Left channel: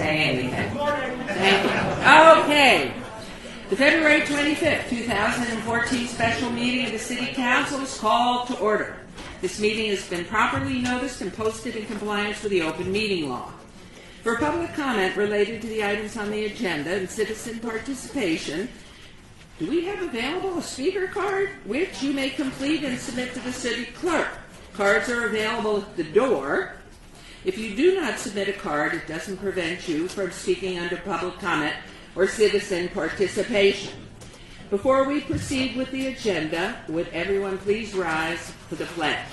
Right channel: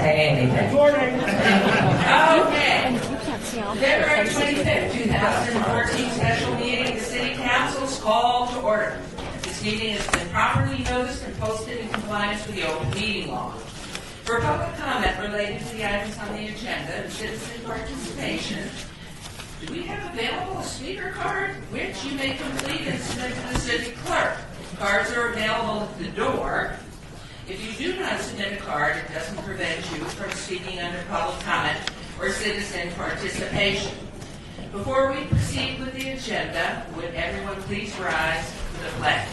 say anything. Okay. The February 25th, 2014 special meeting of the City Council is called to order. This meeting has been properly noticed and posted in compliance with the open meeting law. For public comment related to the items on the agenda and citizen participation, do we have available a speaker card, which you may complete and submit to the city clerk? Cards are available at the door. If you do not submit a card, it doesn't prevent you from speaking under public comment or citizen participation. Before we proceed with the agenda, would everyone please rise for the pledge?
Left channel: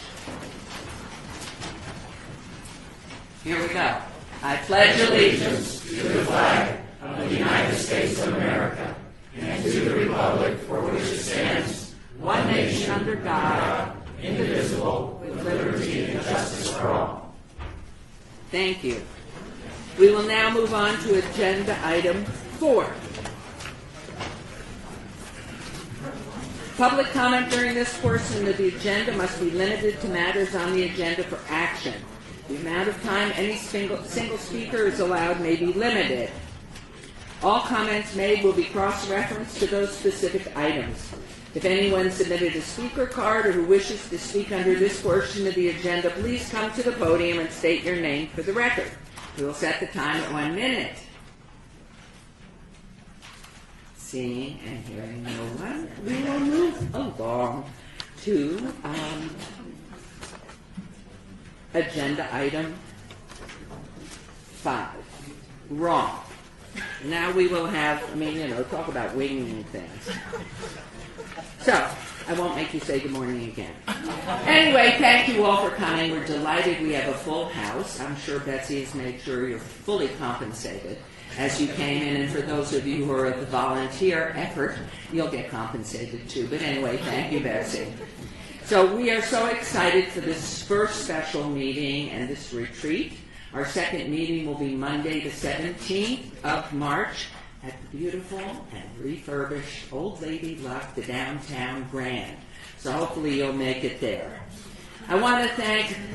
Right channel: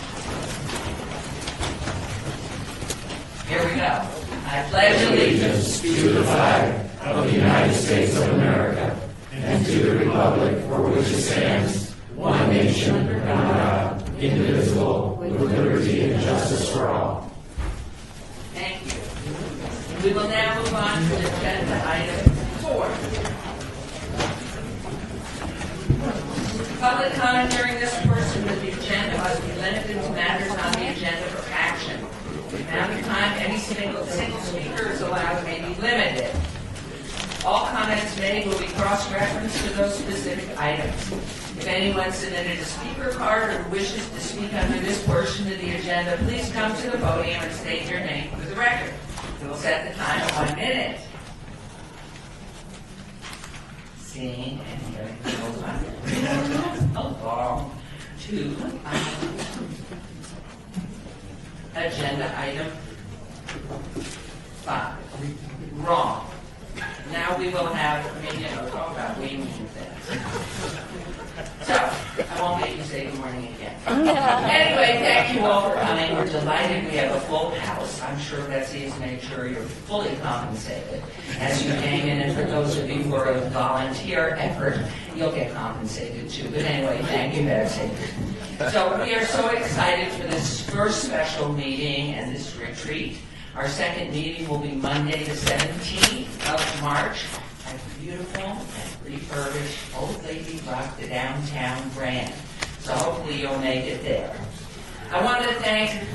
Here we go. I pledge allegiance to the flag of the United States of America and to the republic for which it stands, one nation under God, indivisible, with liberty and justice for all. Thank you. We will now move on to agenda item 4. Public comment during this portion of the agenda must be limited to matters on the agenda for action. The amount of time any single speaker is allowed may be limited. All comments made will be cross-referenced to those specific items. If anyone submitted a speaker card or who wishes to speak under this portion of the agenda, please come to the podium and state your name for the record. We will set the time at 1 minute. Seeing and hearing no one, we will move along to agenda item 5. Wrong. Now we will have, talk about winging things. So, I won't make you say good morning again. Anyway, thank you all for coming. We're delighted we have a full house. I'm sure Betsy has made sure you're fully compensated as you came in. And for those of you who are a volunteer effort, you'll get compensated too. But anyway, thank you, Betsy. So we are so excited for this first special meeting and this retreat. Our second meeting will be Monday the 17th of March at beautiful and refurbished Old Lady Luck, the downtown Grand. So hopefully you'll make it there. I want to thank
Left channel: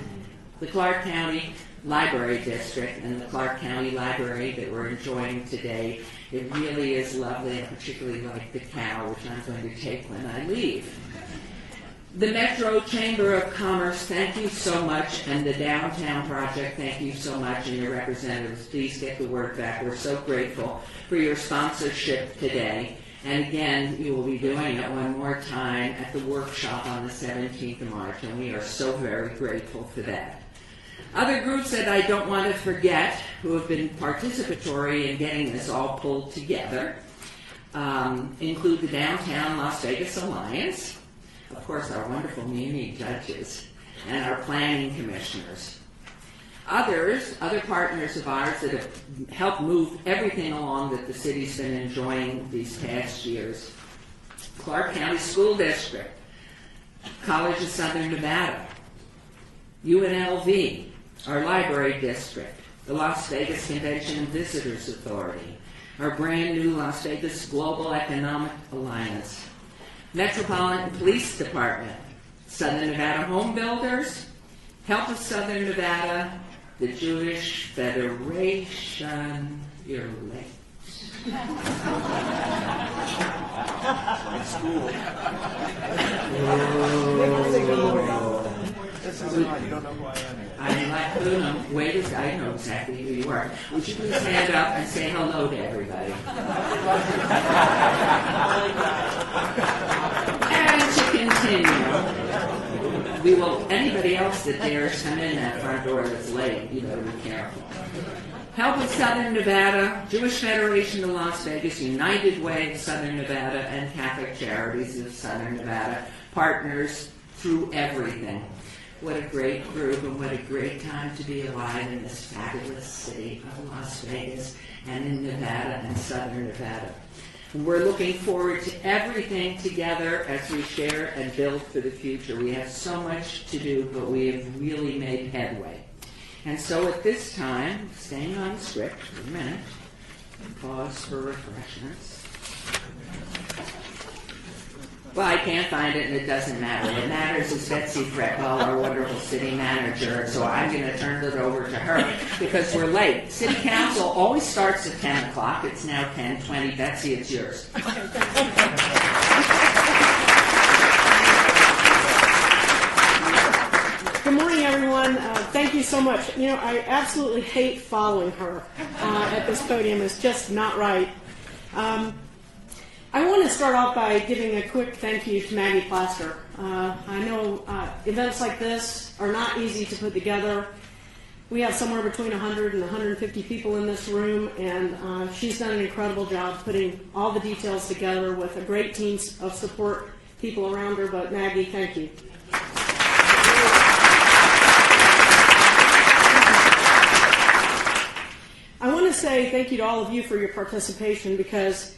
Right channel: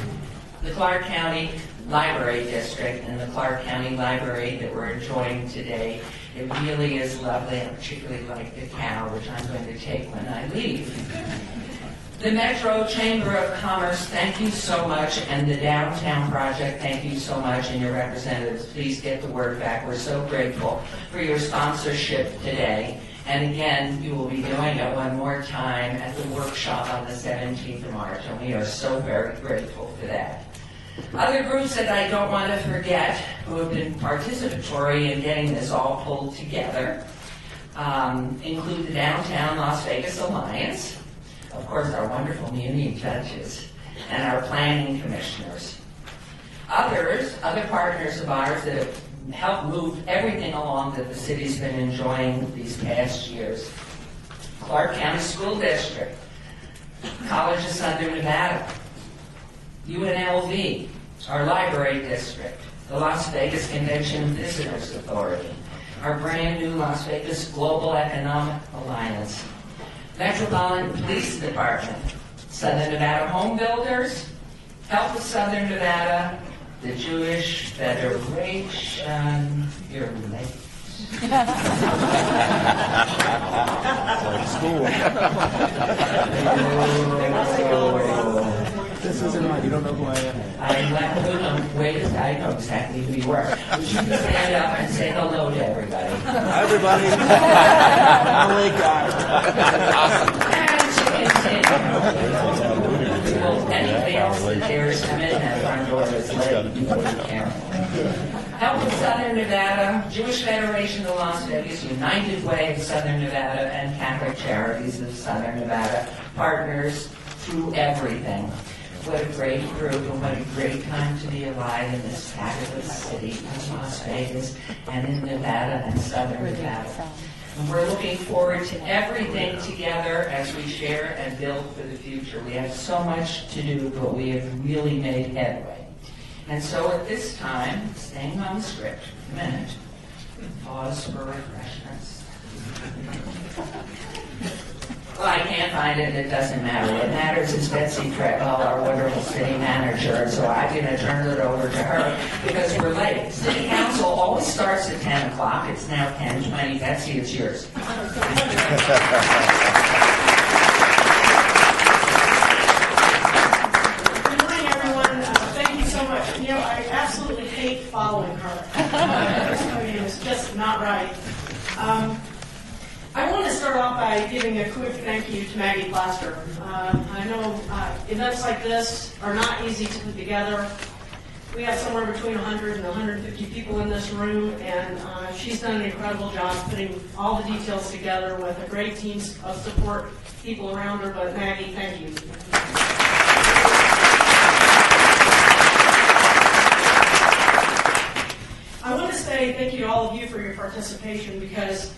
the Clark County Library District and the Clark County Library that we're enjoying today. It really is lovely. I particularly like the cow, which I'm going to take when I leave. The Metro Chamber of Commerce, thank you so much, and the Downtown Project, thank you so much, and your representatives, please get the word back. We're so grateful for your sponsorship today. And again, we will be doing it one more time at the workshop on the 17th of March, and we are so very grateful for that. Other groups that I don't want to forget who have been participatory in getting this all pulled together include the Downtown Las Vegas Alliance, of course, our wonderful municipal judges, and our planning commissioners. Other partners of ours that have helped move everything along that the city's been enjoying these past years. Clark County School District, College of Southern Nevada, UNLV, our library district, the Las Vegas Convention and Visitors Authority, our brand new Las Vegas Global Economic Alliance, Metropolitan Police Department, Southern Nevada Home Builders, Health of Southern Nevada, the Jewish Federation, you're late. This isn't on. You don't know who I am. I'm like, wait, I know exactly who you are. Would you stand up and say hello to everybody? Hi, everybody. And to continue, anybody else that dares come in that front door is late, you put the camera. Help of Southern Nevada, Jewish Federation of Las Vegas, United Way of Southern Nevada, and Catholic Charities of Southern Nevada, partners through everything. What a great group and what a great time to be alive in this fabulous city of Las Vegas and in Nevada and Southern Nevada. And we're looking forward to everything together as we share and build for the future. We have so much to do, but we have really made headway. And so at this time, staying on the script for a minute, pause for refreshments. Well, I can't find it, and it doesn't matter. What matters is Betsy Fretwell, our wonderful city manager, and so I'm going to turn it over to her because we're late. City Council always starts at 10 o'clock. It's now 10:20. Betsy, it's yours. Good morning, everyone. Thank you so much. You know, I absolutely hate following her at this podium. It's just not right. I want to start off by giving a quick thank you to Maggie Plaster. I know events like this are not easy to put together. We have somewhere between 100 and 150 people in this room, and she's done an incredible job putting all the details together with a great team of support people around her. But Maggie, thank you. I want to say thank you to all of you for your participation, because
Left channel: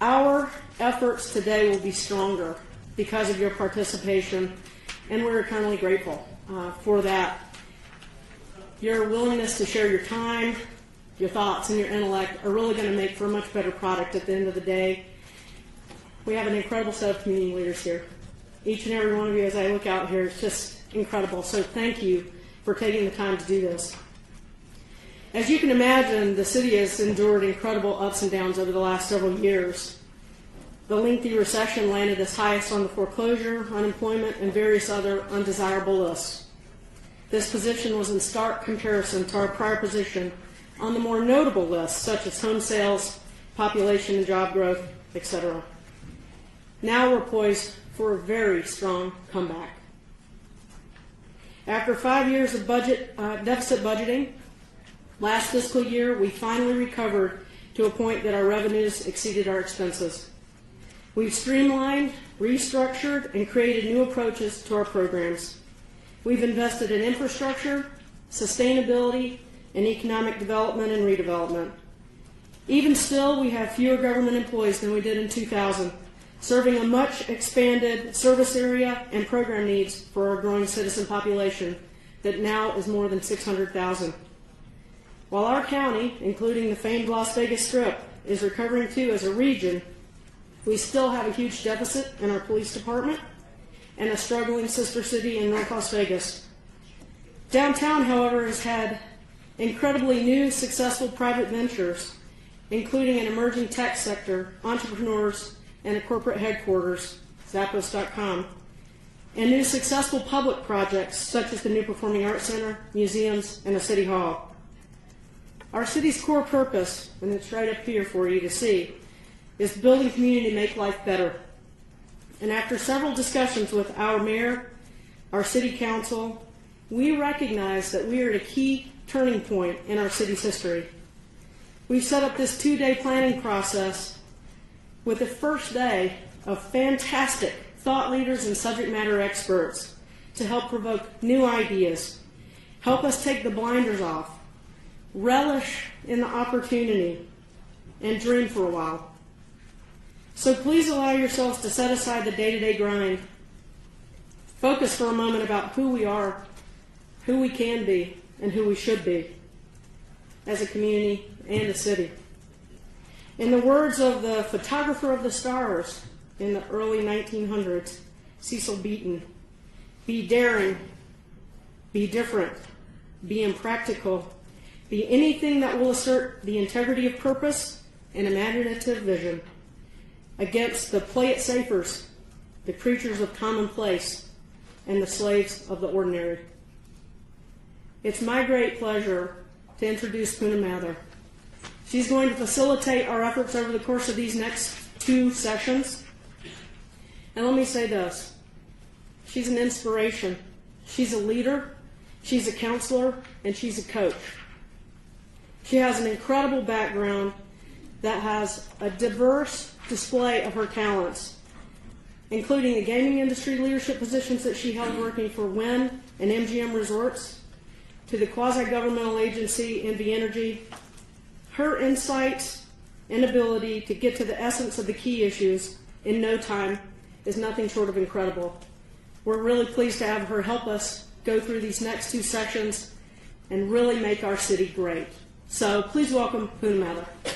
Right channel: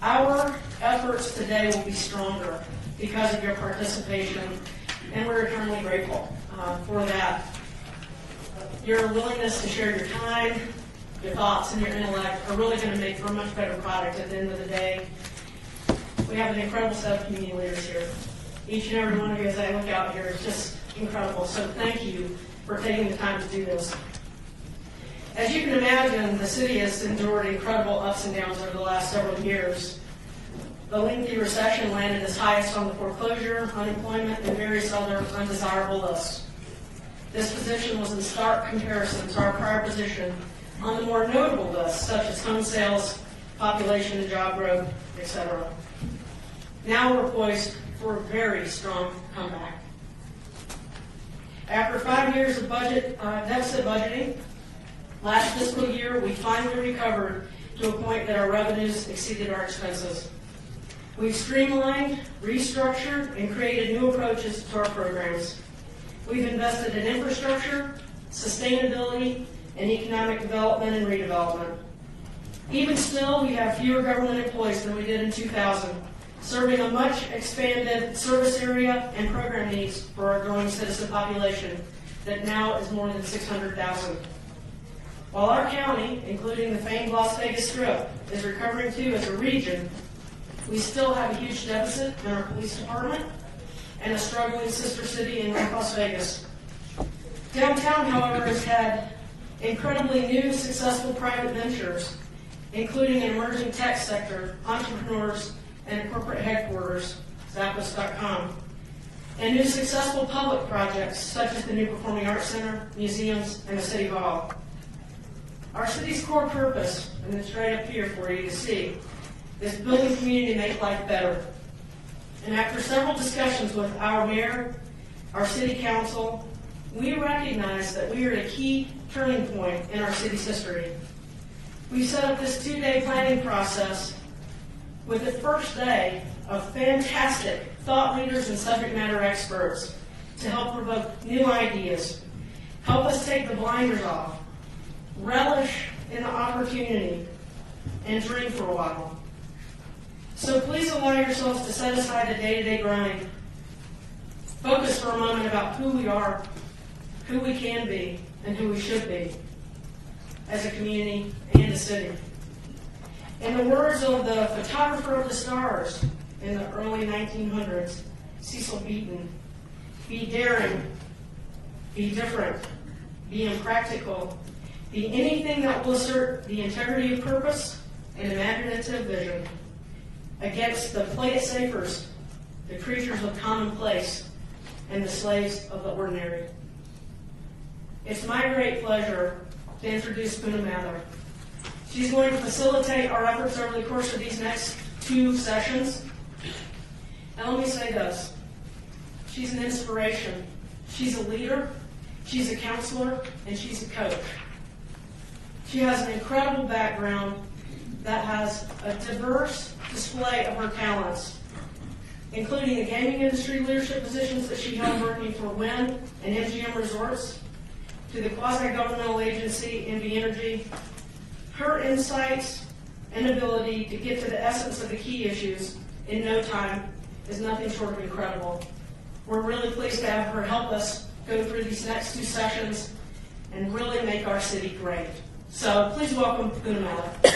our efforts today will be stronger because of your participation, and we're eternally grateful for that. Your willingness to share your time, your thoughts, and your intellect are really going to make for a much better product at the end of the day. We have an incredible set of community leaders here. Each and every one of you, as I look out here, is just incredible. So thank you for taking the time to do this. As you can imagine, the city has endured incredible ups and downs over the last several years. The lengthy recession landed its highest on the foreclosure, unemployment, and various other undesirable lists. This position was in stark comparison to our prior position on the more notable lists, such as home sales, population and job growth, etc. Now we're poised for a very strong comeback. After 5 years of deficit budgeting, last fiscal year, we finally recovered to a point that our revenues exceeded our expenses. We've streamlined, restructured, and created new approaches to our programs. We've invested in infrastructure, sustainability, and economic development and redevelopment. Even still, we have fewer government employees than we did in 2000, serving a much expanded service area and program needs for our growing citizen population that now is more than 600,000. While our county, including the famed Las Vegas Strip, is recovering too as a region, we still have a huge deficit in our police department and a struggling sister city in North Las Vegas. Downtown, however, has had incredibly new, successful private ventures, including an emerging tech sector, entrepreneurs, and a corporate headquarters, Zappos.com, and new successful public projects such as the new Performing Arts Center, museums, and a city hall. Our city's core purpose, and it's right up here for you to see, is building community to make life better. And after several discussions with our mayor, our city council, we recognize that we are at a key turning point in our city's history. We've set up this 2-day planning process with the first day of fantastic thought leaders and subject matter experts to help provoke new ideas, help us take the blinders off, relish in the opportunity, and dream for a while. So please allow yourselves to set aside the day-to-day grind. Focus for a moment about who we are, who we can be, and who we should be as a community and a city. In the words of the photographer of the stars in the early 1900s, Cecil Beaton, be daring, be different, be impractical, be anything that will assert the integrity of purpose and imaginative vision against the play-it-safers, the creatures of commonplace, and the slaves of the ordinary. It's my great pleasure to introduce Poonam Mathur. She's going to facilitate our efforts over the course of these next 2 sessions. And let me say this. She's an inspiration. She's a leader. She's a counselor. And she's a coach. She has an incredible background that has a diverse display of her talents, including the gaming industry leadership positions that she held working for Wynn and MGM Resorts, to the quasi-governmental agency NV Energy. Her insights and ability to get to the essence of the key issues in no time is nothing short of incredible. We're really pleased to have her help us go through these next 2 sessions and really make our city great. So please welcome Poonam Mathur.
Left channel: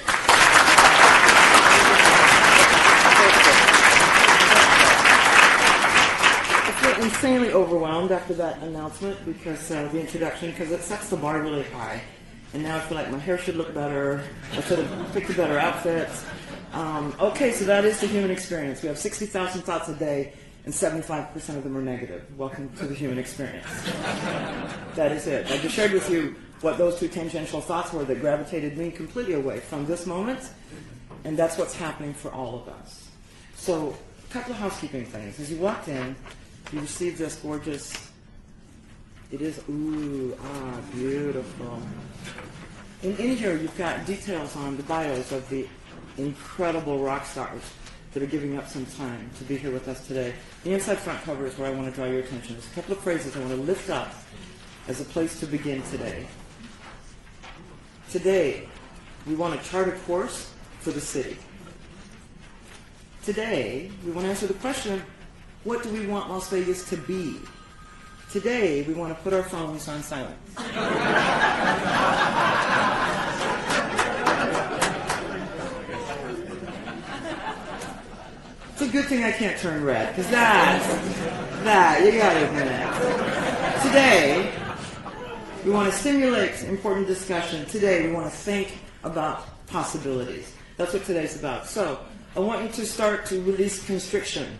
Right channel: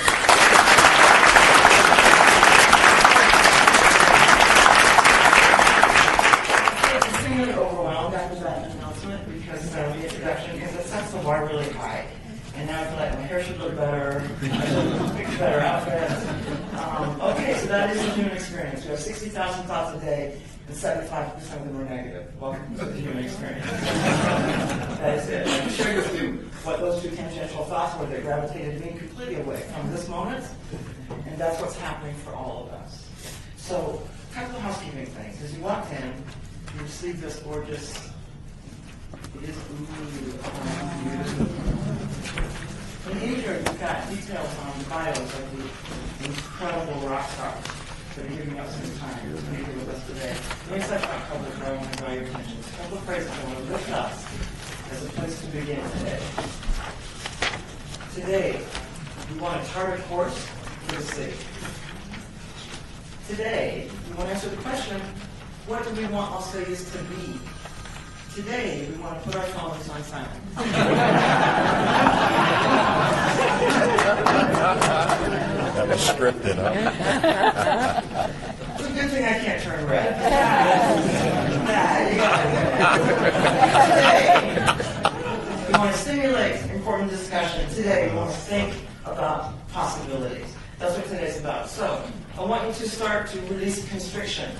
after that announcement because the introduction, because it sets the bar really high. And now I feel like my hair should look better. I should pick a better outfit. Okay, so that is the human experience. We have 60,000 thoughts a day, and 75% of them are negative. Welcome to the human experience. That is it. I just shared with you what those two tangential thoughts were that gravitated me completely away from this moment, and that's what's happening for all of us. So, a couple of housekeeping things. As you walked in, you received this gorgeous, it is, beautiful. And in here, you've got details on the bios of the incredible rock stars that are giving up some time to be here with us today. The inside front cover is where I want to draw your attention. There's a couple of phrases I want to lift up as a place to begin today. Today, we want to chart a course for the city. Today, we want to answer the question, what do we want Las Vegas to be? Today, we want to put our phones on silent. That was scripted, huh? It's a good thing I can't turn red. You got it. Today, we want to stimulate important discussion. Today, we want to think about possibilities. That's what today's about. So, I want you to start to release constriction.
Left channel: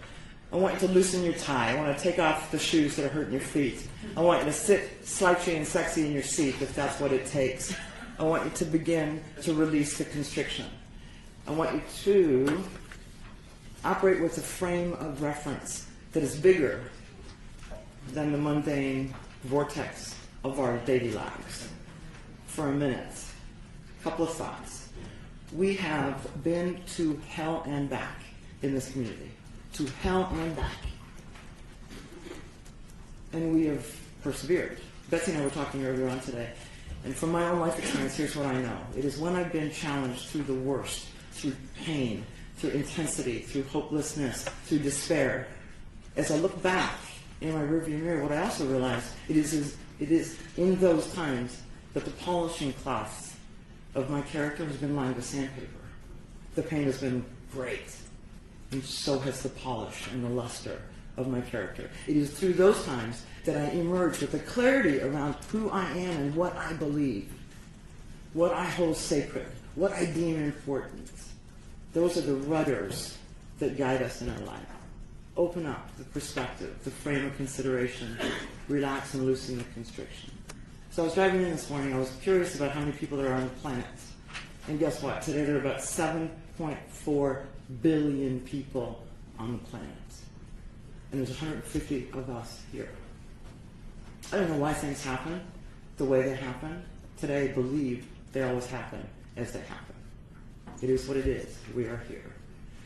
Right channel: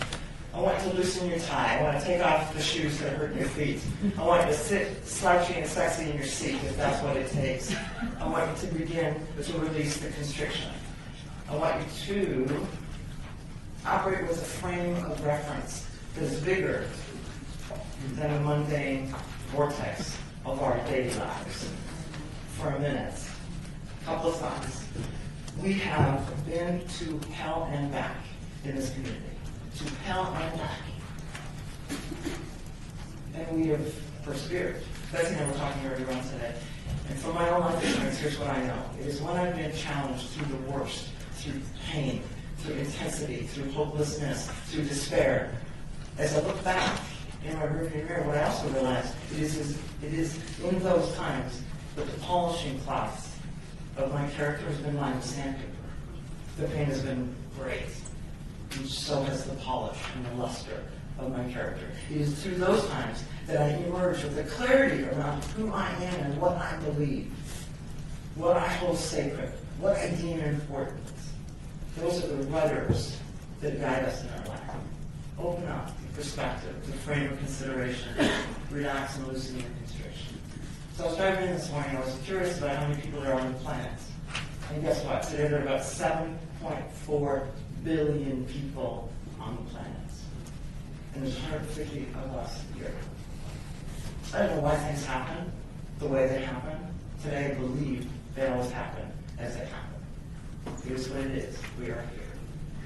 I want you to loosen your tie. I want to take off the shoes that are hurting your feet. I want you to sit slouchy and sexy in your seat if that's what it takes. I want you to begin to release the constriction. I want you to operate with a frame of reference that is bigger than the mundane vortex of our daily lives. For a minute, a couple of thoughts. We have been to hell and back in this community. To hell and back. And we have persevered. Betsy and I were talking earlier on today. And from my own life experience, here's what I know. It is when I've been challenged through the worst, through pain, through intensity, through hopelessness, through despair. As I look back in my rearview mirror, what I also realize, it is in those times that the polishing cloth of my character has been lined with sandpaper. The pain has been great. And so has the polish and the luster of my character. It is through those times that I emerge with a clarity around who I am and what I believe, what I hold sacred, what I deem important. Those are the rudders that guide us in our life. Open up the perspective, the frame of consideration, relax and loosen the constriction. So I was driving in this morning, I was curious about how many people there are on the planet. And guess what? Today there are about 7.4 billion people on the planet. And there's 150 of us here. I don't know why things happen the way they happen. Today I believe they always happen as they happen. It is what it is. We are here.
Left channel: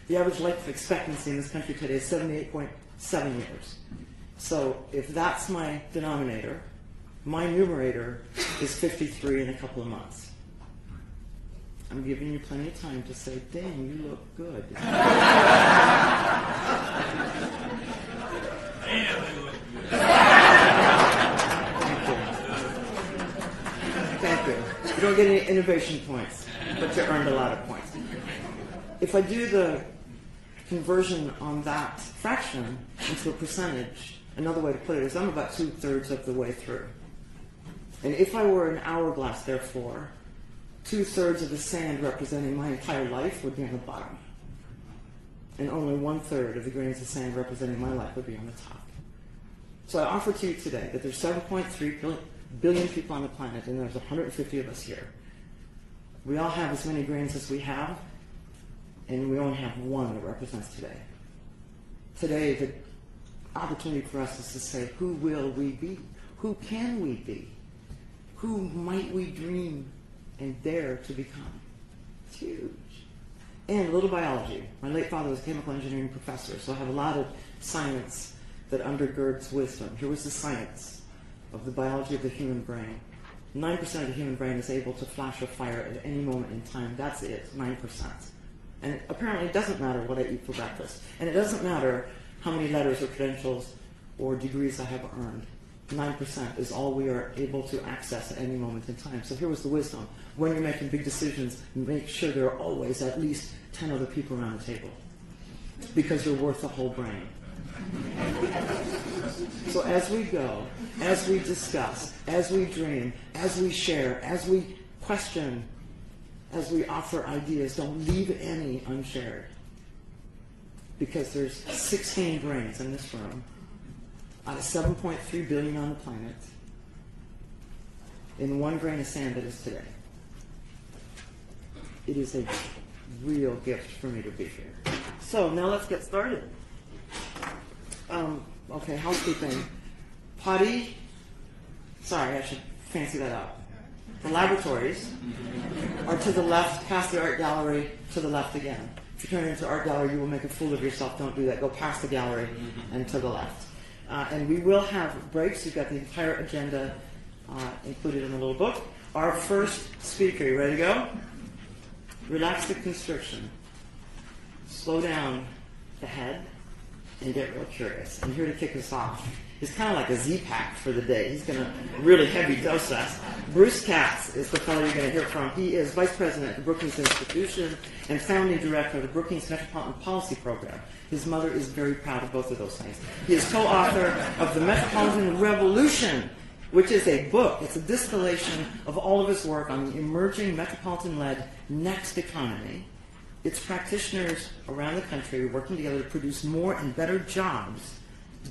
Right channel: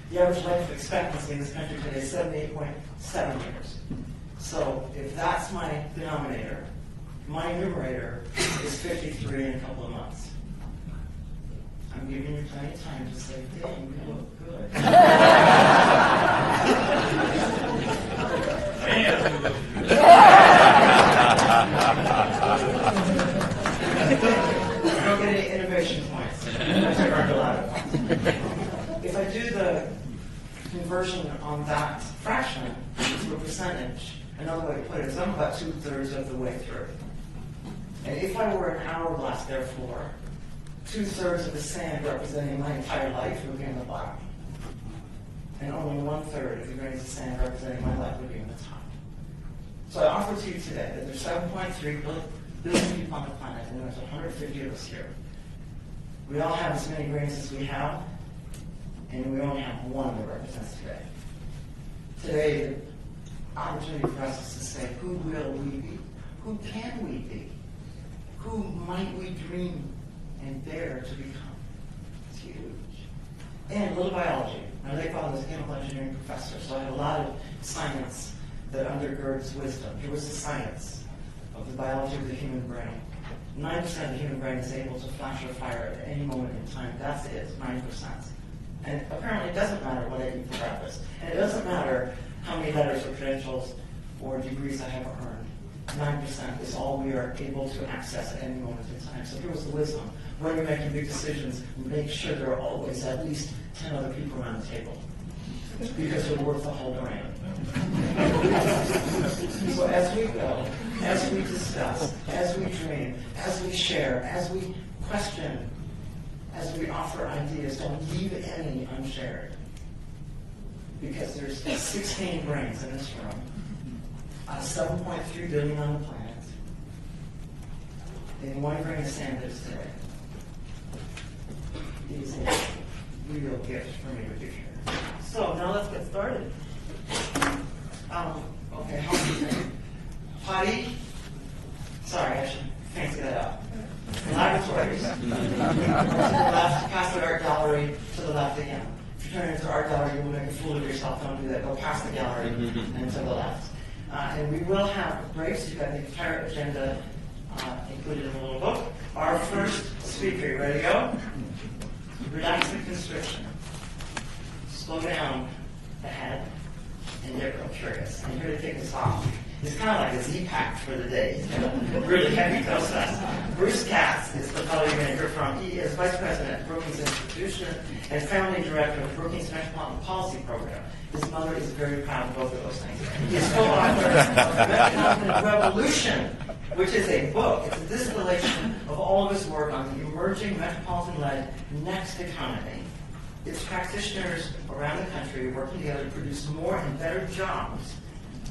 The average life expectancy in this country today is 78.7 years. So if that's my denominator, my numerator is 53 in a couple of months. I'm giving you plenty of time to say, dang, you look good. You don't get any innovation points, which I earned a lot of points. If I do the conversion on that fraction to a percentage, another way to put it is I'm about 2/3 of the way through. And if I were an hourglass, therefore, 2/3 of the sand representing my entire life would be on the bottom. And only 1/3 of the grains of sand representing my life would be on the top. So I offer to you today that there's 7.3 billion people on the planet, and there's 150 of us here. We all have as many grains as we have, and we only have one that represents today. Today, the opportunity for us is to say, who will we be? Who can we be? Who might we dream and dare to become? It's huge. And a little biology. My late father was a chemical engineering professor, so I have a lot of science that undergirds wisdom. Here was the science of the biology of the human brain. 9% of the human brain is able to flash a fire at any moment in time. That's it, 9%. And apparently it doesn't matter what I eat for breakfast. And it doesn't matter how many letters or credentials or degrees I have earned. 9% is all we are able to access at any moment in time. So here was the wisdom. When you're making big decisions, make sure there are always at least 10 other people around the table. Because you're worth the whole brain. So as we go, as we discuss, as we dream, as we share, as we question, as we offer ideas, don't leave any unshared. Because there's 16 brains in this room, out of 7.3 billion on the planet, in 1 grain of sand that is today. It is a real gift for me to be here. So now let's get started. Okay, housekeeping. Potty. Sorry, I should fancy that up. The laboratories are to the left, past the art gallery, to the left again. If you turn into art gallery, you will make a fool of yourself. Don't do that. Go past the gallery and to the left. And we will have breaks. You've got the entire agenda included in the little book. Our first speaker, you ready to go? Relax the constriction. Slow down the head and get real curious. And here to kick us off, it's kind of like a Z-Pack for the day. He's going to really heavy dose us. Bruce Katz is the fellow you're going to hear from. He is Vice President of Brookings Institution and Founding Director of the Brookings Metropolitan Policy Program. His mother is very proud of both of those things. He is co-author of The Metropolitan Revolution, which is a book. It's a distillation of all of his work on the emerging metropolitan-led next economy. It's practitioners around the country working together to produce more and better jobs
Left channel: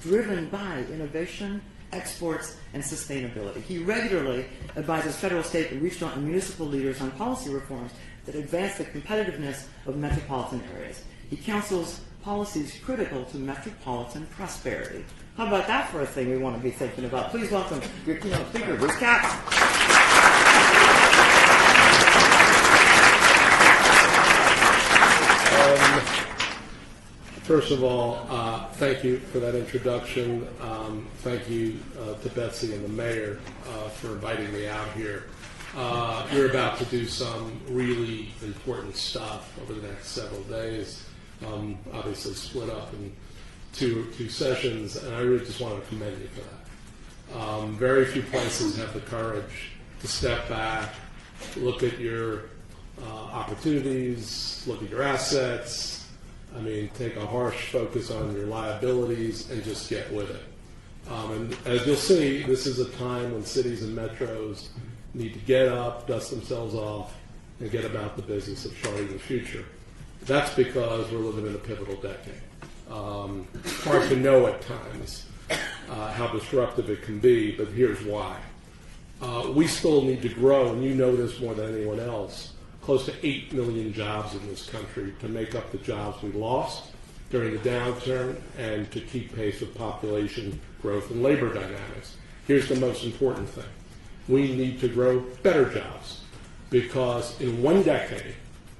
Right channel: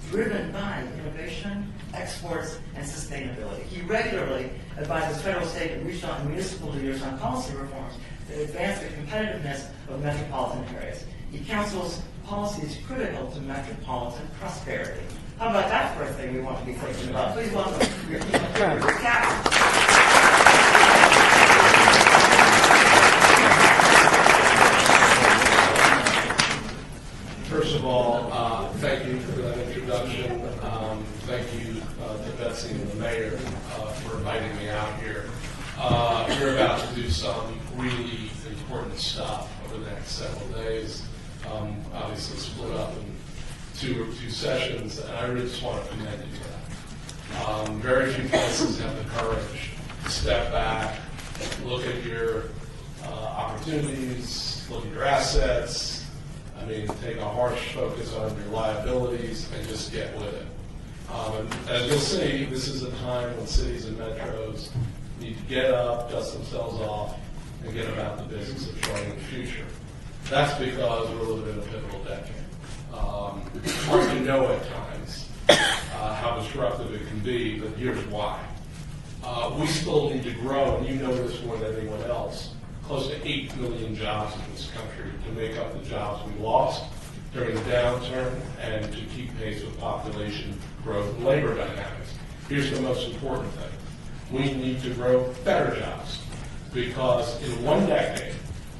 driven by innovation, exports, and sustainability. He regularly advises federal, state, and regional and municipal leaders on policy reforms that advance the competitiveness of metropolitan areas. He counsels policies critical to metropolitan prosperity. How about that for a thing we want to be thinking about? Please welcome your keynote speaker, Bruce Katz. First of all, thank you for that introduction. Thank you to Betsy and the mayor for inviting me out here. We're about to do some really important stuff over the next several days. Obviously split up in two sessions, and I really just want to commend you for that. Very few places have the courage to step back, look at your opportunities, look at your assets, take a harsh focus on your liabilities and just get with it. As you'll see, this is a time when cities and metros need to get up, dust themselves off, and get about the business of charting the future. That's because we're living in a pivotal decade. Hard to know at times how disruptive it can be, but here's why. We still need to grow, and you know this more than anyone else, close to 8 million jobs in this country to make up the jobs we lost during the downturn and to keep pace with population growth and labor dynamics. Here's the most important thing. We need to grow better jobs because in 1 decade,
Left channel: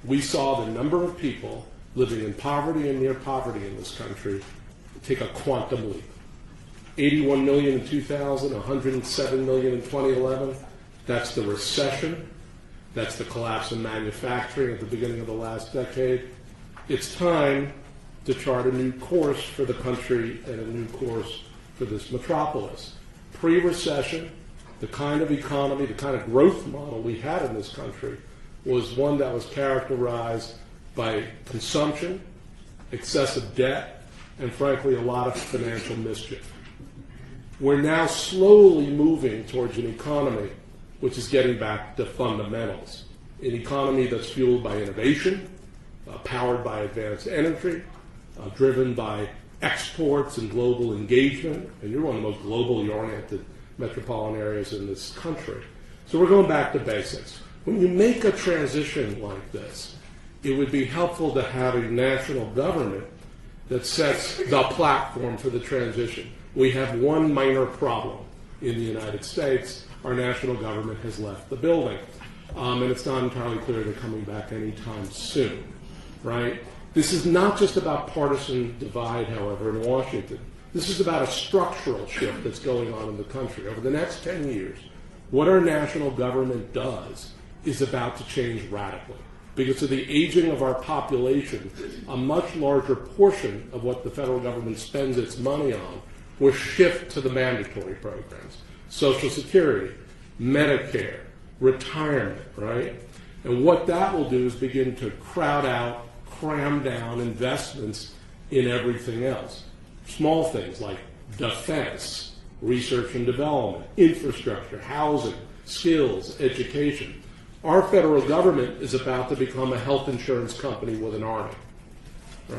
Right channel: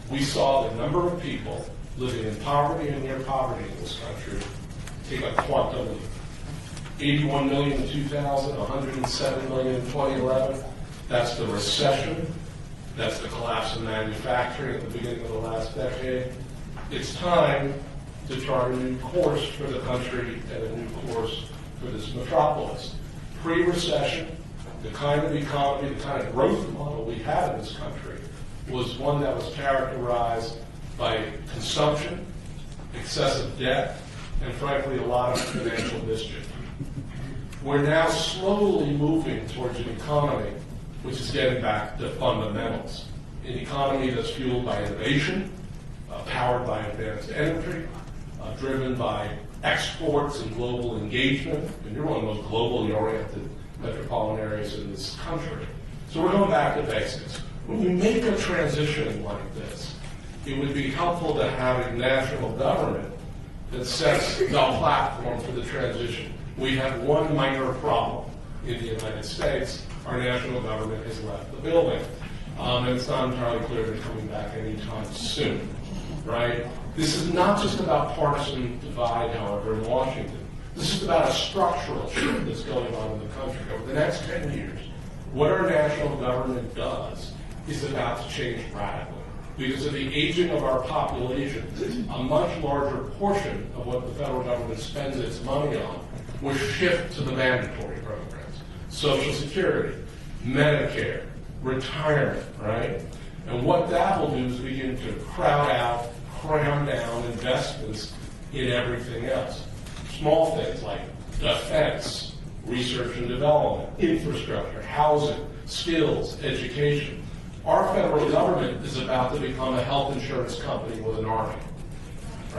we saw the number of people living in poverty and near poverty in this country take a quantum leap. 81 million in 2000, 107 million in 2011. That's the recession. That's the collapse in manufacturing at the beginning of the last decade. It's time to chart a new course for the country and a new course for this metropolis. Pre-recession, the kind of economy, the kind of growth model we had in this country was one that was characterized by consumption, excessive debt, and frankly, a lot of financial mischief. We're now slowly moving towards an economy which is getting back to fundamentals. An economy that's fueled by innovation, powered by advanced energy, driven by exports and global engagement, and you're one of the most globally oriented metropolitan areas in this country. So we're going back to basics. When you make a transition like this, it would be helpful to have a national government that sets the platform for the transition. We have one minor problem in the United States. Our national government has left the building. And it's not entirely clear they're coming back anytime soon, right? This is not just about partisan divide, however, in Washington. This is about a structural shift that's going on in the country. Over the next 10 years, what our national government does is about to change radically. Because of the aging of our population, a much larger portion of what the federal government spends its money on will shift to the mandatory programs. Social Security, Medicare, retirement, right? And what that will do is begin to crowd out, cram down investments in everything else. small things like defense, research and development, infrastructure, housing, skills, education. Our federal government is about to become a health insurance company with an army,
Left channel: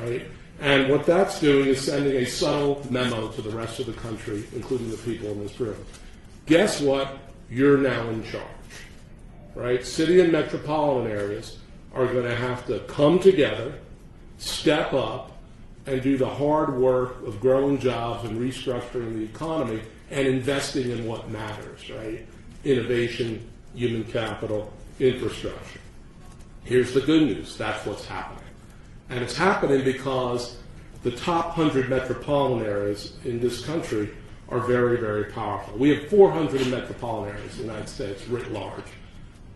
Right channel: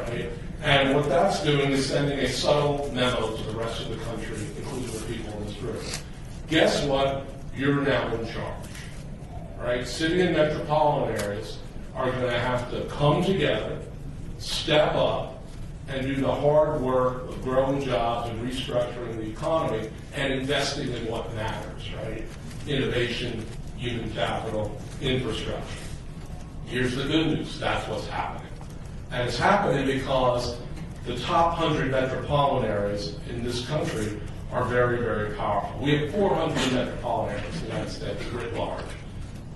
right? And what that's doing is sending a subtle memo to the rest of the country, including the people in this room. Guess what? You're now in charge, right? City and metropolitan areas are going to have to come together, step up, and do the hard work of growing jobs and restructuring the economy and investing in what matters, right? Innovation, human capital, infrastructure. Here's the good news. That's what's happening. And it's happening because the top 100 metropolitan areas in this country are very, very powerful. We have 400 metropolitan areas in the United States writ large.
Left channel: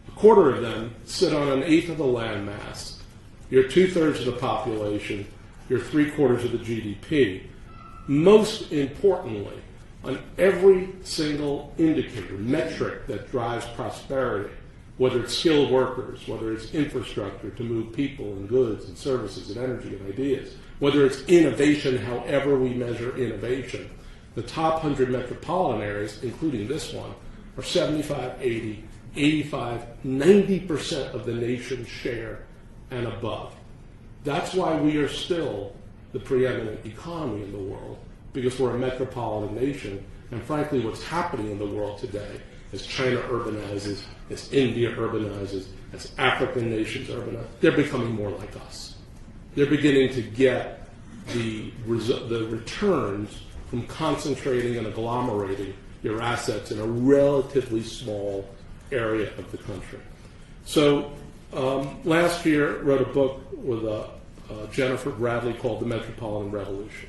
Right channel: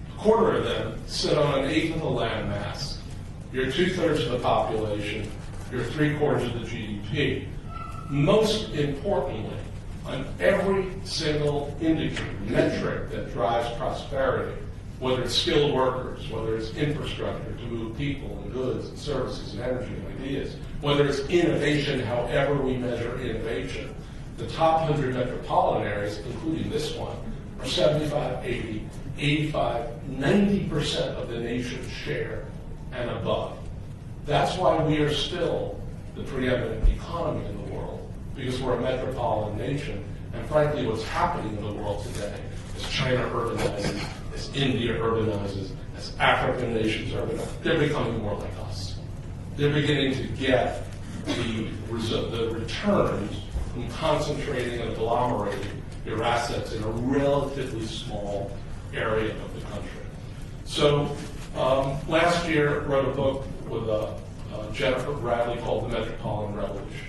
A quarter of them sit on an eighth of the land mass. You're 2/3 of the population. You're 3/4 of the GDP. Most importantly, on every single indicator, metric that drives prosperity, whether it's skilled workers, whether it's infrastructure to move people and goods and services and energy and ideas, whether it's innovation, however we measure innovation, the top 100 metropolitan areas, including this one, are 75, 80, 85, 90% of the nation's share and above. That's why we are still the preeminent economy in the world, because we're a metropolitan nation. And frankly, what's happening in the world today as China urbanizes, as India urbanizes, as African nations urbanize, they're becoming more like us. They're beginning to get the returns from concentrating and agglomerating your assets in a relatively small area of the country. So last year, I wrote a book with Jennifer Bradley called The Metropolitan Revolution.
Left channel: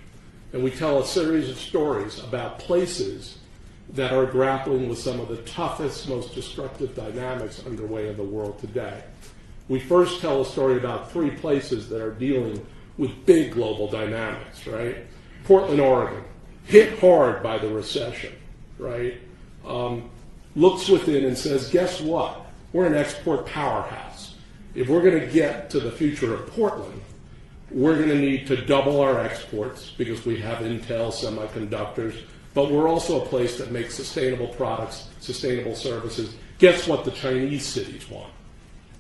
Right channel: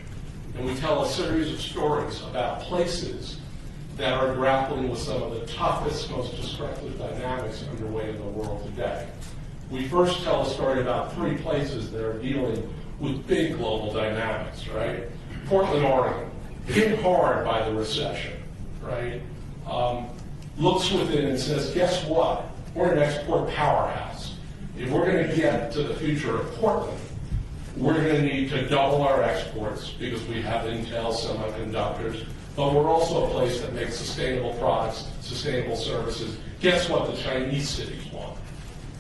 And we tell a series of stories about places that are grappling with some of the toughest, most destructive dynamics underway in the world today. We first tell a story about 3 places that are dealing with big global dynamics, right? Portland, Oregon, hit hard by the recession, right? Looks within and says, guess what? We're an export powerhouse. If we're going to get to the future of Portland, we're going to need to double our exports because we have Intel semiconductors, but we're also a place that makes sustainable products, sustainable services. Guess what the Chinese cities want,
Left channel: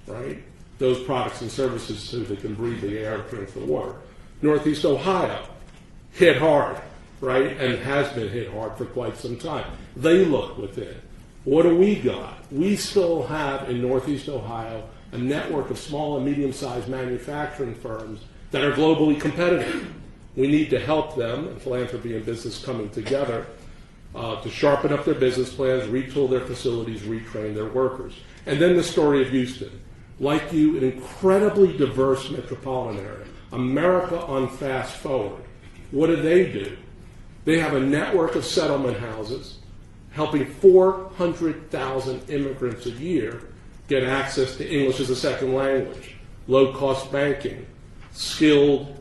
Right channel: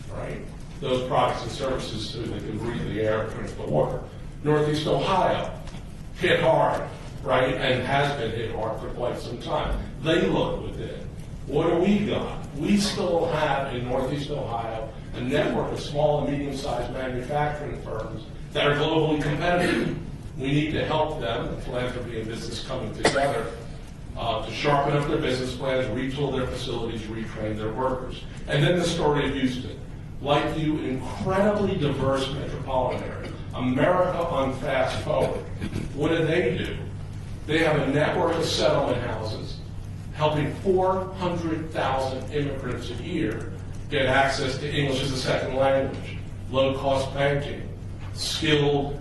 right? Those products and services so they can breathe the air, drink the water. Northeast Ohio, hit hard, right? And has been hit hard for quite some time. They look within. What do we got? We still have in Northeast Ohio a network of small and medium-sized manufacturing firms that are globally competitive. We need to help them, philanthropy and business coming together, to sharpen up their business plans, retool their facilities, retrain their workers. And then the story of Houston. Like you, an incredibly diverse metropolitan area. America on fast forward. What do? They have a network of settlement houses helping 400,000 immigrants a year get access to English as a second language, low-cost banking, skilled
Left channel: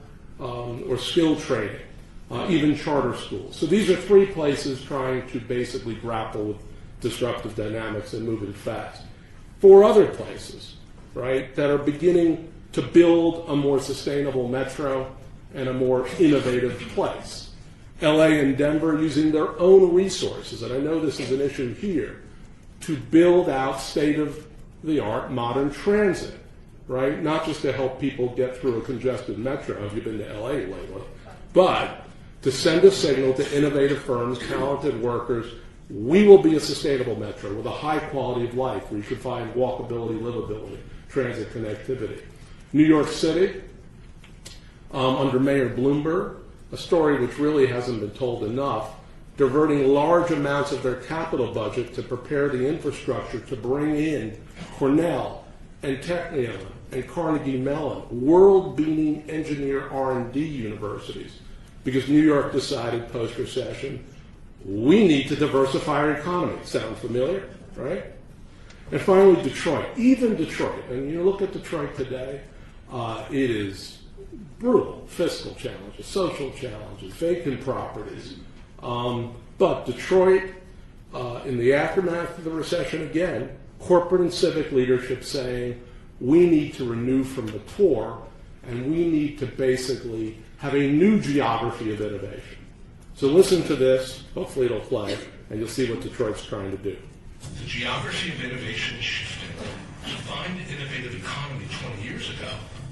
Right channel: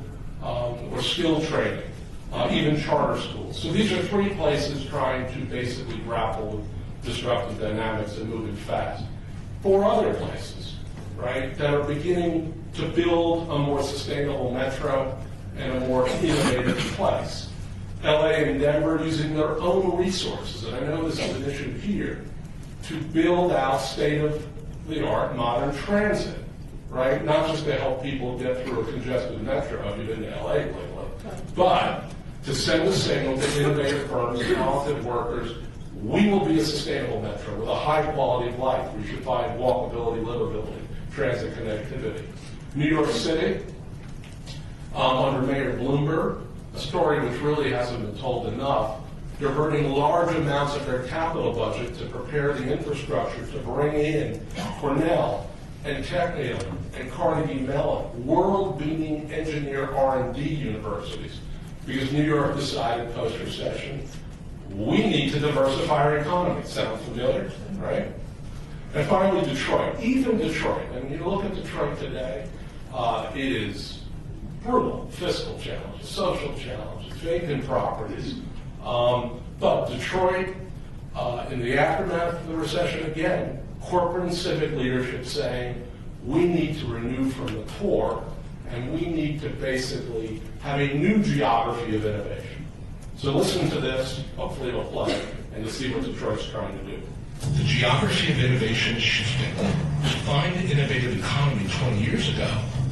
training, even charter schools. So these are 3 places trying to basically grapple with disruptive dynamics and moving fast. 4 other places, right, that are beginning to build a more sustainable metro and a more innovative place. LA and Denver using their own resources, and I know this is an issue here, to build out state-of-the-art modern transit, right? Not just to help people get through a congested metro, if you've been to LA lately, but to send a signal to innovative firms, talented workers, we will be a sustainable metro with a high quality of life where you should find walkability, livability, transit connectivity. New York City, under Mayor Bloomberg, a story which really hasn't been told enough, diverting large amounts of their capital budget to prepare the infrastructure to bring in Cornell and Technion and Carnegie Mellon, world-beating engineer R&D universities, because New York decided post-recession, we need to diversify our economy. Sound familiar, right? And finally, Detroit. Even Detroit, and you look at Detroit today, it is brutal fiscal challenges, social challenges, vacant properties. But Detroit, in the aftermath of the recession again, corporate and civic leadership saying, we need to renew from the core, and we need to basically have a new geography of innovation. So listen to this, hopefully it'll play, and you'll see what Detroit's trying to do. The geography of innovation is shifting. To find innovative economy 20 years ago,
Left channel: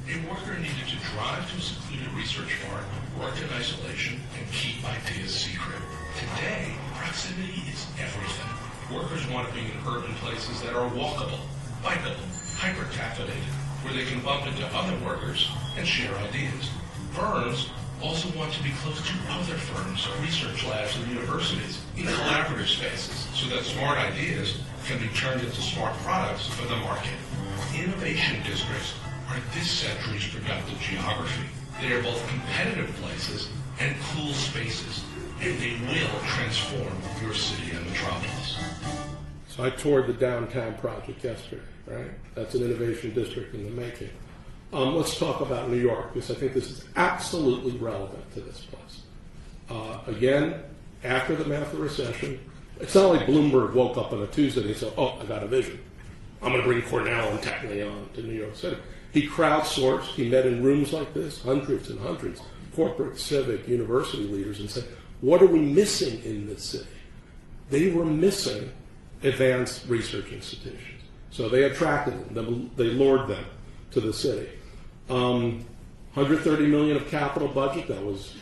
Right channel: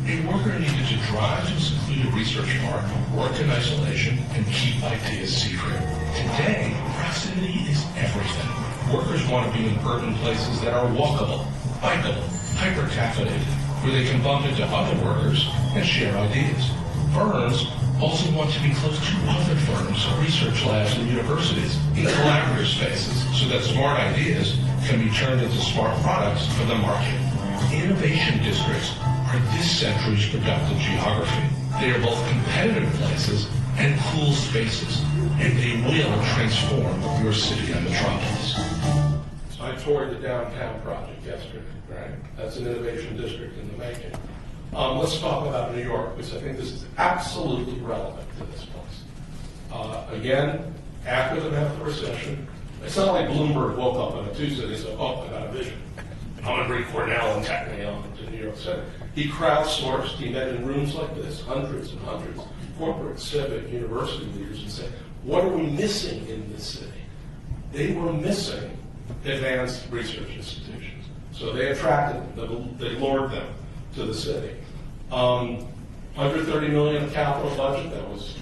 a worker needed to drive to a secluded research park, work in isolation, and keep ideas secret. Today, proximity is everything. Workers want to be in urban places that are walkable, bikeable, hyper-caffeinated, where they can bump into other workers and share ideas. Firms also want to be close to other firms, research labs, and universities in collaborative spaces so that smart ideas can be turned into smart products for the market. Innovation districts are this century's productive geography. They are both competitive places and cool spaces, and they will transform your city and metropolis. So I toured the downtown project yesterday, right? That's an innovation district in the making. Let's talk about New York, because I think this is absolutely relevant to this place. Again, after the massive recession, it's not like Bloomberg woke up on a Tuesday and said, oh, I got a vision. I'm going to bring Cornell and Technion to New York City. He crowdsourced, he met in rooms like this, hundreds and hundreds, corporate, civic, university leaders, and said, what are we missing in this city? They were missing advanced research institutions. So they attracted them, they lured them to the city. 130 million of capital budget that was,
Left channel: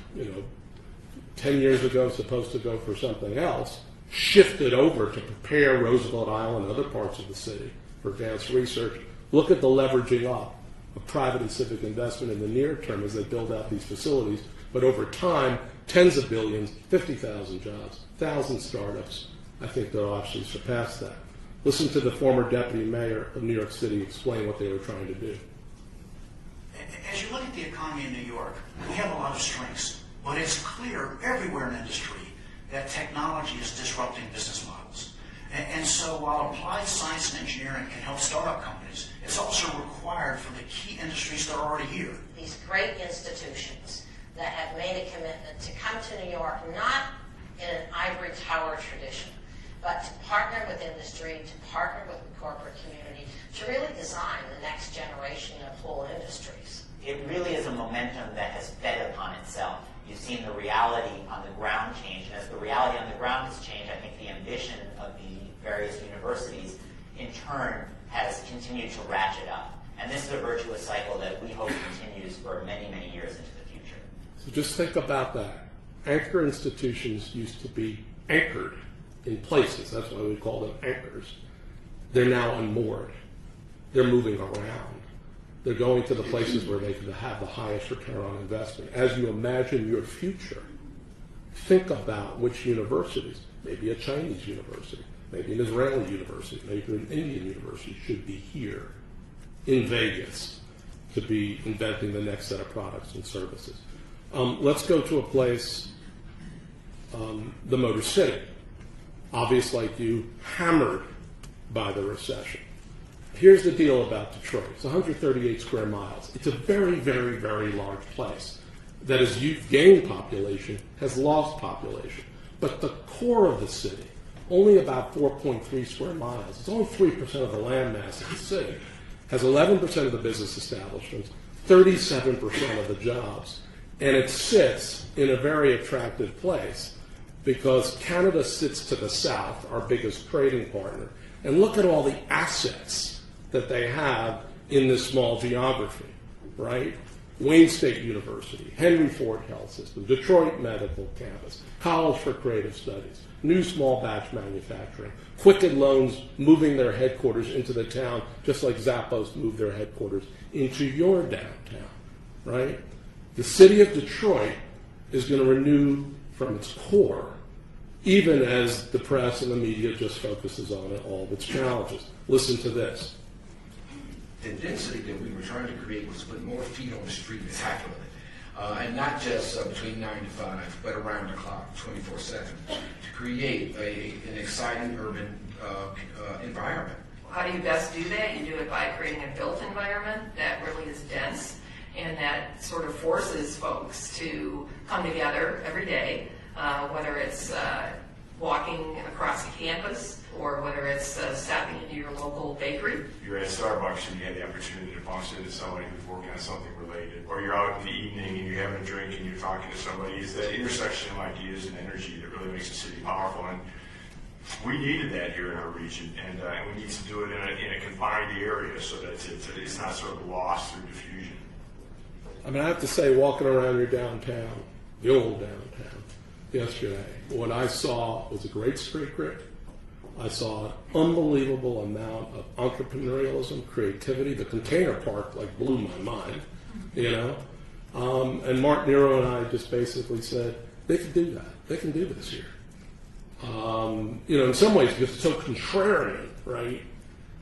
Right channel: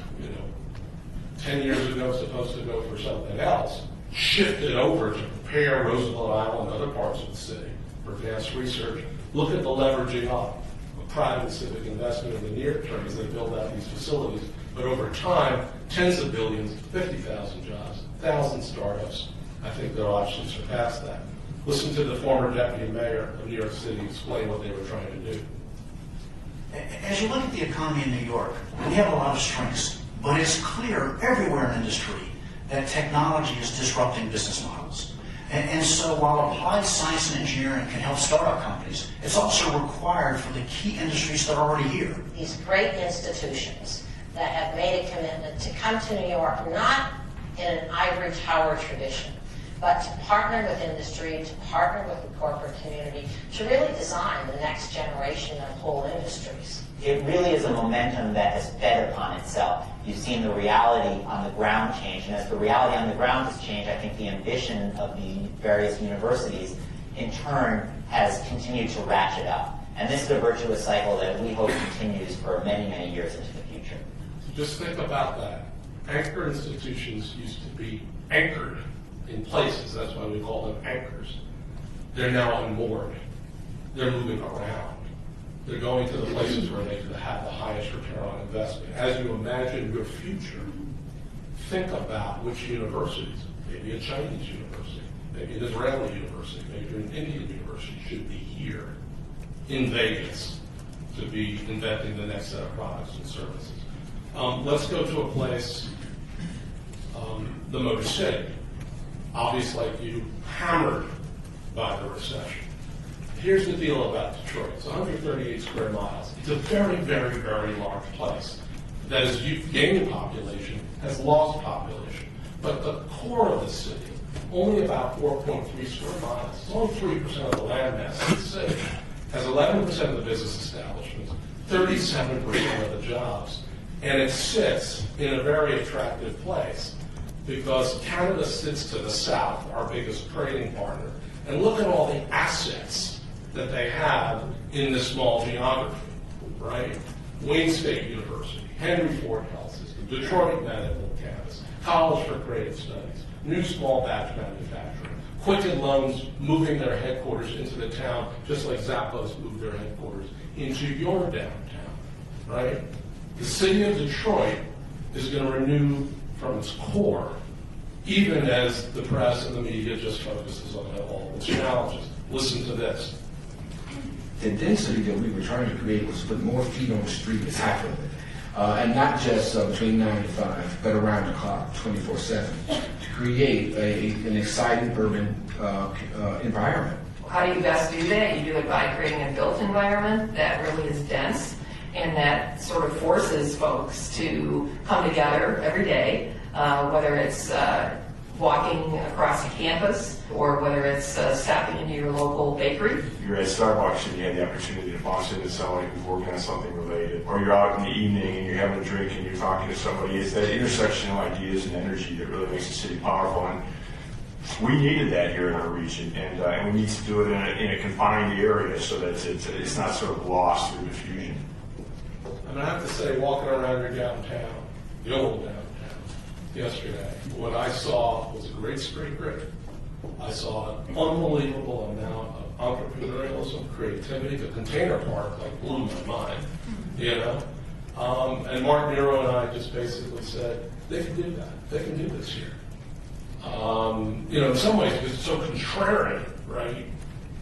10 years ago supposed to go for something else, shifted over to prepare Roosevelt Island and other parts of the city for advanced research. Look at the leveraging up of private and civic investment in the near term as they build out these facilities. But over time, tens of billions, 50,000 jobs, 1,000 startups. I think they'll actually surpass that. Listen to the former deputy mayor of New York City explain what they were trying to do. As you look at the economy in New York, we have a lot of strengths, but it's clear everywhere in industry that technology is disrupting business models. And so while applied science and engineering can help startup companies, it's also required for the key industries that are already here. These great institutions that have made a commitment to come to New York, not in an ivory tower tradition, but to partner with industry, to partner with the corporate community, to really design the next generation of whole industries. It really is a momentum that has fed upon itself. You've seen the reality on the ground change, and as the reality on the ground has changed, I think the ambition of the various universities, in turn, has continued to ratchet up. And this is a virtuous cycle that we hope continues for many, many years into the future. So just think about that. Anchor institutions used to be anchored in places. That's why we call them anchors. They're now unmoored. They're moving around. They're going to the places where they have the highest return on investment. As you imagine your future, think about which universities, maybe a Chinese university, maybe an Israeli university, maybe an Indian university should be here in Vegas to be inventing the next set of products and services. Let's go to a place, the Motor City. Obvious like you, hammered by the recession. Here's the deal about Detroit. It's 138 square miles. It's a very, very, very large place that as you've gained population, has lost population. But the core of the city, only about 4.3 square miles. It's only 3% of the land mass of the city. Has 11% of the business establishments, 37% of the jobs, and it sits in a very attractive place because Canada sits to the south, our biggest trading partner, and look at all the assets that they have in this small geography, right? Wayne State University, Henry Ford Health System, Detroit Medical Campus, College for Creative Studies, new small batch manufacturing, Quicken Loans moving their headquarters into the town, just like Zappos moved their headquarters into your downtown, right? The city of Detroit is going to renew from its core, even as the press and the media just focuses on all of its challenges. Listen to this. The density that we were trying to create was to put more feet on the street as half of it. And not just between 9 to 5, but around the clock, 24/7, to create an exciting urban environment. How do you best do that? You do it by creating a built environment that really is dense and that sort of forces folks to come together every day, whether it's walking across the campus or whether it's stopping into your local bakery. You're at Starbucks and you had the opportunity to bumps into somebody who's working on something related, or you're out in the evening and you're having a drink and you're talking to somebody. It's that intersection of ideas and energy that really makes the city powerful. And we needed that here in our region, and we need to do it in a confined area so that it's not sort of lost through diffusion. I mean, I have to say, walking around your downtown, the old downtown, yesterday, what I saw was a great street grid. I saw an unbelievable amount of entrepreneurialism, creativity. The container park blew my mind, you know. And Mark Nero and I just basically said they can do that. They can do this here. You know, in some ways, it's so contrarian, right,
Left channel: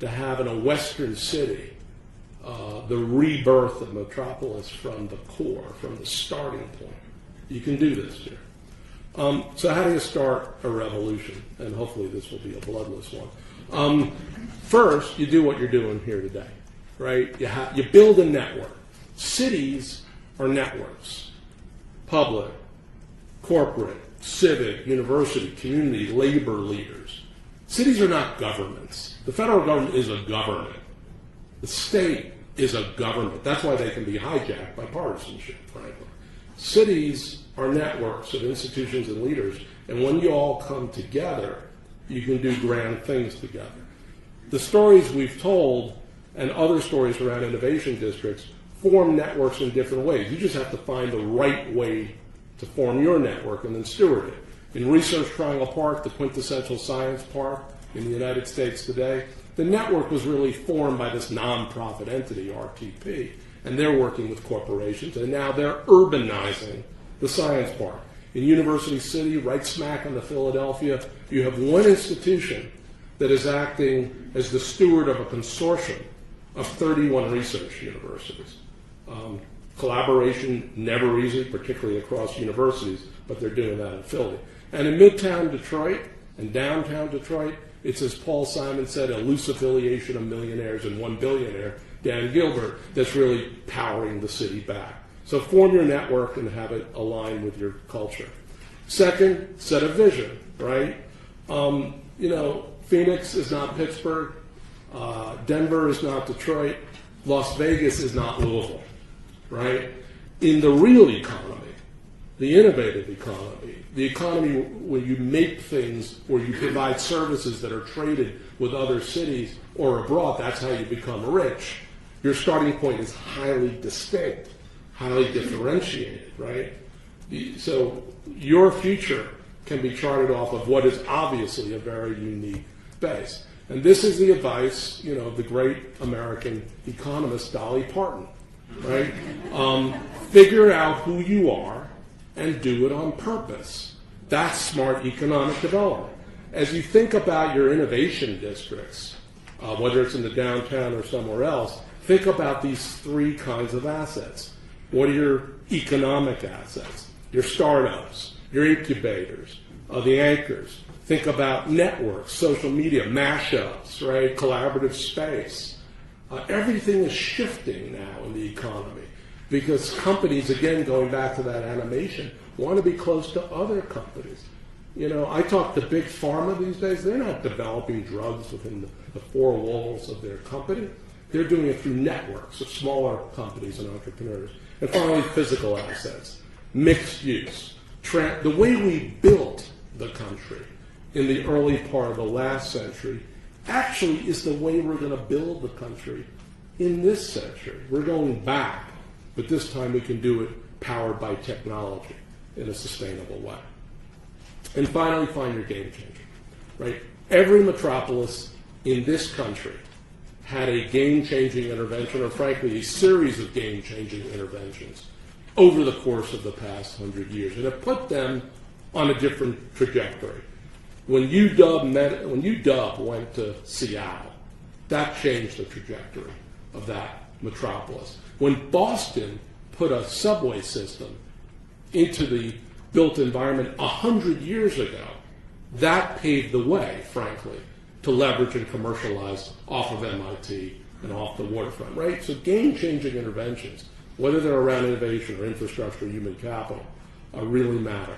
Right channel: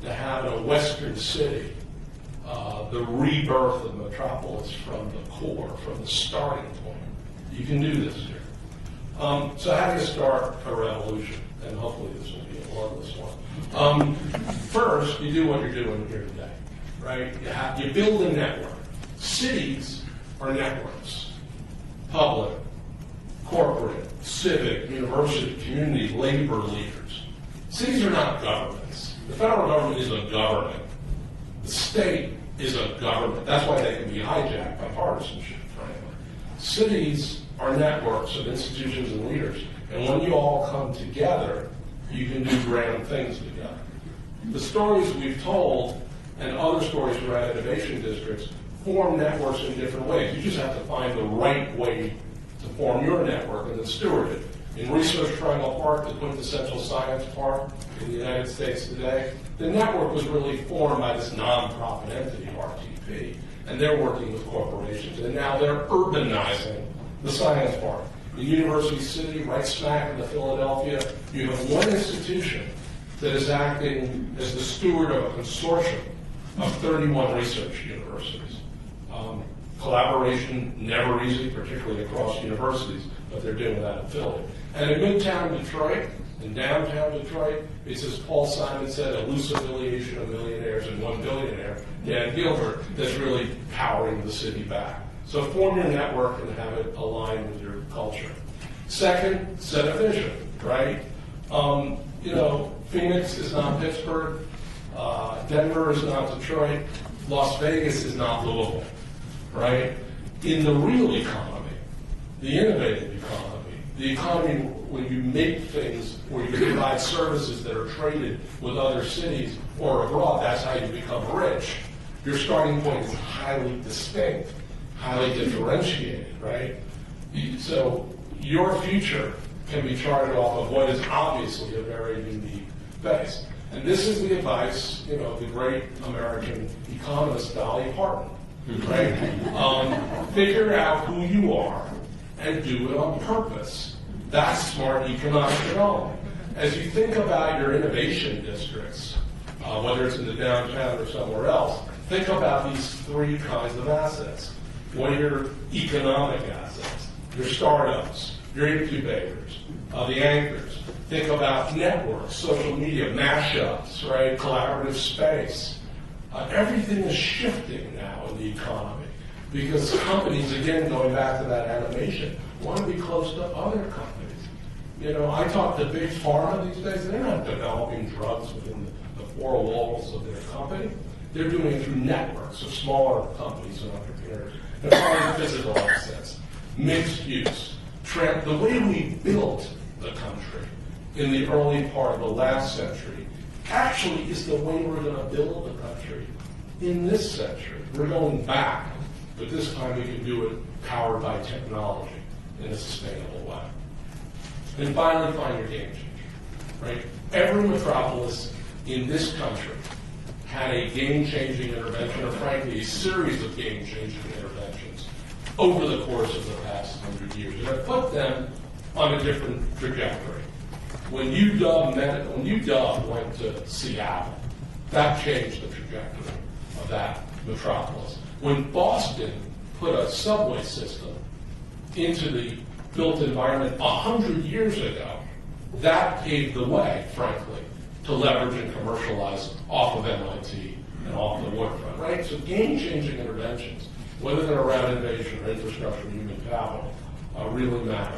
to have in a Western city the rebirth of Metropolis from the core, from the starting point. You can do this here. So how do you start a revolution? And hopefully this will be a bloodless one. First, you do what you're doing here today, right? You build a network. Cities are networks. Public, corporate, civic, university, community, labor leaders. Cities are not governments. The federal government is a government. The state is a government. That's why they can be hijacked by partisanship, frankly. Cities are networks of institutions and leaders, and when you all come together, you can do grand things together. The stories we've told and other stories around innovation districts form networks in different ways. You just have to find the right way to form your network and then steward it. In Research Triangle Park, the quintessential science park in the United States today, the network was really formed by this nonprofit entity, RTP, and they're working with corporations, and now they're urbanizing the science park. In University City, right smack in Philadelphia, you have one institution that is acting as the steward of a consortium of 31 research universities. Collaboration, never easy, particularly across universities, but they're doing that in Philly. And in Midtown Detroit and downtown Detroit, it's, as Paul Simon said, a loose affiliation of millionaires and one billionaire, Dan Gilbert, that's really powering the city back. So form your network and have it align with your culture. Second, set a vision, right? You know, Phoenix is not Pittsburgh. Denver is not Detroit. Las Vegas is not Louisville, right? In the real economy, the innovative economy, the economy when you make things or you provide services that are traded with other cities or abroad, that's how you become rich. Your starting point is highly distinct, highly differentiated, right? So your future can be charted off of what is obviously a very unique base. And this is the advice, you know, of the great American economist Dolly Parton, right? Figure out who you are and do it on purpose. That's smart economic development. As you think about your innovation districts, whether it's in the downtown or somewhere else, think about these three kinds of assets. What are your economic assets? Your startups, your incubators, the anchors. Think about networks, social media, mashups, right? Collaborative space. Everything is shifting now in the economy because companies, again, going back to that animation, want to be close to other companies. You know, I talk to big pharma these days. They're not developing drugs within the four walls of their company. They're doing it through networks of smaller companies and entrepreneurs. And finally, physical assets, mixed use. The way we built the country in the early part of the last century actually is the way we're going to build the country in this century. We're going back, but this time we can do it powered by technology in a sustainable way. And finally, find your game changer, right? Every metropolis in this country had a game-changing intervention, or frankly, a series of game-changing interventions over the course of the past 100 years, and have put them on a different trajectory. When UW went to Seattle, that changed the trajectory of that metropolis. When Boston put a subway system into the built environment 100 years ago, that paved the way, frankly, to leverage and commercialize off of MIT and off the waterfront, right? So game-changing interventions, whether they're around innovation or infrastructure, human capital, really matter.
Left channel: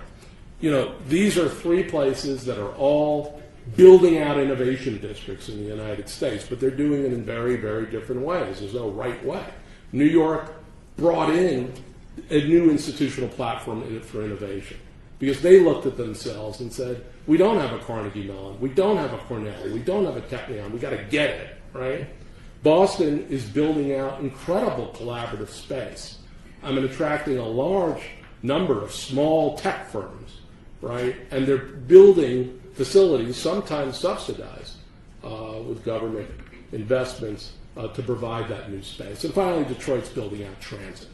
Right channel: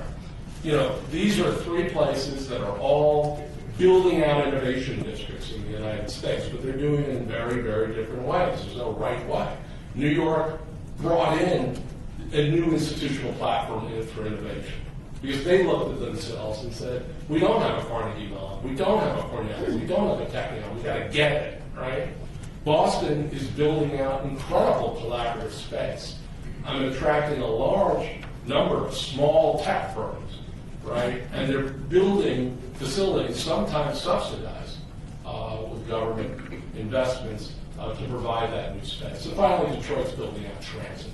You know, these are three places that are all building out innovation districts in the United States, but they're doing it in very, very different ways. There's no right way. New York brought in a new institutional platform for innovation because they looked at themselves and said, we don't have a Carnegie Mellon, we don't have a Cornell, we don't have a Technion, we got to get it, right? Boston is building out incredible collaborative space. Attracting a large number of small tech firms, right? And they're building facilities, sometimes subsidized with government investments to provide that new space. And finally, Detroit's building out transit.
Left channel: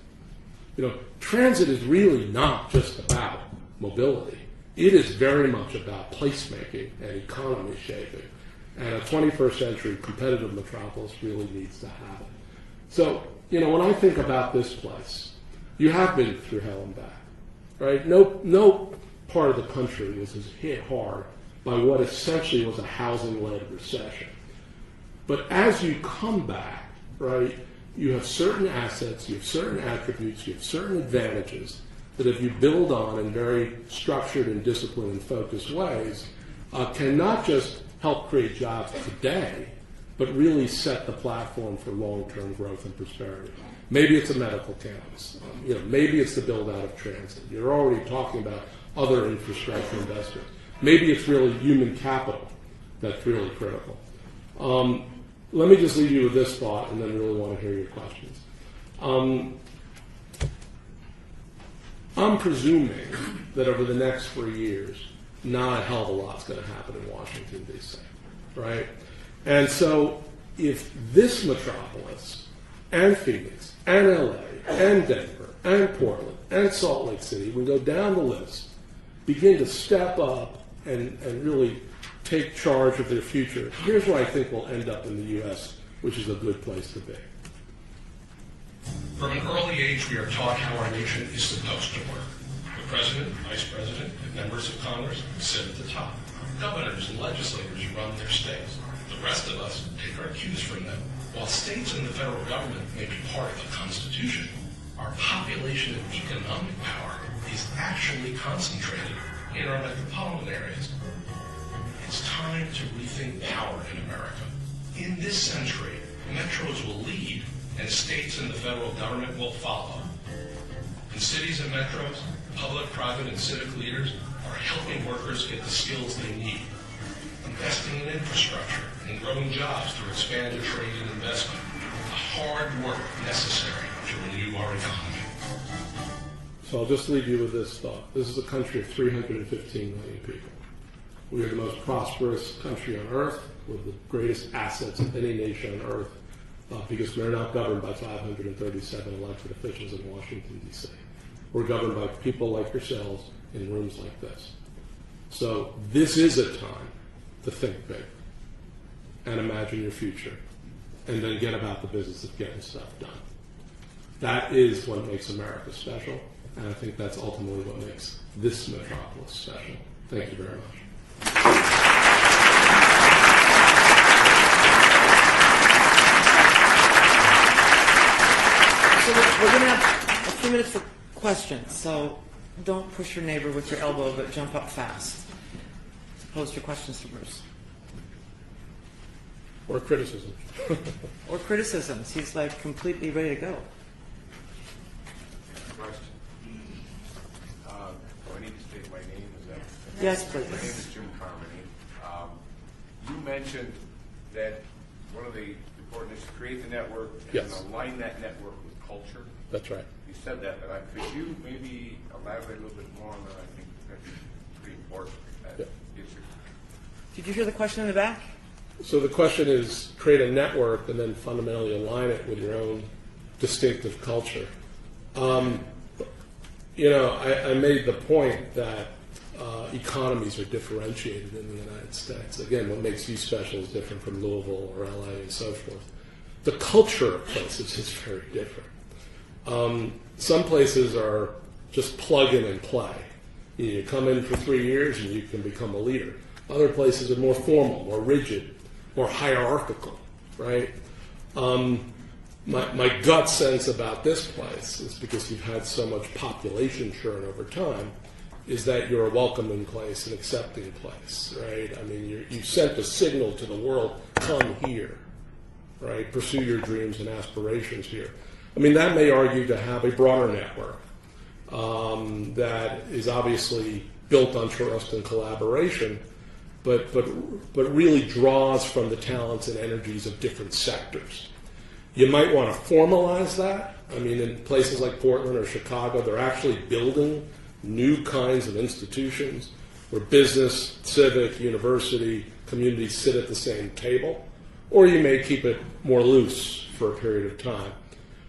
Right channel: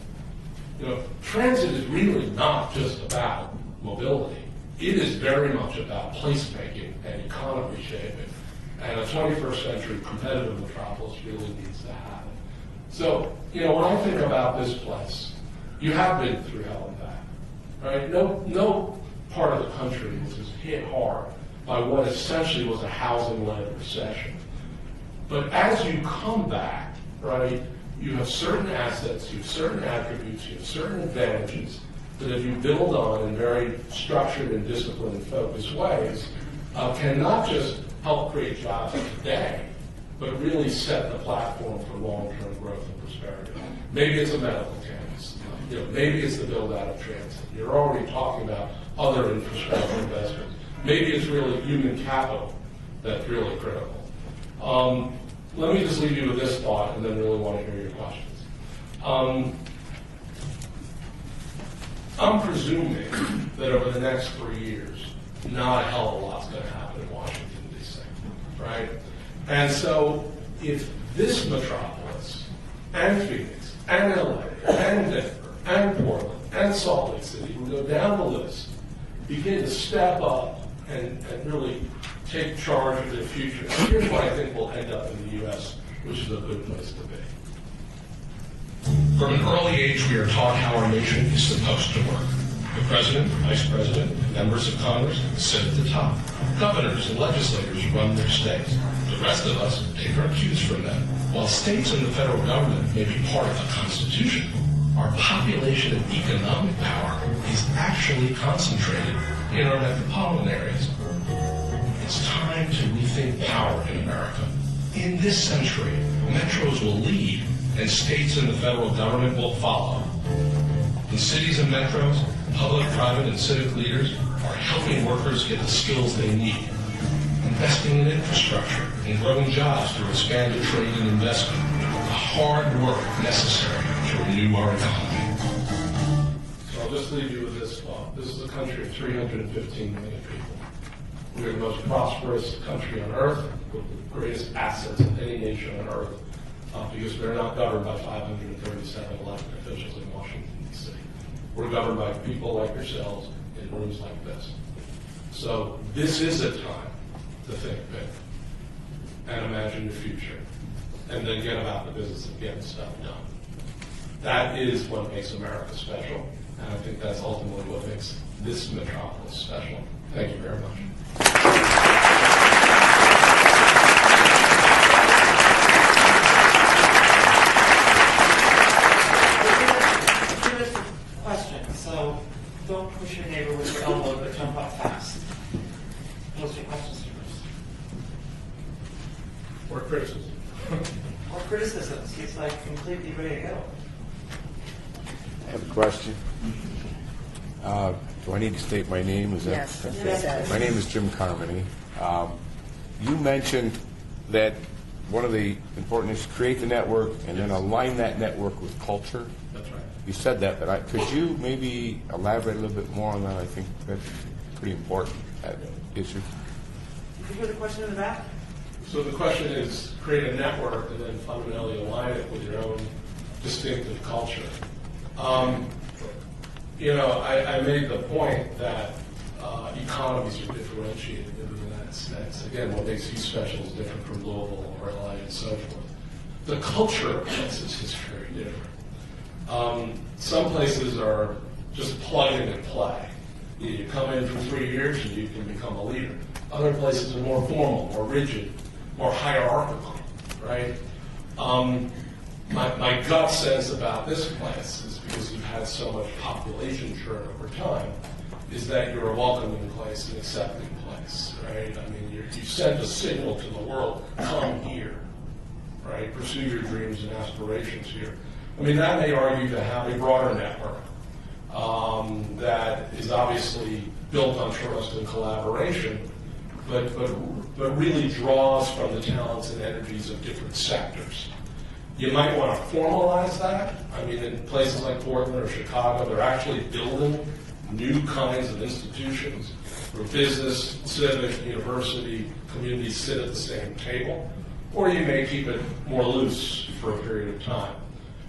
Transit is really not just about mobility. It is very much about placemaking and economy shaping. And a 21st century competitive metropolis really needs to happen. So, when I think about this place, you have been through hell and back, right? No part of the country was as hit hard by what essentially was a housing-led recession. But as you come back, right, you have certain assets, you have certain attributes, you have certain advantages that if you build on in very structured and disciplined and focused ways, can not just help create jobs today, but really set the platform for long-term growth and prosperity. Maybe it's a medical campus. Maybe it's the build-out of transit. You're already talking about other infrastructure investments. Maybe it's really human capital that's really critical. Let me just leave you with this thought, and then I really want to hear your questions. I'm presuming that over the next 3 years, not a hell of a lot's going to happen in Washington, D.C., right? And so if this metropolis, and Phoenix, and L.A., and Denver, and Portland, and Salt Lake City, we go down the list, begin to step up and really take charge of their future. Here's why I think we'll end up in the U.S., which is a good place to be. From an early age, we are taught how our nation is supposed to work. The president, vice president, and members of Congress sit at the top. Governors and legislators run their states. The rest of us take our cues from them. While states and the federal government may be part of the Constitution, our population and economic power is actually concentrated in our metropolitan areas. It's time to rethink power in America. In this century, metros will lead, and states and the federal government will follow. In cities and metros, public, private, and civic leaders are helping workers get the skills they need, investing in infrastructure and growing jobs through expanded trade and investment, the hard work necessary to renew our economy. So I'll just leave you with this thought. This is a country of 315 million people. We are the most prosperous country on earth, with the greatest assets of any nation on earth, because we're not governed by 537 elected officials in Washington, D.C. We're governed by people like yourselves in rooms like this. So this is a time to think big and imagine your future, and then get about the business of getting stuff done. That is what makes America special, and I think that's ultimately what makes this metropolis special. Thank you very much. We're going to have a few minutes for questions, so don't push your neighbor with your elbow, but jump up fast. Post your questions first. Or criticism. Or criticisms. He's like completely ready to go. I have a question. Do I need to state my name? Is that Yes, please. My name is Jim Carmody. You mentioned that one of the important is to create the network and then align that network with culture. That's right. You said that, but could you maybe elaborate a little bit more on that? I think that's pretty important, that issue. Did you hear the question in the back? So the question is create a network and then fundamentally align it with your own distinctive culture. I made the point that economies are differentiated in the United States. Again, what makes these special is different from Louisville or LA and so forth. The culture of places is very different. Some places are just plug in and play. You come in for 3 years and you can become a leader. Other places are more formal, more rigid, more hierarchical, right? My gut sense about this place is because you've had so much population churn over time, is that you're a welcoming place, an accepting place, right? I mean, you sent a signal to the world, come here, right? Pursue your dreams and aspirations here. I mean, that may argue to have a broader network that is obviously built on trust and collaboration, but really draws from the talents and energies of different sectors. You might want to formalize that. I mean, in places like Portland or Chicago, they're actually building new kinds of institutions where business, civic, university, community sit at the same table. Or you may keep it more loose for a period of time.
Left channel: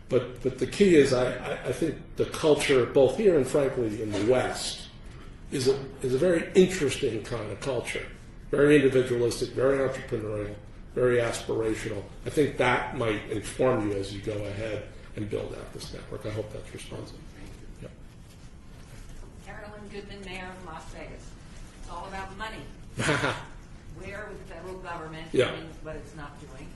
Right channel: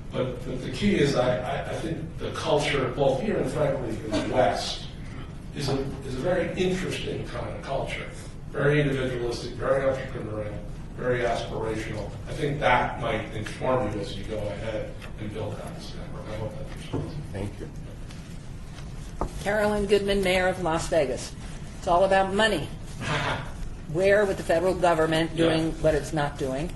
But the key is, I think the culture, both here and frankly in the West, is a very interesting kind of culture. Very individualistic, very entrepreneurial, very aspirational. I think that might inform you as you go ahead and build out this network. I hope that's responsive. Thank you. Carolyn Goodman, Mayor of Las Vegas. It's all about money. Where, with the federal government doing what it's not doing,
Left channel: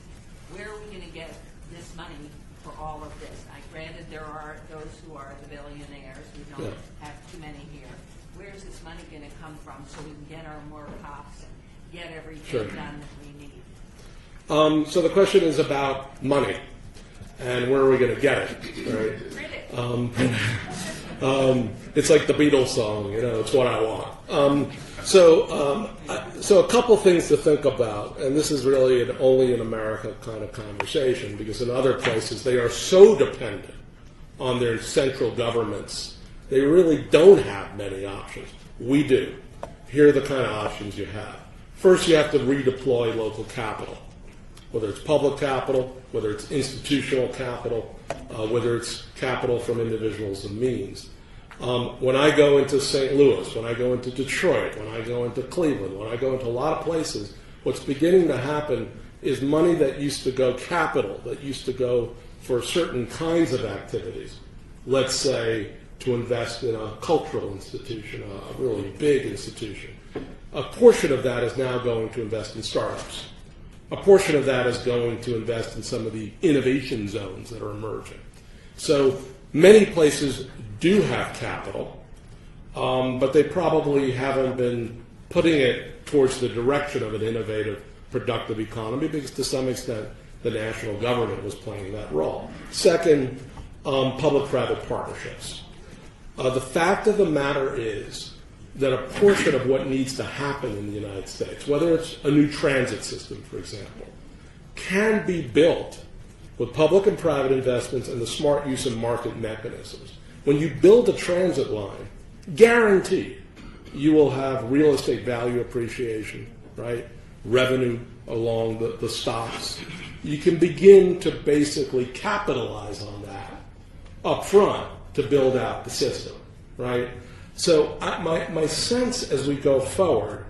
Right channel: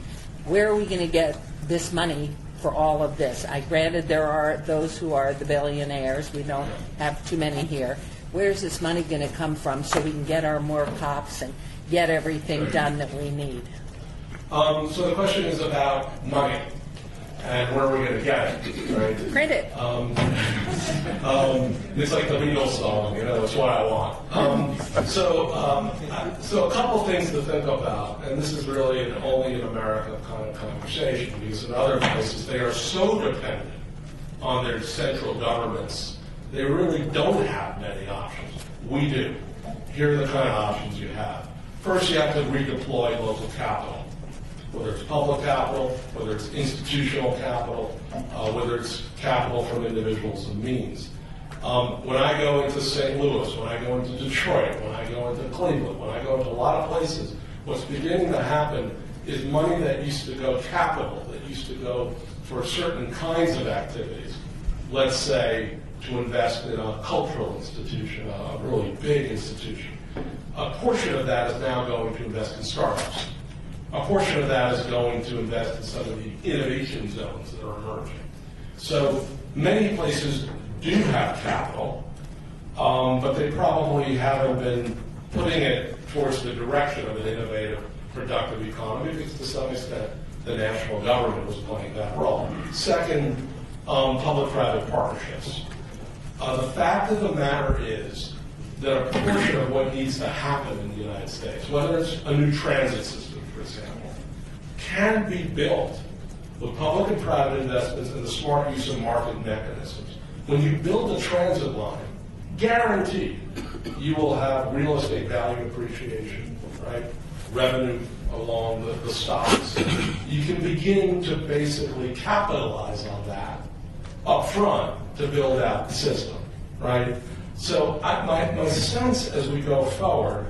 where are we going to get this money for all of this? I granted there are those who are the billionaires. We don't have too many here. Where's this money going to come from so we can get our more cops and get everything done that we need? So the question is about money and where are we going to get it, right? Print it. It's like the Beatles song, you know, it's what I want. So a couple things to think about, and this is really an only in America kind of conversation, because in other places they are so dependent on their central governments, they really don't have many options. We do. Here are the kind of options you have. First, you have to redeploy local capital. Whether it's public capital, whether it's institutional capital, whether it's capital from individuals and means. When I go into St. Louis, when I go into Detroit, when I go into Cleveland, when I go into a lot of places, what's beginning to happen is money that used to go capital, that used to go for certain kinds of activities, let's say to invest in a cultural institution, a really big institution. A portion of that is now going to invest in startups. A portion of that is going to invest in some of the innovation zones that are emerging. So many places do have capital, but they probably haven't been putting it towards the direction of an innovative, productive economy, because to some extent the national government was playing that role. Second, public-private partnerships. The fact of the matter is that a portion of what needs to happen in the United States, whether it's a new transit system, for example, can be built with public and private investments and the smart use of market mechanisms. When you build a transit line, guaranteed you will have real estate value appreciation, right? Revenue along the stops. You can begin to basically capitalize on that up front to build out the system, right? So my sense as we go forward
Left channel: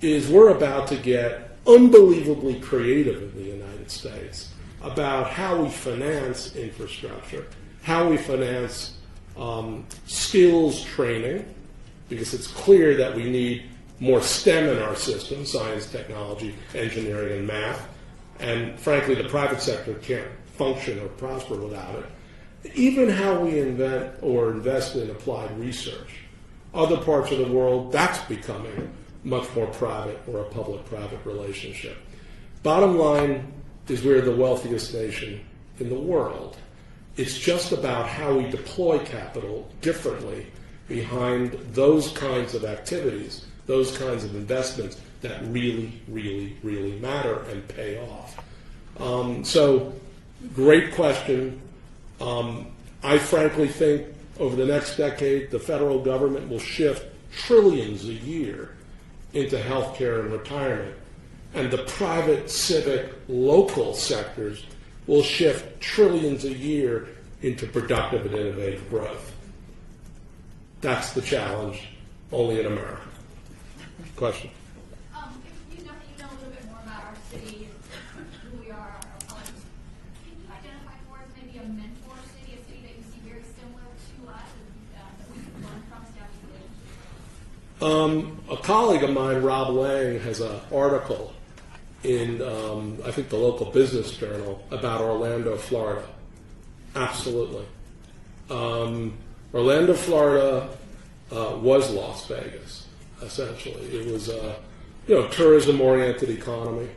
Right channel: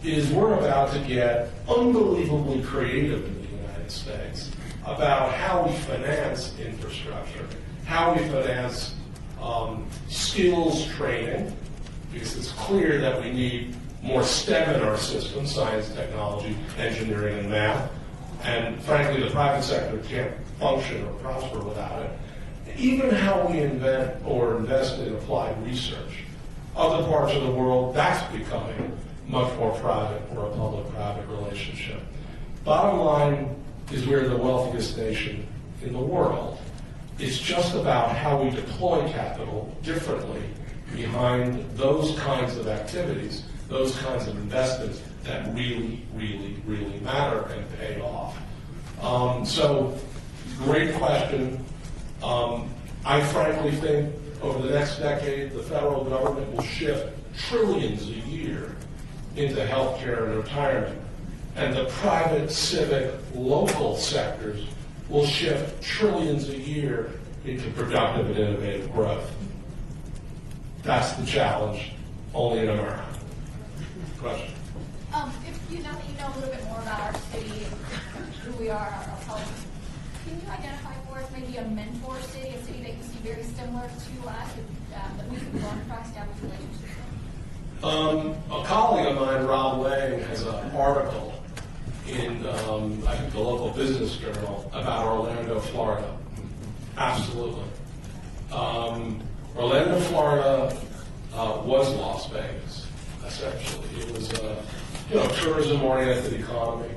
is we're about to get unbelievably creative in the United States about how we finance infrastructure, how we finance skills training, because it's clear that we need more STEM in our system, science, technology, engineering, and math. And frankly, the private sector can't function or prosper without it. Even how we invent or invest in applied research. Other parts of the world, that's becoming much more private or a public-private relationship. Bottom line is we're the wealthiest nation in the world. It's just about how we deploy capital differently behind those kinds of activities, those kinds of investments that really, really, really matter and pay off. So, great question. I frankly think over the next decade, the federal government will shift trillions a year into healthcare and retirement, and the private, civic, local sectors will shift trillions a year into productive and innovative growth. That's the challenge, only in America. Question? If you know a little bit more about our city and who we are, our politics, can you identify for us maybe a mentor city, a city that you see very similar to us, that we can learn from, establish relationships with? A colleague of mine, Rob Lang, has an article in, I think, the local business journal about Orlando, Florida. Absolutely. Orlando, Florida was Las Vegas, essentially. It was a tourism-oriented economy.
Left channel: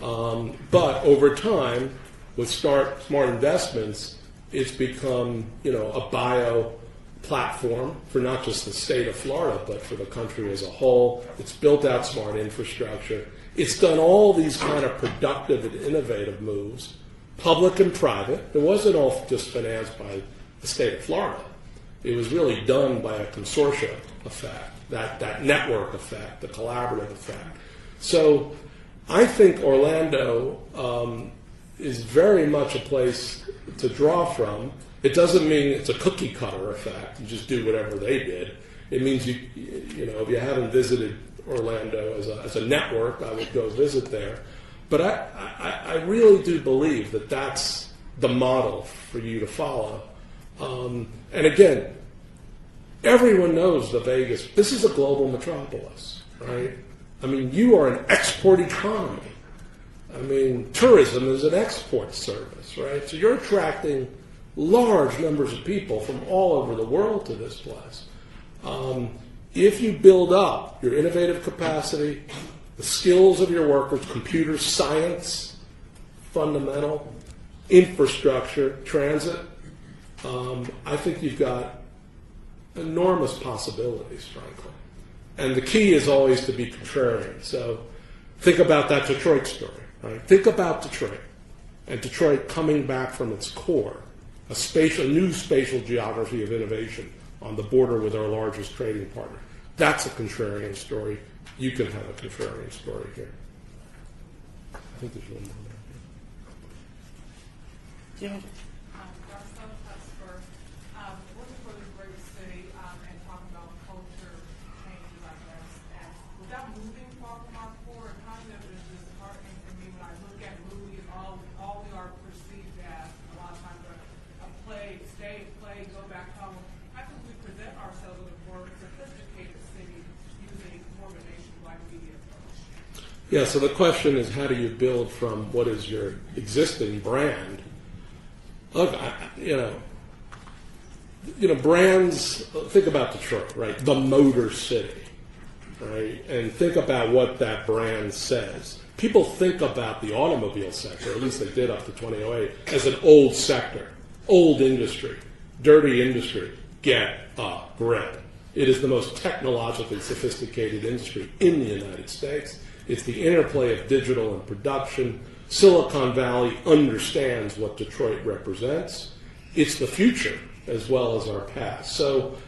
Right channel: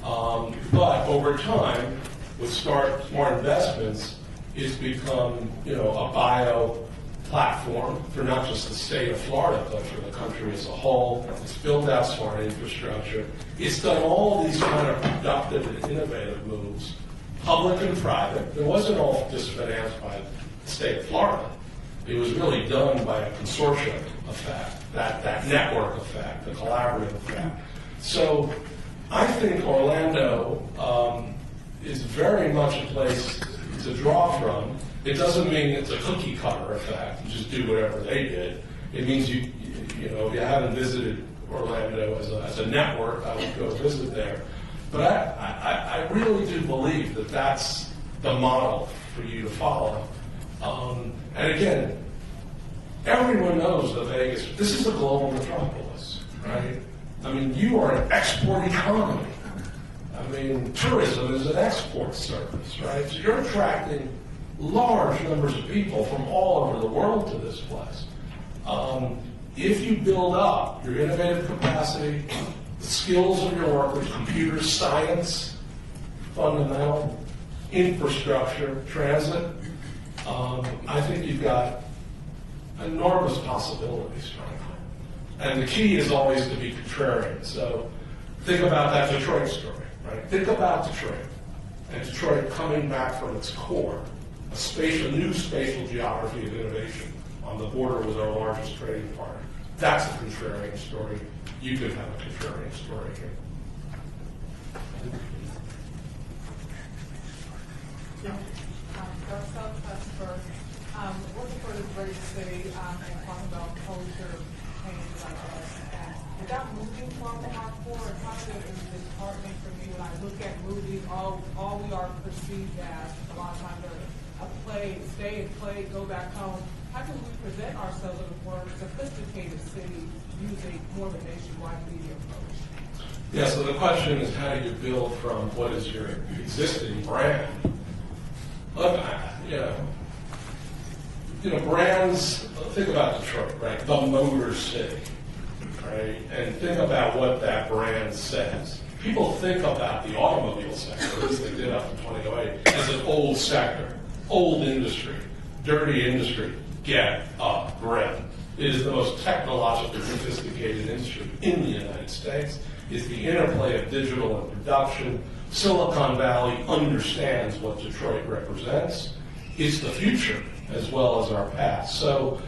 But over time, with smart investments, it's become a bio platform for not just the state of Florida, but for the country as a whole. It's built out smart infrastructure. It's done all these kind of productive and innovative moves, public and private. It wasn't all just financed by the state of Florida. It was really done by a consortium effect, that network effect, the collaborative effect. So I think Orlando is very much a place to draw from. It doesn't mean it's a cookie cutter effect. You just do whatever they did. It means if you haven't visited Orlando as a network, I would go visit there. But I really do believe that that's the model for you to follow. And again, everyone knows the Vegas. This is a global metropolis, right? I mean, you are an export economy. I mean, tourism is an export service, right? So you're attracting large numbers of people from all over the world to this place. If you build up your innovative capacity, the skills of your workers, computer science, fundamental, infrastructure, transit, I think you've got enormous possibilities, frankly. And the key is always to be contrarian. So think about that Detroit story, right? Think about Detroit, and Detroit coming back from its core, a new spatial geography of innovation on the border with our largest trading partner. That's a contrarian story. You can have a contrarian story here. Working for this great city and talking about culture change like this, and without moving from the hardcore, it kind of is disheartening for me when I look at movies. All we are perceived as a lot of times a play, stay and play, go back home. How can we present ourselves as a more sophisticated city using more of a nationwide media approach? Yeah. So the question is, how do you build from what is your existing brand? Look, brands, think about Detroit, right? The Motor City, right? And think about what that brand says. People think about the automobile sector, at least they did up to 2008, as an old sector, old industry, dirty industry. Get a grip. It is the most technologically sophisticated industry in the United States. It's the interplay of digital and production. Silicon Valley understands what Detroit represents. It's the future as well as our past. So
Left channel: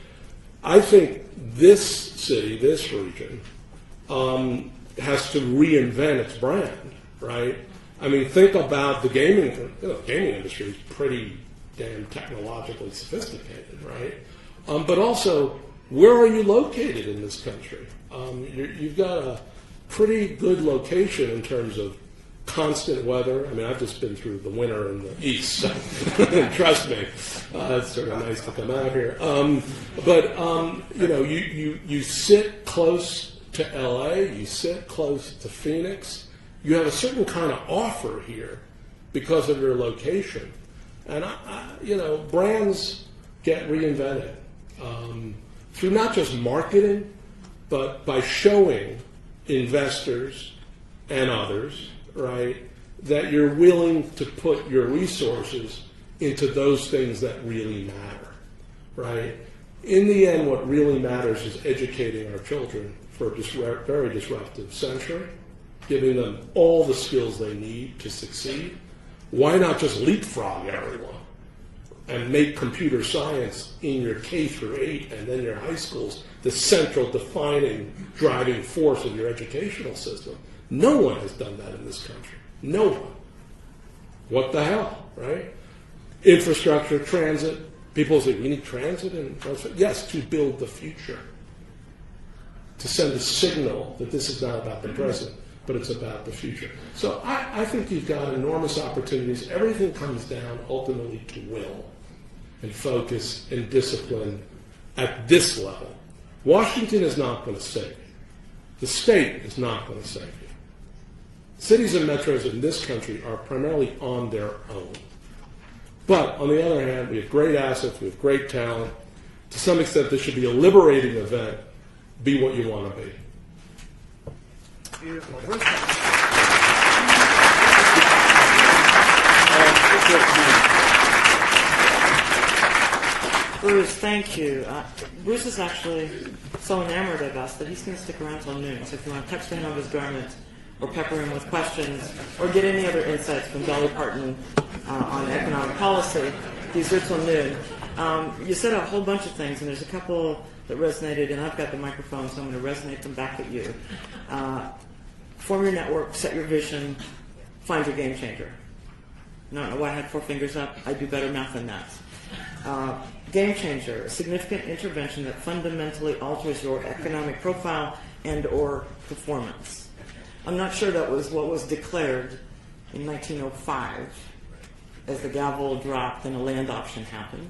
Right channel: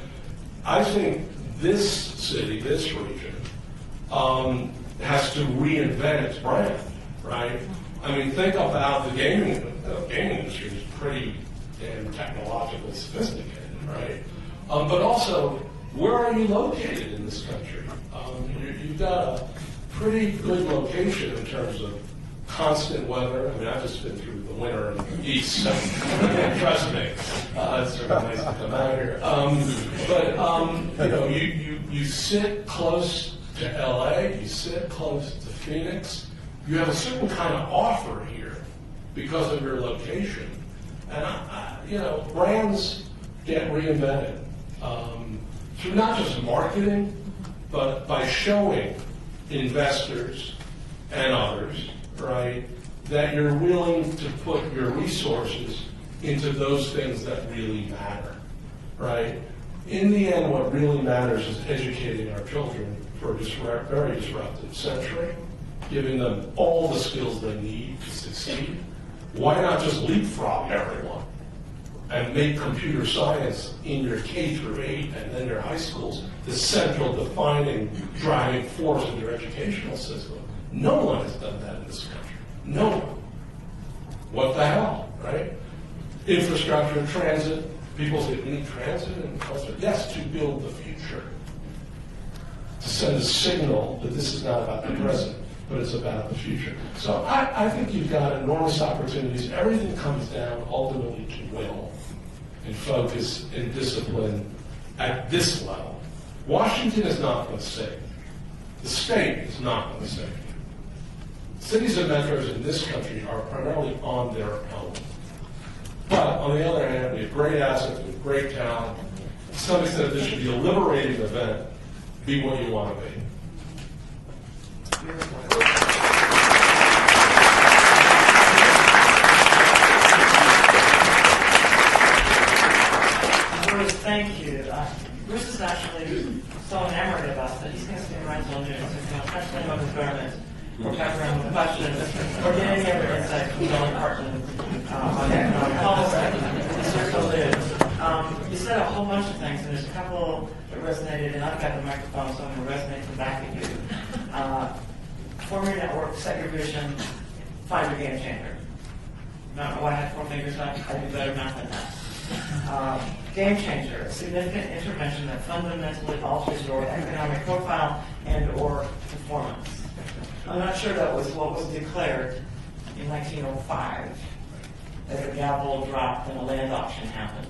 I think this city, this region, has to reinvent its brand, right? I mean, think about the gaming industry is pretty damn technologically sophisticated, right? But also, where are you located in this country? You've got a pretty good location in terms of constant weather. I mean, I've just been through the winter in the east, so trust me, it's sort of nice to come out here. You sit close to LA, you sit close to Phoenix. You have a certain kind of offer here because of your location, and brands get reinvented through not just marketing, but by showing investors and others, right, that you're willing to put your resources into those things that really matter, right? In the end, what really matters is educating our children for a very disruptive century, giving them all the skills they need to succeed. Why not just leapfrog everyone and make computer science in your K through 8 and then your high schools the central defining driving force of your educational system? No one has done that in this country. No one. What the hell, right? Infrastructure, transit. People say, we need transit? And yes, to build the future. To send a signal that this is not about the present, but it's about the future. So I think you've got enormous opportunities. Everything comes down ultimately to will and focus and discipline at this level. Washington is not going to save you. The state is not going to save you. Cities and metros in this country are primarily on their own. But on the other hand, we have great assets, we have great talent. to some extent, this should be a liberating event. Be what you want to be. Bruce, thank you. Bruce is actually so enamored of us that he's going to stick around till noon. So if you want to touch the hem of his garment, or pepper him with questions, or get any other insights from Dolly Parton on economic policy, he's here till noon. You said a whole bunch of things, and there's a couple that resonated, and I've got the microphone, so I'm going to resonate them back at you. Form your network, set your vision, find your game changer. No, why I had 4 fingers up? I do better math than that. Game changer, a significant intervention that fundamentally alters your economic profile and or performance. I'm not sure that was what was declared in 1905 as the gavel dropped and a land auction happened.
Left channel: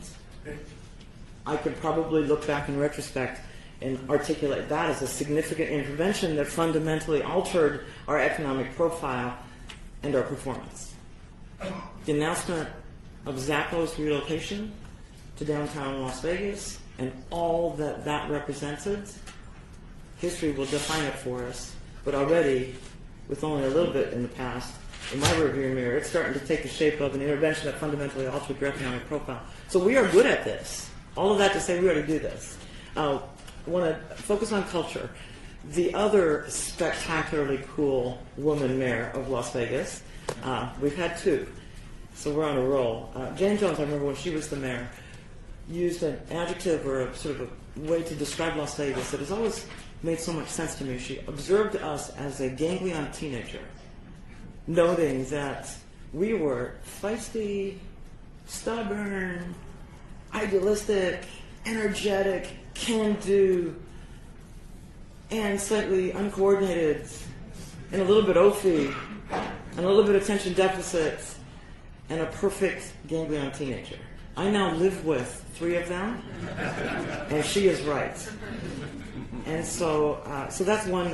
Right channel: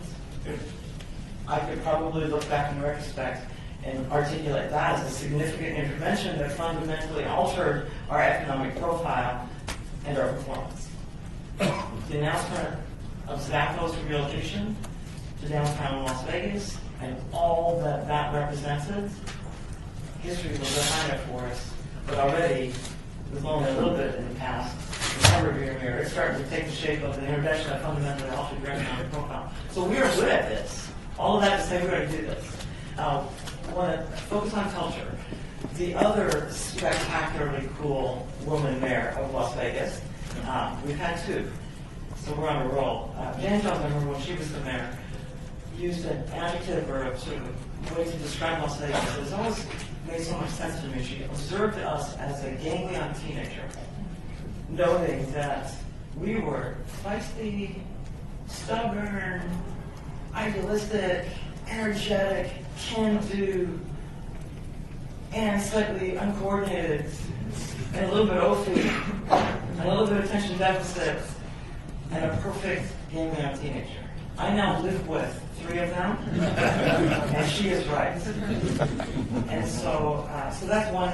I could probably look back in retrospect and articulate that as a significant intervention that fundamentally altered our economic profile and our performance. The announcement of Zappos relocation to downtown Las Vegas and all that that represented, history will define it for us. But already, with only a little bit in the past, in my rearview mirror, it's starting to take the shape of an intervention that fundamentally altered your economic profile. So we are good at this. All of that to say we ought to do this. I want to focus on culture. The other spectacularly cool woman mayor of Las Vegas, we've had 2. So we're on a roll. Jan Jones, I remember when she was the mayor, used an adjective or a sort of a way to describe Las Vegas that has always made so much sense to me. She observed us as a ganglion teenager, noting that we were feisty, stubborn, idealistic, energetic, can-do, and slightly uncoordinated, and a little bit oafy, and a little bit attention deficit, and a perfect ganglion teenager. I now live with 3 of them, and she is right. And so that's one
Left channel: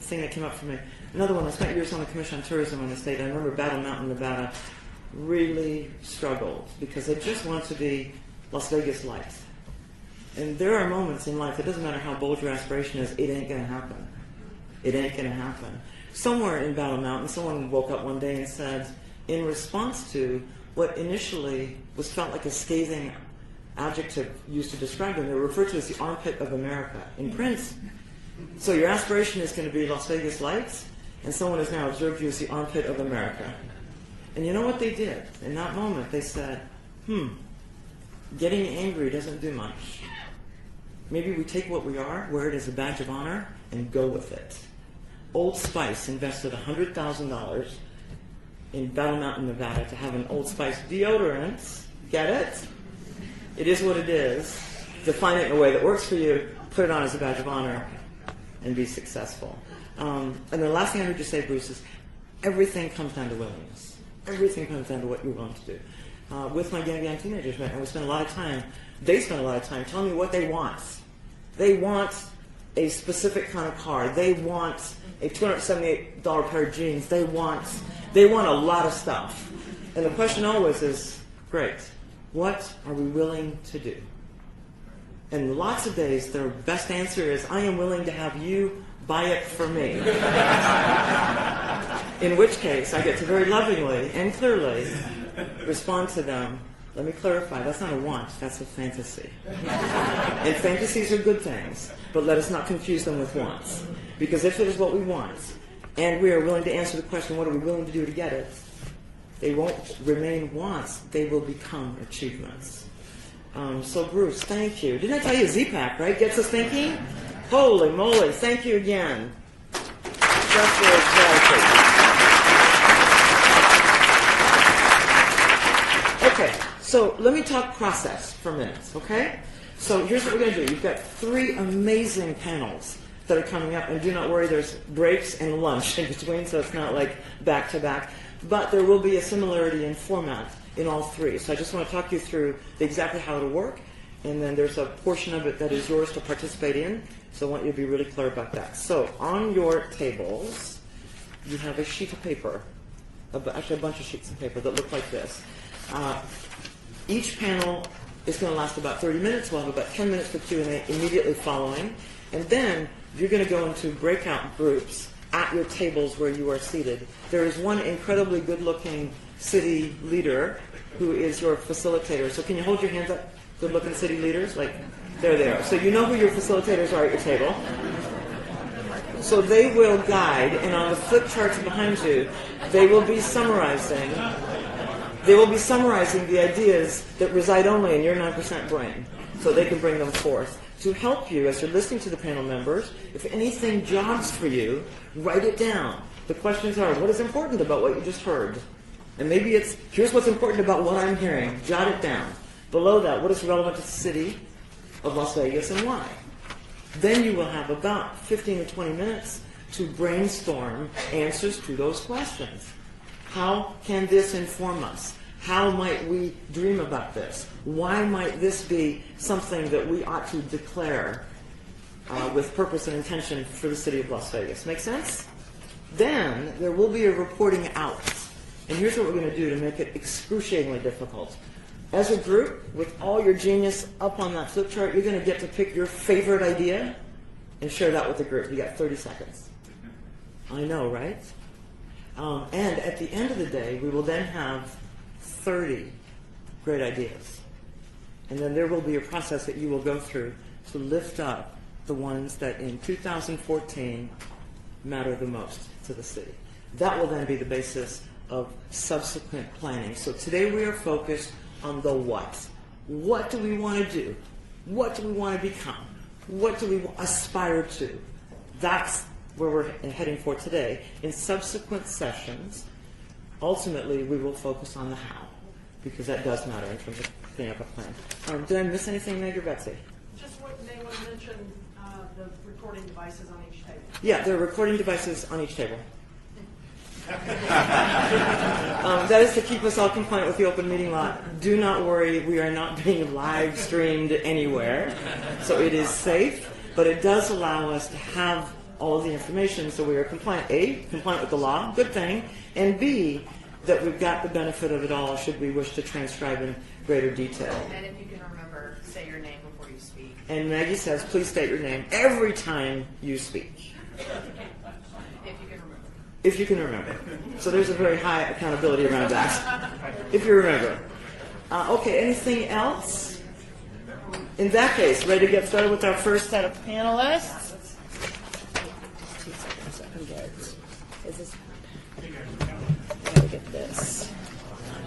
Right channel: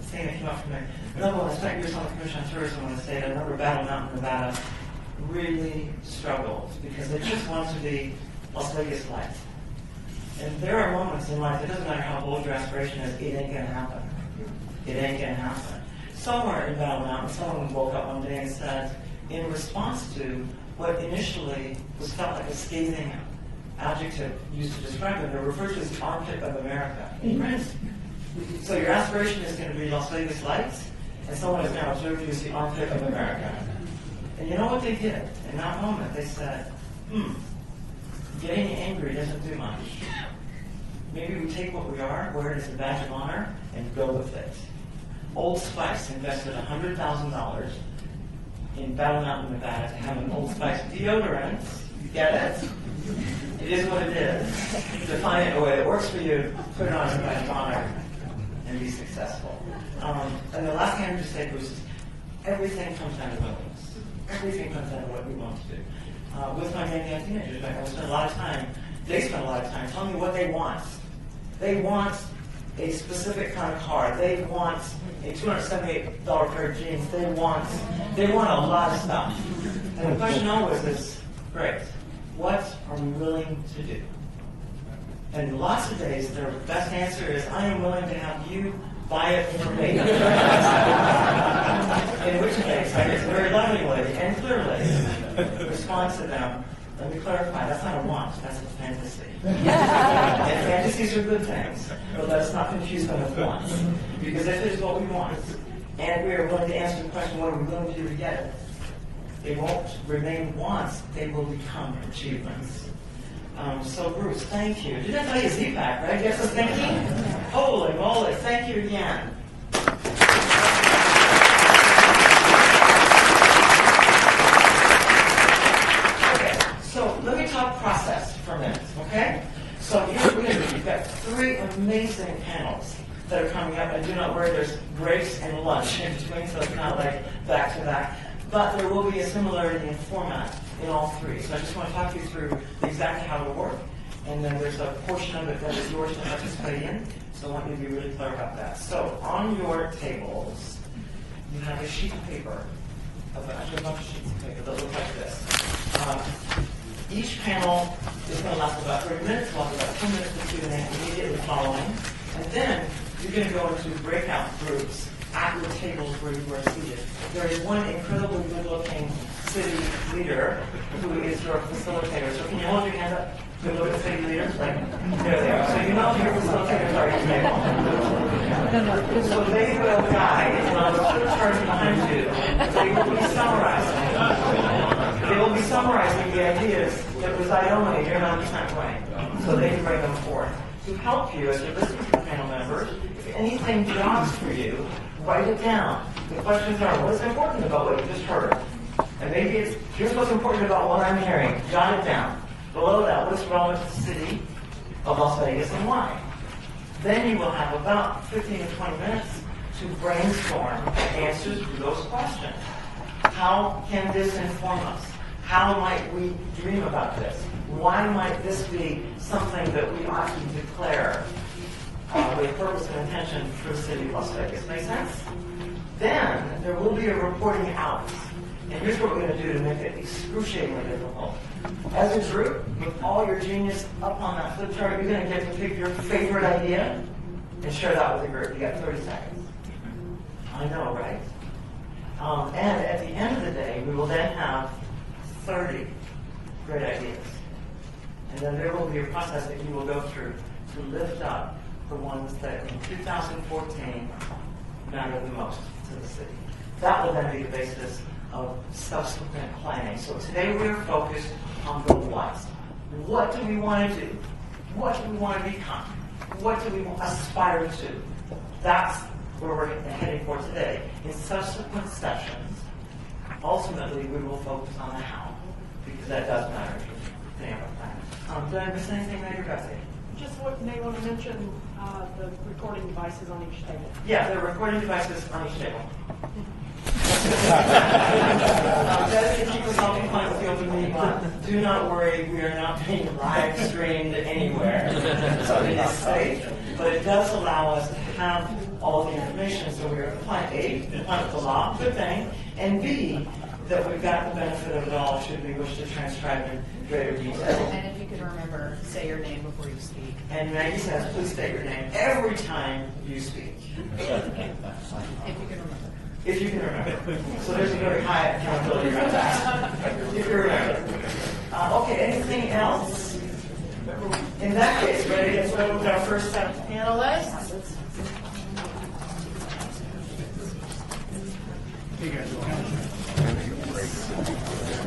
thing that came up for me. Another one, I spent years on the Commission on Tourism in the state. I remember Battle Mountain, Nevada, really struggled because they just want to be Las Vegas light. And there are moments in life, it doesn't matter how bold your aspiration is, it ain't going to happen. It ain't going to happen. Somewhere in Battle Mountain, someone woke up one day and said, in response to what initially was felt like a scathing adjective used to describe them, they were referred to as the armpit of America in print. So your aspiration is going to be Las Vegas lights, and someone has now observed you as the armpit of America. And you know what they did? In that moment, they said, getting angry doesn't do much. Maybe we take what we are, wear it as a badge of honor, and go with it. Old Spice invested $100,000 in Battle Mountain, Nevada, to have an Old Spice deodorant. You get it? It is what it is. Define it in a way that works for you, put it on as a badge of honor, and be successful. And the last thing I need to say, Bruce, is everything comes down to willingness. Everything comes down to what we want to do. With my young teenagers, I spend a lot of time, they spend a lot of time telling me what they want. They want a specific kind of car. They want a $278 pair of jeans. They want a lot of stuff. And the question always is, great, what are we willing to do? And lots of days, their best answer is, I am willing to have you buy it for me. In which case, I get to very lovingly and clearly respond to them. Let me clarify, that's not a want, that's a fantasy. And fantasies are good things, but let us not confuse them with wants. Because if it is what we want, and we are willing to answer the question, what are we willing to do to get it, they won't remain wants, they will become achievements. So Bruce, thank you. Didn't I tell you Z-Pack, right? Gets us thinking? Holy moly, thank you again. That's really exciting. Okay, so let me talk process for a minute, okay? So here's what we're going to do. You've got 3 amazing panels that are coming up, and do not worry, there's breaks and lunch in between, so it's not like back-to-back. But there will be a similarity in format in all 3. So I just want to talk you through exactly how it'll work, and then there's a portion of it that is yours to participate in, so I want you to be really clear about that. So on your tables, you have a sheet of paper, actually a bunch of sheets of paper that look like this. Each panel is going to last about 30 minutes. We'll have about 10 minutes for Q&A immediately following. And then you're going to go into breakout groups at your tables where you are seated. There is one incredibly good-looking city leader who is your facilitator. So can you hold your hand up? Good-looking city leaders? Like, there they are. So you know who your facilitators are at your table. So they will guide, and on the flip charts behind you, they will be summarizing. They will be summarizing the ideas that reside only in your 9% brain, so they can bring them forth. To help you, as you're listening to the panel members, if anything jogs for you, write it down. The questions are, what is important about what you just heard? And maybe it's, here's what's important about what I'm hearing. Jot it down. Below that, what is relevant to the city of Las Vegas and why? Then you will have about 15 to 20 minutes to brainstorm answers to those questions. How can this inform us? How might we dream about this? Why might this be something that we ought to declare with purpose and intention for the city of Las Vegas? Make sense? Then there will be a reporting out. And here's what we're going to do to make it excruciatingly difficult. As a group, with all your genius up on that flip chart, you're going to get to pick your favorite idea and share that with the group. You got 30 seconds. I know, right? And at the end of the day, we will then have 30 great ideas. And then there will be a process that you will go through to lift up the ones that in 2014 matter the most to the city. That will then be the basis of subsequent planning. So today we are focused on the what. What do we want to do? What do we want to become? What do we aspire to? That's where we're heading for today. In subsequent sessions, ultimately we will focus on the how, because that does matter in terms of the plan. Did I miss anything, Meg or Betsy? Just what they want to mention, the recording devices on each table. Yeah, the recording devices on each table. That is to keep us all compliant with the open meeting law. Do not worry, we are not being live streamed anywhere. So it is safe, but it does allow us to have all the information so we are compliant. A, compliant with the law, good thing. And B, that we've got the benefit of it all should we wish to transcribe in greater detail. And if you can remember, say your name before you speak. And Maggie says, please state your name every time you speak. If you can remember. If you can remember. So there's a very high accountability around that. If you remember. Okay, anything else? In that case, ready to get started with our first set of panelists?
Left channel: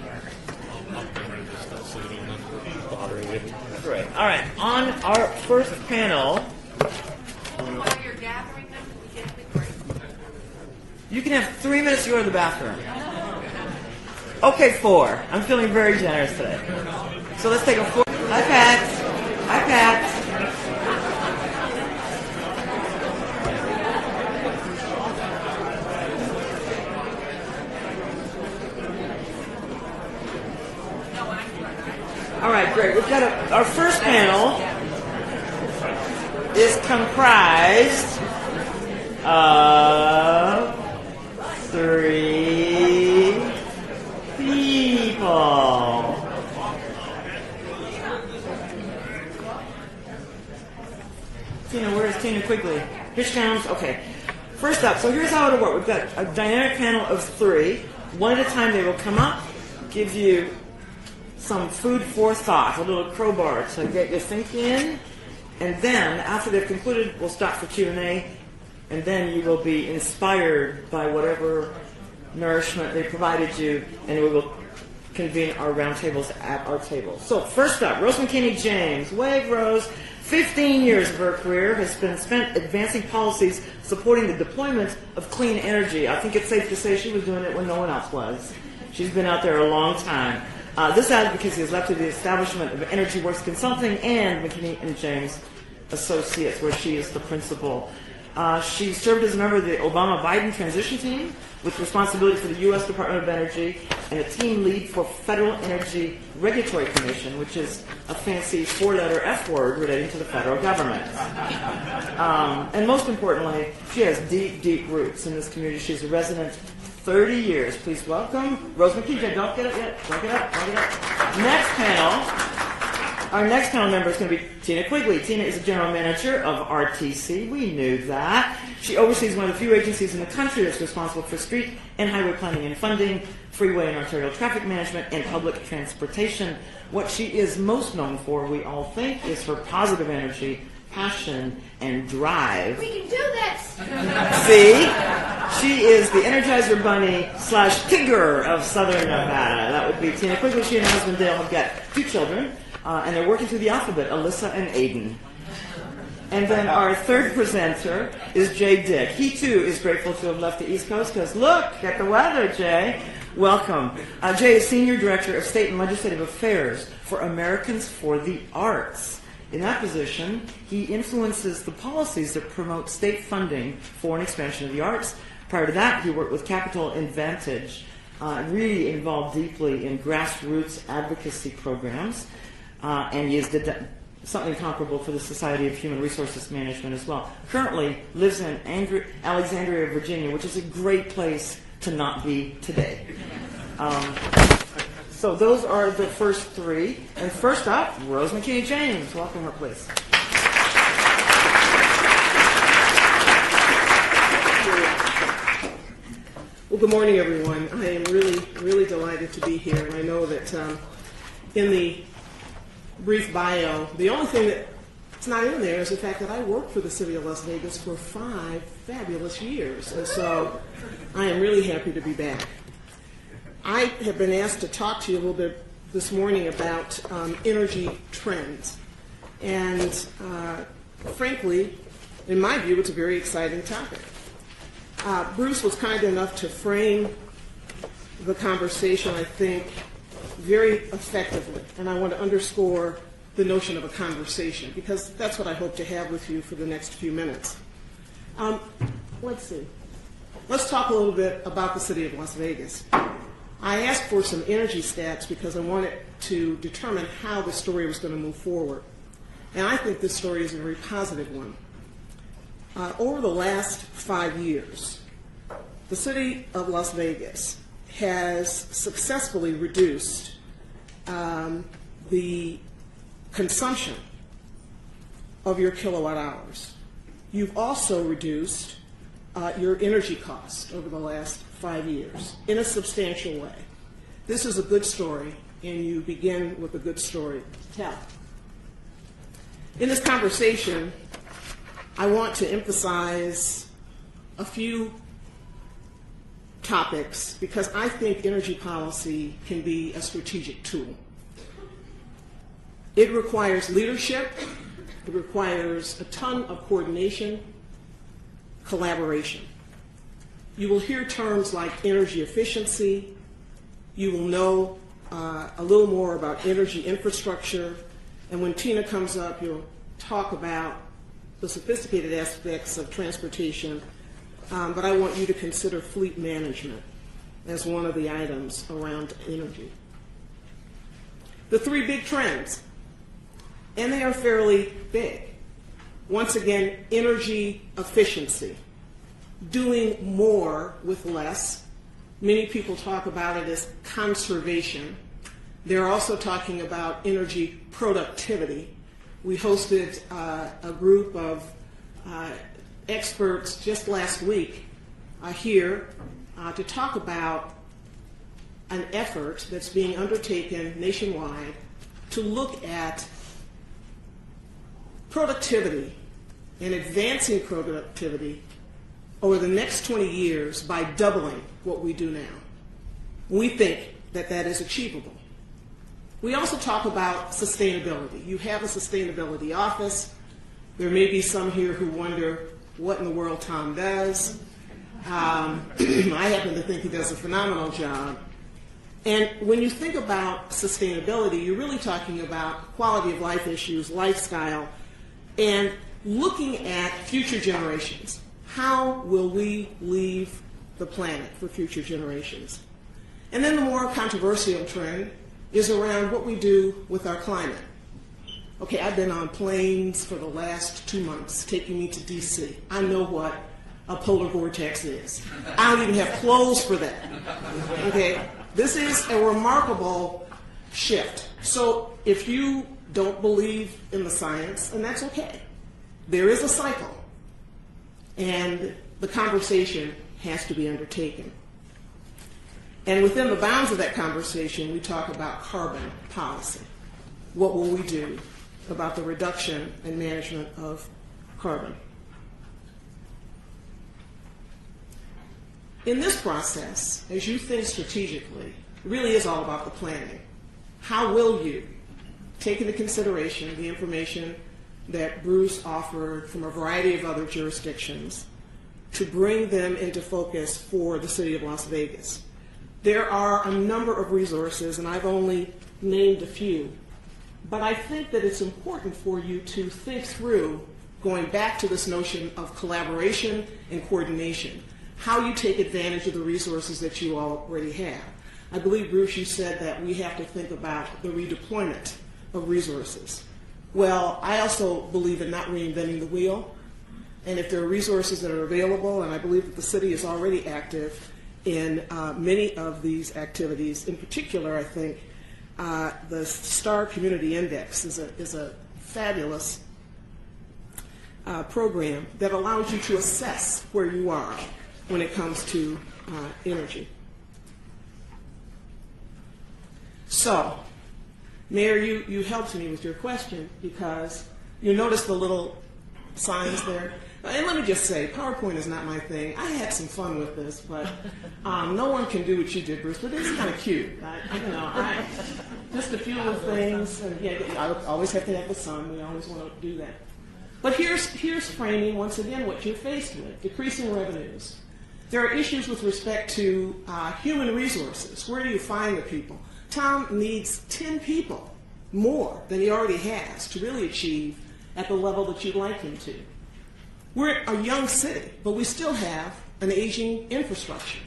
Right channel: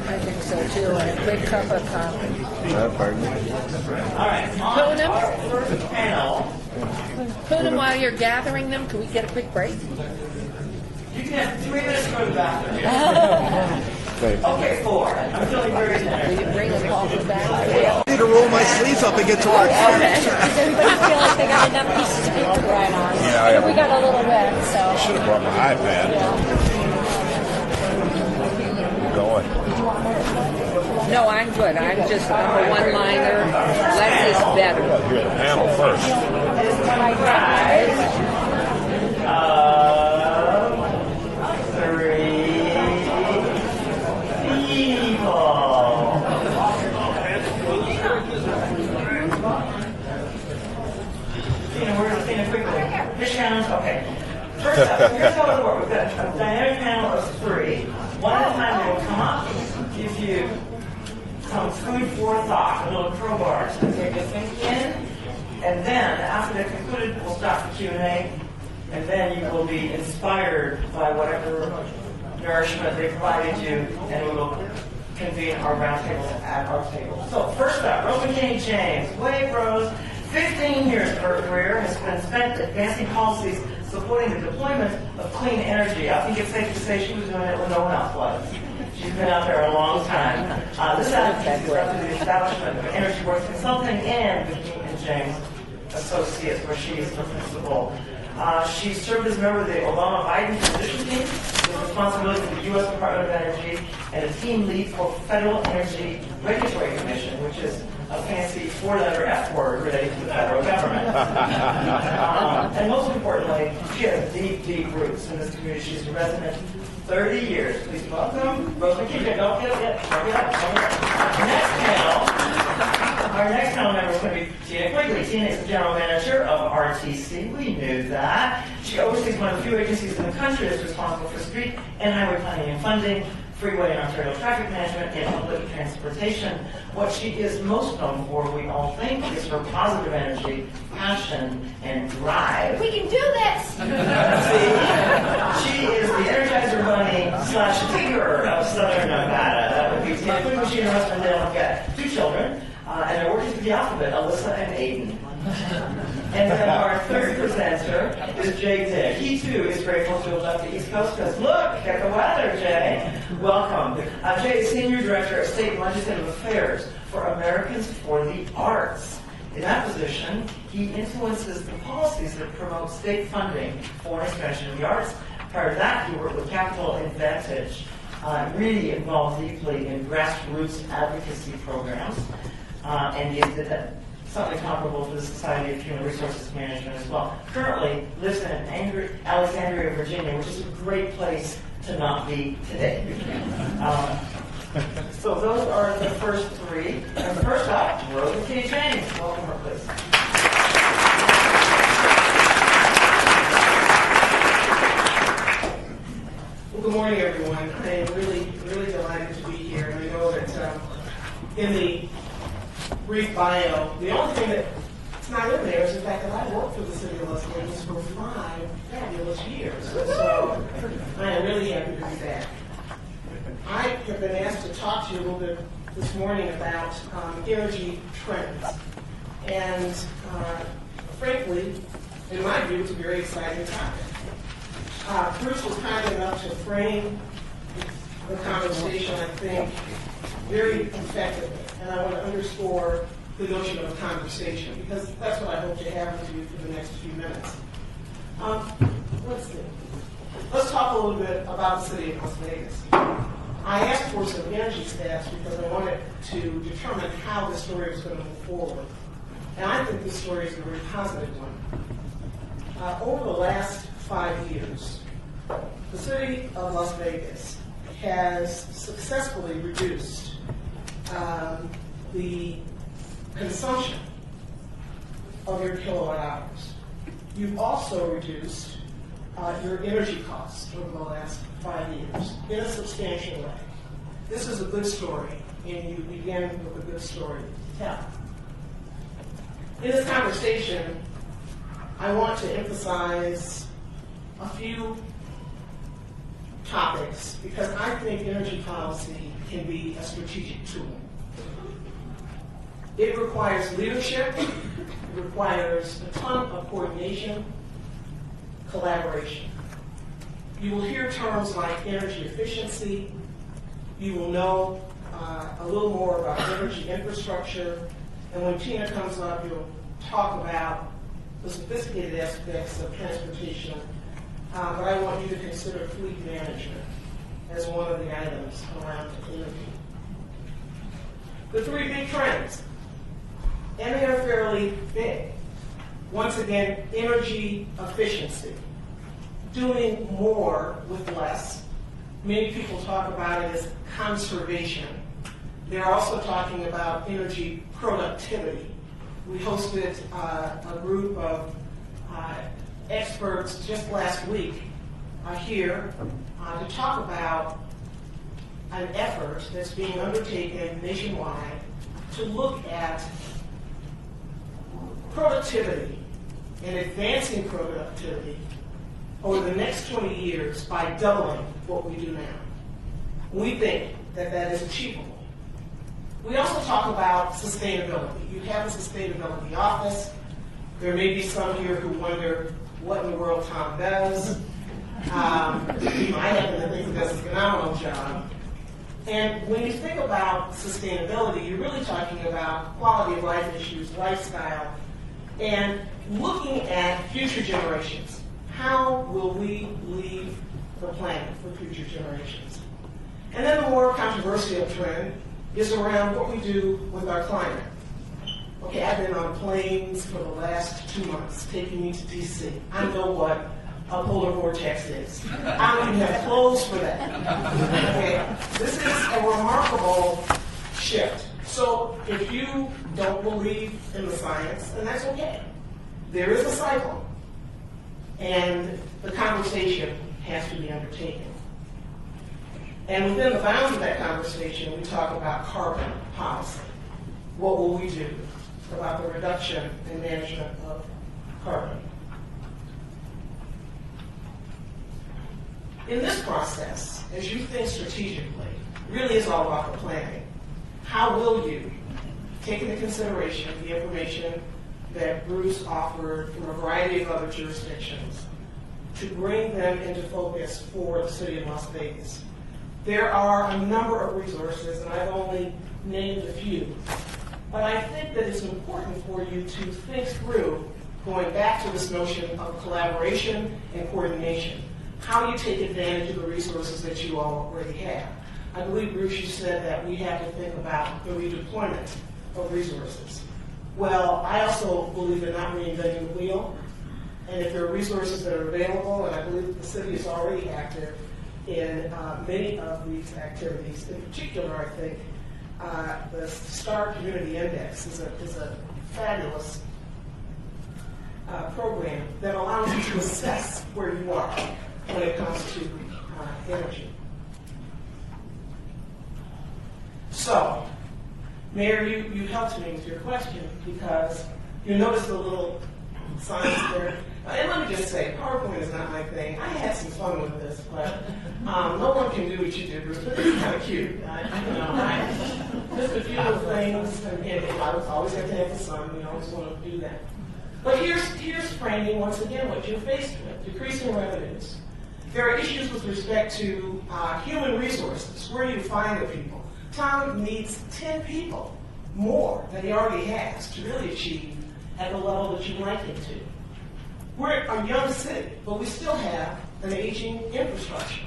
I think so too, and a quick cup of coffee. All right, on our first panel. Put them while you're gathering them. Can we get a quick break? You can have 3 minutes to go to the bathroom. Okay, 4. I'm feeling very generous today. So let's take a 4. To roll my sleeves up and get to work. Does everybody feel like they got enough pieces to speak to right on? Yeah, We got a little bit, so. Should have brought my iPad. Going. No, I'm good. I'm just All right, great. one-liner. Our first panel Panel first. is comprised of 3 people. Tina, where's Tina quickly? Which panels? Okay. First up, so here's how it'll work. We've got a dynamic panel of 3. One at a time, they will come up, give you some food for thought, a little crowbar to get your thinking in. And then, after they've concluded, we'll stop for Q&A. And then you will be inspired by whatever nourishment they provided you, and we will convene our roundtables at our table. So, first up, Rose McKinney James. Wave Rose, 15 years of her career has been spent advancing policies supporting the deployment of clean energy. I think it's safe to say she was doing it when no one else was. She's been out there a long time. This advocacy has led to the establishment of Energy Works Consulting and McKinney and James Associates, where she is the principal. She served as a member of the Obama-Biden transition team with responsibility for the U.S. Department of Energy and a team lead for Federal Energy Regulatory Commission, which is a fancy 4-letter F word related to the federal government. And most importantly, she has deep, deep roots in this community. She's a resident 30 years. Please welcome Rosemary TJ. Don't get up yet. Don't get up. Don't get up. Next panel. Our next panel member is going to be Tina Quigley. Tina is the general manager of RTC. We knew that. She oversees one of the few agencies in the country that's responsible for street and highway planning and funding, freeway and arterial traffic management, and public transportation. What she is most known for, we all think, is her positive energy, passion, and drive. We can do this! See? She is the Energizer Bunny / Tigger of Southern Nevada. That would be Tina Quigley. She and her husband Dale have got 2 children, and they're working through the alphabet, Alyssa and Aiden. And then our third presenter is Jay Dick. He too is grateful to have left the East Coast because look at the weather, Jay. Welcome. Jay is Senior Director of State and Legislative Affairs for Americans for the Arts. In that position, he influences the policies that promote state funding for an expansion of the arts. Prior to that, he worked with Capital Advantage, really involved deeply in grassroots advocacy programs, and he did that. Something comparable for the Society of Human Resources Management as well. Currently lives in Alexandria, Virginia, which is a great place to not be today. So those are the first 3. And first up, Rose McKinney James. Welcome her, please. Well, good morning, everyone. I am really delighted to be here. And I know that in the brief bio, the only thing that's not in there is the fact that I worked for the city of Las Vegas for 5 fabulous years. And so I am really happy to be back. I have been asked to talk to you a little bit this morning about energy trends. And frankly, in my view, it's a very exciting topic. Bruce was kind enough to frame the conversation, I think, very effectively, and I want to underscore the notion of a conversation because that's what I hope to have with you for the next few minutes. Let's see. Let's talk a little bit about the city of Las Vegas. I asked for some energy stats because I wanted to determine how the story was going to move forward, and I think this story is a very positive one. Over the last 5 years, the city of Las Vegas has successfully reduced the consumption of your kilowatt hours. You've also reduced your energy costs over the last 5 years in a substantial way. This is a good story, and you begin with a good story to tell. In this conversation, I want to emphasize a few topics because I think energy policy can be a strategic tool. It requires leadership, it requires a ton of coordination, collaboration. You will hear terms like energy efficiency, you will know a little more about energy infrastructure, and when Tina comes up, you'll talk about the sophisticated aspects of transportation. But I want you to consider fleet management as one of the items around energy. The 3 big trends, and they are fairly big. Once again, energy efficiency, doing more with less. Many people talk about it as conservation. They're also talking about energy productivity. We hosted a group of experts just last week here to talk about an effort that's being undertaken nationwide to look at productivity and advancing productivity over the next 20 years by doubling what we do now. We think that that is achievable. We also talk about sustainability. You have a sustainability office. There may be some here who wonder what in the world Tom does. I happen to think he does a phenomenal job. And when you think about sustainability, you're really talking about quality of life issues, lifestyle, and looking at future generations. How will we leave the planet for future generations? And then the more controversial trend is around what we do with our climate. Okay, I've been on planes for the last 2 months taking me to DC. I know what a polar vortex is. I don't even have clothes for that. Okay, this is a remarkable shift. So if you don't believe in the science, then that's okay. There is a cycle, and the conversation has to be undertaken. And within the bounds of that conversation, we talk about carbon policy. What will we do about the reduction and management of carbon? In this process, as you think strategically, it really is all about the planning. How will you take into consideration the information that Bruce offered from a variety of other jurisdictions to bring them into focus for the city of Las Vegas? There are a number of resources, and I've only named a few, but I think that it's important for you to think through, going back to this notion of collaboration and coordination, how you take advantage of the resources that you already have. I believe, Bruce, you said that we have to think about the redeployment of resources. Well, I also believe in not reinventing the wheel, and if there are resources that are available, and I believe that the city is already active in many of these activities. In particular, I think the STAR Community Index is a fabulous program that allows you to assess where you are when it comes to energy. So, Mayor, you helped me with your question because you noticed the little signs there. And let me just say, PowerPoint is not my thing. I had some fun with this, but no one can do what you did, Bruce, but it's kind of cute. Just a few little things. And again, I always have to have the sun. We always want to do that. But here's framing, once again, what you're faced with, decreasing revenues. There are issues with respect to human resources. Where do you find the people? Tom needs 10 people more than he already has to really achieve at the level that you'd like him to. We're a young city, but we still have an aging infrastructure.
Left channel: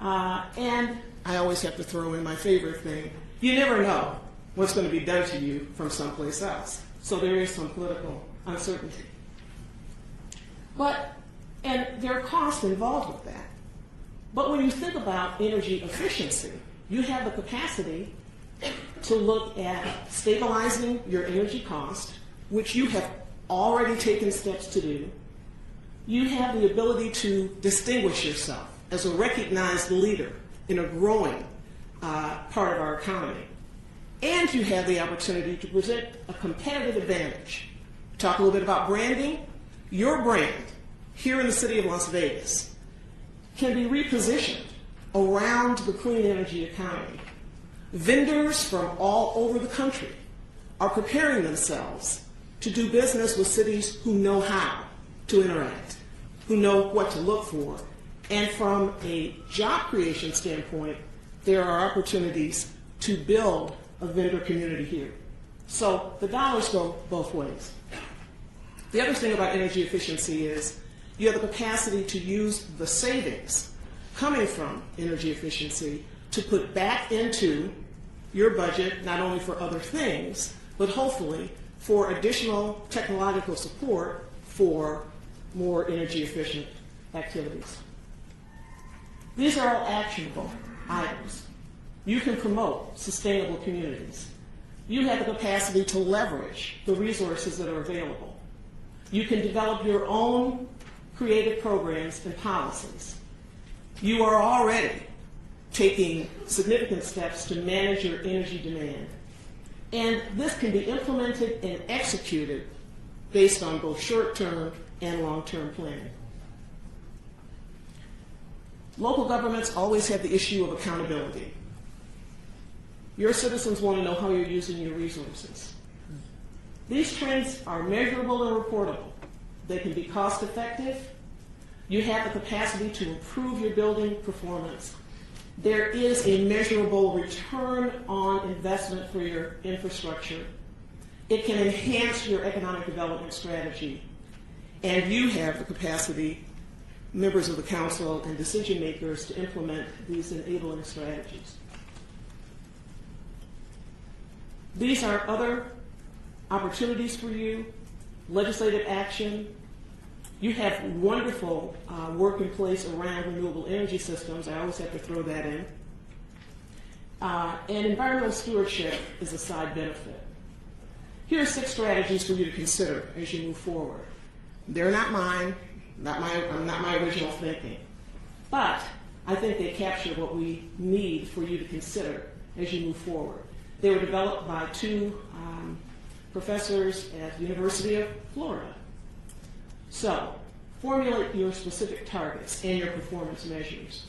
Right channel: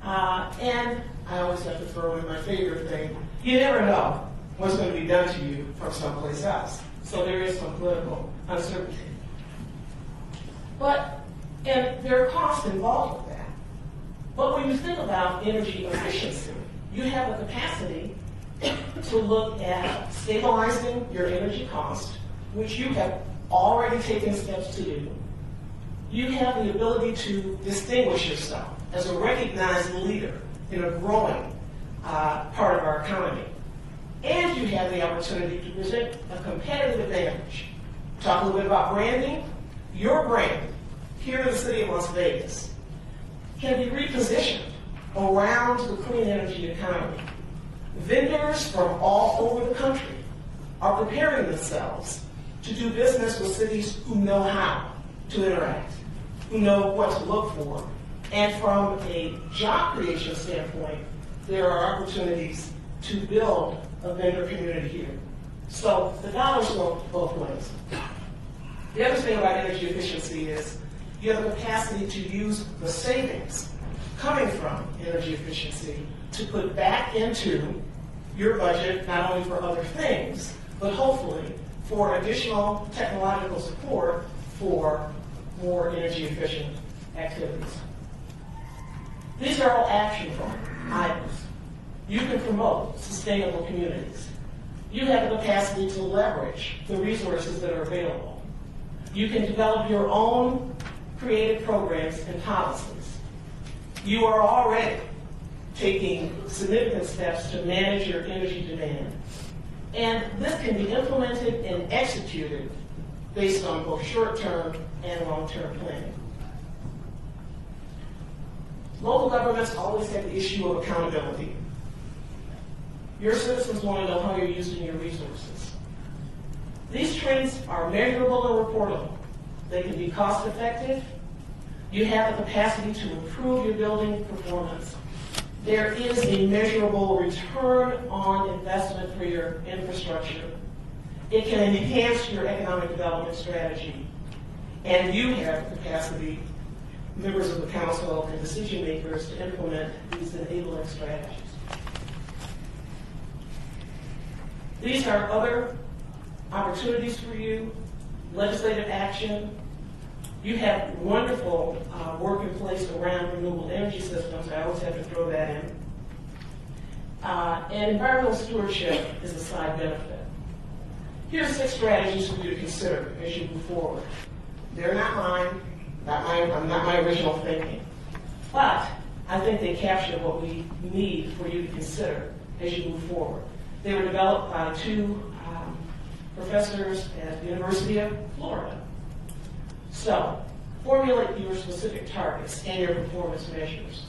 And I always have to throw in my favorite thing. You never know what's going to be done to you from someplace else. So there is some political uncertainty. And there are costs involved with that. But when you think about energy efficiency, you have the capacity to look at stabilizing your energy cost, which you have already taken steps to do. You have the ability to distinguish yourself as a recognized leader in a growing part of our economy. And you have the opportunity to present a competitive advantage. Talk a little bit about branding. Your brand here in the city of Las Vegas can be repositioned around the clean energy economy. Vendors from all over the country are preparing themselves to do business with cities who know how to interact, who know what to look for. And from a job creation standpoint, there are opportunities to build a vendor community here. So the dollars go both ways. The other thing about energy efficiency is you have the capacity to use the savings coming from energy efficiency to put back into your budget, not only for other things, but hopefully for additional technological support for more energy efficient activities. These are all actionable items. You can promote sustainable communities. You have the capacity to leverage the resources that are available. You can develop your own creative programs and policies. You are already taking significant steps to manage your energy demand. And this can be implemented and executed based on both short-term and long-term planning. Local governments always have the issue of accountability. Your citizens want to know how you're using your resources. These trends are measurable and reportable. They can be cost-effective. You have the capacity to improve your building performance. There is a measurable return on investment for your infrastructure. It can enhance your economic development strategy. And you have the capacity, members of the council and decision makers, to implement these enabling strategies. These are other opportunities for you, legislative action, You have wonderful work in place around renewable energy systems. I always have to throw that in. And environmental stewardship is a side benefit. Here are 6 strategies for you to consider as you move forward. They're not mine, not my original thinking, but I think they capture what we need for you to consider as you move forward. They were developed by 2 professors at the University of Florida. So, formulate your specific targets and your performance measures.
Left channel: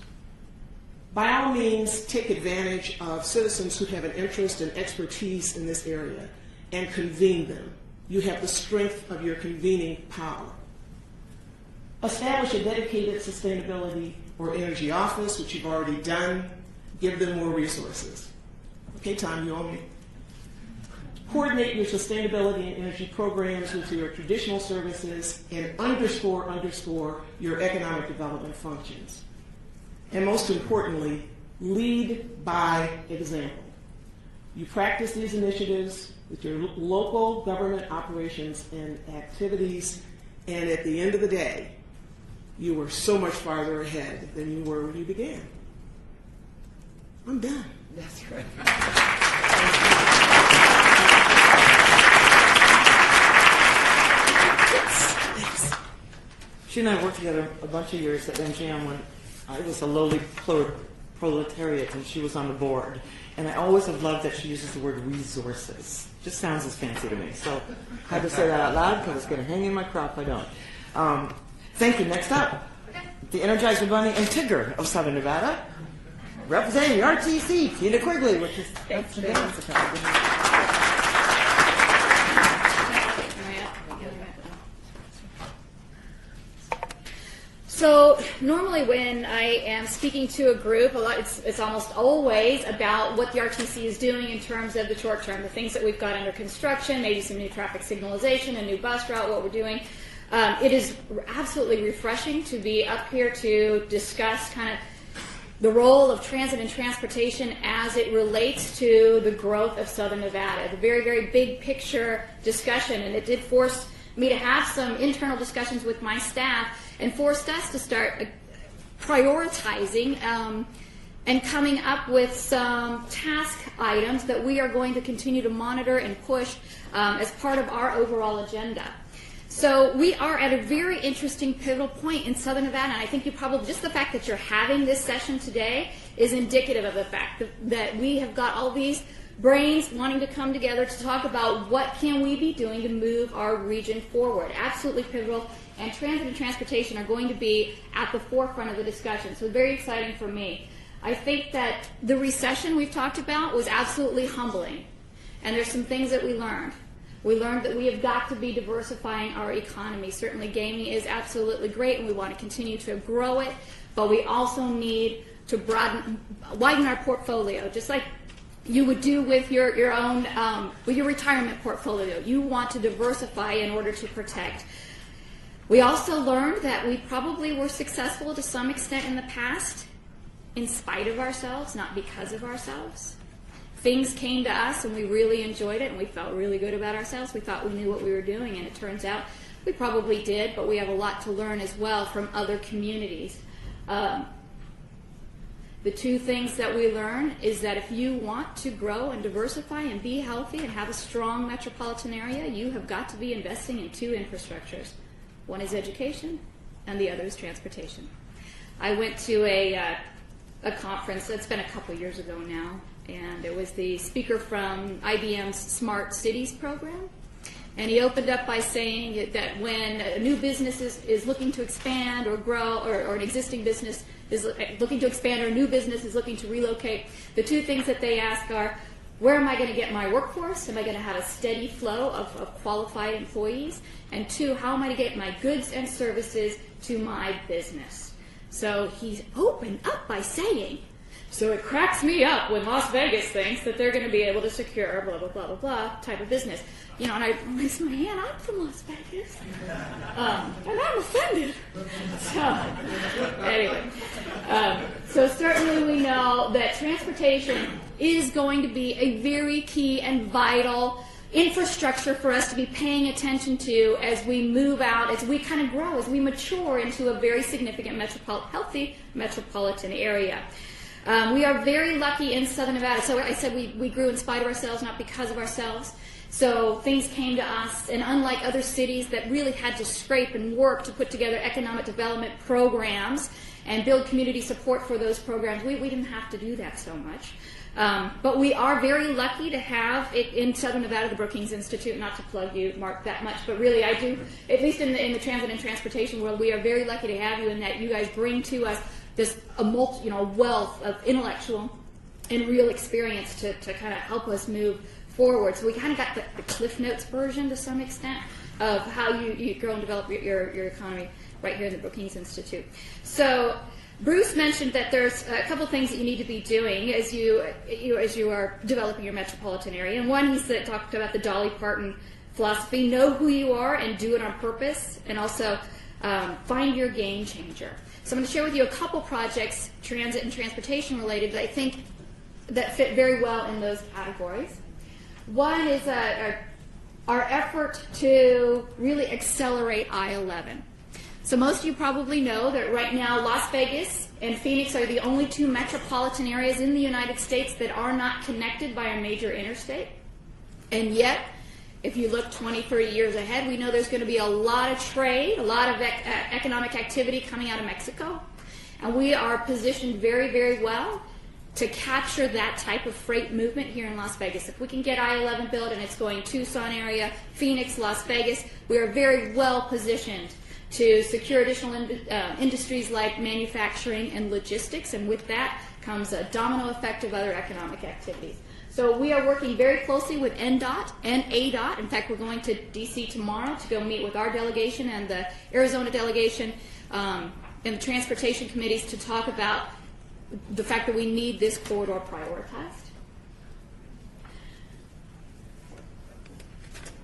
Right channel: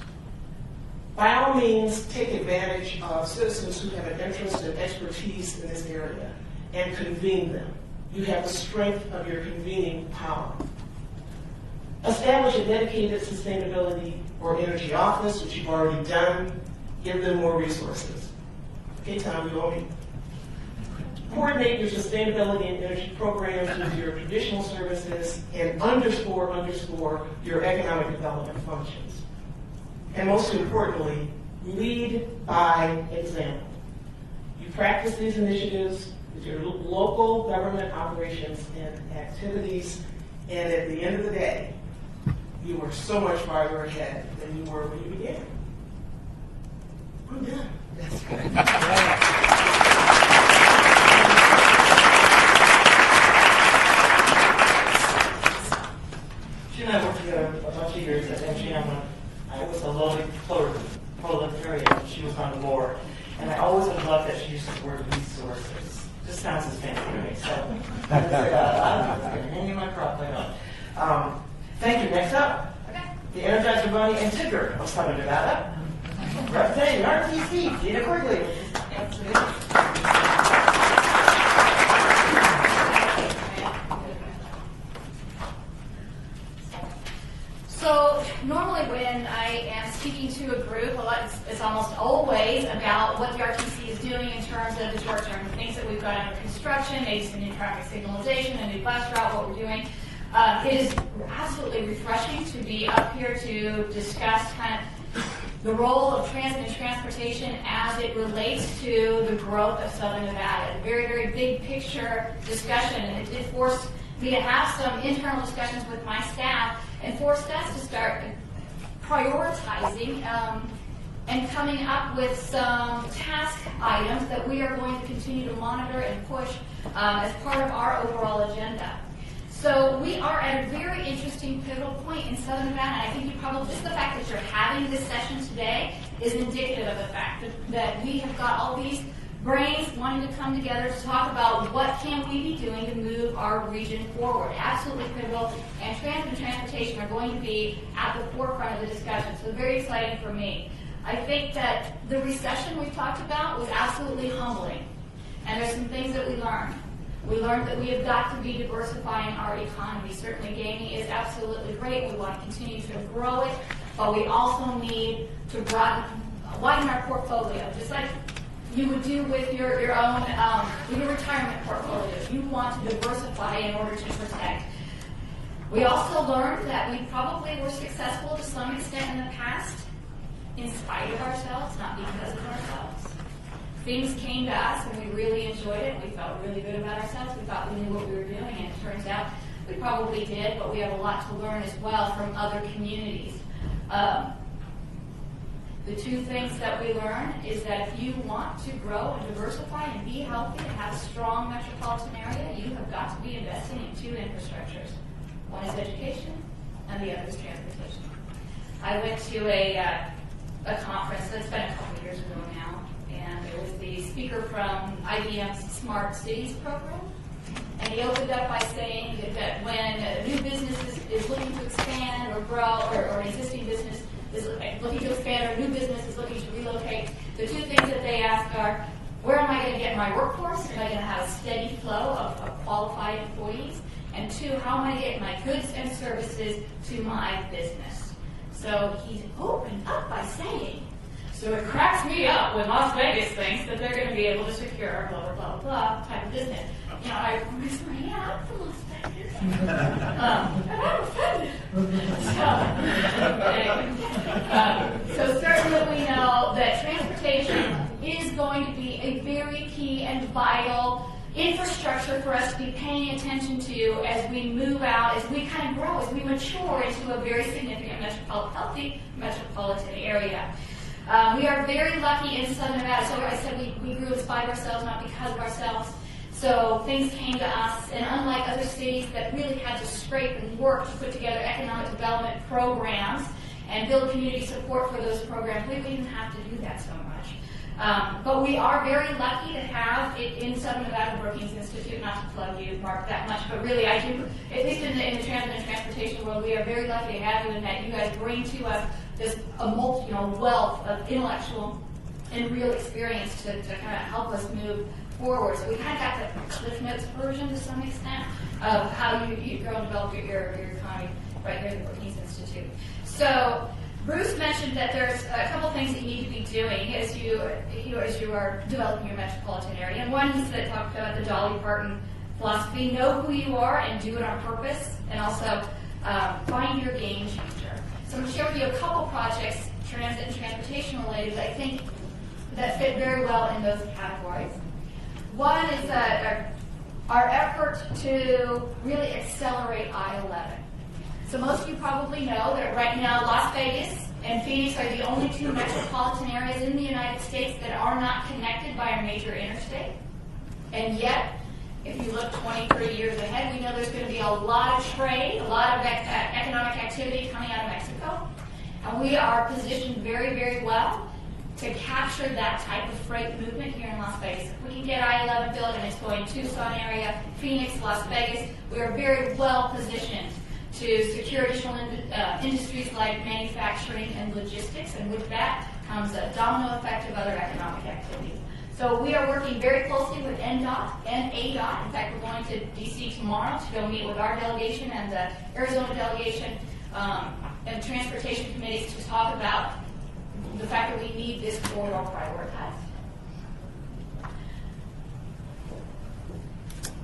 By all means, take advantage of citizens who have an interest and expertise in this area and convene them. You have the strength of your convening power. Establish a dedicated sustainability or energy office, which you've already done. Give them more resources. Okay, Tom, you owe me. Coordinate your sustainability and energy programs with your traditional services and underscore your economic development functions. And most importantly, lead by example. You practice these initiatives with your local government operations and activities, and at the end of the day, you are so much farther ahead than you were when you began. I'm done. That's right. She and I worked together a bunch of years at MGM when I was a lowly proletariat and she was on the board. And I always have loved that she uses the word resources. Just sounds as fancy to me. So I can say that out loud because it's going to hang in my crop if I don't. Thank you. Next up, the Energizer Bunny and Tigger of Southern Nevada. Representing RTC, Tina Quigley, which is So normally when I am speaking to a group, it's almost always about what the RTC is doing in terms of the short term, the things that we've got under construction, maybe some new traffic signalization, a new bus route, what we're doing. It is absolutely refreshing to be up here to discuss kind of the role of transit and transportation as it relates to the growth of Southern Nevada. A very, very big picture discussion, and it did force me to have some internal discussions with my staff and forced us to start prioritizing and coming up with some task items that we are going to continue to monitor and push as part of our overall agenda. So we are at a very interesting pivotal point in Southern Nevada, and I think you probably, just the fact that you're having this session today is indicative of the fact that we have got all these brains wanting to come together to talk about what can we be doing to move our region forward. Absolutely pivotal, and transit and transportation are going to be at the forefront of the discussion, so very exciting for me. I think that the recession we've talked about was absolutely humbling, and there's some things that we learned. We learned that we have got to be diversifying our economy. Certainly gaming is absolutely great, and we want to continue to grow it, but we also need to widen our portfolio, just like you would do with your own with your retirement portfolio. You want to diversify in order to protect. We also learned that we probably were successful to some extent in the past in spite of ourselves, not because of ourselves. Things came to us and we really enjoyed it and we felt really good about ourselves. We thought we knew what we were doing, and it turns out we probably did, but we have a lot to learn as well from other communities. The two things that we learn is that if you want to grow and diversify and be healthy and have a strong metropolitan area, you have got to be investing in two infrastructures. One is education and the other is transportation. I went to a conference that's been a couple years ago now, and it was the speaker from IBM's Smart Cities program. And he opened up by saying that when a new business is looking to expand or grow, or an existing business is looking to expand, or a new business is looking to relocate, the two things that they ask are, where am I going to get my workforce? Am I going to have a steady flow of qualified employees? And two, how am I going to get my goods and services to my business? So he's opened up by saying, so it cracks me up when Las Vegas thinks that they're going to be able to secure a blah, blah, blah, blah, blah type of business. You know, and I said, yeah, I'm from Las Vegas. And I'm offended. So, anyway. So certainly we know that transportation is going to be a very key and vital infrastructure for us to be paying attention to as we move out, as we kind of grow, as we mature into a very significant healthy metropolitan area. We are very lucky in Southern Nevada. So I said we grew in spite of ourselves, not because of ourselves. So things came to us, and unlike other cities that really had to scrape and work to put together economic development programs and build community support for those programs, we didn't have to do that so much. But we are very lucky to have it in Southern Nevada, the Brookings Institute, not to plug you, Mark, that much, but really I do, at least in the transit and transportation world, we are very lucky to have you in that you guys bring to us this wealth of intellectual and real experience to kind of help us move forward. So we kind of got the Cliff Notes version to some extent of how you grow and develop your economy right here at the Brookings Institute. So Bruce mentioned that there's a couple things that you need to be doing as you are developing your metropolitan area. And one, he talked about the Dolly Parton philosophy: know who you are and do it on purpose, and also find your game changer. So I'm going to share with you a couple projects, transit and transportation related, that I think that fit very well in those categories. One is our effort to really accelerate I-11. So most of you probably know that right now Las Vegas and Phoenix are the only two metropolitan areas in the United States that are not connected by a major interstate. And yet, if you look 20, 30 years ahead, we know there's going to be a lot of trade, a lot of economic activity coming out of Mexico. And we are positioned very, very well to capture that type of freight movement here in Las Vegas. If we can get I-11 built and it's going Tucson area, Phoenix, Las Vegas, we are very well positioned to secure additional industries like manufacturing and logistics, and with that comes a domino effect of other economic activities. So we are working very closely with NDOT and ADOT. In fact, we're going to D.C. tomorrow to go meet with our delegation and the Arizona delegation and the transportation committees to talk about the fact that we need this corridor prioritized.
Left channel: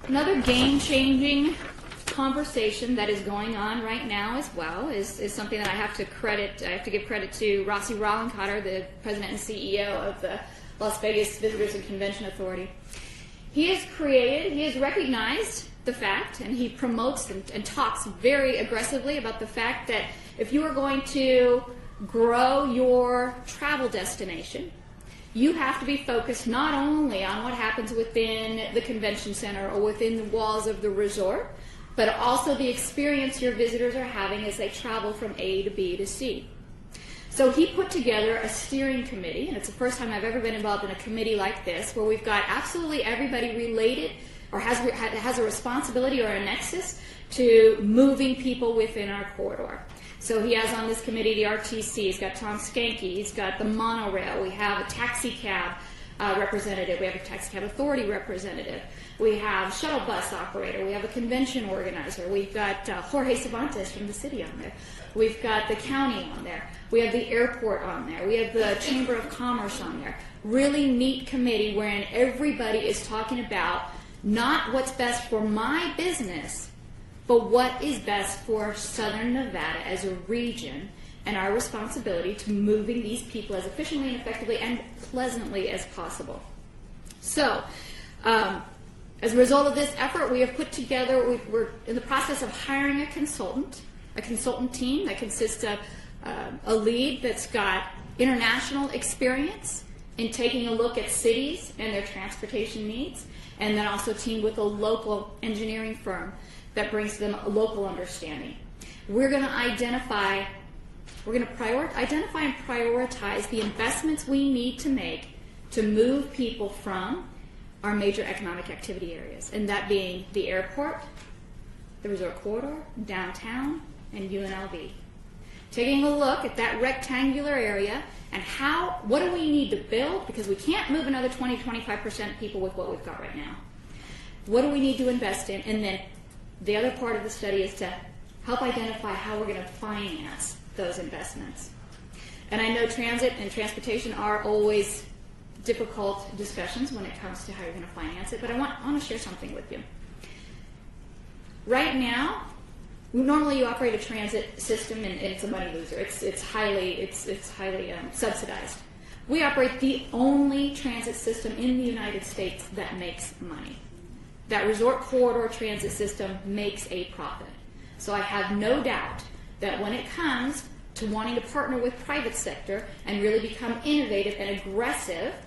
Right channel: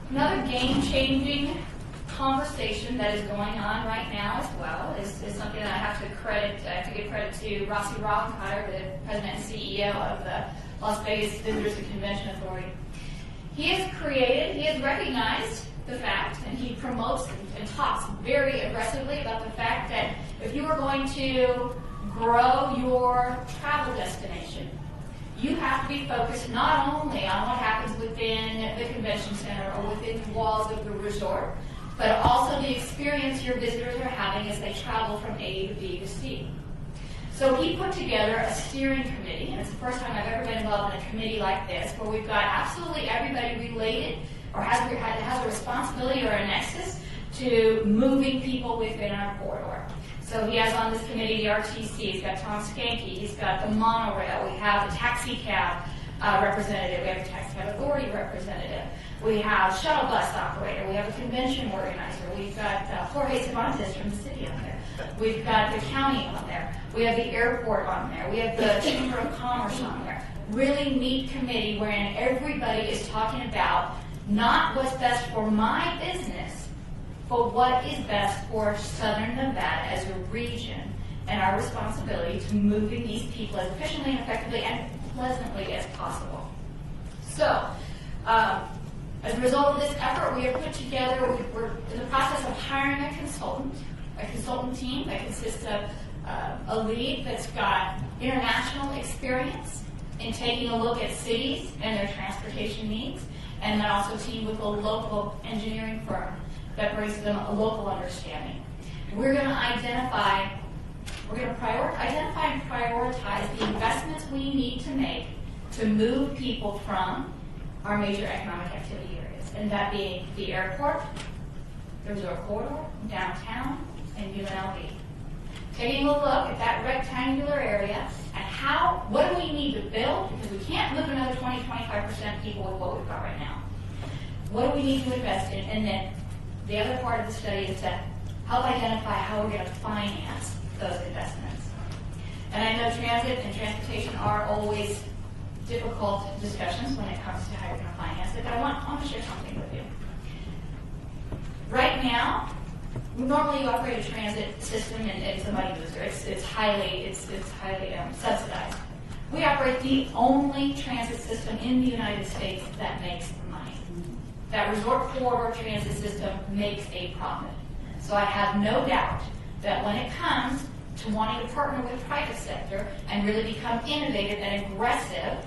Another game-changing conversation that is going on right now as well is something that I have to give credit to Rossi Rollencotter, the president and CEO of the Las Vegas Visitors and Convention Authority. He has recognized the fact, and he promotes and talks very aggressively about the fact that if you are going to grow your travel destination, you have to be focused not only on what happens within the convention center or within the walls of the resort, but also the experience your visitors are having as they travel from A to B to C. So he put together a steering committee, and it's the first time I've ever been involved in a committee like this, where we've got absolutely everybody related or has a responsibility or a nexus to moving people within our corridor. So he has on this committee the RTC, he's got Tom Skanke, he's got the monorail, we have a taxi cab representative, we have a taxi cab authority representative, we have shuttle bus operator, we have a convention organizer, we've got Jorge Cervantes from the city on there, we've got the county on there, we have the airport on there, we have the Chamber of Commerce on there. Really neat committee wherein everybody is talking about not what's best for my business, but what is best for Southern Nevada as a region and our responsibility to moving these people as efficiently and effectively and pleasantly as possible. So, as a result of this effort, we have put together, we're in the process of hiring a consultant team that consists of a lead that's got international experience in taking a look at cities and their transportation needs, and then also teamed with a local engineering firm that brings them a local understanding. And we're going to identify and prioritize the investments we need to make to move people from our major economic activity areas, and that being the airport, the resort corridor, downtown, and UNLV. Taking a look at that rectangular area and what do we need to build, because we can't move another 20-25% people with what we've got right now. What do we need to invest in? And then the other part of the study is to help identify how we're going to finance those investments. And I know transit and transportation are always difficult discussions when it comes to how you're going to finance it, but I want to share something with you. Right now, normally you operate a transit system and it's a money loser. It's highly subsidized. We operate the only transit system in the United States that makes money. that resort corridor transit system makes a profit. So I have no doubt that when it comes to wanting to partner with private sector and really become innovative and aggressive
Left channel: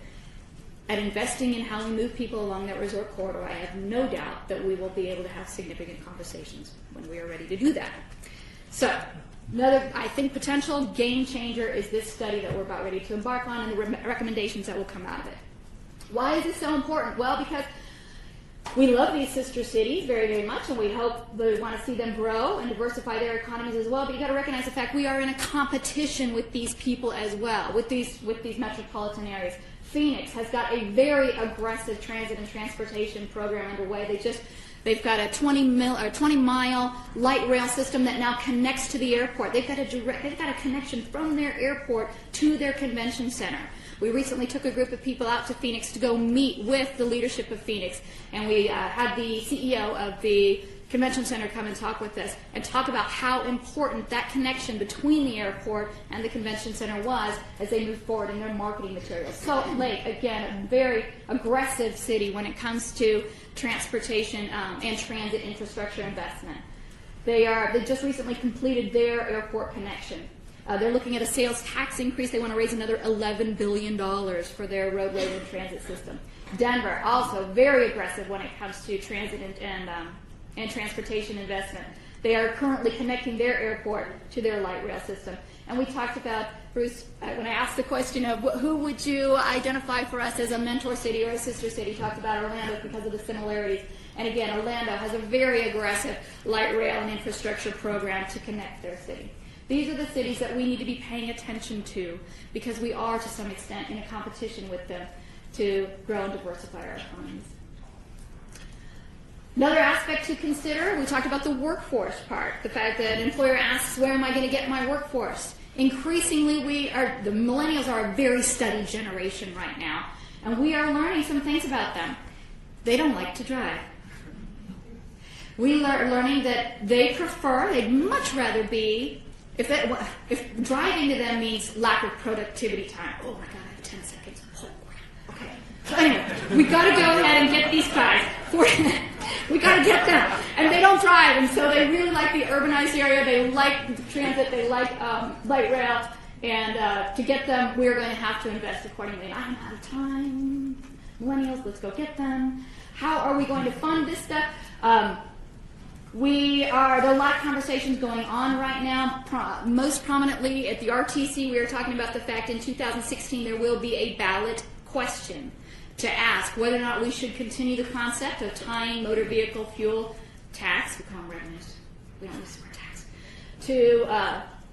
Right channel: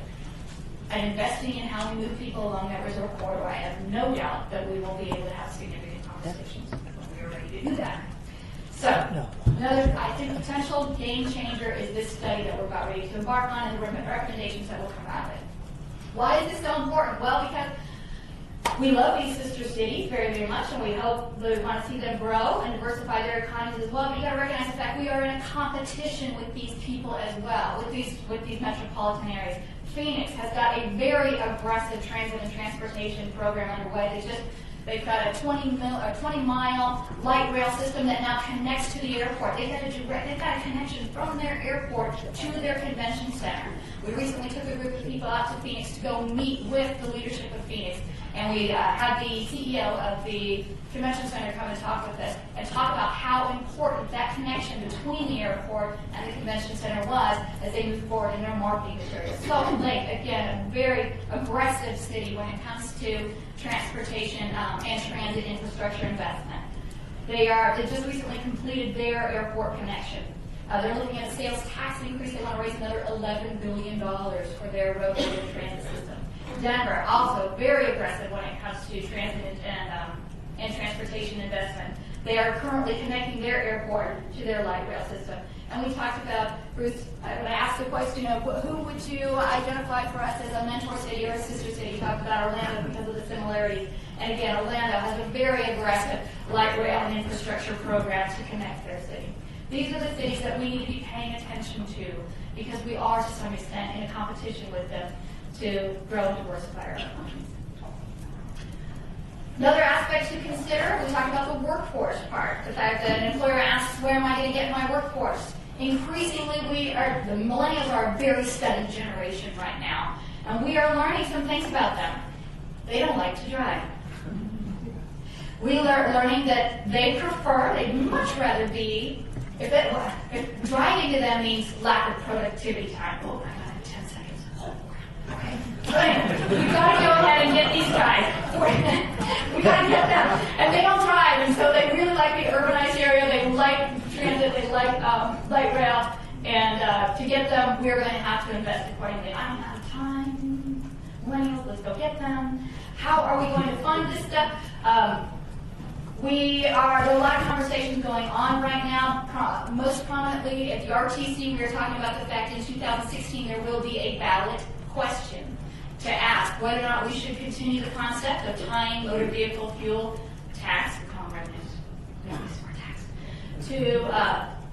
at investing in how we move people along that resort corridor, I have no doubt that we will be able to have significant conversations when we are ready to do that. So, another, I think, potential game changer is this study that we're about ready to embark on and the recommendations that will come out of it. Why is this so important? Well, because we love these sister cities very, very much, and we hope that we want to see them grow and diversify their economies as well. But you've got to recognize the fact we are in a competition with these people as well, with these metropolitan areas. Phoenix has got a very aggressive transit and transportation program underway. They've got a 20-mile light rail system that now connects to the airport. They've got a connection from their airport to their convention center. We recently took a group of people out to Phoenix to go meet with the leadership of Phoenix, and we had the CEO of the convention center come and talk with us and talk about how important that connection between the airport and the convention center was as they moved forward in their marketing materials. Salt Lake, again, a very aggressive city when it comes to transportation and transit infrastructure investment. They just recently completed their airport connection. They're looking at a sales tax increase. They want to raise another $11 billion for their roadway and transit system. Denver, also very aggressive when it comes to transit and transportation investment. They are currently connecting their airport to their light rail system. And we talked about, Bruce, when I asked the question of who would you identify for us as a mentor city or a sister city, talked about Orlando because of the similarities. And again, Orlando has a very aggressive light rail and infrastructure program to connect their city. These are the cities that we need to be paying attention to because we are, to some extent, in a competition with them to grow and diversify our economies. Another aspect to consider, we talked about the workforce part, the fact that an employer asks, where am I going to get my workforce? Increasingly, the millennials are a very studied generation right now, and we are learning some things about them. They don't like to drive. We are learning that they'd much rather be, if driving to them means lack of productivity time. Oh, I got 10 seconds. Okay. Anyway, we got to go ahead and get these guys. We got to get them. And they don't drive, and so they really like the urbanized area. They like transit. They like light rail. And to get them, we're going to have to invest accordingly. I don't have time. Millennials, let's go get them. How are we going to fund this stuff? There are a lot of conversations going on right now. Most prominently at the RTC, we were talking about the fact in 2016 there will be a ballot question to ask whether or not we should continue the concept of tying motor vehicle fuel tax, we call them revenues, we don't use our tax,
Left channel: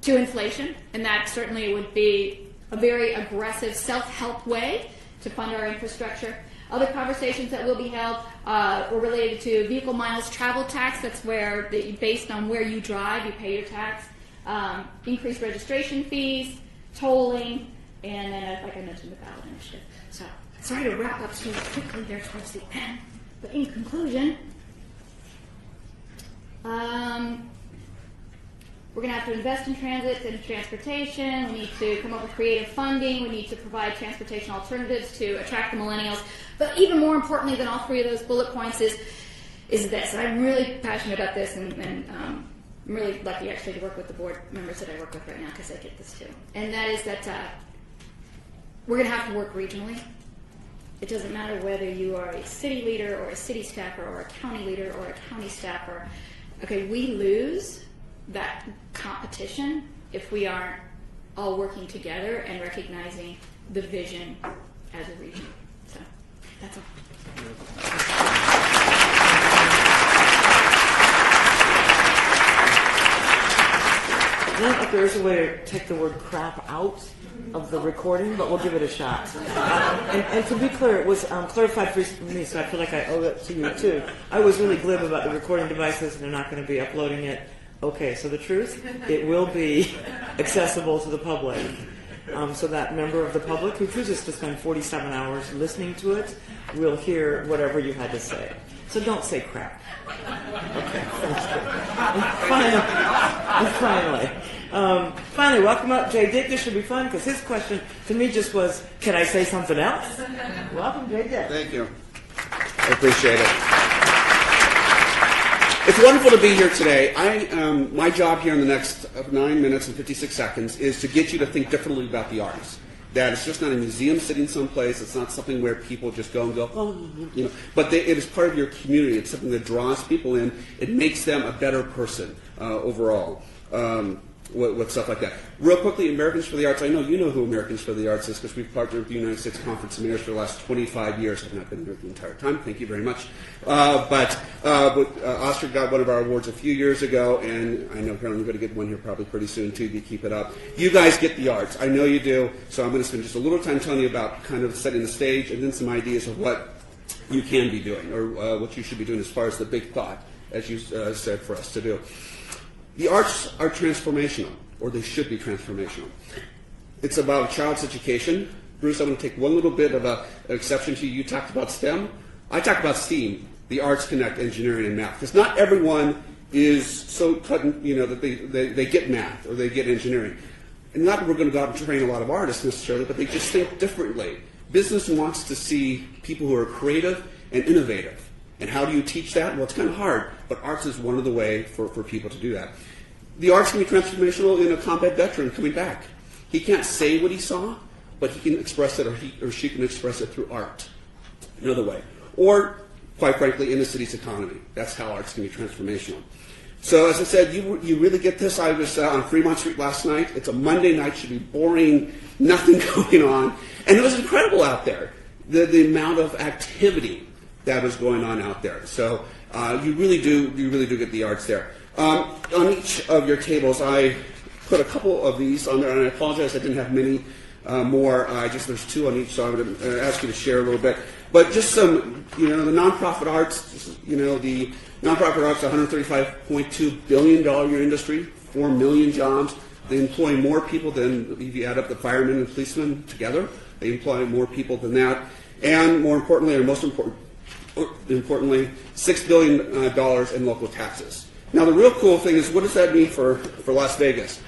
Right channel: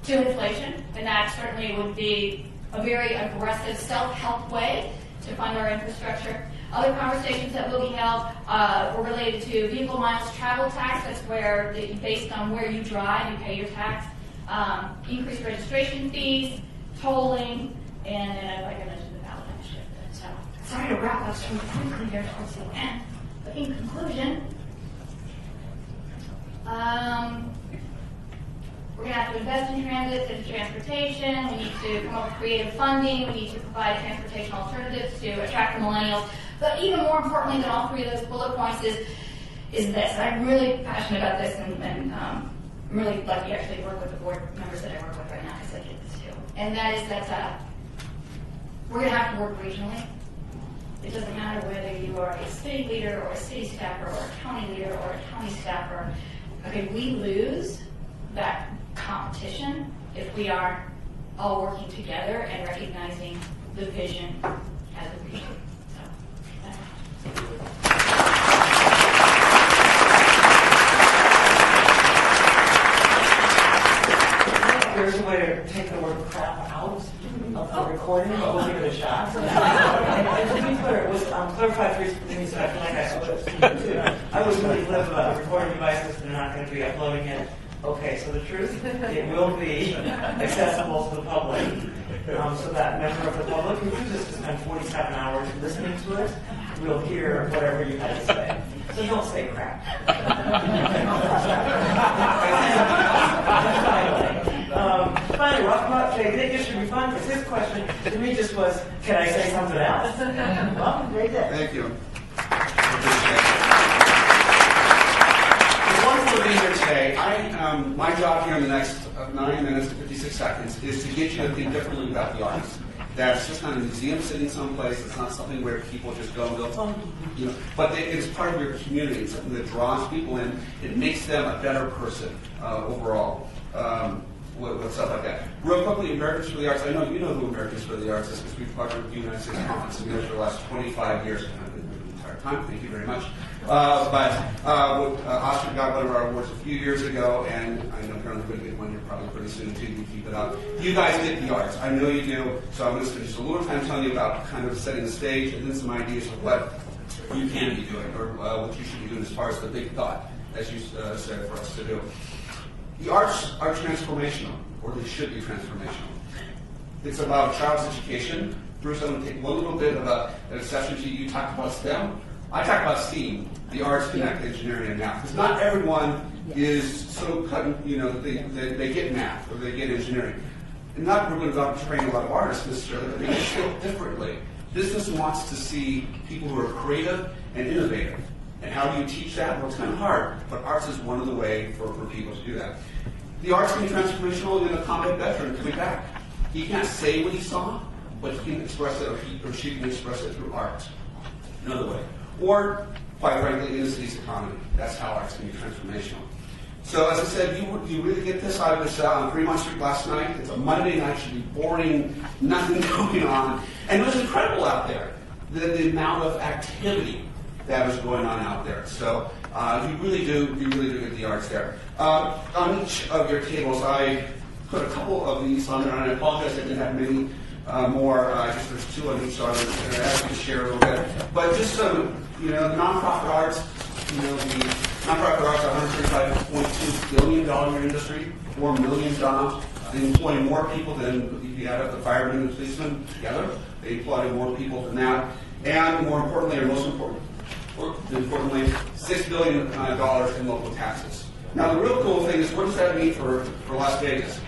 to inflation, and that certainly would be a very aggressive self-help way to fund our infrastructure. Other conversations that will be held were related to vehicle miles travel tax. That's where, based on where you drive, you pay your tax. Increased registration fees, tolling, and like I mentioned, the ballot initiative. So, sorry to wrap up so quickly there towards the end. But in conclusion, we're going to have to invest in transit and transportation. We need to come up with creative funding. We need to provide transportation alternatives to attract the millennials. But even more importantly than all three of those bullet points is this. And I'm really passionate about this, and I'm really lucky actually to work with the board members that I work with right now because I get this too. And that is that we're going to have to work regionally. It doesn't matter whether you are a city leader or a city staffer or a county leader or a county staffer. Okay, we lose that competition if we aren't all working together and recognizing the vision as a region. So that's all. If there is a way to take the word crap out of the recording, but we'll give it a shot. And to be clear, it was clarified for me, so I feel like I owe it to you too. I was really glib about the recording devices. They're not going to be uploading it. Okay, so the truth, it will be accessible to the public. So that member of the public who chooses to spend 47 hours listening to it will hear whatever you had to say. So don't say crap. Finally, welcome up Jay Dick. This should be fun because his question to me just was, can I say something else? Welcome, Jay Dick. Thank you. I appreciate it. It's wonderful to be here today. My job here in the next 9 minutes and 56 seconds is to get you to think differently about the arts. That it's just not a museum sitting someplace. It's not something where people just go and go, oh, you know. But it is part of your community. It's something that draws people in. It makes them a better person overall. With stuff like that. Real quickly, Americans for the Arts. I know you know who Americans for the Arts is because we've partnered with the United States Conference of Mayors for the last 25 years. I've been here the entire time. Thank you very much. Oscar got one of our awards a few years ago, and I know you're going to get one here probably pretty soon too. You keep it up. You guys get the arts. I know you do. So I'm going to spend just a little time telling you about kind of setting the stage and then some ideas of what you can be doing or what you should be doing as far as the big thought, as you said, for us to do. The arts are transformational, or they should be transformational. It's about a child's education. Bruce, I'm going to take one little bit of an exception to you. You talked about STEM. I talked about STEAM, the arts connect engineering and math, because not everyone is so that they get math or they get engineering. And not that we're going to go out and train a lot of artists necessarily, but they just think differently. Business wants to see people who are creative and innovative. And how do you teach that? Well, it's kind of hard, but arts is one of the ways for people to do that. The arts can be transformational in a combat veteran coming back. He can't say what he saw, but he can express it, or he or she can express it through art. Another way. Or, quite frankly, in the city's economy. That's how arts can be transformational. So, as I said, you really get this. I was on Fremont Street last night. It's a Monday night, should be boring, nothing going on. And it was incredible out there, the amount of activity that was going on out there. So you really do get the arts there. On each of your tables, I put a couple of these on there, and I apologize I didn't have many more. There's two on each, so I'm going to actually share a little bit. But just some, the nonprofit arts. The nonprofit arts, $135.2 billion year industry, 4 million jobs. They employ more people than, if you add up the firemen and policemen together, they employ more people than that. And more importantly, or most importantly, $6 billion in local taxes. Now, the real cool thing is, what does that mean for Las Vegas?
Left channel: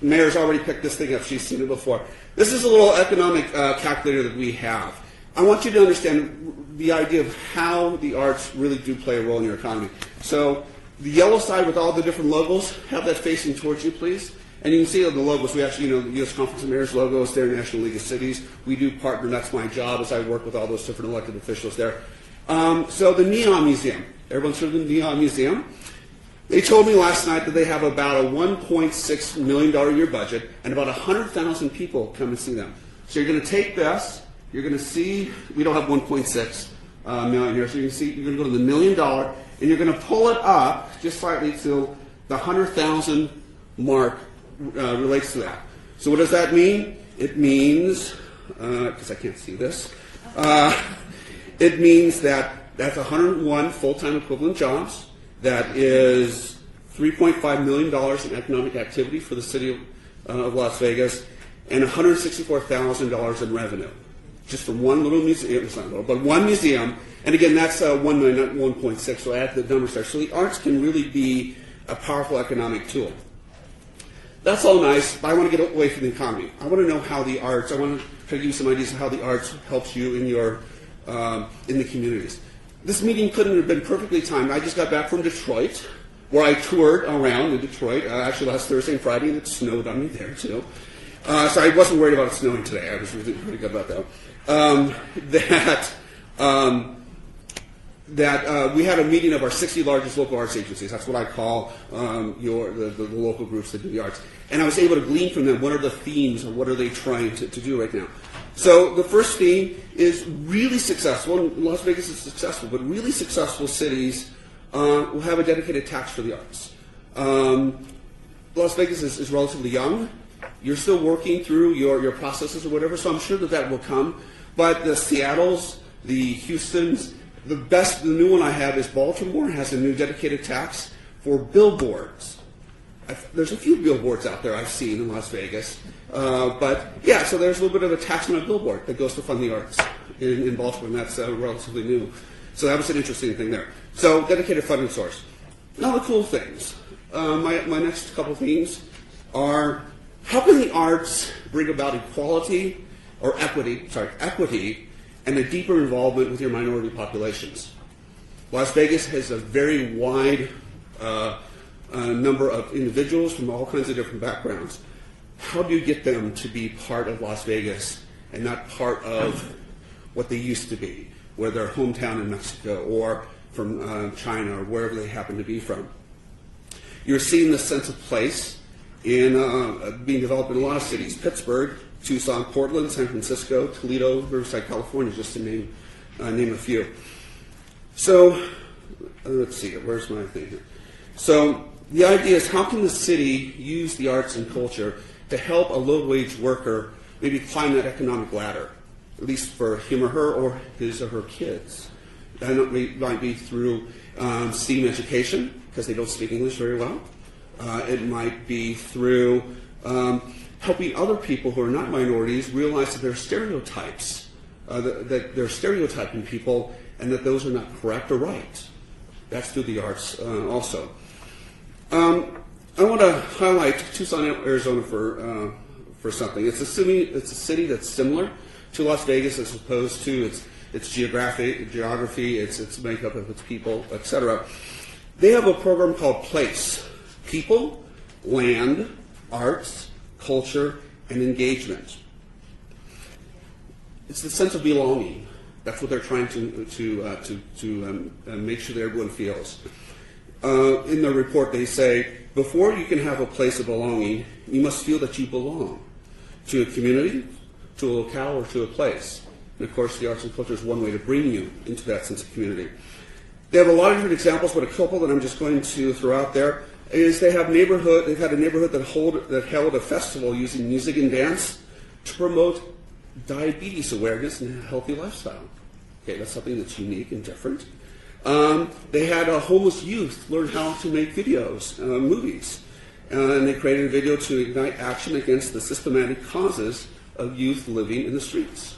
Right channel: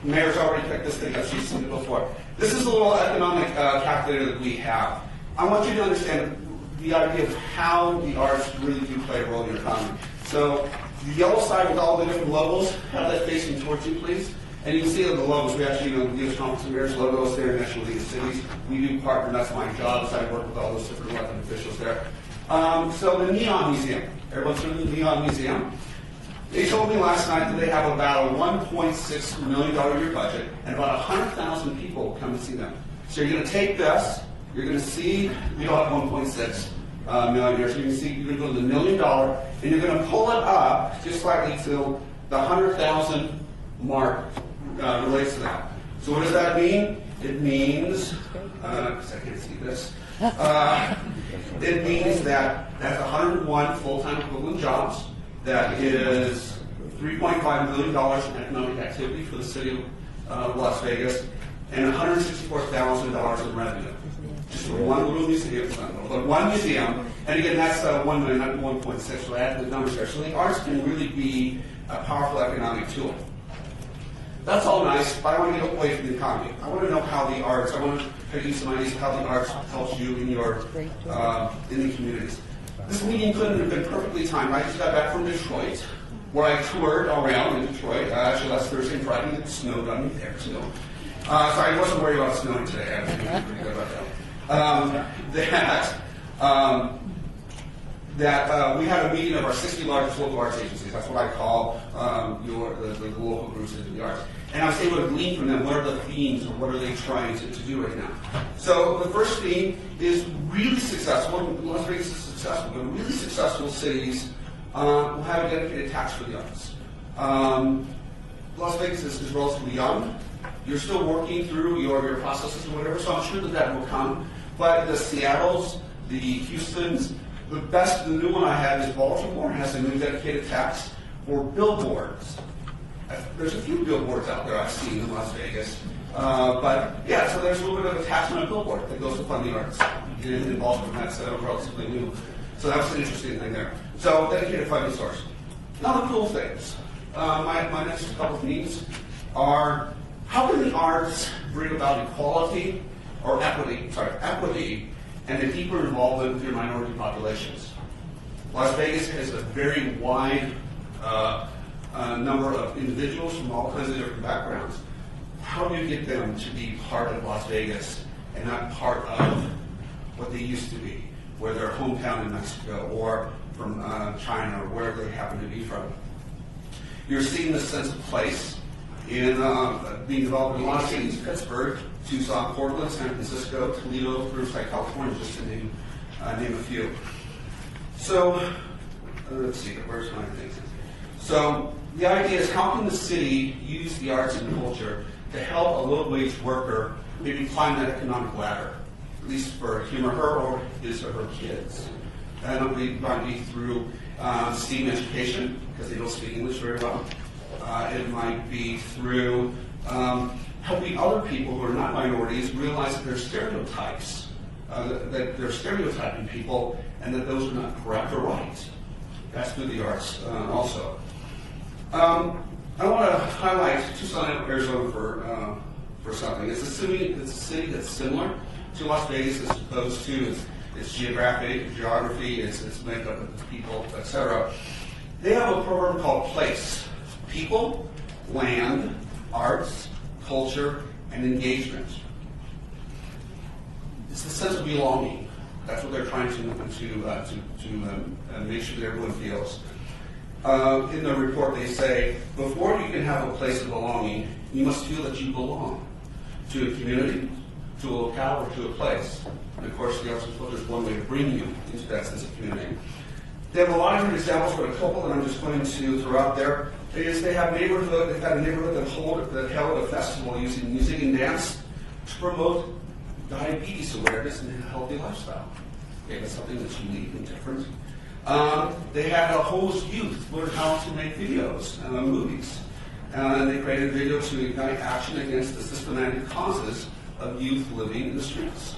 The mayor's already picked this thing up. She's seen it before. This is a little economic calculator that we have. I want you to understand the idea of how the arts really do play a role in your economy. So the yellow side with all the different logos, have that facing towards you, please. And you can see on the logos, we actually, the U.S. Conference of Mayors logo is there, National League of Cities. We do partner, that's my job, as I work with all those different elected officials there. So the Neon Museum, everyone's heard of the Neon Museum. They told me last night that they have about a $1.6 million a year budget, and about 100,000 people come and see them. So you're going to take this, you're going to see, we don't have 1.6 million here, so you can see, you're going to go to the $1 million, and you're going to pull it up just slightly to the 100,000 mark relates to that. So what does that mean? It means, because I can't see this, it means that that's 101 full-time equivalent jobs. That is $3.5 million in economic activity for the city of Las Vegas, and $164,000 in revenue. Just from one little museum, it's not little, but one museum. And again, that's 1 million, not 1.6, so add the numbers there. So the arts can really be a powerful economic tool. That's all nice, but I want to get away from the economy. I want to know how the arts, I want to try to give you some ideas of how the arts helps you in your in the communities. This meeting couldn't have been perfectly timed. I just got back from Detroit, where I toured around in Detroit. Actually, last Thursday and Friday, it snowed on me there, too. So I wasn't worried about snowing today. I was pretty good about that. We had a meeting of our 60 largest local arts agencies. That's what I call the local groups that do the arts. And I was able to glean from them what are the themes or what are they trying to do right now. So the first theme is really successful. Las Vegas is successful, but really successful cities will have a dedicated tax for the arts. Las Vegas is relatively young. You're still working through your processes or whatever, so I'm sure that will come. But the Seattles, the Houstons, the new one I have is Baltimore has a new dedicated tax for billboards. There's a few billboards out there I've seen in Las Vegas. But yeah, so there's a little bit of a tax on a billboard that goes to fund the arts in Baltimore, and that's relatively new. So that was an interesting thing there. So dedicated funding source. Now the cool things. My next couple themes are how can the arts bring about equality or equity and a deeper involvement with your minority populations. Las Vegas has a very wide a number of individuals from all kinds of different backgrounds. How do you get them to be part of Las Vegas and not part of what they used to be, whether they're hometown in Mexico or from China or wherever they happen to be from? You're seeing the sense of place in being developed in a lot of cities: Pittsburgh, Tucson, Portland, San Francisco, Toledo, Riverside, California, just to name a few. So, let's see, where's my thing? So, the idea is, how can the city use the arts and culture to help a low-wage worker maybe climb that economic ladder, at least for him or her or his or her kids? That might be through STEAM education, because they don't speak English very well. It might be through helping other people who are not minorities realize that there are stereotypes, that they're stereotyping people, and that those are not correct or right. That's through the arts also. I want to highlight Tucson, Arizona for something. It's a city that's similar to Las Vegas as opposed to its geography, its makeup of its people, etc. They have a program called PLACE: People, Land, Arts, Culture, and Engagement. It's the sense of belonging. That's what they're trying to make sure that everyone feels. In the report, they say, before you can have a place of belonging, you must feel that you belong to a community, to a locale, or to a place. And of course, the arts and culture is one way to bring you into that sense of community. They have a lot of different examples, but a couple that I'm just going to throw out there is they've had a neighborhood that held a festival using music and dance to promote diabetes awareness and a healthy lifestyle. Okay, that's something that's unique and different. They had homeless youth learn how to make videos, movies, and they created a video to ignite action against the systematic causes of youth living in the streets.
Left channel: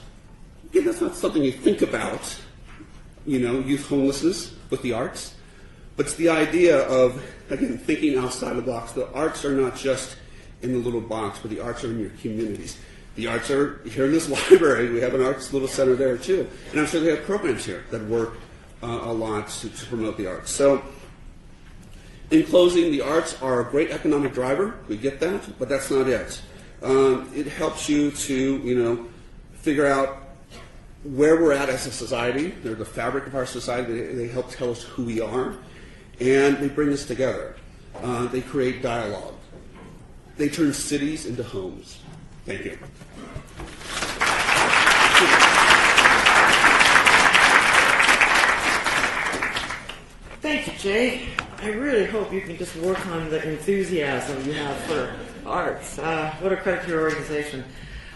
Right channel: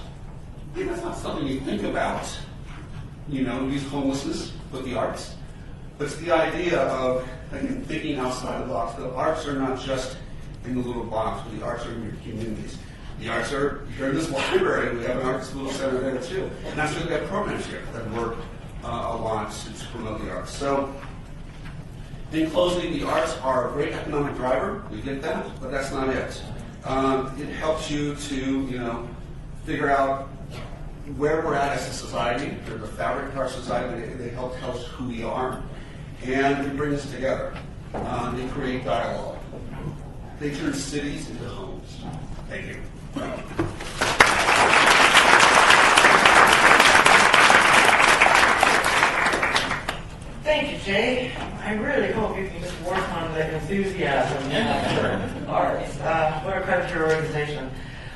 Again, that's not something you think about, youth homelessness with the arts, but it's the idea of, again, thinking outside the box. The arts are not just in the little box, but the arts are in your communities. The arts are here in this library. We have an arts little center there too, and I'm sure they have programs here that work a lot to promote the arts. So, in closing, the arts are a great economic driver. We get that, but that's not it. It helps you to, figure out where we're at as a society. They're the fabric of our society. They help tell us who we are, and they bring us together. They create dialogue. They turn cities into homes. Thank you. Thank you, Jay. I really hope you can just work on the enthusiasm for arts. What a credit to your organization.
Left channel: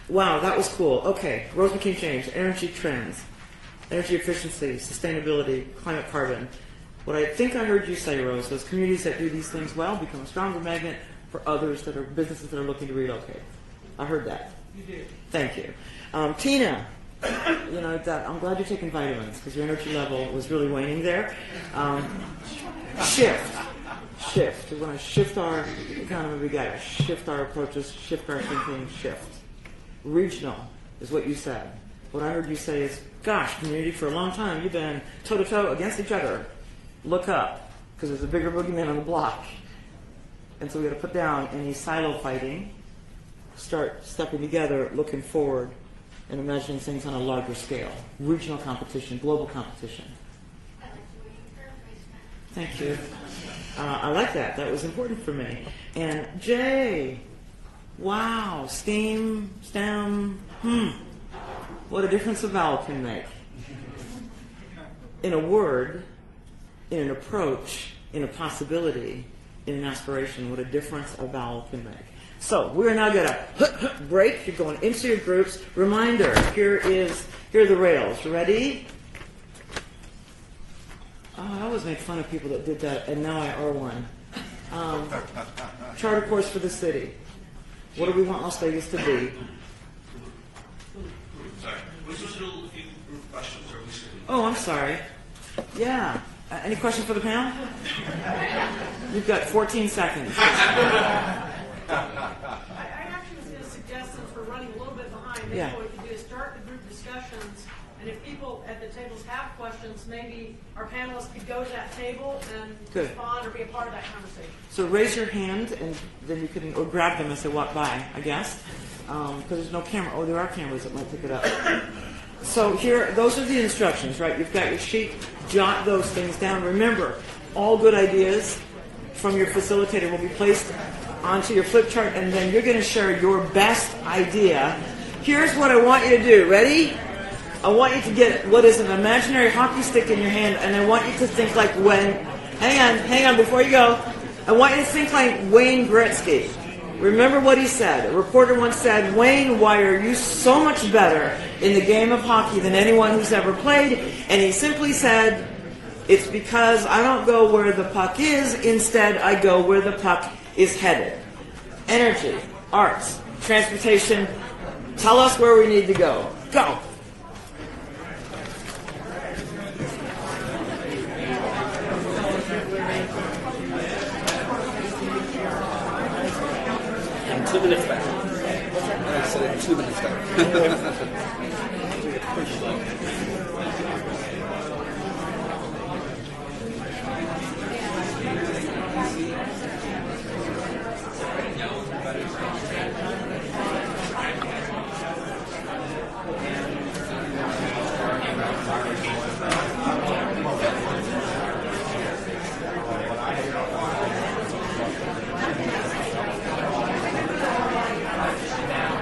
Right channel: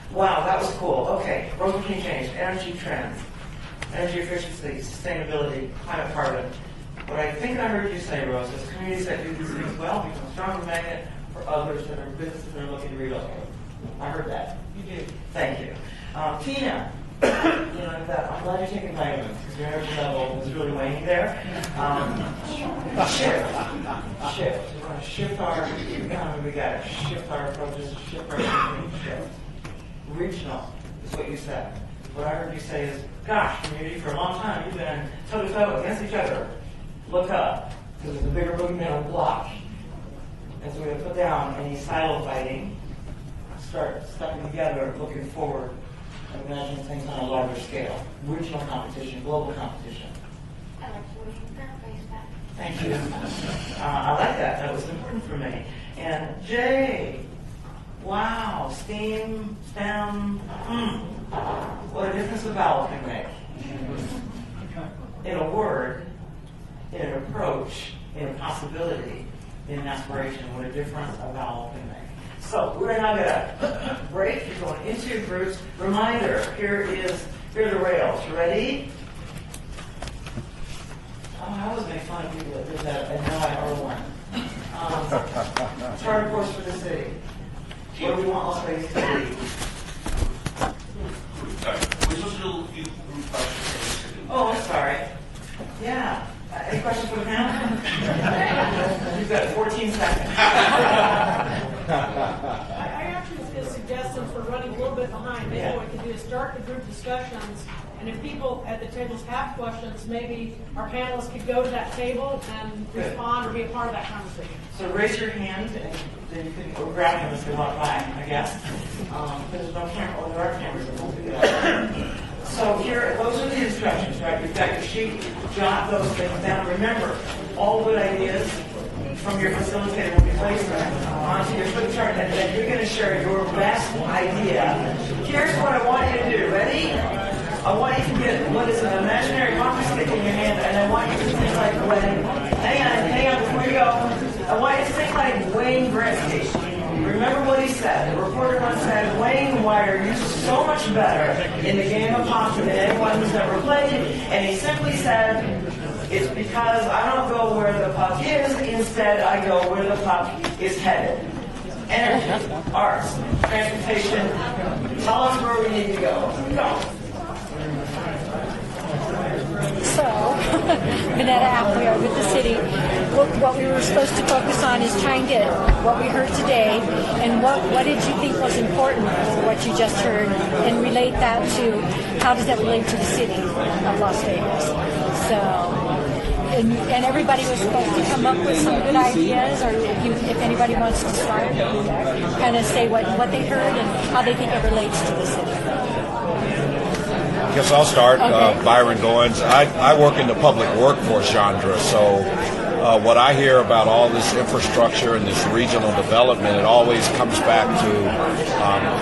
Wow, that was cool. Okay, Rose McKean Change, energy trends, energy efficiency, sustainability, climate carbon. What I think I heard you say, Rose, is communities that do these things well become a stronger magnet for others that are businesses that are looking to relocate. I heard that. You did. Thank you. Tina, I'm glad you're taking vitamins because your energy level was really waning there. Shift. We want to shift our economy. We got to shift our approaches, shift our thinking, shift. Regional is what you said. What I heard you say is, gosh, community, for a long time you've been toe-to-toe against each other. Look up, because there's a bigger boogeyman on the block. And so we're going to put down any silo fighting, start stepping together, looking forward, and imagining things on a larger scale. Regional competition, global competition. I like the way you paraphrase that. Thank you. I like that. That was important for me. And Jay, wow, STEM, what a difference a vowel can make. In a word, in an approach, in a possibility, in an aspiration, what a difference a vowel can make. So we're now going to break. You're going into your groups. Reminder, here are the rails. You ready? Oh, I always make fun of people that did that, and now I are one. Charter course for the city. What do we want Las Vegas to be? We're supposed to do a few questions for the city. Oh, I'm sorry. Yeah. Any questions for the panel? We've got 14 seconds. I actually was going to suggest, since we're running a little bit behind, maybe Yeah. what we could do is start the group discussions And if people at the tables have questions, maybe our panelists could go to that table and Good. respond or be a part of that conversation. So raise your hand, and then you can, or grab them as they walk by, I guess. Because there's no camera, or there are cameras that won't pick it up. So here, those are the instructions, right? You've got your sheet, jot those things down. Remember, all good ideas from your facilitator will be placed onto your flip chart, and then you're going to share your best idea. Here's what I want you to do. Ready? I want you to get what is an imaginary hockey stick in your hand, and I want you to think like when. Hang on, before you go. I want you to think like Wayne Gretzky. Remember what he said. A reporter once said, "Wayne, why are you so much better in the game of hockey than anyone who's ever played?" And he simply said, "It's because I don't go where the puck is. Instead, I go where the puck is headed." Energy, arts, transportation. Tell us where we need to go. Go. So, Vanetta Appleyard with the city. What we were supposed to focus on is trying to get what we heard today and what did you think was important for what you just heard, and relate that to how does that relate to the city of Las Vegas. So, and everybody was supposed to come up with some good ideas, or if anybody wants to start, kind of say what they heard and how they think it relates to the city. I guess I'll start. Okay. Byron Goins. I work in the public workforce genre, so what I hear about all this infrastructure and this regional development, it always comes back to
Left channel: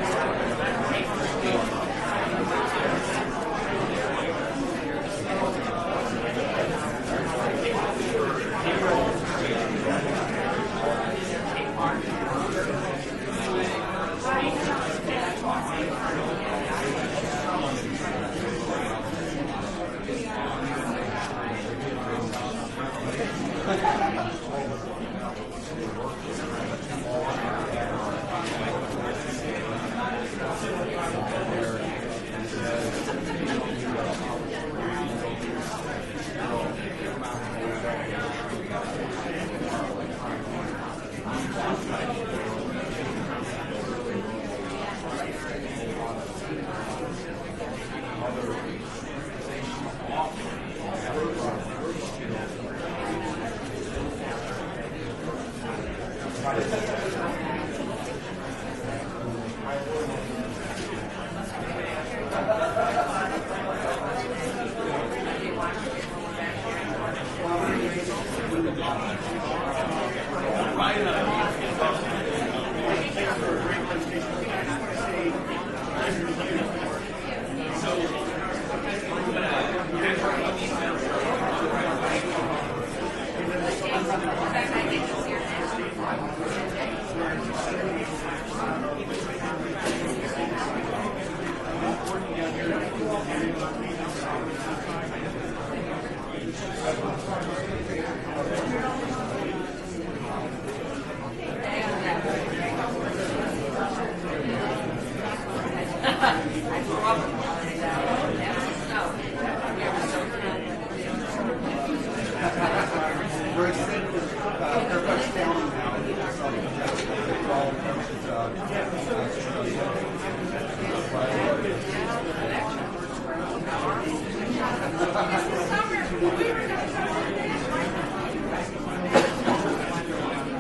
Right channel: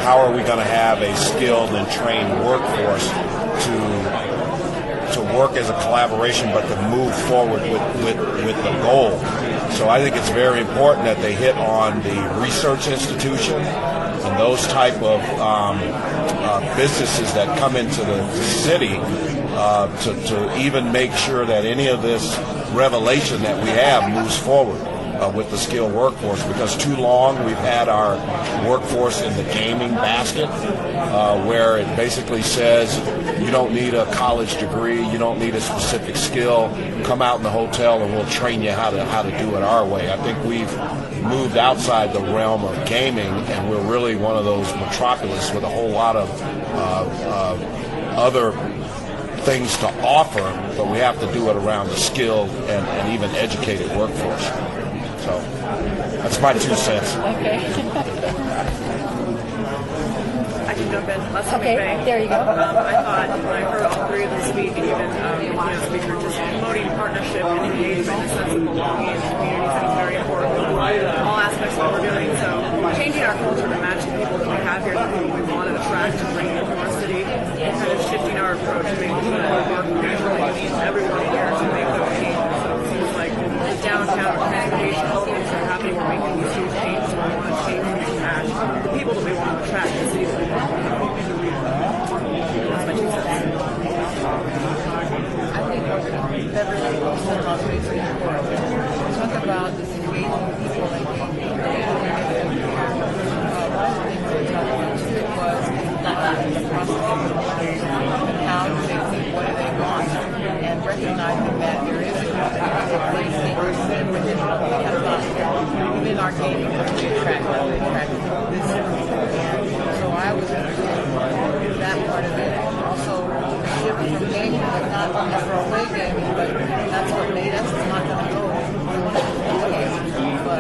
how are we going to have a skilled and trained workforce to work as a collaboration, but to move forward with the goal. So I think it's very important that they hit on the research institutions and those type of businesses that come into the city to even make sure that any of this revelation that we have moves forward with the skilled workforce, because too long we've had our workforce in the gaming basket where it basically says you don't need a college degree, you don't need a specific skill, come out in the hotel and we'll train you how to do it our way. I think we've moved outside the realm of gaming, and we're really one of those metropolis with a whole lot of other things to offer, but we have to do it around the skilled and even educated workforce. So that's my 2 cents. Okay. I can jump in. Let's Okay, there you go. I thought when I heard all three of them speak, and even one speaker just promoting partnership and engagement, a sense of belonging and community sounds very important in all aspects of what we're doing. So changing our culture and matching the people that we have here, who we want to attract and bring into our city, and kind of shifting our approach and making sure that we work with everyone here to make those changes. So it seems like downtown activations are happening where we can use these changes to change and impact the people that we want to attract and see. Talk about and recognizing that there is within our community so I would do that part of it. Also, shifting from gaming, not necessarily gaming, but that's what made us not going to go. But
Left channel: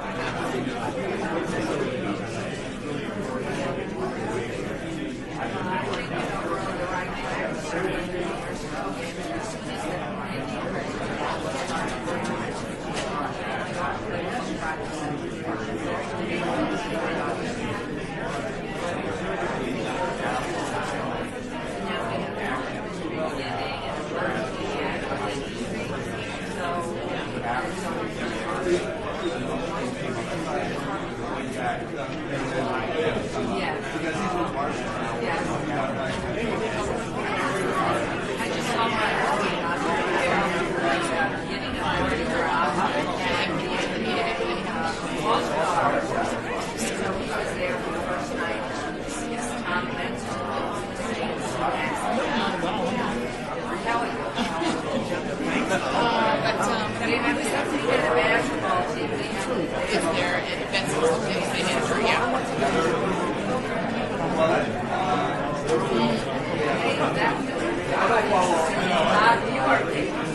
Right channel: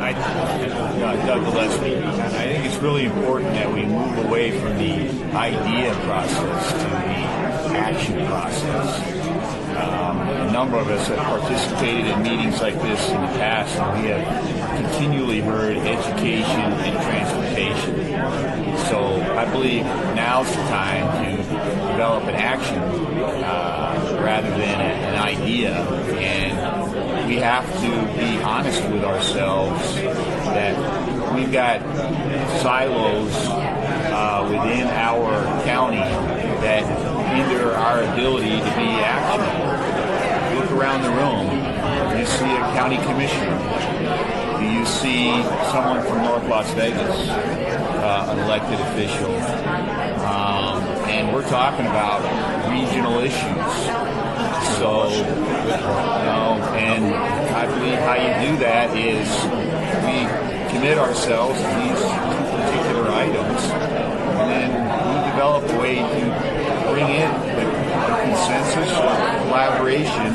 I don't Doug Gillespie. I think it's really important that we move away from the idea process to the action process. A number of us have participated in meetings like this in the past, and we have continually heard education and transportation. So I believe now's the time to develop an action rather than an idea, and we have to be honest with ourselves that we've got silos within our county that hinder our ability to be active. Look around the room. You see a county commissioner. Do you see someone from North Las Vegas, an elected official? And we're talking about regional issues. So, and I believe how you do that is to be commit ourselves to these two particular items, and we develop a way to bring in consensus, collaboration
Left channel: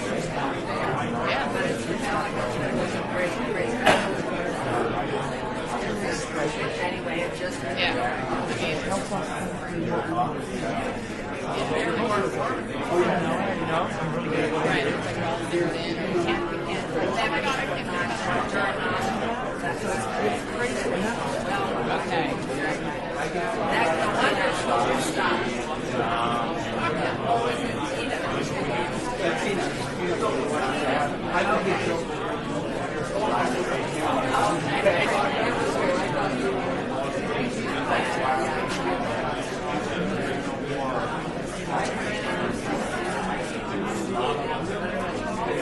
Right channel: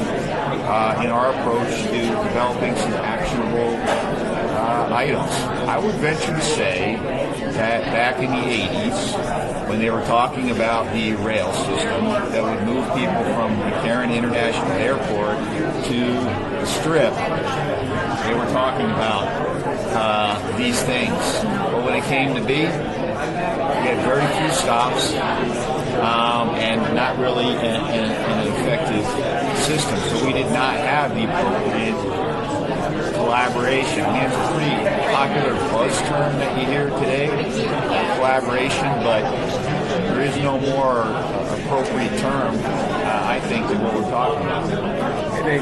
in our approach to developing some actionable items. I would venture to say that back in the 80s, when they were talking about the rail system that would move people from McCarran International Airport to the Strip, they were talking about these things. But when it came to be, we had very few stops and not really an effective system. So we did not have the appropriate collaboration. I mean, it's a pretty popular buzz term that you hear today, collaboration, but there is no more appropriate term, I think, than what we're talking about. I think,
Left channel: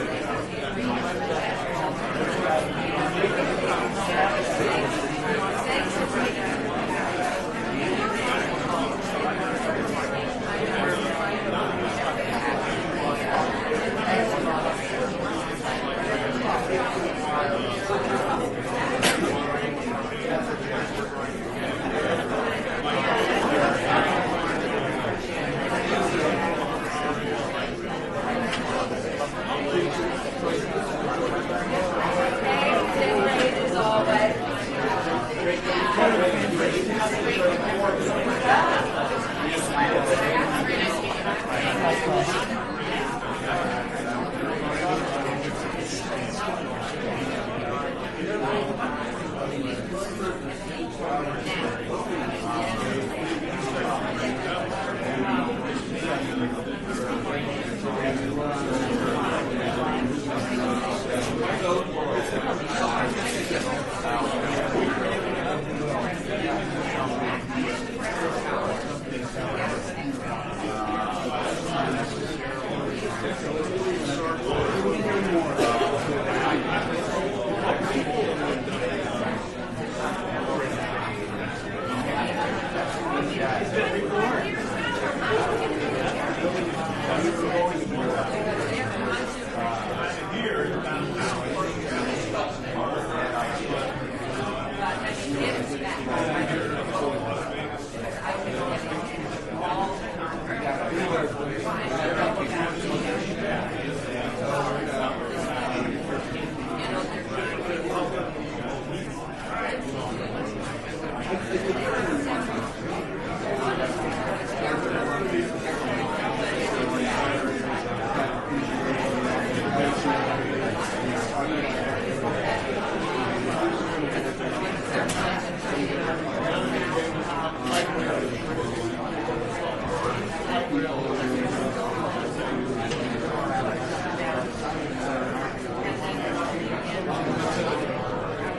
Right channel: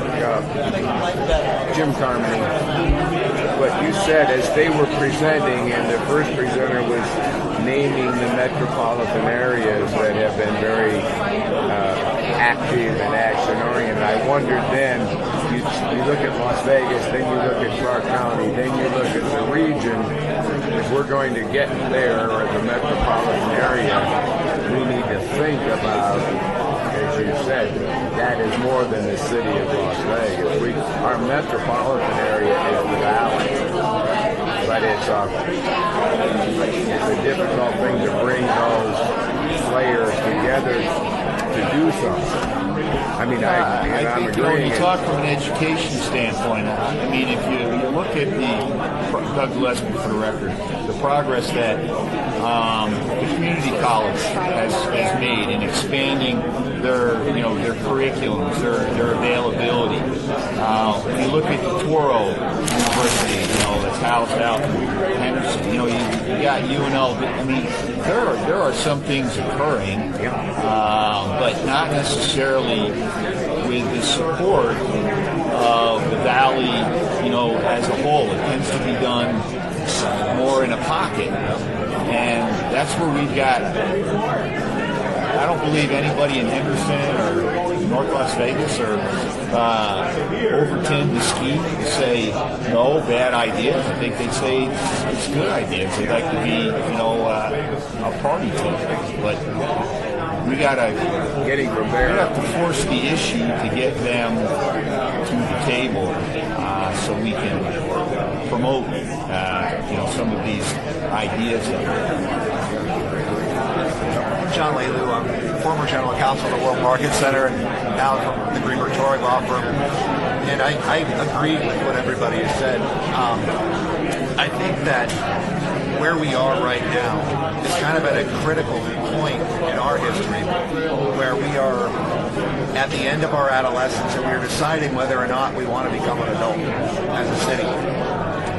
Jim Carmen, what you said as they were presenting, and the first presenter was naming the metropolitan areas that have been very active and action-oriented. I wondered then, you look at Las Vegas, then you look at Clark County, then you look at the region. If we're going to get there as a metropolitan area, we need to think about, as you said, that is more than the city of Las Vegas. Our metropolitan area is the valley, but it's a difficult thing to bring those players together to do something. I mean, I'm agreeing. When you talk from an education standpoint, I mean, if you look at Doug Gillespie, for the record, the progress that the community college has made in expanding their curriculums, their availability. When you look at Toro University, that's housed out in Henderson, you got UNL. I mean, there are some things occurring, but not necessarily with the support of the valley, as a whole. It tends to be done more in a pocket, and that's where we've got. I don't believe anybody in Henderson or North Las Vegas or Overton, Mesquite say, no, bad idea. I think they'd say it's a good idea. They'd like to be, a party to it. But we have to force the issue to get them to the table so we can promote, some of these ideas. John Lee Liu, I'm former general counsel of the World Market Center, now from the Greenberg Torrey Law Firm. And I agree with what everybody has said. I think that where we are right now is kind of at a critical point in our history where we are at the end of our adolescence and we're deciding whether or not we want to become an adult as a city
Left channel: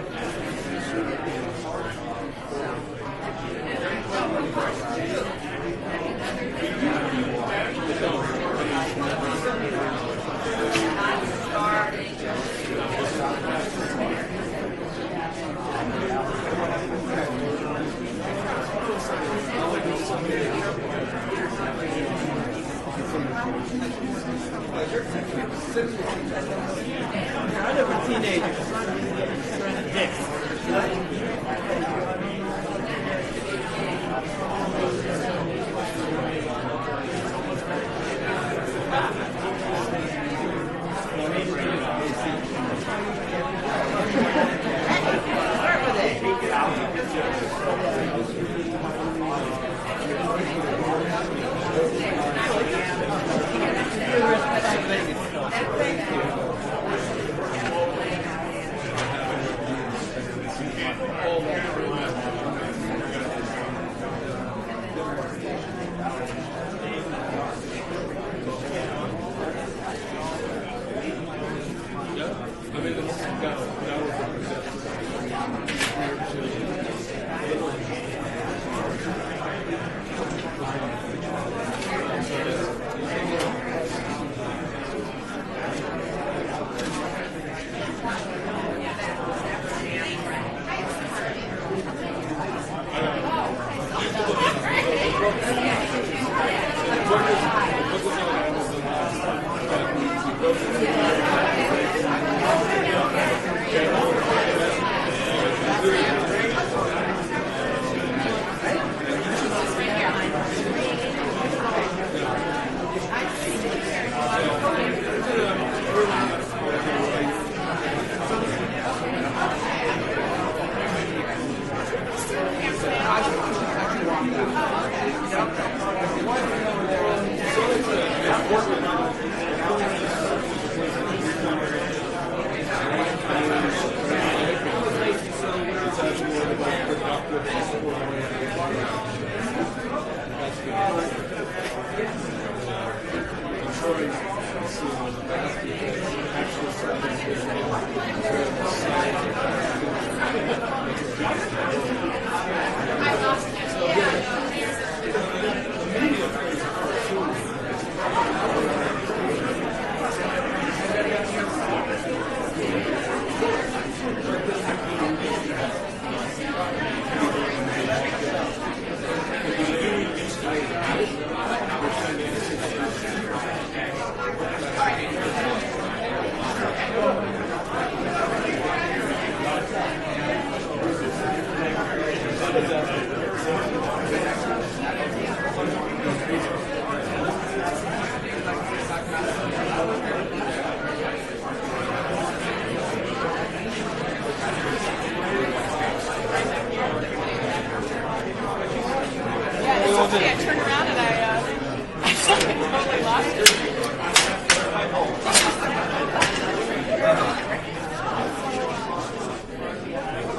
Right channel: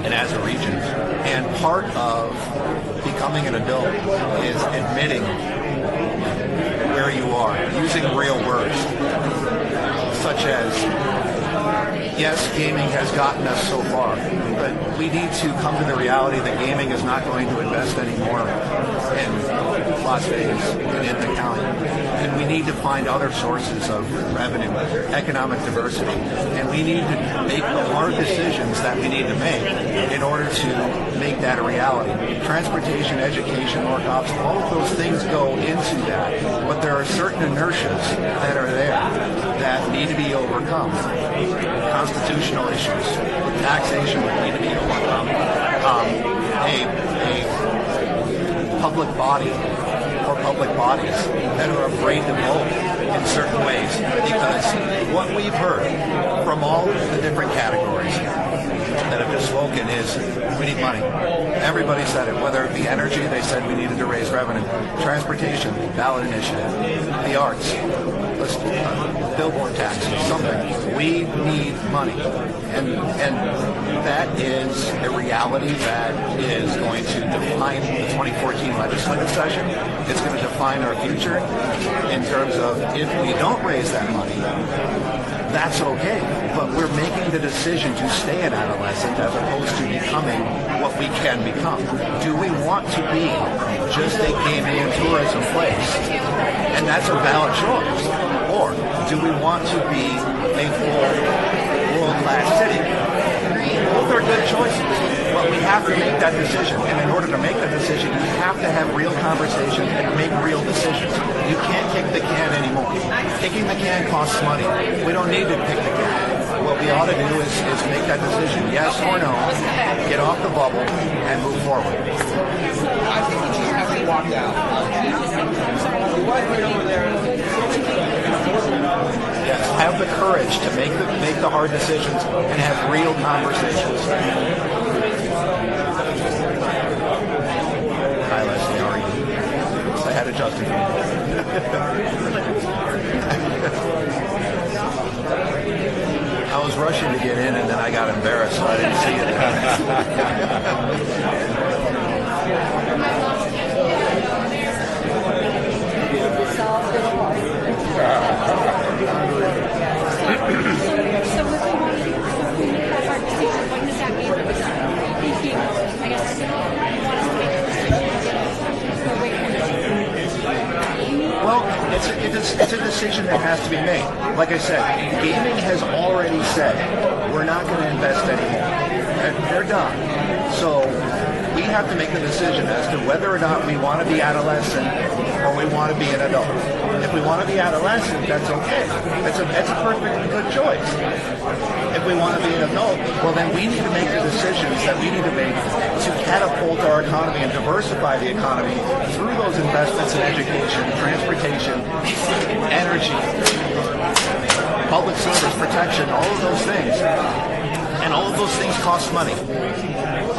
and as a region. And part of becoming an adult is admitting where you are, using real words, such as, yes, gaming has gotten us so far, but we need to come to the reality that gaming is not going to invest anymore in Las Vegas and in the county. And we need to find other sources of revenue, economic diversity. And we need to make the hard decisions that we need to make in order to make that a reality. Transportation, education, more cops, all of those things go into that. But there are certain inertias that are there that need to be overcome. Constitutional issues, taxation that need to be overcome. A public body or public bodies that are afraid to vote in certain ways. Because what we've heard from all the different categories that have been spoken is we need money. Everybody said it, whether it be energy, they said we needed to raise revenue. Transportation, ballot initiative. The arts, billboard tax, something. We need money. And that is a reality that is going to define the 2014 legislative session. It's going to define our future in terms of if we don't raise that money, that's okay. But we're making the decision to stay an adolescent as opposed to becoming what we can become. Do we want to be just a gaming and tourism place? And that's a valid choice. Or do we want to be a world-class city? Both are good choices. But But we have to make that decision, and in order to make that decision, we have to have real conversations and make real decisions. You can't kick the can anymore. Kicking the can costs money. We don't need to kick the can. What we ought to do is make that decision, yes or no, get off the bubble, and move forward. Have the courage to make the hard decisions and have real conversations. Hi, Leslie, how are you? I had adjusted. I was rushing to get in and then I got embarrassed, so I didn't see it's a decision that has to be made. Like I said, Eden has already said we're not going to invest anymore. They're done. So we have to make a decision as to whether or not we want to be adolescent or we want to be an adult. If we want to be adolescent, that's okay. That's a perfectly good choice. If we want to be an adult, well then we need to make the decisions that we need to make to catapult our economy and diversify the economy through those investments in education, transportation, energy, public service protection, all of those things. And all of those things cost money.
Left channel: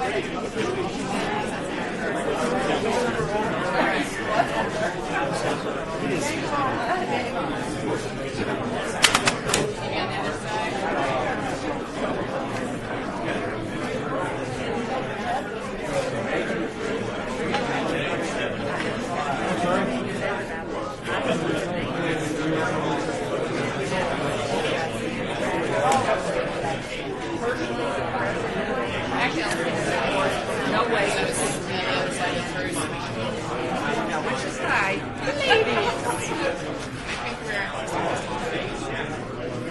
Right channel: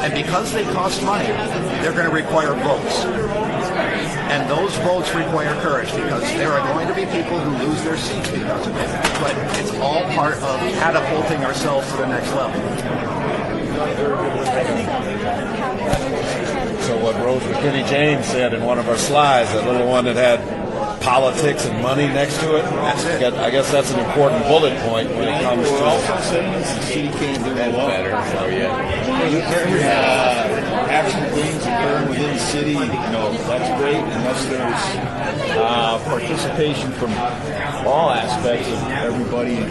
And because they cost money, they're going to require votes. And those votes require courage because there are going to be people who lose their seats because of it. But it's all part of catapulting ourselves to the next level. So what Rose McKinney James said in one of her slides, that little one that had politics and money next to it, I guess that's an important bullet point when it comes to She can't do that better. So yeah. Action things occurring within the city, that's great. Unless there's participation from all aspects of everybody in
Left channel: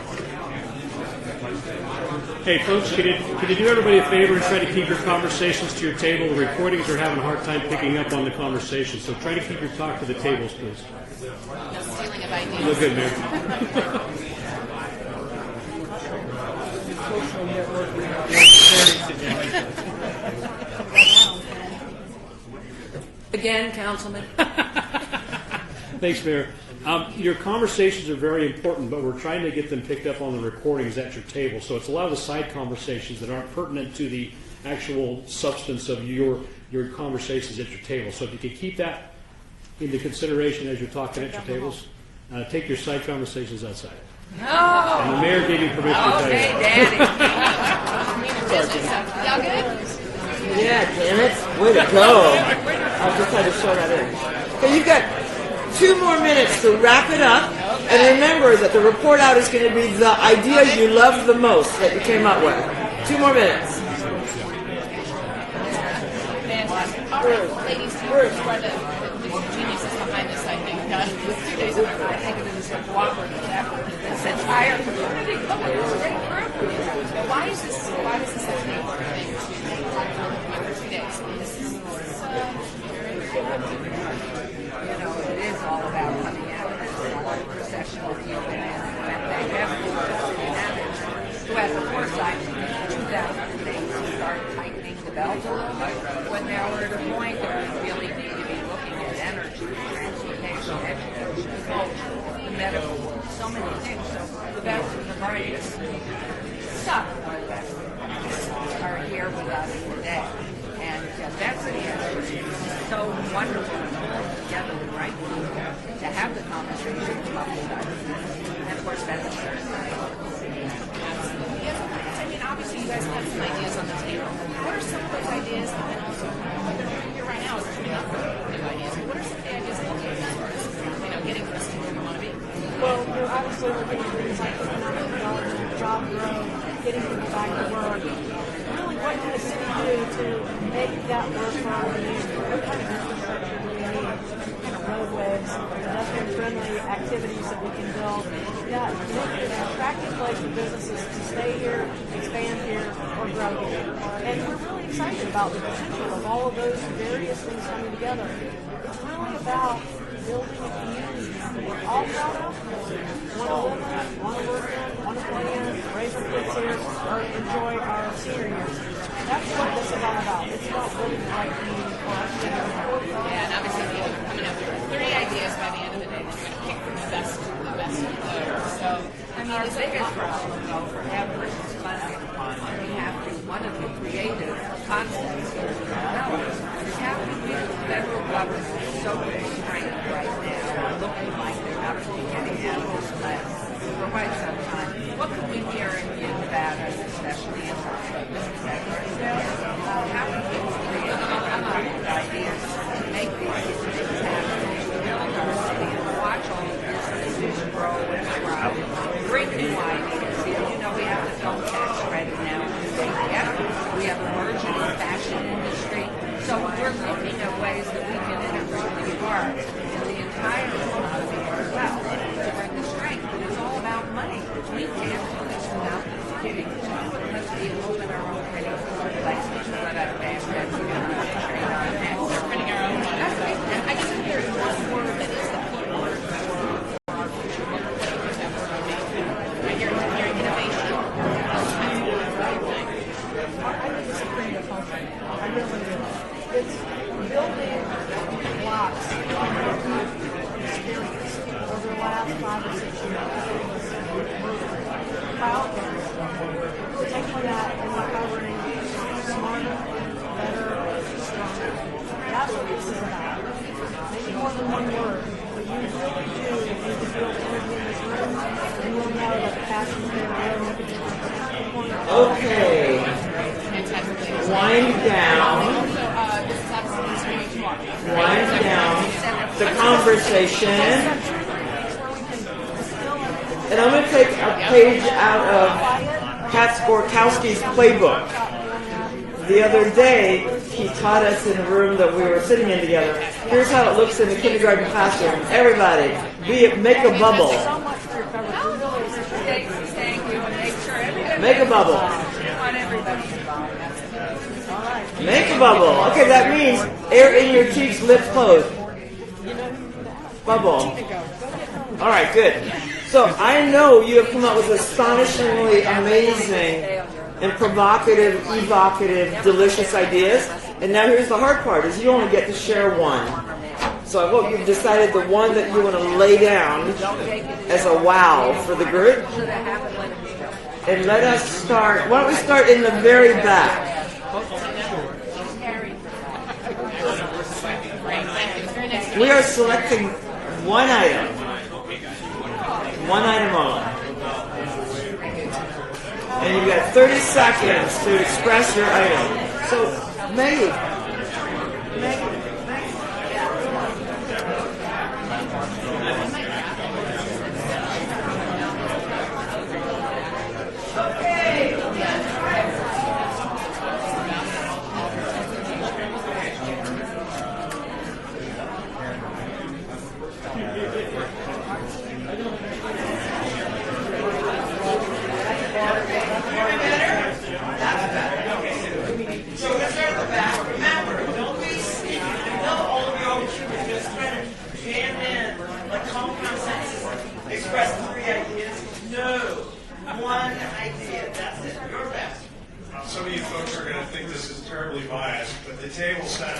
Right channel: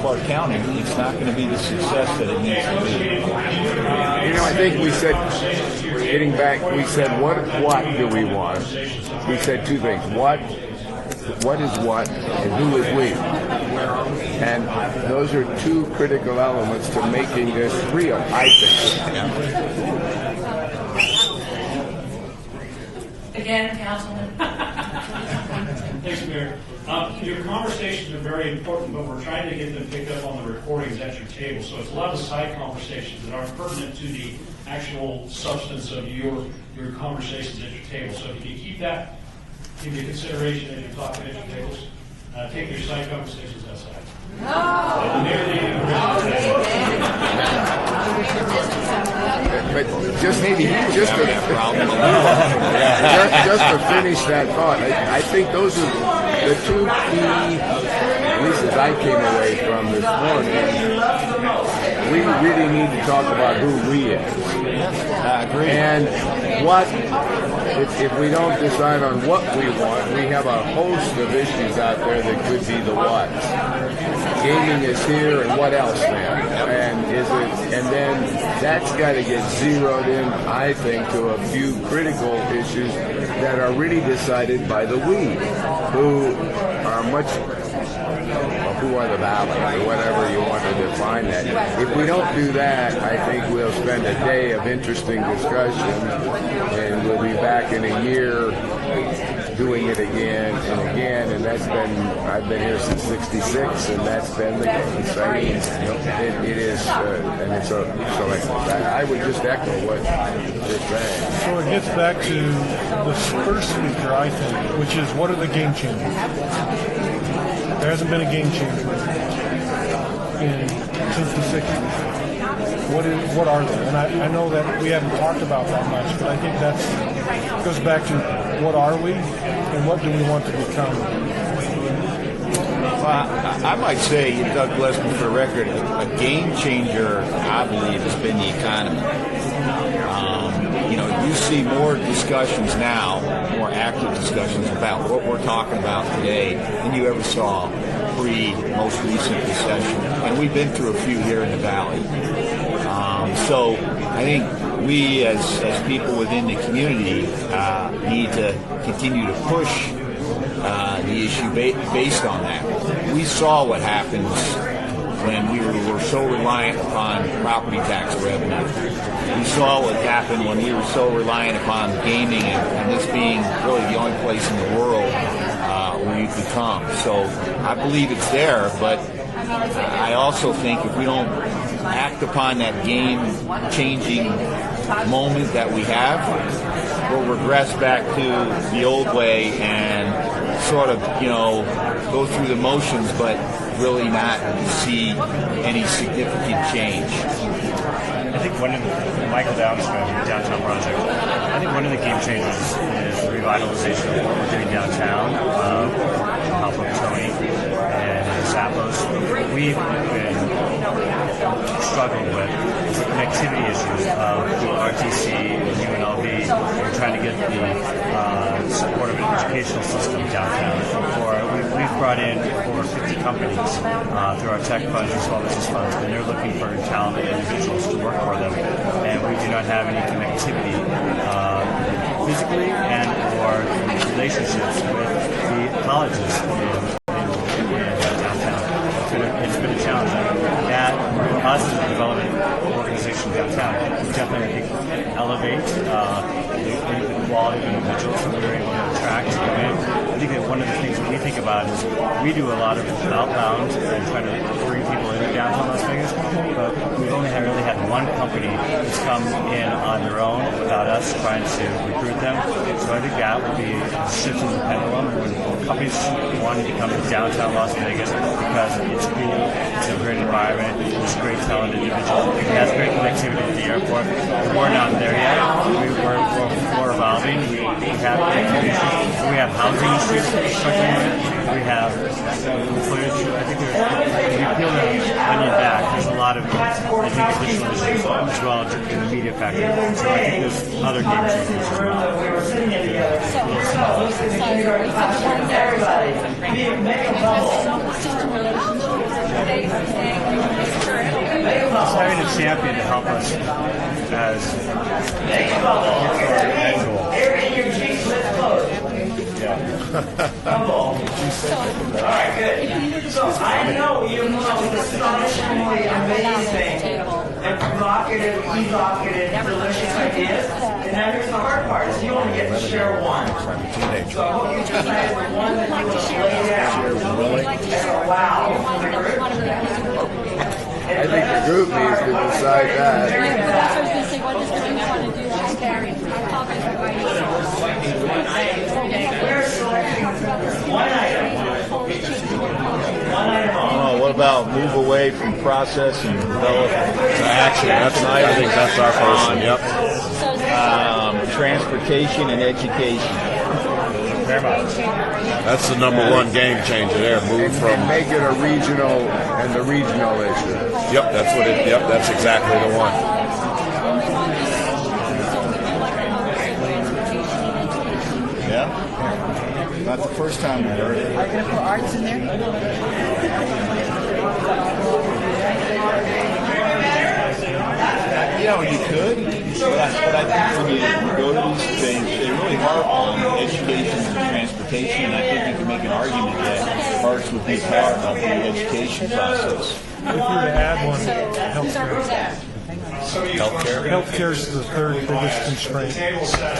Clark County, it's not going to be the success that it needs to be. Can you do everybody a favor and send these conversations to your table? Getting back, we said, what do we want? We said two things. What is what, and who is we? And those are two critical elements to making this real, I think. Again, Councilman. Thanks, Mayor. Your conversations are very important, but we're trying to get them picked up on the recordings at your table. So it's a lot of the side conversations that aren't pertinent to the actual substance of your conversations at your table. So if you could keep that into consideration as you're talking at your tables, take your side conversations outside. No. Mayor needed permission. But just to finish that thought, I think those 2 more minutes to wrap it up. And remember that the report out is going to be the ideas you loved the most that you came up with. We really need to talk about who we are. And what, if we don't decide on what we want, we have a host of issues out there that could be the what. Gaming is here, and what else, man? And then that's got to get zeroed in, I think, to a few critical issues that are really decided by the we, who are much, who are the balance, or whatever you want to define that. If we don't do that, I think we'll spend a day of interesting discussion, and we'll be back in a year doing it again and again, and that's been, I've been here since '66, and that's been the same. It is, and it's so I would just echo what you're saying. So it gets back to the first speaker, I think, which is what are the game changers? There hasn't been a game changer since the 60s. What are they? And I know that we haven't talked about that much, but I think that goes back to what are we and what do we want to become? Well, I might say, Doug Blessman, for the record, a game changer, I believe, has been the economy. You see more discussions now, more active discussions about what we're talking about today than you ever saw pre-most recent recession. And we've been through a few here in the Valley. So I think we as people within the community need to continue to push the issue based on that. We saw what happens when we were so reliant upon property tax revenue. We saw what happened when we were so reliant upon gaming and this being really the only place in the world where you could come. So I believe it's there, but I also think if we don't act upon that game-changing moment that we have, we'll regress back to the old way and sort of, go through the motions, but really not see any significant change. I think one of the Michael Downs downtown project, I think one of the game changers is revitalization of what we're doing downtown. Help of Tony and Zappos. We've been struggling with the connectivity issues of RTC and UNLV. We're trying to get the supportive educational system downtown. We've brought in over 50 companies through our tech fund and small business funds, and they're looking for talented individuals to work for them. And we do not have any connectivity physically and or relationships with the colleges in downtown. It's been a challenge. That, for us as a development organization downtown, we definitely elevate the quality of individuals that we're able to attract and come in. I think that one of the things that we think about is we do a lot of outbound and try to bring people in downtown Las Vegas, but we've only really had one company who's come in on their own without us trying to recruit them. So I think that would be shifting the pendulum. Companies want to become downtown Las Vegas because it's cool, it's a great environment, it's great talented individuals, it has great connectivity to the airport. We're not there. We're evolving. We have conversation. We have and I'm going to take a page out of Pat Sporkowski's playbook. The other day, he taught us in the room that we were sitting in together. Here's how it looks in the kindergarten classroom. Everybody, make a bubble. Make a bubble. Having a champion to help us. Make a bubble. Okay, that means air in your cheeks, lips closed. Bubble. All right, good. So I know you have come up with astonishingly amazing and provocative, evocative, delicious ideas. And now here's the hard part: is you only get to share one. So I hope you've decided the one that you want to lay down as a wow for the group. And let us start. Why don't we start in the very back? We are selecting one item. One item on. What about move away from process and development? You got 30 seconds. That's on. Yep. Transportation and education. That's the number one game changer there. Move from make it a regional and the regional issue. Yep, that's what it. Yep, that's exactly the one. Yeah. Not the first time that heard it. Are there for arts in there? You could. But I think when you go to these things, they really harp on education and transportation. I think you can make an argument that arts would be part of the education process. If we were to add one, healthcare. Healthcare is the third biggest constraint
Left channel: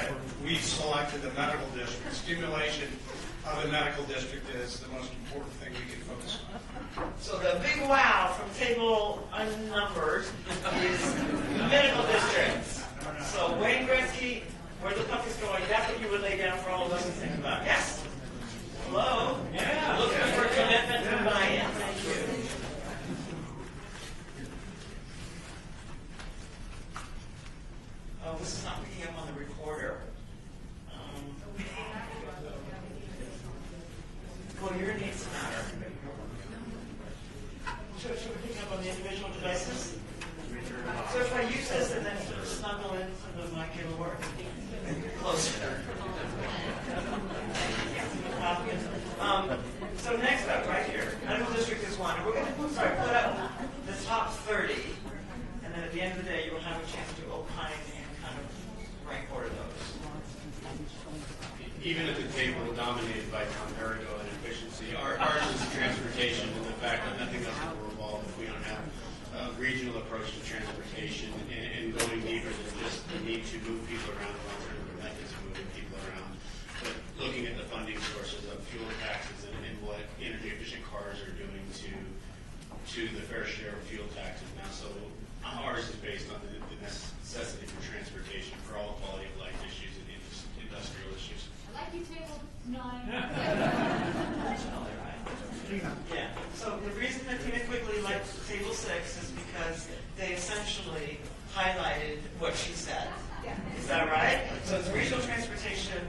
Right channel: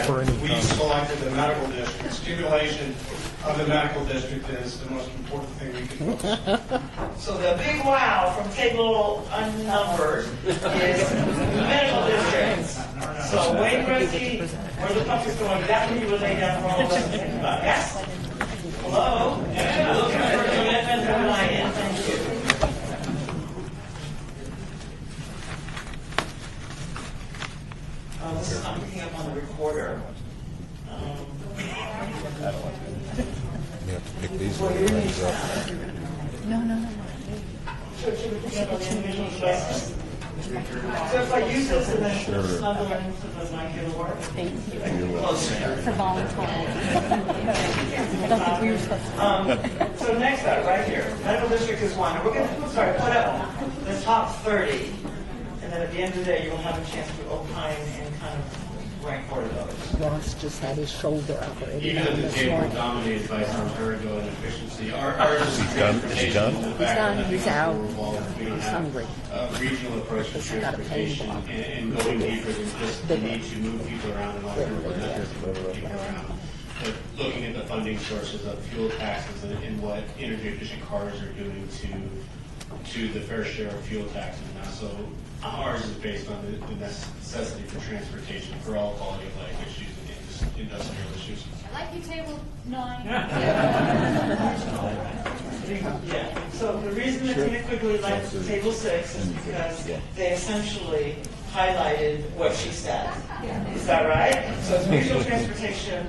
for any we company. selected the medical district. Stimulation of the medical district is the most important thing we can focus on. So the big wow from table unnumbered is medical districts. So Wayne Gretzky, where the puck is going, that's what you would lay down for all of us to think about. Yes? Hello? Yeah. Looking for commitment from my end. Thank you. I'm picking up on the recorder. You have to pick these Well, you're ones up. No. Should we pick up on the individual questions? So if I use this and then snuggle it into the mic, it'll work? Closer. For volunteering. I don't think we were supposed to. So next up, right here, medical district is one. We're going to put up the top 30, and and then at the end of the day, you'll have a chance to opine and kind of rank order those. Ross just had his shoulder operated Even on if the this table morning. dominated by some ergo and efficiency, ours is transportation. He's done. He's out. He's hungry. Regional approach to transportation and going deeper than just the need to move people around and move people around. But looking at the funding sources of fuel taxes and what energy efficient cars are doing to the fair share of fuel taxes now. So ours is based on the necessity for transportation for all quality of life issues and industrial issues. I like you, table 9. Yeah, so the reason that Tina Quigley likes table 6 is because they essentially highlighted what she said. Is that right? So it's regional transportation,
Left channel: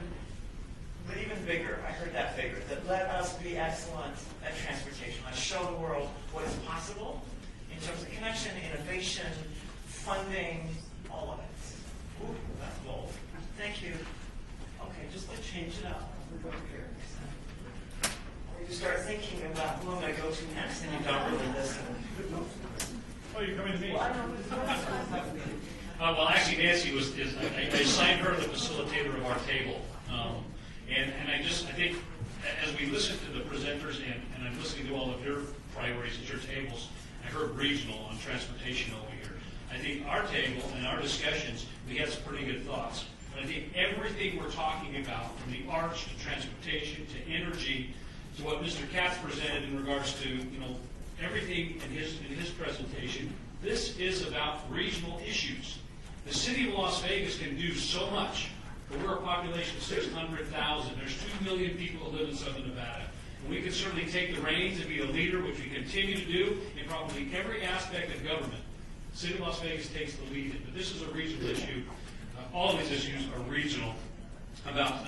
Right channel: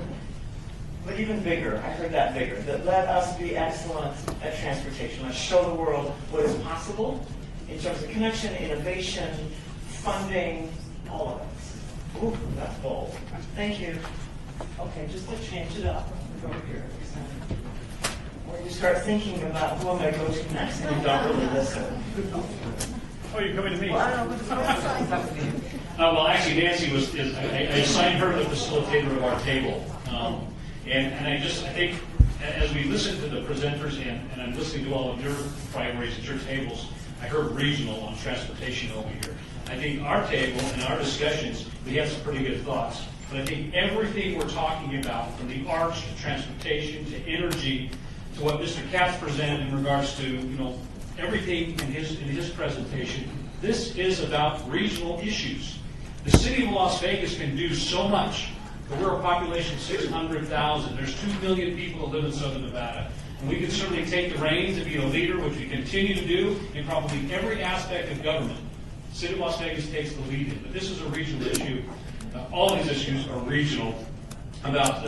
but even bigger. I heard that bigger. That let us be excellent at transportation. Let's show the world what is possible in terms of connection, innovation, funding, all of it. Ooh, that's bold. Thank you. Okay, just to change it up, we go here. When you start thinking about who am I going to go to next, and you don't really listen. Oh, you're coming to me? Well, I don't know. Well, actually, Nancy I assigned her the facilitator of our table. And I think as we listen to the presenters and I'm listening to all of your priorities at your tables, I heard regional on transportation over here. I think our table and our discussions, we have some pretty good thoughts. But I think everything we're talking about, from the arts to transportation to energy to what Mr. Katz presented in regards to everything in his presentation, this is about regional issues. The city of Las Vegas can do so much. But we're a population of 600,000. There's 2 million people that live in Southern Nevada. And we can certainly take the reins and be a leader, which we continue to do in probably every aspect of government. The city of Las Vegas takes the lead in. But this is a regional issue. All these issues are regional about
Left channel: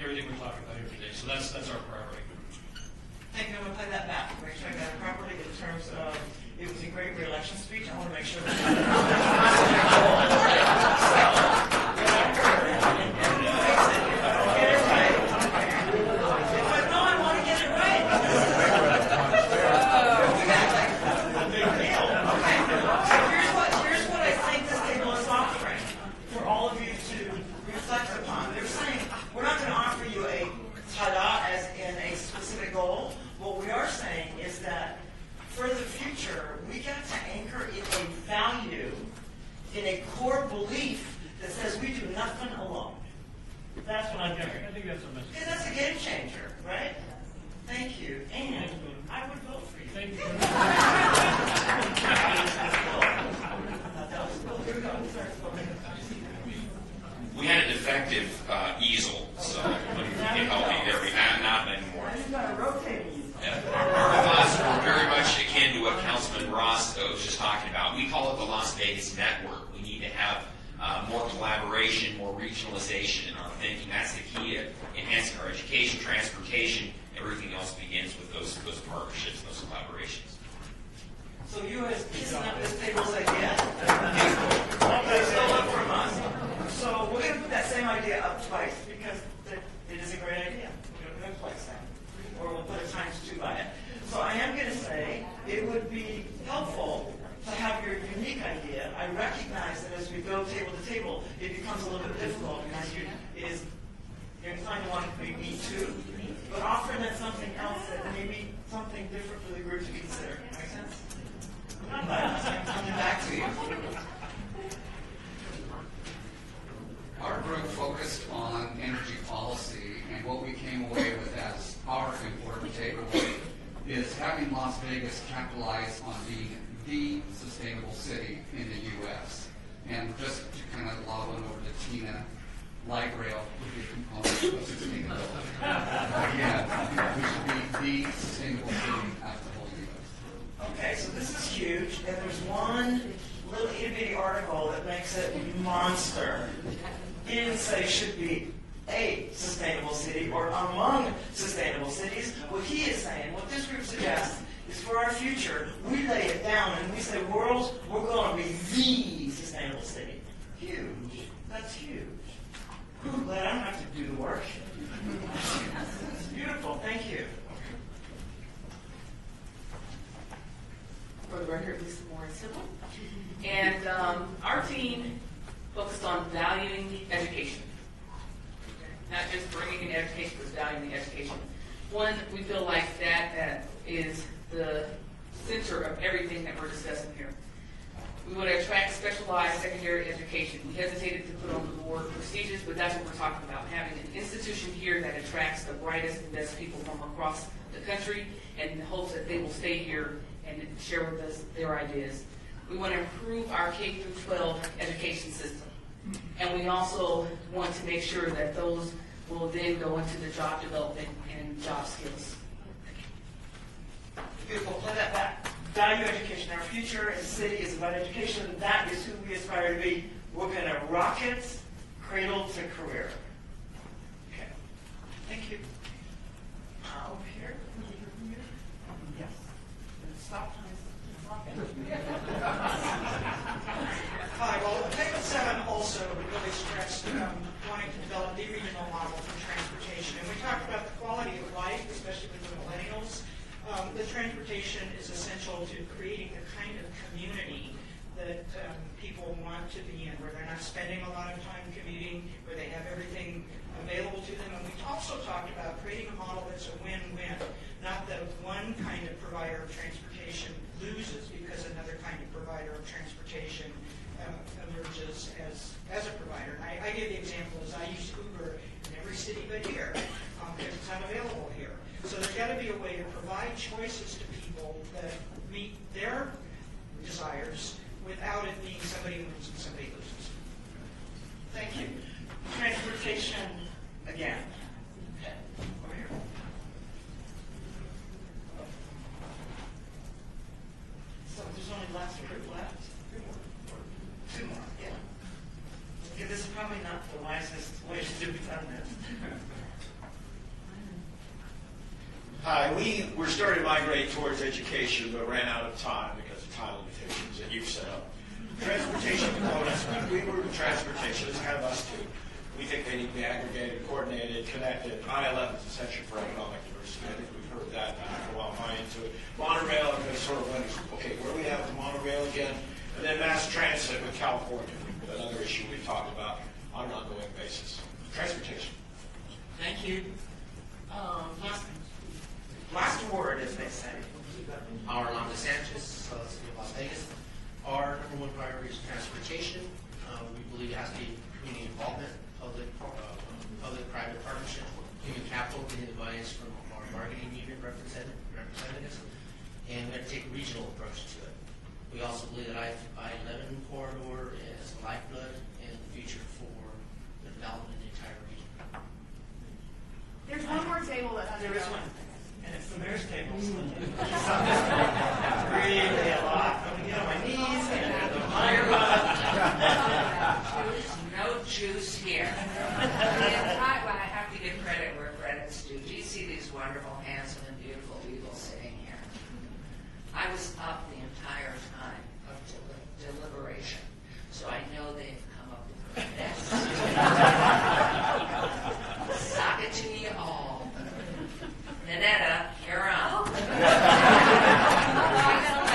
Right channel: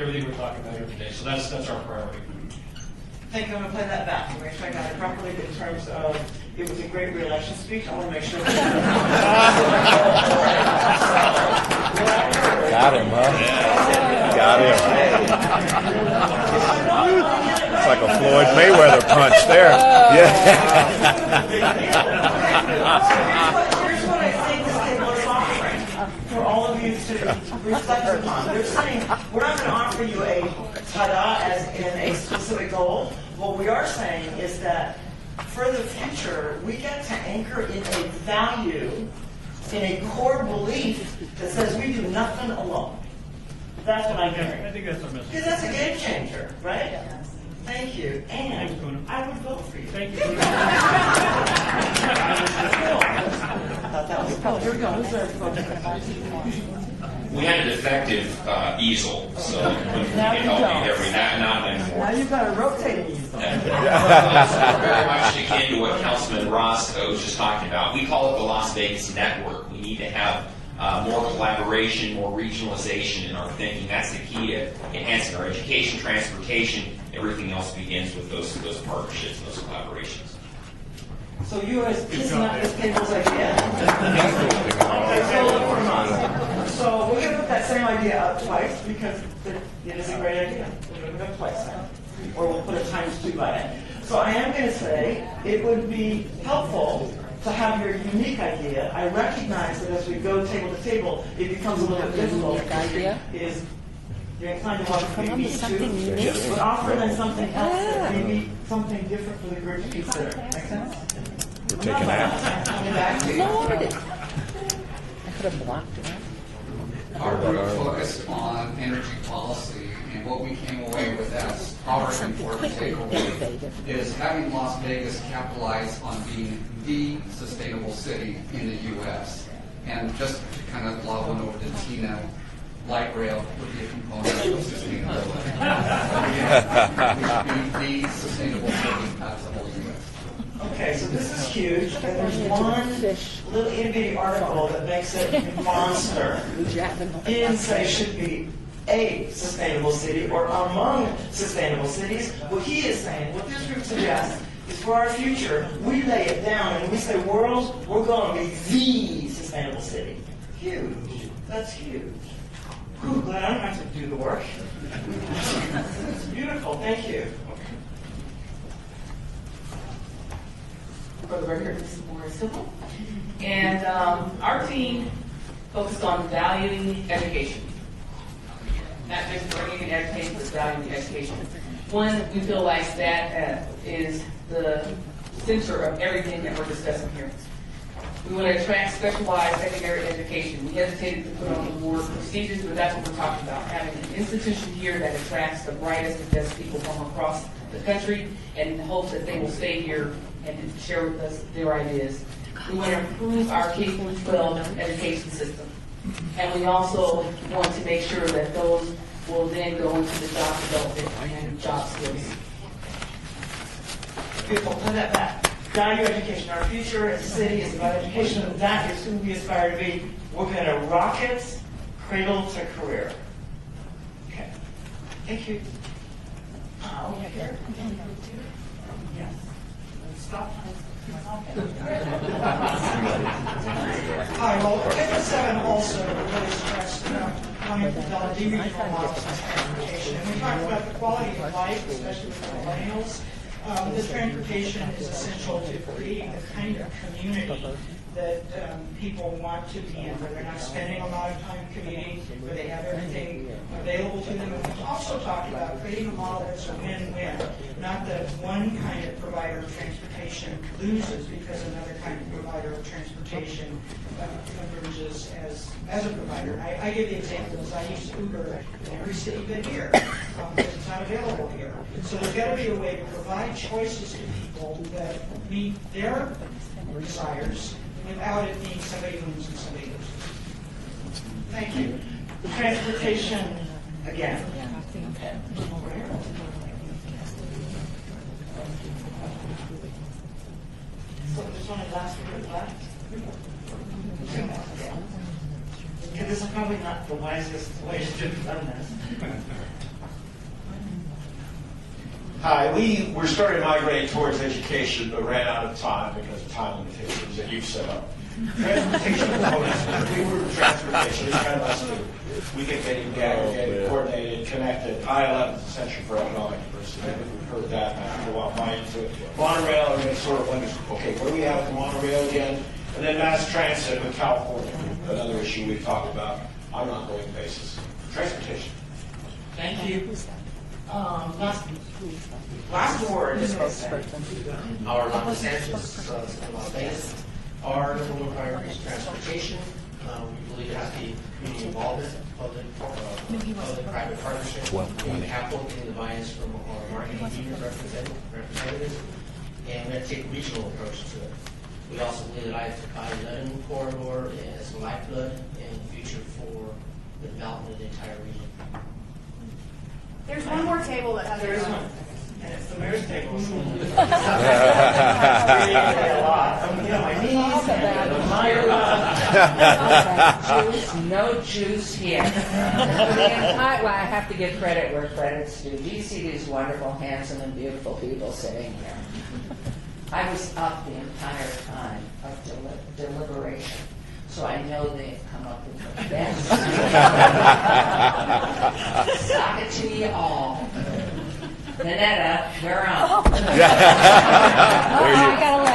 everything we're talking about here today. So that's our priority. Thank you. I'm going to play that back. I'm going to try to get it properly in terms of it was a great re-election speech. I want to make sure. Got him, huh? Got him. It's like a Floyd Mayweather punch there. Yeah. Here's what I think this table is offering for all of you to reflect upon. They're saying we're not going to offer you a ta-da as in a specific goal. What we are saying is that for the future, we get to anchor in a value, in a core belief that says we do nothing alone. That's what I'm hearing. I think that's our message. Because that's a game changer, right? Thank you. And I would vote for you. Thank you. Here we go. Who's our We had an effective easel, so Now you don't. not anymore. Now you've got a rotating easel. So very much akin to what Councilman Ross was just talking about. We call it the Las Vegas Network. We need to have more collaboration, more regionalization in our thinking. That's the key to enhancing our education, transportation. Everything else begins with those partnerships, those collaborations. So you are kissing up this table's idea? So we're going to put that same idea up twice because it is a great idea. We're going to do it twice now. Or we'll put it times 2 by it. So I am going to say it would be helpful to have your unique idea. I recognize that as we go table to table, it becomes a little bit difficult. You're inclined to want to be me too, but offer then something else that may be something different for the group to consider. Make sense? We're taking action. Coming back to you. I could have blocked it. Our group focused on energy policy, and what we came away with as our important takeaway is having Las Vegas capitalize on being the sustainable city in the U.S. And just to kind of lob one over to Tina, light rail would be a component of sustainability. Be the sustainable city as the whole U.S. Okay, so this is huge, and there's one little itty-bitty article that makes it a monster. He didn't say it should be a sustainable city or among sustainable cities. What he is saying, what this group suggests, is for our future, we lay it down and we say, world, we're going to be the sustainable city. Huge. That's huge. Whew, glad I don't have to do the work. It's beautiful. Thank you. for the record, Ms. Maura Civil. And our team focused on valuing education. Not just bringing in education, but valuing the education. One, we feel like that is the center of everything that we're discussing here. We want to attract specialized secondary education. We hesitated to put on the word prestigious, but that's what we're talking about. Having an institution here that attracts the brightest and best people from across the country, and in the hopes that they will stay here and share with us their ideas. We want to improve our K-12 education system. And we also want to make sure that those will then go into the job development and job skills. Beautiful. Put that back. Value education. Our future as a city is about education, and that is who we aspire to be. We're going to rocket cradle to career. Okay. Thank you. Over here. Yes. Stop. Hi, well, Table 7 also really stressed coming from the regional models of transportation. And we talked about the quality of life, especially with the millennials. The transportation is essential to creating the kind of community that people want to be in, where they're not spending a lot of time commuting, where they have everything available to them. And we also talked about creating a model that's a win-win, not that one kind of provider of transportation loses because another kind of provider of transportation emerges as a provider. I give the example as I use Uber in every city but here, because it's not available here. So there's got to be a way to provide choices to people that meet their desires without it being somebody wins and somebody loses. Thank you. The transportation, again. Over here. So there's only last year left. Okay, this is probably not the wisest way to do this. Hi, we were starting to migrate towards education, but ran out of time because of time limitations that you've set up. Transportation components, we were transportation, it's kind of us too. We get getting aggregated, coordinated, connected. I-11 is essential for economic diversity. We've heard that, and I can go out my into it. Monorail, and then sort of wonders, okay, what do we have for monorail again? And then mass transit with California, another issue we've talked about on an ongoing basis. Transportation. Thank you. Last word is Our Los Angeles, Las Vegas. Our number one priority is transportation. We believe it has to be community involvement, public-private partnership, human capital, getting the buy-ins from our marketing union representatives, and we're going to take a regional approach to it. We also believe that I-11 corridor is the lifeblood and the future for the development of the entire region. There's one more table that has There is one. And it's the mayor's table. Really a lot. You know, my knees and Juice, no juice here. Well, I have to give credit where credit's due. Do you see these wonderful, handsome, and beautiful people sitting here? I was up the entire time of deliberation, so I know they've come up with the best. Sock it to you all. Nanetta, we're on.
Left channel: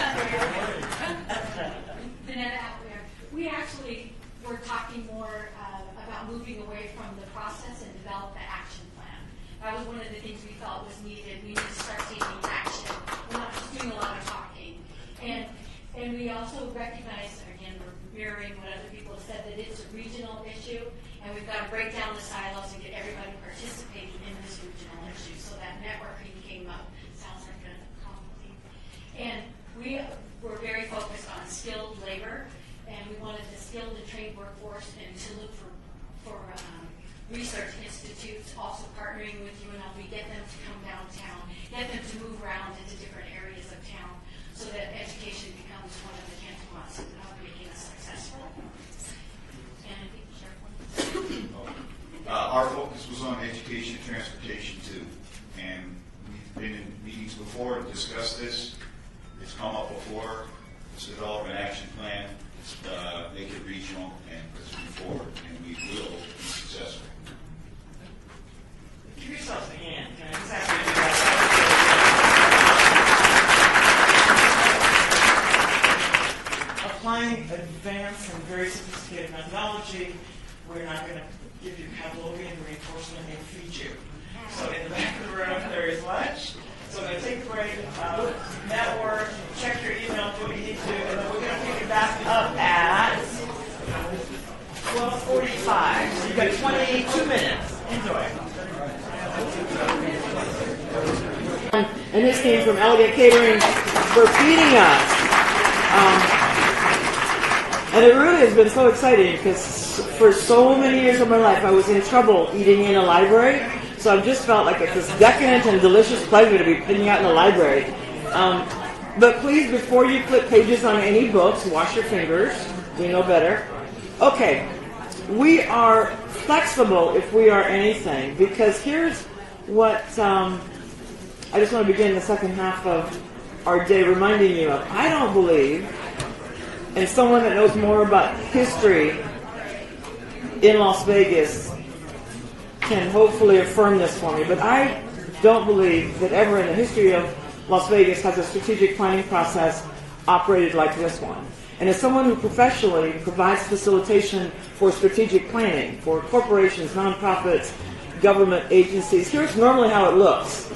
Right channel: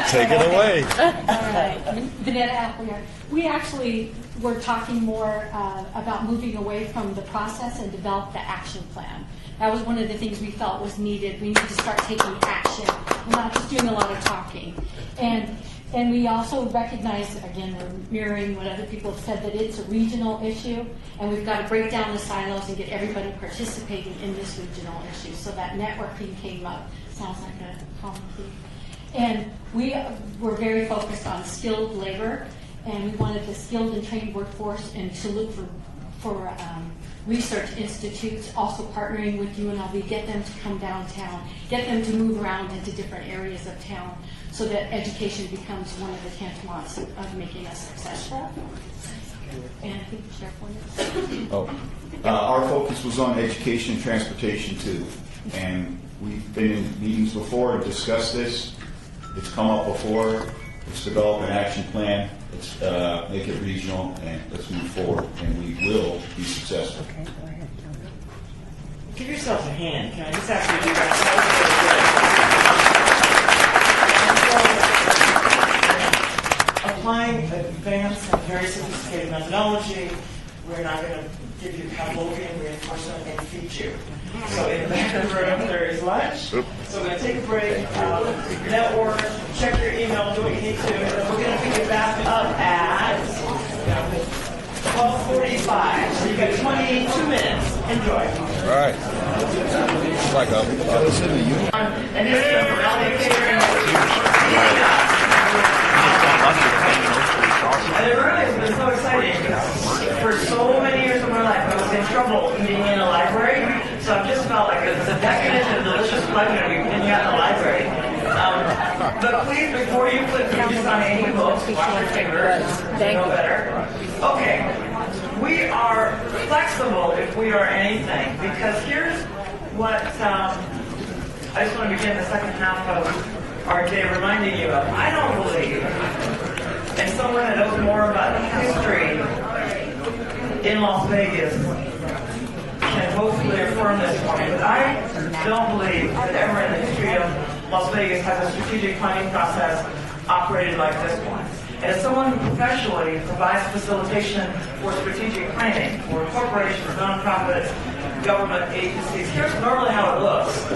Take it away. All right. Vanetta Appleyard. We actually were talking more about moving away from the process and develop the action plan. That was one of the things we felt was needed. We need to start taking action. We're not just doing a lot of talking. And we also recognize, again, we're mirroring what other people have said, that it's a regional issue, and we've got to break down the silos and get everybody participating in this regional issue. So that networking came up. Sounds like a common theme. And we were very focused on skilled labor, and we wanted the skilled and trained workforce, and to look for research institutes, also partnering with UNLV, get them to come downtown, get them to move around into different areas of town, so that education becomes one of the tantamount of making us successful. And I think the sheriff wanted to. Our focus was on education and transportation too. And we've been in meetings before to discuss this. It's come up before. Let's develop an action plan. Let's make it regional, and let's move forward. And we will be successful. Give yourself a hand. Can I just ask you to do that? technology, we're not going to give you Pavlovian reinforcement and feed you. So in the back of the room, there is lunch. So we're going to take a break, network, check your email, do what you need to, and then we're going to pick you back up at 12:45. So you've got 22 minutes. Enjoy. All right. It's like And this came from Elliott Catering for feeding us. And it really has been so exciting because for so many years of my life I was in trouble eating in a library. So I've just felt like it's this decadent and delicious pleasure to be eating out in the library. But please, before you put pages on any books, wash your fingers. You know better. Okay. We are flexible if we are anything, because here's what I just want to begin the second half of our day reminding you of. I don't believe, and someone that knows more about history in Las Vegas can hopefully affirm this for me, but I don't believe that ever in the history of Las Vegas has a strategic planning process operated like this one. And as someone who professionally provides facilitation for strategic planning for corporations, nonprofits, government agencies, here's normally how it looks.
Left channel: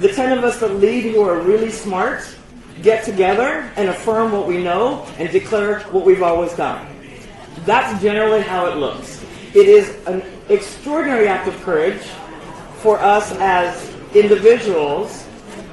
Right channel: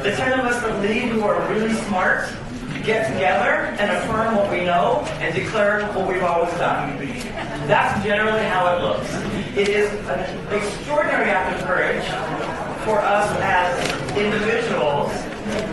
The 10 of us that lead who are really smart get together and affirm what we know and declare what we've always done. That's generally how it looks. It is an extraordinary act of courage for us as individuals,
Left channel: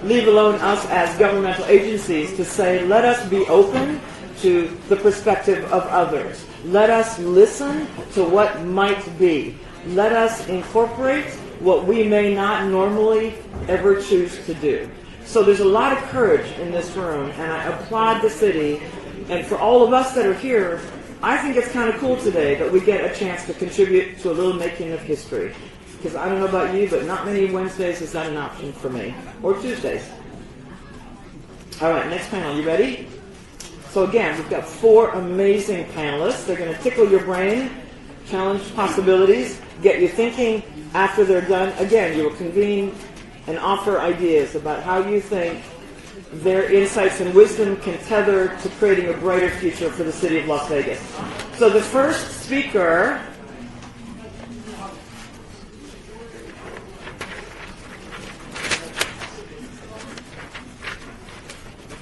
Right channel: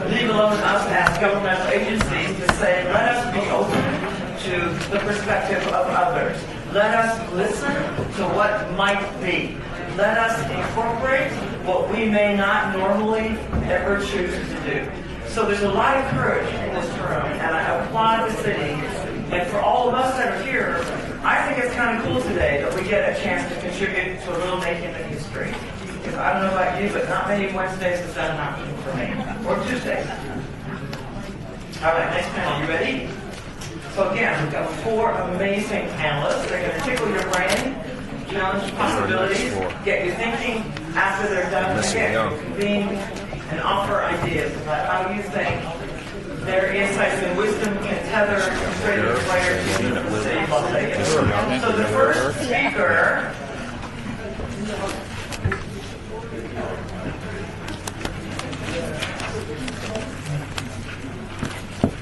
leave alone us as governmental agencies, to say, let us be open to the perspective of others. Let us listen to what might be. Let us incorporate what we may not normally ever choose to do. So there's a lot of courage in this room, and I applaud the city. And for all of us that are here, I think it's kind of cool today that we get a chance to contribute to a little making of history. Because I don't know about you, but not many Wednesdays is that an option for me. Or Tuesdays. All right, next panel. You ready? So again, we've got 4 amazing panelists. They're going to tickle your brain, challenge possibilities, get you thinking after they're done. Again, you'll convene and offer ideas about how you think their insights and wisdom can tether to creating a brighter future for the city of Las Vegas. So the first speaker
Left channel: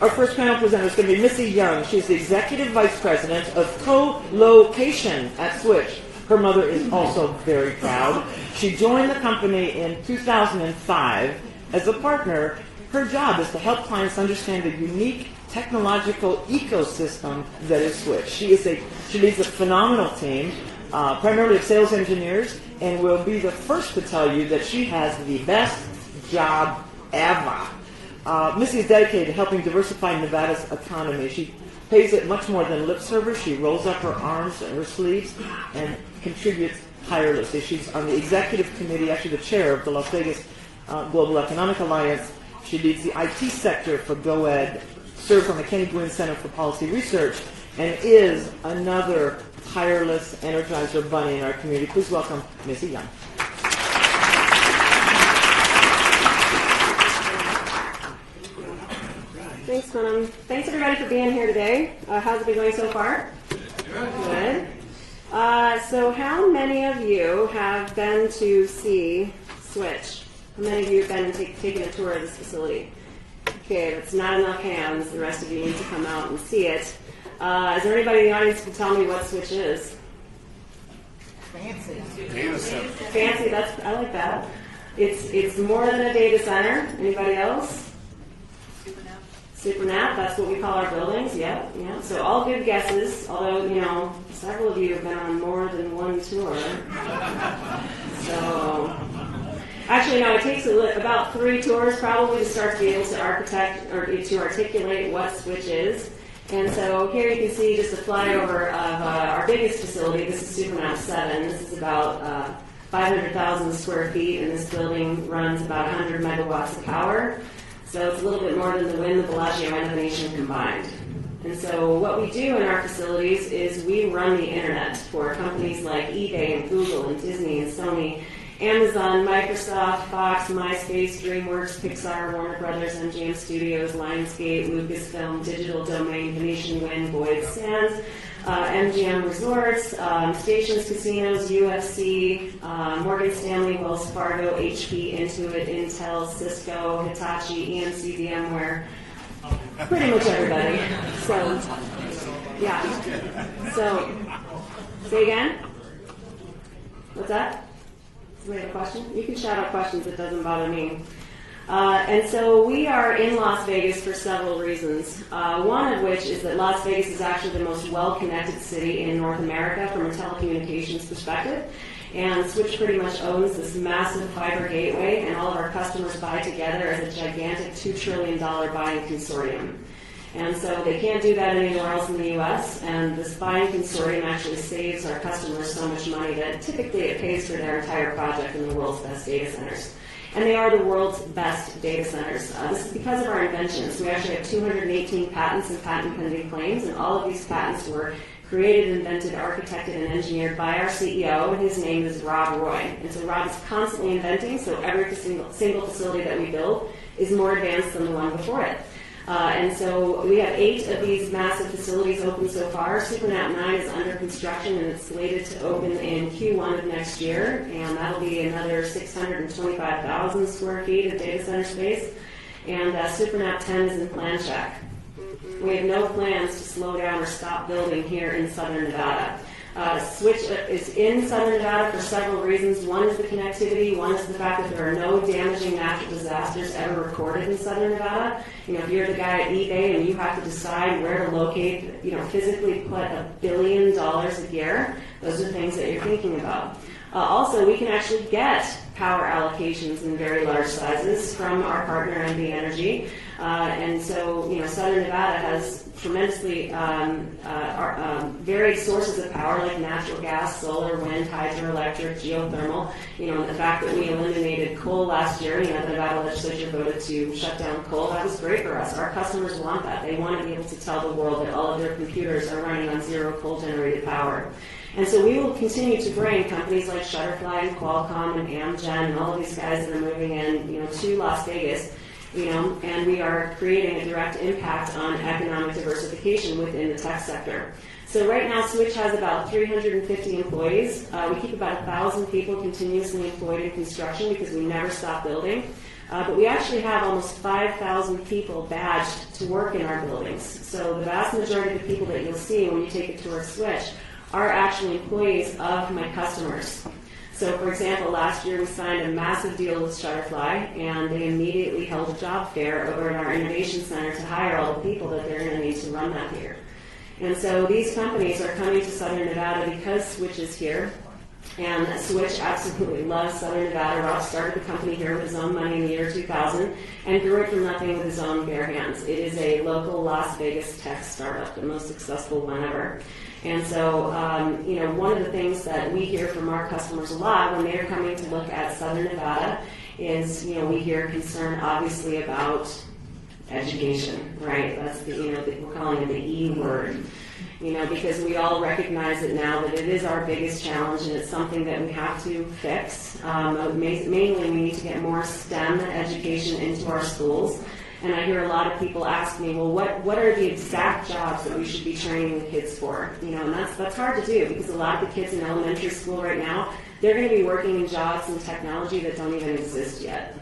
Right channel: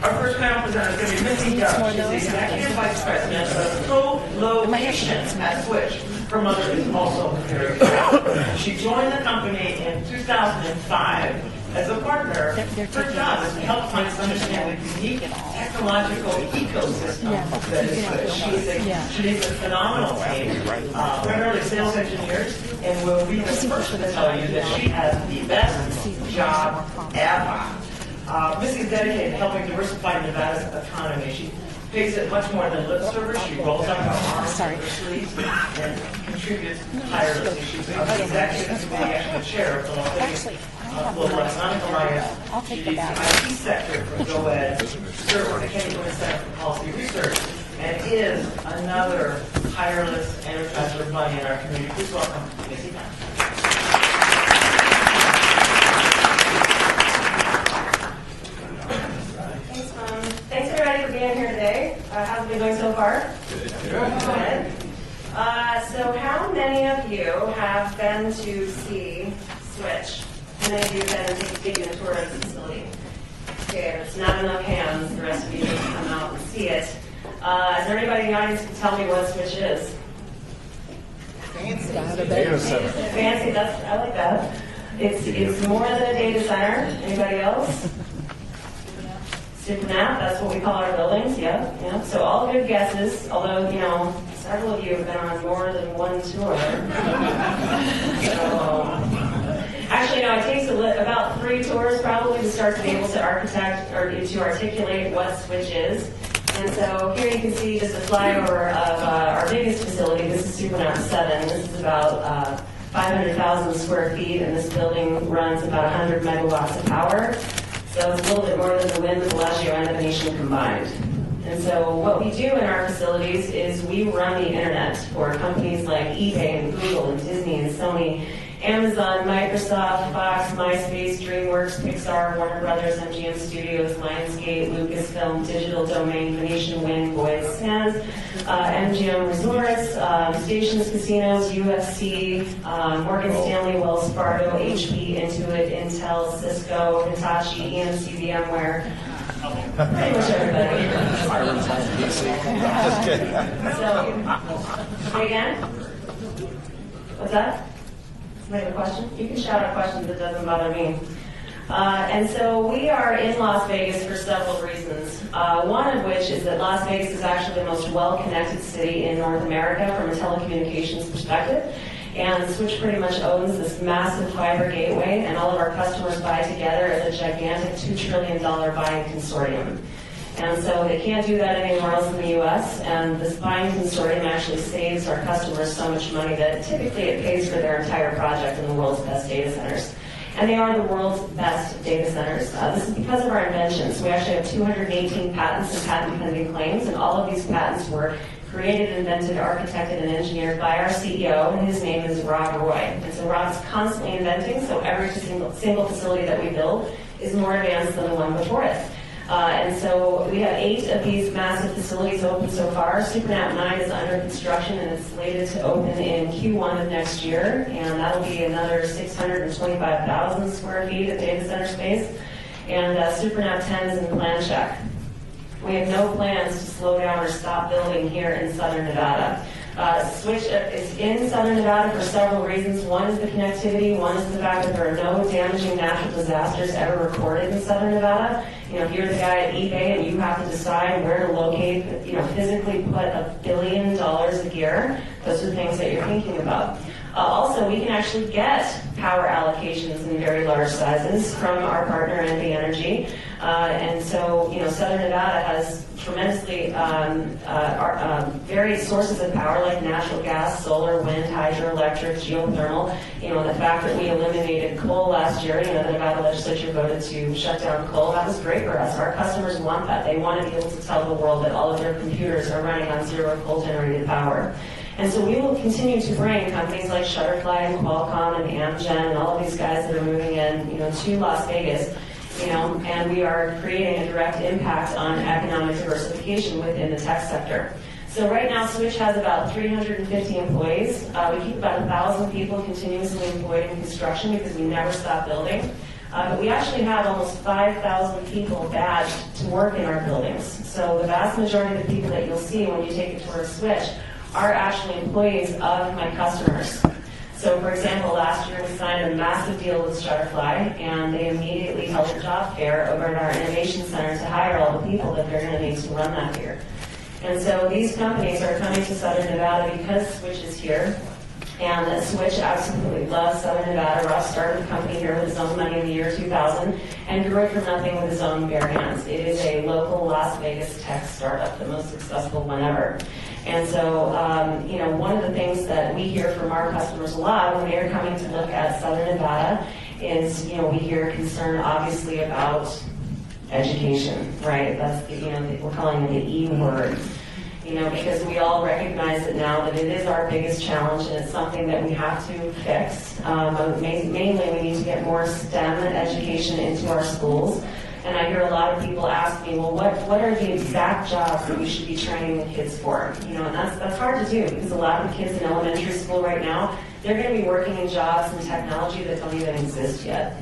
Our first panel presenter is going to be Missy Young. She's the Executive Vice President of Co-Locations at Switch. Her mother is also very proud. She joined the company in 2005 as a partner. Her job is to help clients understand the unique technological ecosystem that is Switch. She leads a phenomenal team, primarily of sales engineers, and will be the first to tell you that she has the best job ever. Missy is dedicated to helping diversify Nevada's economy. She pays it much more than lip service. She rolls up her arms and her sleeves and contributes tirelessly. She's on the executive committee, actually the chair of the Las Vegas Global Economic Alliance. She leads the IT sector for GoEd, serves on the Kenny Gwynn Center for Policy Research, and is another tireless energizer bunny in our community. Please welcome Missy Young. Thanks, Mom. Thanks, everybody, for being here today. How's it been going so far? Good. So how many of you have been to see Switch? How many of you have been taking a tour of this facility? Okay, if it's not enough hands, the rest of you need to come out and see it. Is there anybody in the audience who can tell me what Switch is? Fancy. Data center. Fancy, I like that. It's more than a data center. Anybody else? SuperNap, that's what we call our buildings, yeah. So all good guesses, although, several of you have been on more than one tour. So, actually, no, it takes about 3 tours probably to start to be able to architect or to articulate what Switch is. And so here you can see just a flyover of our biggest facility. This is SuperNap 7. This is about 500,000 square feet, and this building runs about 100 megawatts of power. So it's a little bit more than the Wynn, the Bellagio, and the Venetian combined. And so what we do in our facilities is we run the internet for companies like eBay and Google and Disney and Sony Amazon, Microsoft, Fox, MySpace, DreamWorks, Pixar, Warner Brothers, MGM Studios, Lionsgate, Lucasfilm, Digital Domain, Venetian Wind, Boyd Sands, MGM Resorts, Stations Casinos, UFC, Morgan Stanley, Wells Fargo, HP, Intuit, Intel, Cisco, Hitachi, EMC, VMware, pretty much everybody. So, say again? What's that? Somebody have a question? You can shout out questions, it doesn't bother me. And so we are in Las Vegas for several reasons. One of which is that Las Vegas is actually the most well-connected city in North America from a telecommunications perspective. And Switch pretty much owns this massive fiber gateway, and all of our customers buy together as a gigantic $2 trillion buying consortium. And so they can't do that anywhere else in the U.S., and this buying consortium actually saves our customers so much money that typically it pays for their entire project in the world's best data centers. And they are the world's best data centers. This is because of our inventions. We actually have 218 patents and patent pending claims, and all of these patents were created, invented, architected, and engineered by our CEO, and his name is Rob Roy. And so Rob's constantly inventing, so every single facility that we build is more advanced than the one before it. And so we have 8 of these massive facilities open so far. SuperNap 9 is under construction, and it's slated to open in Q1 of next year, and that'll be another 625,000 square feet of data center space. And SuperNap 10 is in plan check. We have no plans to slow down or stop building here in Southern Nevada. Switch is in Southern Nevada for several reasons. One is the connectivity. One is the fact that there are no damaging natural disasters ever recorded in Southern Nevada. You know, if you're the guy at eBay and you have to decide where to locate, physically put $1 billion of gear, those are things that you're thinking about. Also, we can actually get power allocations in very large sizes from our partner, NV Energy. And so, Southern Nevada has tremendously varied sources of power like natural gas, solar, wind, hydroelectric, geothermal. The fact that we eliminated coal last year, the Nevada legislature voted to shut down coal, that was great for us. Our customers want that. They want to be able to tell the world that all of their computers are running on zero coal-generated power. And so we will continue to bring companies like Shutterfly and Qualcomm and Amgen and all of these guys that are moving in, to Las Vegas, and we are creating a direct impact on economic diversification within the tech sector. So right now, Switch has about 350 employees. We keep about 1,000 people continuously employed in construction because we never stop building. But we actually have almost 5,000 people badged to work in our buildings. So the vast majority of the people that you'll see when you take it towards Switch are actually employees of my customers. So, for example, last year we signed a massive deal with Shutterfly, and they immediately held a job fair over at our innovation center to hire all the people that they're going to need to run that here. And so these companies are coming to Southern Nevada because Switch is here, and Switch absolutely loves Southern Nevada. Rob started the company here with his own money in the year 2000 and grew it from nothing with his own bare hands. It is a local Las Vegas tech startup, the most successful one ever. And so, one of the things that we hear from our customers a lot when they're coming to look at Southern Nevada is, we hear concern obviously about education, right? That's we're calling it the E word, because we all recognize it now that it is our biggest challenge and it's something that we have to fix. Mainly, we need to get more STEM education into our schools. And I hear a lot of people ask me, well, what are the exact jobs that we should be training the kids for? And that's hard to do because a lot of the kids in elementary school right now, they're going to be working in jobs in technology that don't even exist yet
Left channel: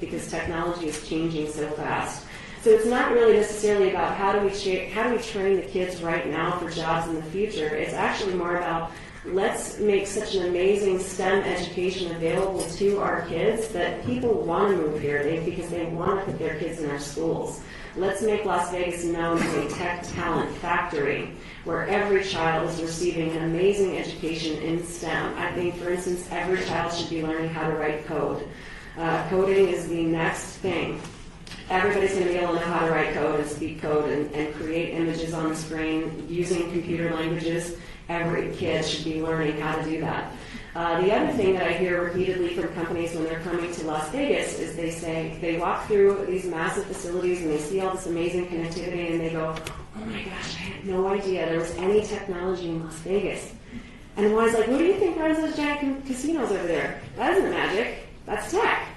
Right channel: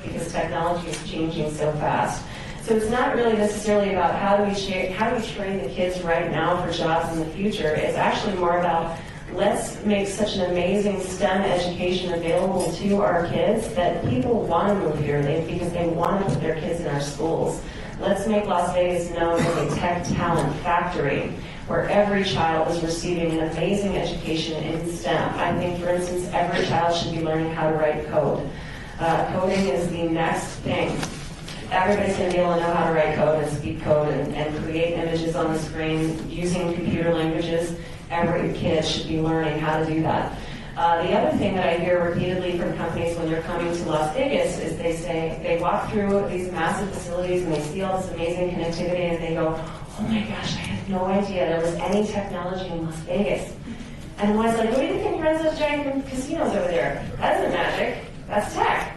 because technology is changing so fast. So it's not really necessarily about how do we train the kids right now for jobs in the future. It's actually more about let's make such an amazing STEM education available to our kids that people want to move here because they want to put their kids in our schools. Let's make Las Vegas known as a tech talent factory where every child is receiving an amazing education in STEM. I think, for instance, every child should be learning how to write code. Coding is the next thing. Everybody's going to be able to know how to write code and speak code and create images on the screen using computer languages. Every kid should be learning how to do that. The other thing that I hear repeatedly from companies when they're coming to Las Vegas is they walk through these massive facilities and they see all this amazing connectivity and they go, oh my gosh, I had no idea there was any technology in Las Vegas. And when I was like, what do you think runs those giant casinos over there? That isn't magic. That's tech.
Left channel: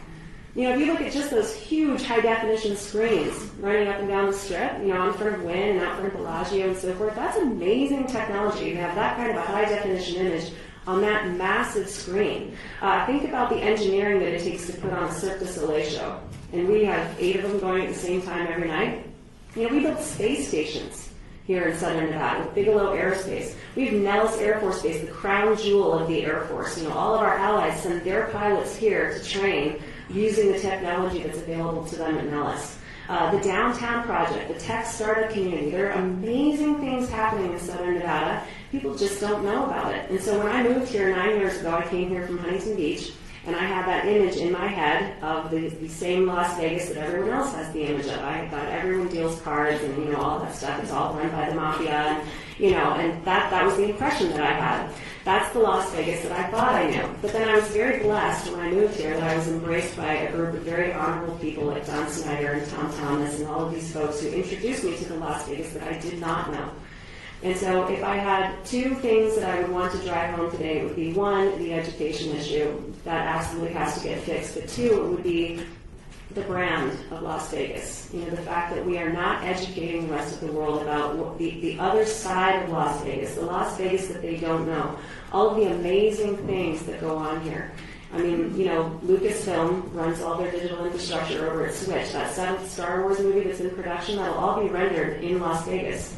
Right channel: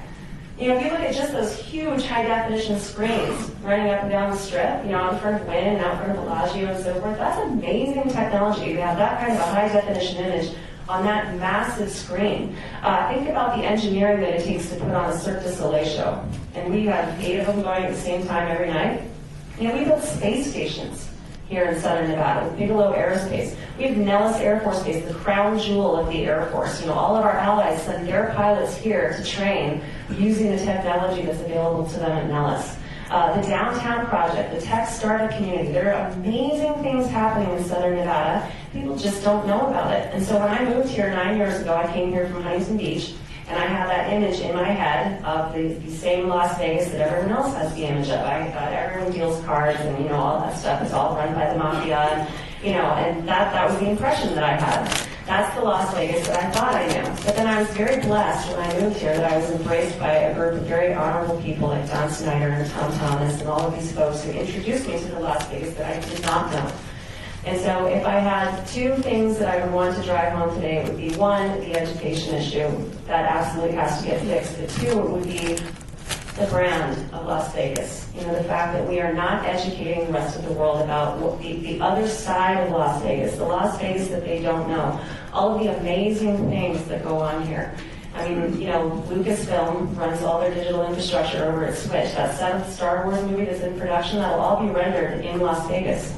You know, if you look at just those huge high-definition screens running up and down the strip, you know, in front of Wynn and out in front of Bellagio and so forth, that's amazing technology to have that kind of a high-definition image on that massive screen. Think about the engineering that it takes to put on a Cirque du Soleil show. And we have 8 of them going at the same time every night. You know, we built space stations here in Southern Nevada, Bigelow Aerospace. We have Nellis Air Force Base, the crown jewel of the Air Force. You know, all of our allies send their pilots here to train using the technology that's available to them at Nellis. The downtown project, the tech startup community, there are amazing things happening in Southern Nevada. People just don't know about it. And so when I moved here 9 years ago, I came here from Huntington Beach, and I have that image in my head of the same Las Vegas that everyone else has the image of. I thought everyone deals cards and, you know, all that stuff. It's all run by the mafia, you know, and that was the impression that I had. That's the Las Vegas that I thought I knew. But then I was very blessed when I moved here that I was embraced by a group of very honorable people like Don Snyder and Tom Thomas and all of these folks who introduced me to the Las Vegas that I did not know. And so if I had 2 things that I would want to drive home today, it would be 1, the education issue. That absolutely has to get fixed. But 2, it would be the brand of Las Vegas. You know, the fact that we are not educating the rest of the world about the other side of Las Vegas, the Las Vegas that they don't know, all of the amazing things that go on here. I mean, you know, Lucasfilm runs all their digital infrastructure over at Switch. That 7th Star Wars movie that's in production, that'll all be rendered in Las Vegas.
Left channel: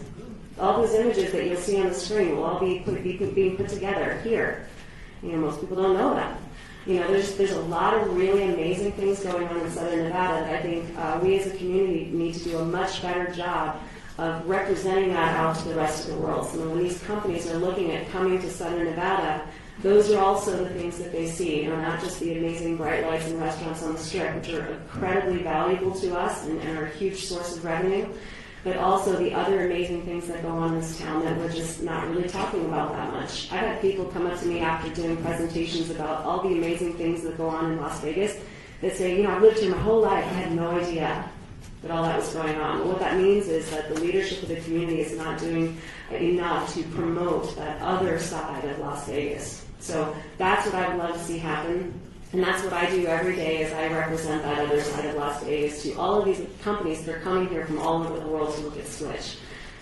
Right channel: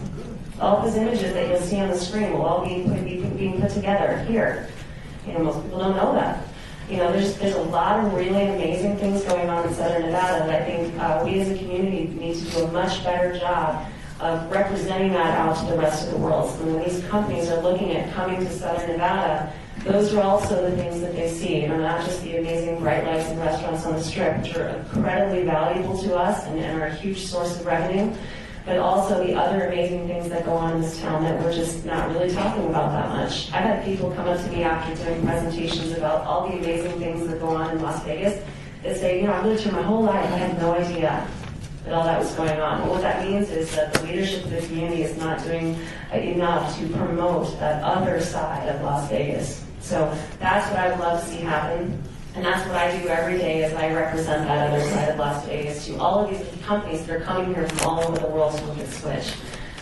All those images that you'll see on the screen will all be being put together here. You know, most people don't know that. You know, there's a lot of really amazing things going on in Southern Nevada that I think we as a community need to do a much better job of representing that out to the rest of the world. So when these companies are looking at coming to Southern Nevada, those are also the things that they see, you know, not just the amazing bright lights and restaurants on the Strip, which are incredibly valuable to us and are a huge source of revenue, but also the other amazing things that go on in this town that we're just not really talking about that much. I've had people come up to me after doing presentations about all the amazing things that go on in Las Vegas that say, you know, I've lived here my whole life, I had no idea that all that was going on. And what that means is that the leadership of the community is not doing enough to promote that other side of Las Vegas. So that's what I would love to see happen. And that's what I do every day as I represent that other side of Las Vegas to all of these companies that are coming here from all over the world to look at Switch.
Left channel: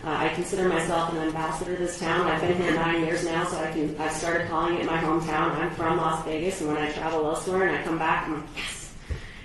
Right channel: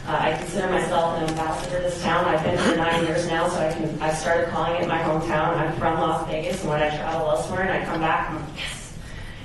I consider myself an ambassador to this town. I've been here 9 years now, so I started calling it my hometown. I'm from Las Vegas, and when I travel elsewhere and I come back, I'm like, yes.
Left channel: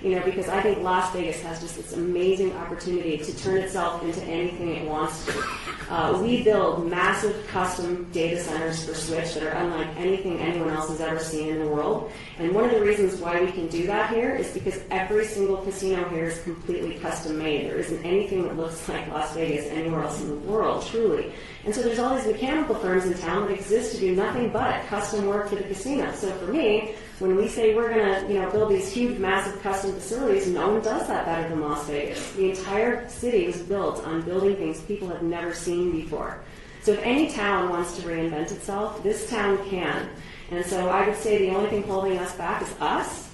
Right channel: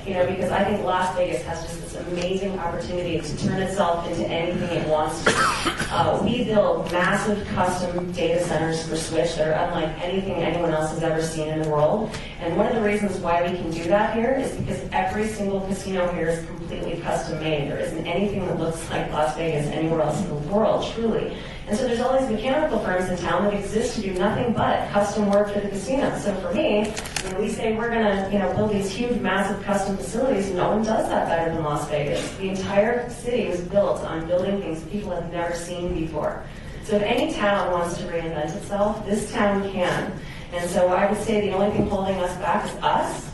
You know, because I think Las Vegas has just this amazing opportunity to turn itself into anything it wants to. We build massive custom data centers for Switch that are unlike anything anyone else has ever seen in the world. And one of the reasons why we can do that here is because every single casino here is completely custom made. There isn't anything that looks like Las Vegas anywhere else in the world, truly. And so there's all these mechanical firms in town that exist to do nothing but custom work for the casino. So for me, when we say we're going to, you know, build these huge, massive custom facilities, no one does that better than Las Vegas. The entire city was built on building things people have never seen before. So if any town wants to reinvent itself, this town can. And so I would say the only thing holding us back is us.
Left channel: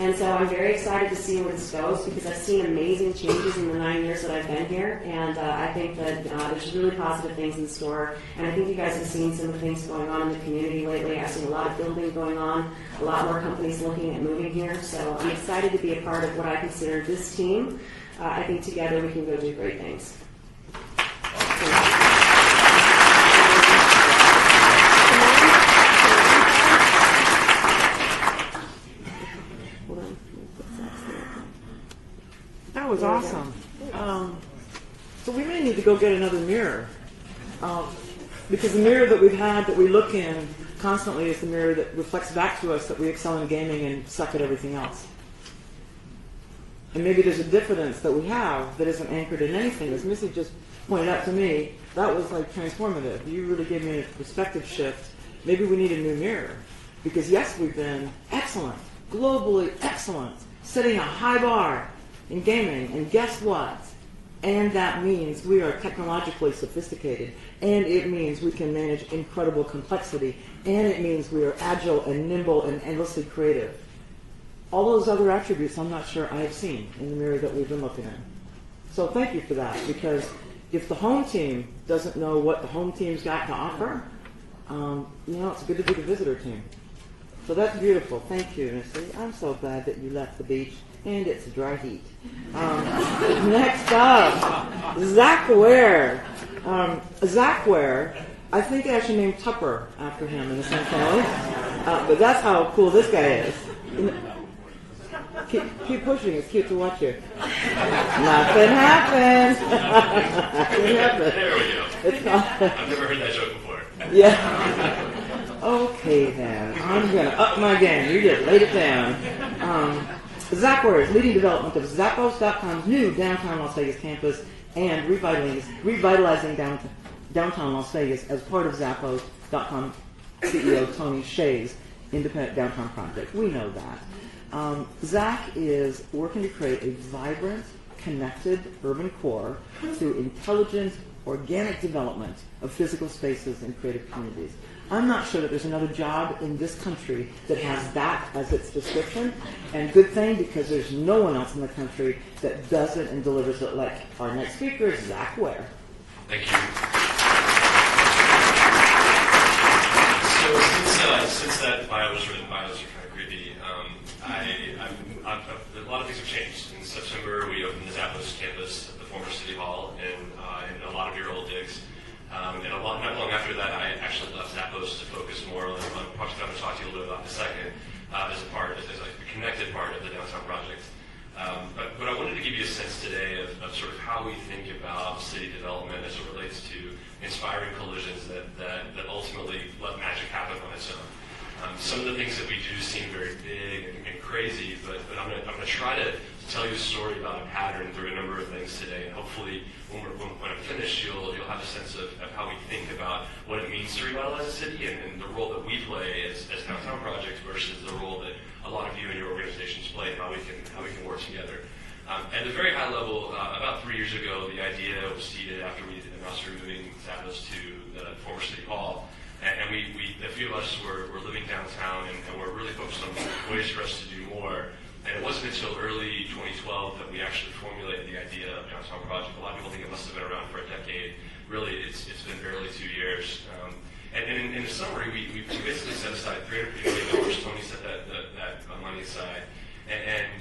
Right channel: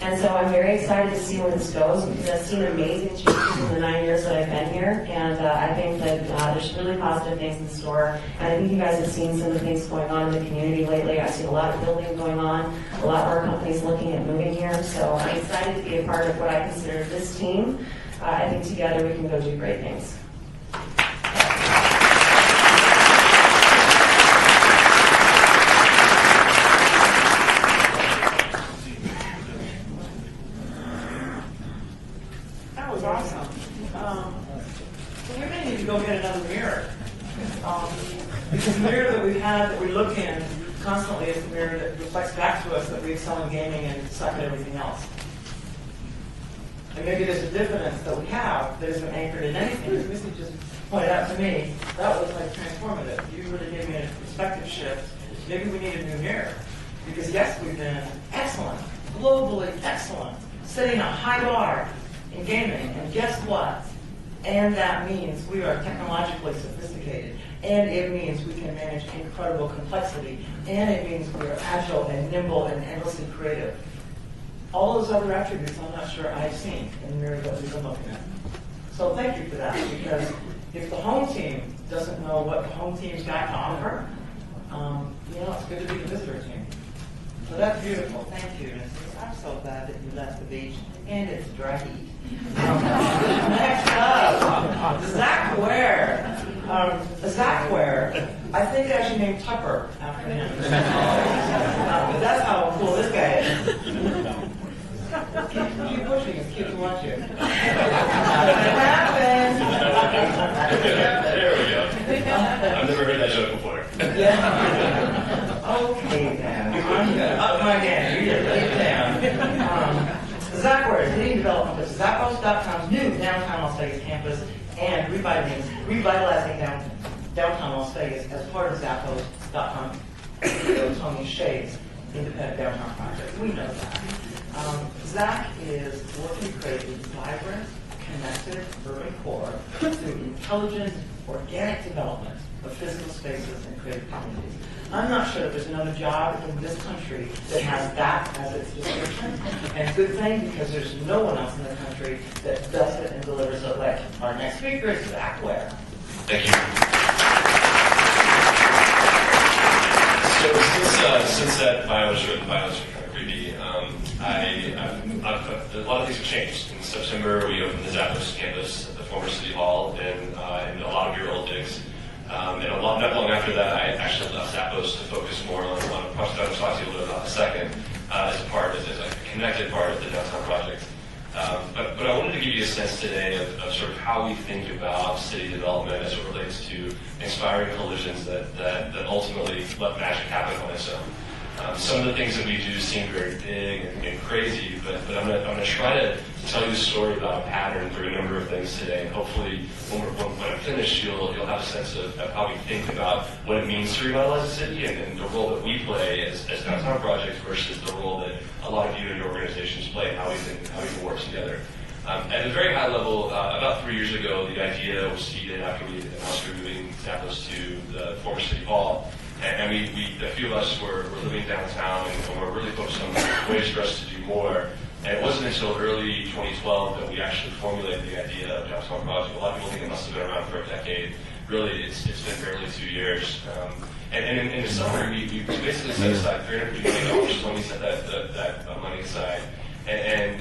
And so I'm very excited to see where this goes because I've seen amazing changes in the 9 years that I've been here. And I think that there's really positive things in store. And I think you guys have seen some of the things going on in the community lately. I've seen a lot of building going on, a lot more companies looking at moving here. So I'm excited to be a part of what I consider this team. I think together we can go do great things. That was awesome. So we may need to go get another mirror. Because the mirror that we've had, that we look in constantly, is the mirror that reflects back to us that we excel in gaming and suck at everything else. And maybe there's a difference that we have that isn't anchored in anything. As Missy just pointed out to me, that was like transformative. You really gave me a perspective shift. Maybe we need a new mirror. Because yes, we've been excellent, globally excellent, setting a high bar in gaming, and guess what? And that means we are technologically sophisticated, and it means we can manage incredible complexity, and it means we are agile and nimble and endlessly creative. All those other attributes I'm not sure I've seen in the mirror that we've been looking at. So thank you for that, because if the home team doesn't know what the home team's got to offer, It's good to be a visitor team. So that's beautiful. Thank you, Mrs. I'm so glad that you left the beach, and it's dry heat. Next up, Zach Ware. Zach Ware, I think they actually named Tupper after him in St. Paul. But that's how cool this guy is. Keep pushing. It's cute to watch you. Nothing happened. There we go. I've never heard that joke before. Yeah. Okay then. I'm gonna up my game. You just lay it down. Zach Ware is leading development of Zappos.com's new downtown Las Vegas campus and revitalizing downtown Las Vegas as part of Zappos.com CEO Tony Hsieh's independent downtown project. We know that. Zach is working to create a vibrant, connected urban core through intelligent, organic development of physical spaces and creative communities. I'm not sure that there's another job in this country that has that as its description, and good thing because there's no one else in the country that does it and delivers it like our next speaker is Zach Ware. Thank you. So since that bio was written, bios are kind of creepy. A lot of things have changed. In September, we opened the Zappos campus at the former City Hall in a lot of your old digs. And not long after that, I actually left Zappos to focus more on a project I'm talking to you a little bit about in a second, as a connected part of the downtown project. But I wanted to give you a sense today of sort of how we think about city development as it relates to inspiring collisions that ultimately let magic happen on its own. Some of the things that we do seem very big and crazy, but I'm going to try to tell you a story about a pattern through a number of things today. And hopefully, when I'm finished, you'll have a sense of how we think about what it means to revitalize a city and the role that we play as downtown projects versus the role that a lot of you and your organizations play and how we can work together. At a very high level, about 3 years ago, the idea was seeded after we announced we were moving Zappos to the former City Hall. And a few of us were living downtown and we're really focused on ways for us to do more. And it wasn't until early 2012 that we actually formulated the idea of Downtown Project. A lot of people think it must have been around for a decade. Really, it's been barely 2 years. And in the summer, we basically set aside $350 million when we set that money aside. And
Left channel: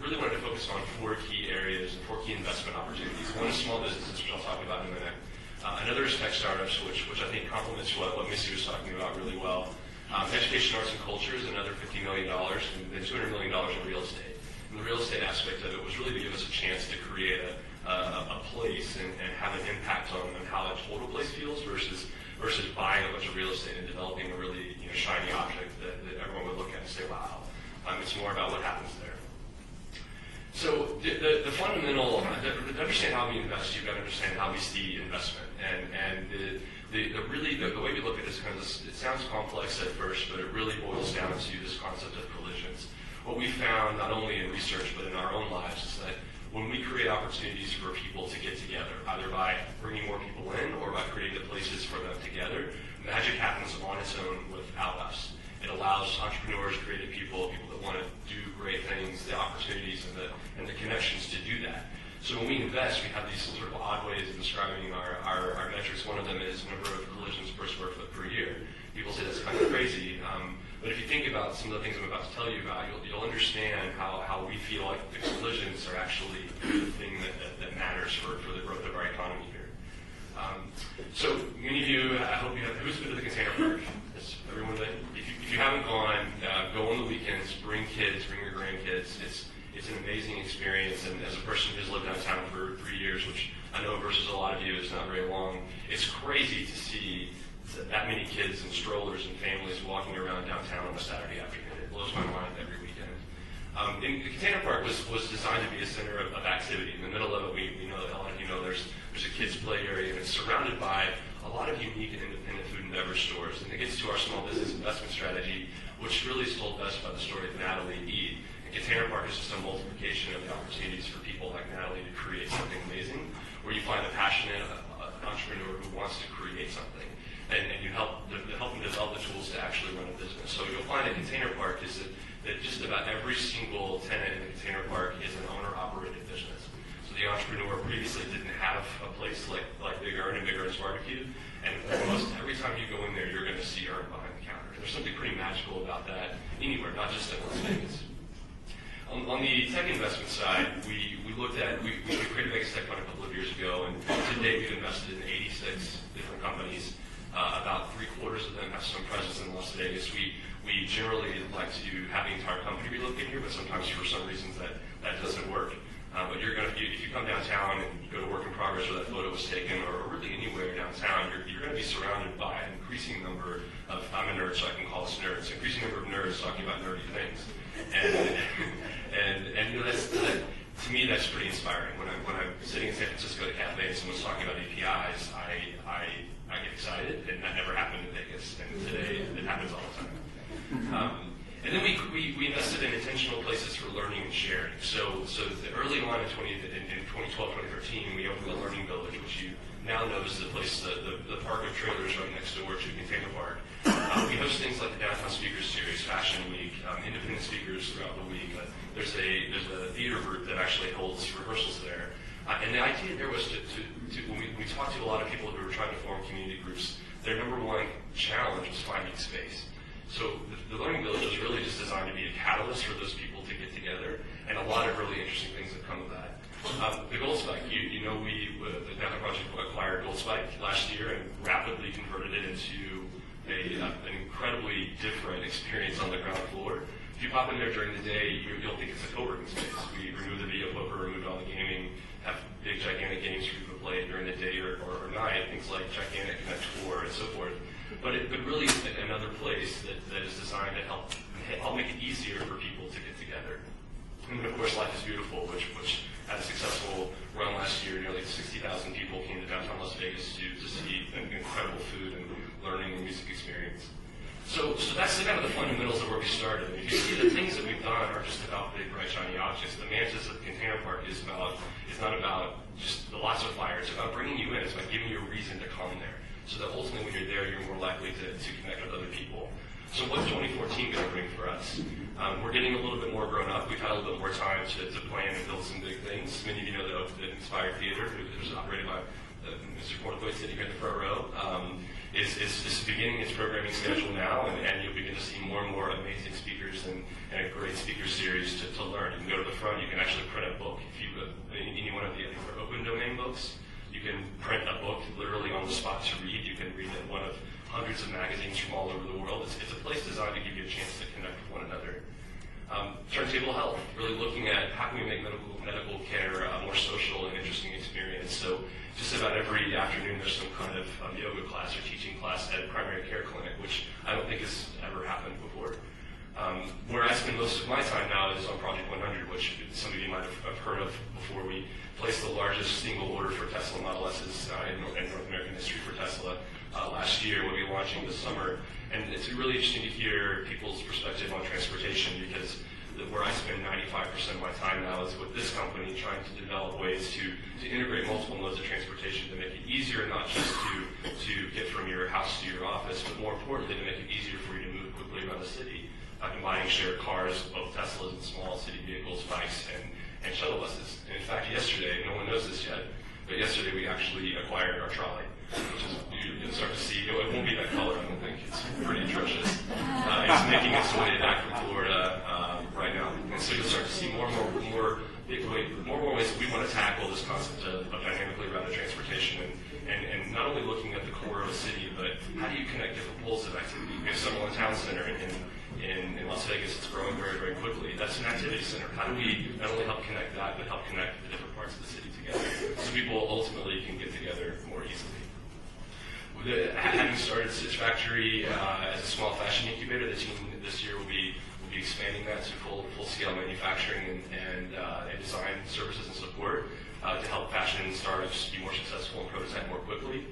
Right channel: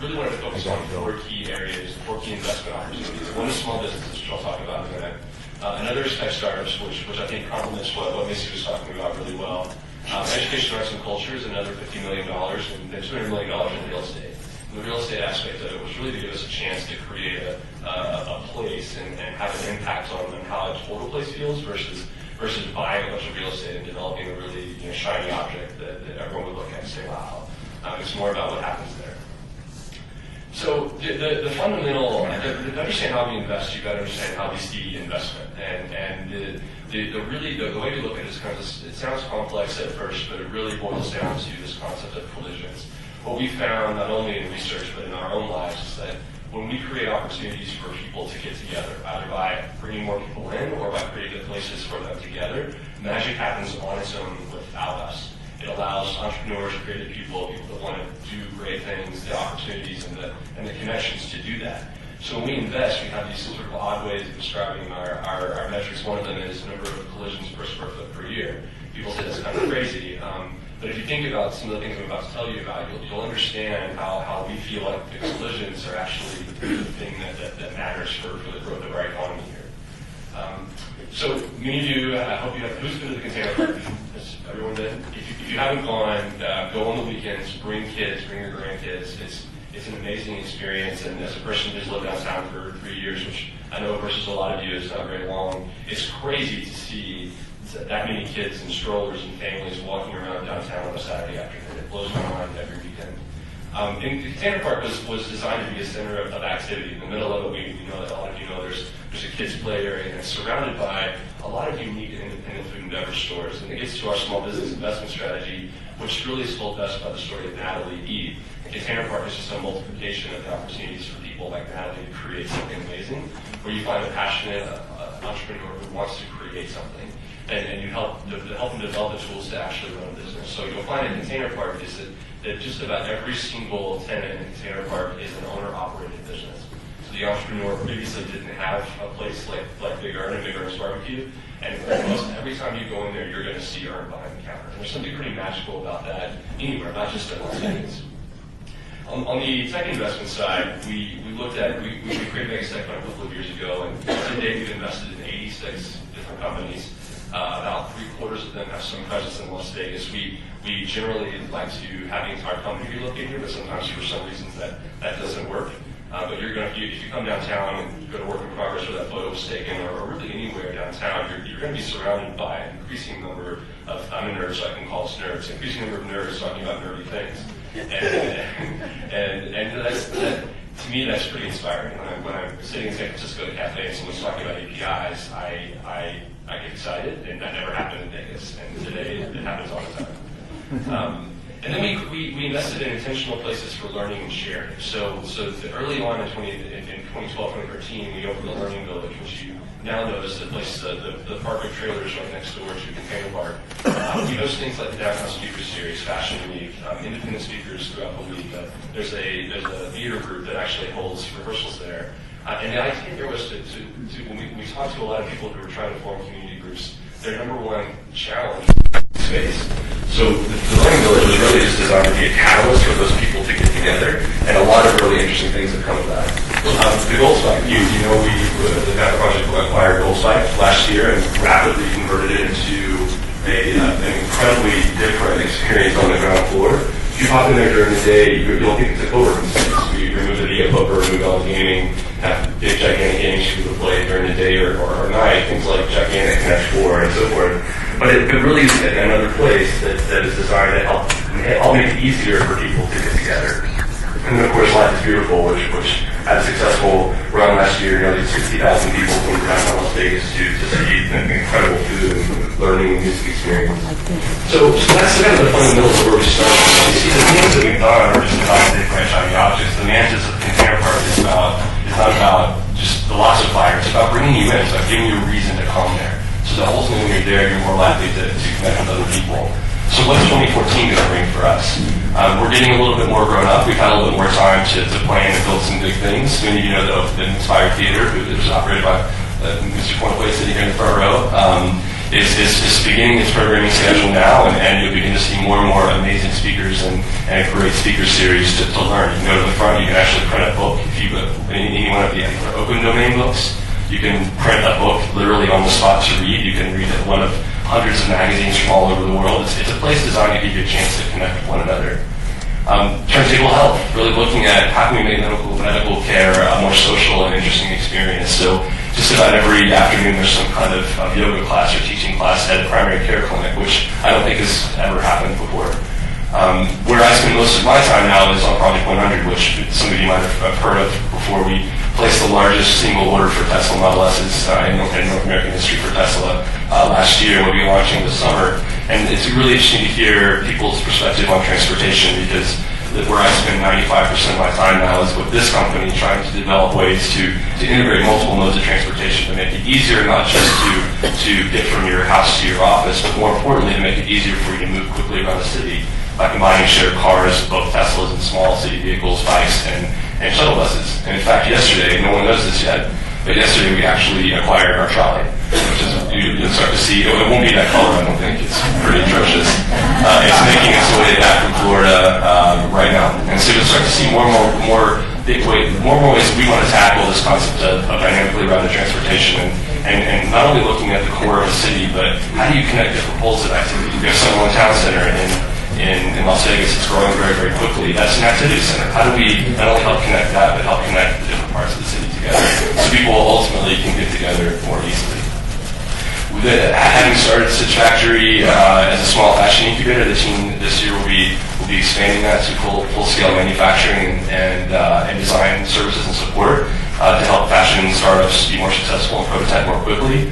really wanted to focus on 4 key areas, 4 key investment opportunities. One is small businesses, which I'll talk about in a minute. Another is tech startups, which I think complements what Missy was talking about really well. Education, arts, and culture is another $50 million, and $200 million in real estate. And the real estate aspect of it was really to give us a chance to create a place and have an impact on how a total place feels versus buying a bunch of real estate and developing a really shiny object that everyone would look at and say, wow. It's more about what happens there. So the fundamental, to understand how we invest, you've got to understand how we see investment. And the way we look at it is it sounds complex at first, but it really boils down to this concept of collisions. What we found, not only in research, but in our own lives, is that when we create opportunities for people to get together, either by bringing more people in or by creating places for them together, magic happens on its own without us. It allows entrepreneurs, creative people that want to do great things, the opportunities and the connections to do that. So when we invest, we have these sort of odd ways of describing our metrics. One of them is the number of collisions per square foot per year. People say that's kind of crazy. But if you think about some of the things I'm about to tell you about, you'll understand how we feel like the collisions are actually the thing that matters for the growth of our economy here. So many of you, I hope you have, who's been to the Container Park? Has everyone been? If you haven't gone, go on the weekends, bring kids, bring your grandkids. It's an amazing experience, and as a person who's lived downtown for 3 years, which I know versus a lot of you is not very long, it's crazy to see that many kids and strollers and families walking around downtown on a Saturday afternoon. It blows my mind every weekend. And the Container Park was designed to be a center of activity. In the middle of it, we know that a lot of you know there's a kids' play area, and it's surrounded by a lot of unique and independent food and beverage stores. And it gets to our small business investment strategy, which really is told best by the story of Natalie Ede. And Container Park is just a multiplication of the opportunities for people like Natalie to create something amazing, where you find a passionate entrepreneur who wants to create something. And you help them develop the tools to actually run a business. So you'll find in Container Park is that just about every single tenant in the Container Park is an owner-operated business. So the entrepreneur previously didn't have a place like Big Ern's Barbecue, and almost every time you go in there, you're going to see Ern behind the counter. And there's something pretty magical about that anywhere, not just in Las Vegas. On the tech investment side, we created Megatech a couple of years ago, and to date we've invested in 86 different companies. About 3/4 of them have some presence in Las Vegas. We generally like to have the entire company relocate here, but sometimes for some reasons that doesn't work. But if you come downtown and you go to Work in Progress where that photo was taken, or really anywhere downtown, you're going to be surrounded by an increasing number of, I'm a nerd, so I can call us nerds, increasing number of nerds talking about nerdy things. And that, to me, that's pretty inspiring. When I'm sitting in San Francisco at a cafe and someone's talking about APIs, I get excited, and that never happened in Vegas. And today, it happens all the time. And then we invested in intentional places for learning and sharing. So early on in 2012, 2013, we opened the Learning Village, which you now notice the park of trailers right next door to Container Park. We host things like the Downtown Speaker Series, Fashion Week, independent speakers throughout the week. There's a theater group that actually holds rehearsals there. And the idea there was when we talked to a lot of people who were trying to form community groups, their number one challenge was finding space. So the Learning Village was really just designed to be a catalyst for those people to get together, and a lot of really interesting things have come of that. The Gold Spike, the Meta Project acquired Gold Spike last year and rapidly converted it into an incredibly different experience on the ground floor. If you hop in there during the day, you'll think it's a co-working space. We remove the video poker, remove all the gaming, have big gigantic games for people to play during the day or night, things like gigantic Connect 4 and so forth. But it really is another place that is designed to help make it easier for people to get together. And then, of course, Life is Beautiful, which had a successful run last year. Nearly 60,000 people from downtown Las Vegas to see an incredible food and learning and music experience. So that's kind of the fundamentals of where we started. You see, the things that we've done are just about different shiny objects. The management of the Container Park is not about just the lots of fire. It's about bringing you in. It's about giving you a reason to come there. So that ultimately when you're there, you're more likely to connect with other people. So what's 2014 going to bring for us? We're getting a little bit more grown up. We've had a little bit more time to plan and build some big things. Many of you know the Inspired Theater, which is operated by Mr. Pointway sitting here in the front row, is beginning its programming schedule now, and you'll begin to see more and more amazing speakers and a great speaker series to learn. You can go to the front, you can actually print a book. If you any one of the open domain books, you can print a book literally on the spot to read. You can read one of hundreds of magazines from all over the world. It's a place designed to give you a chance to connect with one another. Turntable Health, really looking at how can we make medical care a more social and interesting experience. So just about every afternoon there's some kind of yoga class or teaching class at a primary care clinic, which I don't think has ever happened before. Where I spend most of my time now is on Project 100, which some of you might have heard of before. We placed the largest single order for Tesla Model S's in North American history for Tesla last year. We'll be launching this summer. And it's really interesting to hear people's perspective on transportation, because where I spend 95% of my time now is with this company trying to develop ways to integrate multiple modes of transportation to make it easier not just to get from your house to your office, but more importantly to make it easier for you to move quickly around the city by combining shared cars, both Teslas and small city vehicles, bikes, and shuttle buses. And in fact, yesterday, no one knows this yet, but yesterday we actually acquired our trolley, which is, you'll start to see, it won't be that color, I don't think, it's pretty atrocious. It's making its way back from Florida right now. And so you'll start to see more and more ways we want to tackle this concept of dynamically routed transportation, and not only looking at the core of a city, but how do you connect different poles of activity? We have Summerlin Town Center in Las Vegas. It's growing very, very quickly. That's an activity center. How do we not only help connect that, but help connect the different parts of the city together so people ultimately can get together more easily? Having started Stitch Factory as a small fashion incubator, the team this year will be expanding that to full-scale manufacturing and design services and support to help fashion startups be more successful and prototype more quickly.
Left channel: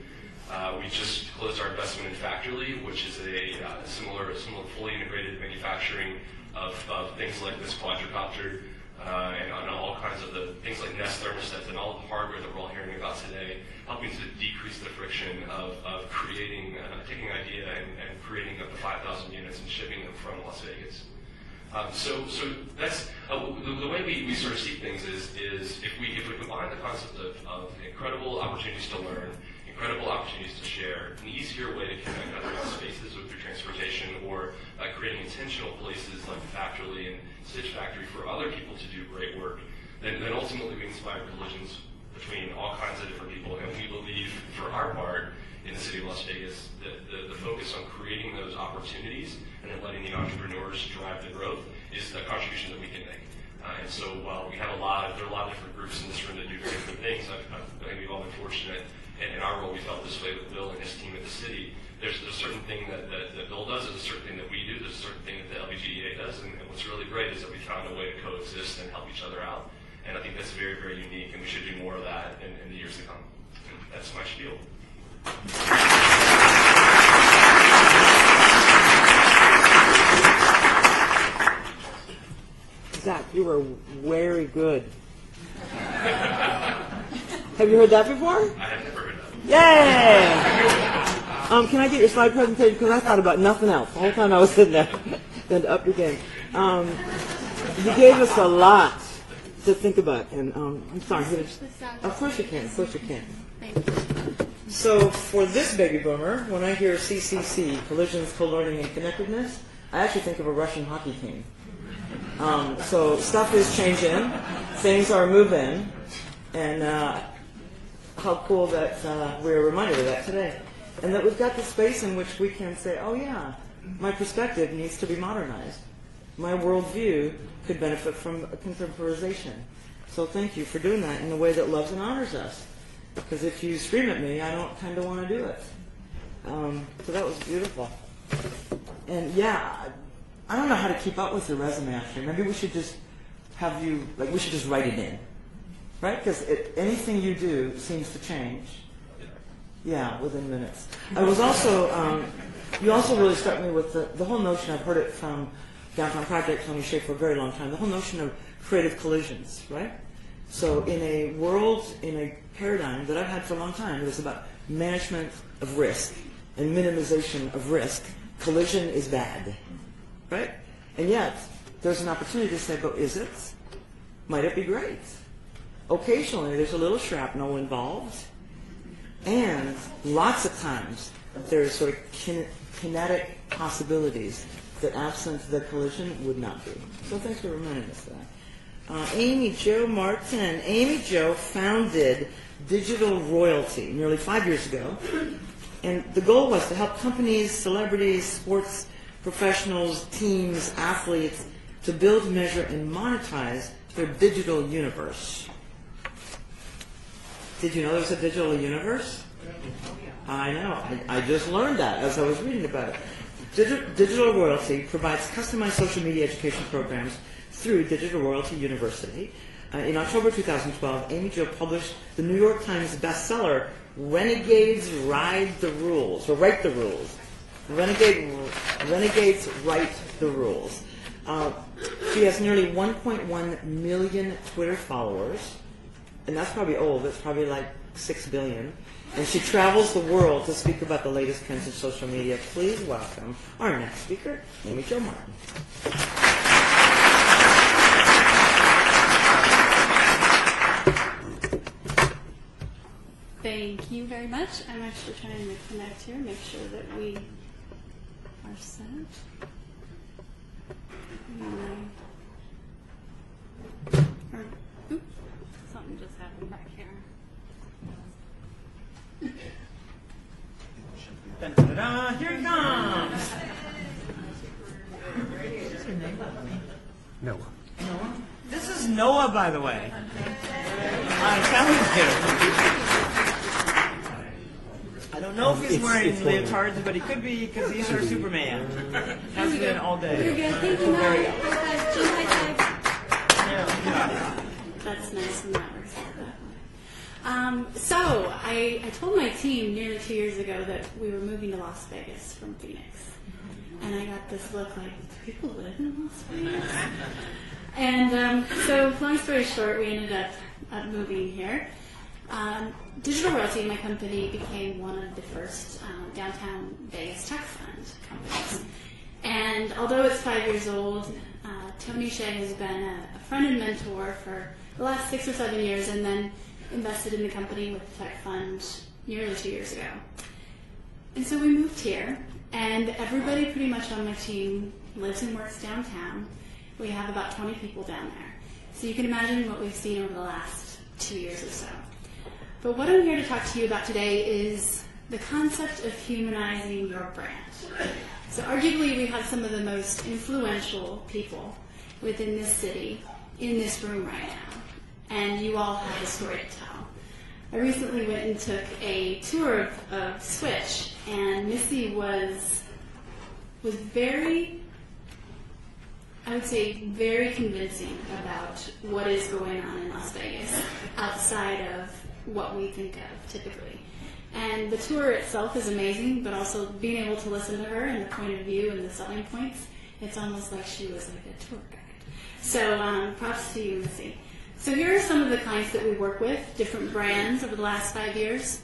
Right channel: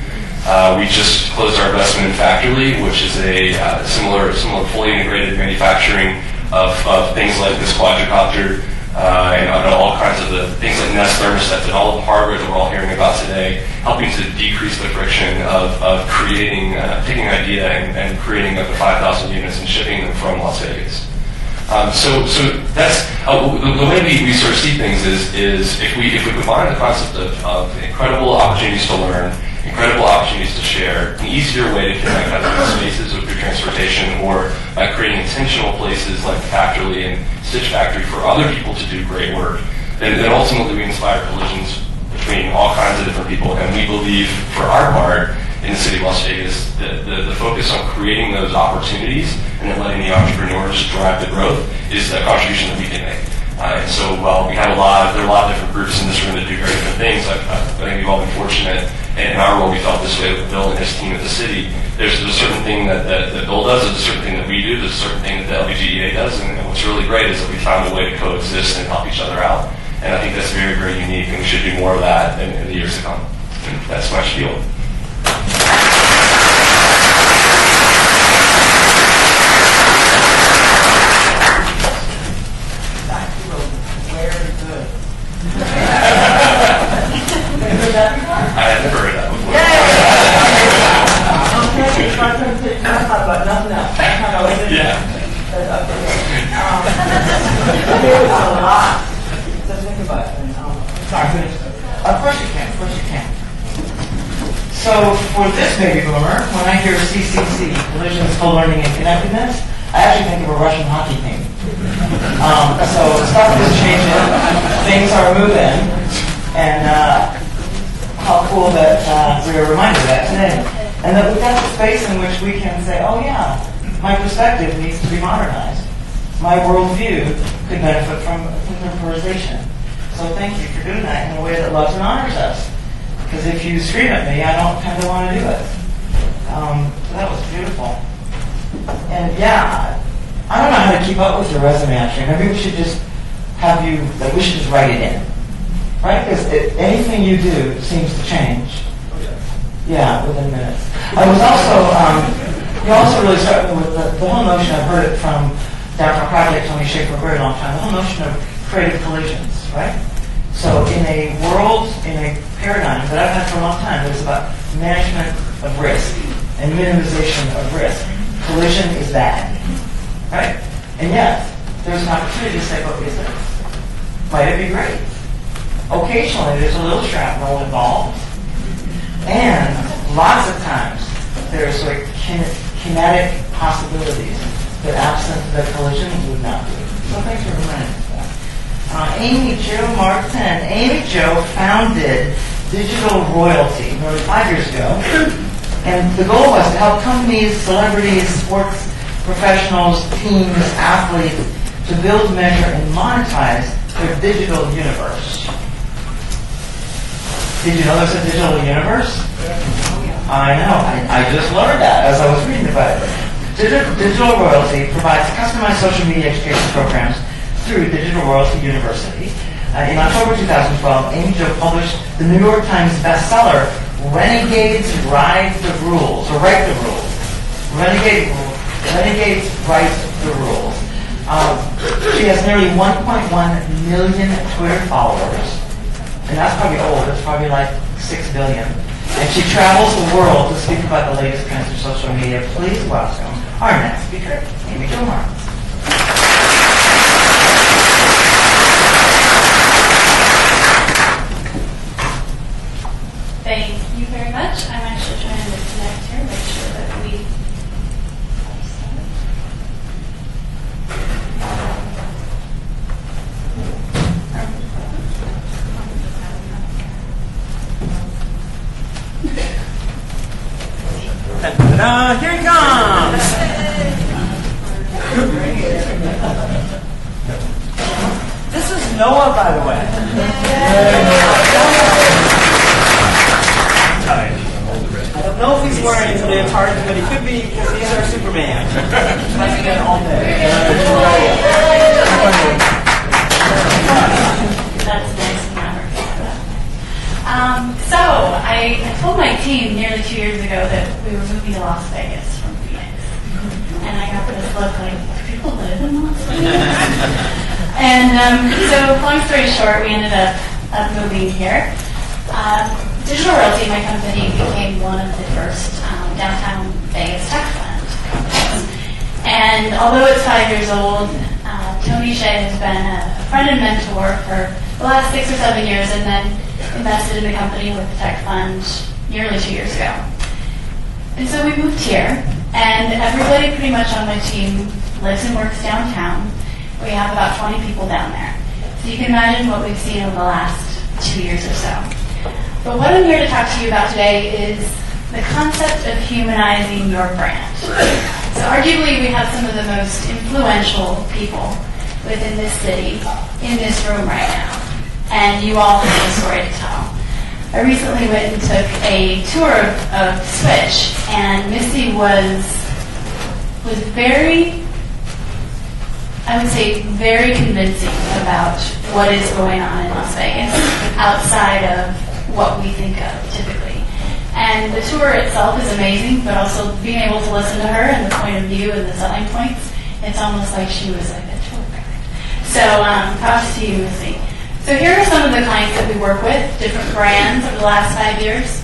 We just closed our investment in Factorly, which is a similar fully integrated manufacturing of things like this quadricopter and all kinds of the things like Nest thermostats and all of the hardware that we're all hearing about today, helping to decrease the friction of creating, taking an idea and creating up to 5,000 units and shipping them from Las Vegas. So that's the way we sort of see things is if we combine the concept of incredible opportunities to learn, incredible opportunities to share, an easier way to connect other spaces with your transportation, or by creating intentional places like Factorly and Stitch Factory for other people to do great work, then ultimately we inspire collisions between all kinds of different people. And we believe, for our part, in the city of Las Vegas, the focus on creating those opportunities and then letting the entrepreneurs drive the growth is the contribution that we can make. And so while there are a lot of different groups in this room that do very different things, I think we've all been fortunate, and in our role we felt this way with Bill and his team at the city. There's a certain thing that Bill does, there's a certain thing that we do, there's a certain thing that the LVGEA does, and what's really great is that we found a way to coexist and help each other out. And I think that's very, very unique, and we should do more of that in the years to come. And that's my spiel. You were very good. Have you heard that before? I had never heard that before. Can I take my presentation? I thought about nothing else. I thought I was sitting up here. There was a lot to think about. And, sorry, finish. Of course you can. Of course you can. So for this baby boomer, when I hear CCC, collisions, co-learning, and connectedness, I actually think of a Russian hockey team. So stuff is changing, things are moving, and how cool that we are reminded of that today. And that we've got a space in which we can say, oh yeah, my perspective needs to be modernized. My worldview could benefit from contemporization. So thank you for doing that in a way that loves and honors us. Because if you scream at me, I don't kind of want to do it. That was beautiful. And yeah, I don't know how to keep up with your resume actually. Maybe we should just have you, like we should just write it in. Right? Because anything you do seems to change. Yeah, within minutes. I was also, you also really struck me with the whole notion, I've heard it from Downtown Project, Tony Shea for a very long time, the whole notion of creative collisions, right? So in a world, in a paradigm that I've had for a long time, it's about management of risk and minimization of risk. Collision is bad, right? And yet, there's an opportunity to say, what is this? Might it be great? Occasionally, there's a little shrapnel involved, and lots of times, there's sort of kinetic possibilities that absent the collision would not be. So thanks for reminding us that. Amy Jo Martin. Amy Jo founded Digital Royalty nearly 5 years ago. And the goal was to help companies, celebrities, sports professionals, teams, athletes to build, measure, and monetize their digital universe. Did you know there's a digital universe? I know. I just learned that as I was reading about it. Digital Royalty provides customized social media education programs through Digital Royalty University. In October 2012, Amy Jo published the New York Times bestseller, Renegades Ride the Rules, or Write the Rules. Renegades Write the Rules. She has nearly 1.1 million Twitter followers, and that's probably old, it's probably like 6 billion. And she travels the world to speak about the latest trends in social media. Please welcome our next speaker, Amy Jo Martin. Thank you very much. I'm actually trying to connect here, make sure that we Ta-da! Here he comes! This is Noah, by the way. I don't know if he's wearing the leotard, but he could be because he's our Superman. Once again, all day. That's nice and never. So I told my team nearly 2 years ago that we were moving to Las Vegas from Phoenix, and I got this look like, do people live in Las Vegas? And so, long story short, we ended up moving here. Digital Royalty, my company, became one of the first downtown Vegas tech fund companies. And although it's 5 years old, Tony Shea has been a friend and mentor for the last 6 or 7 years, and then invested in the company with the tech fund nearly 2 years ago. And so we moved here, and everybody pretty much on my team lives and works downtown. We have about 20 people down there. So you can imagine what we've seen over the last 2 years or so. But what I'm here to talk to you about today is the concept of humanizing your brand. So arguably we have some of the most influential people within this city in this room right now. And you all have a story to tell. I recently went and took a tour of Switch, and Missy was very, I would say, very convincing about what is going on in Las Vegas outside of what we think of typically. And the tour itself is amazing, but also being able to listen to her and the point of view and the selling points, it's almost like she was like a tour guide. So props to you, Missy. So here are some of the clients that we work with, different brands over the last 5 years.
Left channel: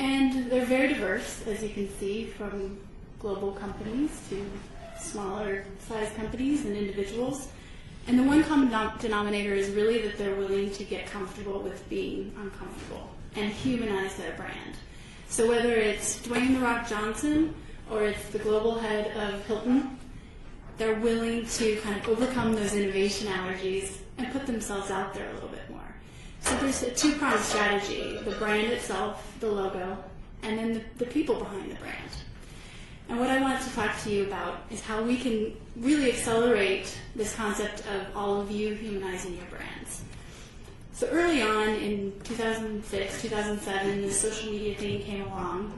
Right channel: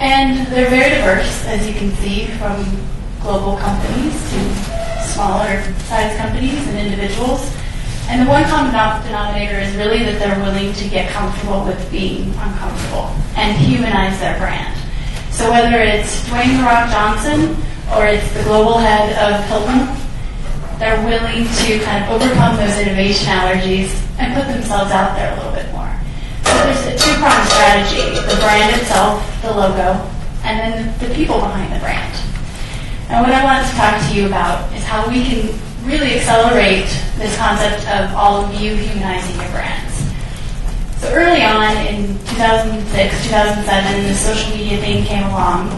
And they're very diverse, as you can see, from global companies to smaller size companies and individuals. And the one common denominator is really that they're willing to get comfortable with being uncomfortable and humanize their brand. So whether it's Dwayne "The Rock" Johnson or it's the global head of Hilton, they're willing to kind of overcome those innovation allergies and put themselves out there a little bit more. So there's a two-pronged strategy: the brand itself, the logo, and then the people behind the brand. And what I want to talk to you about is how we can really accelerate this concept of all of you humanizing your brands. So early on in 2006, 2007, the social media thing came along,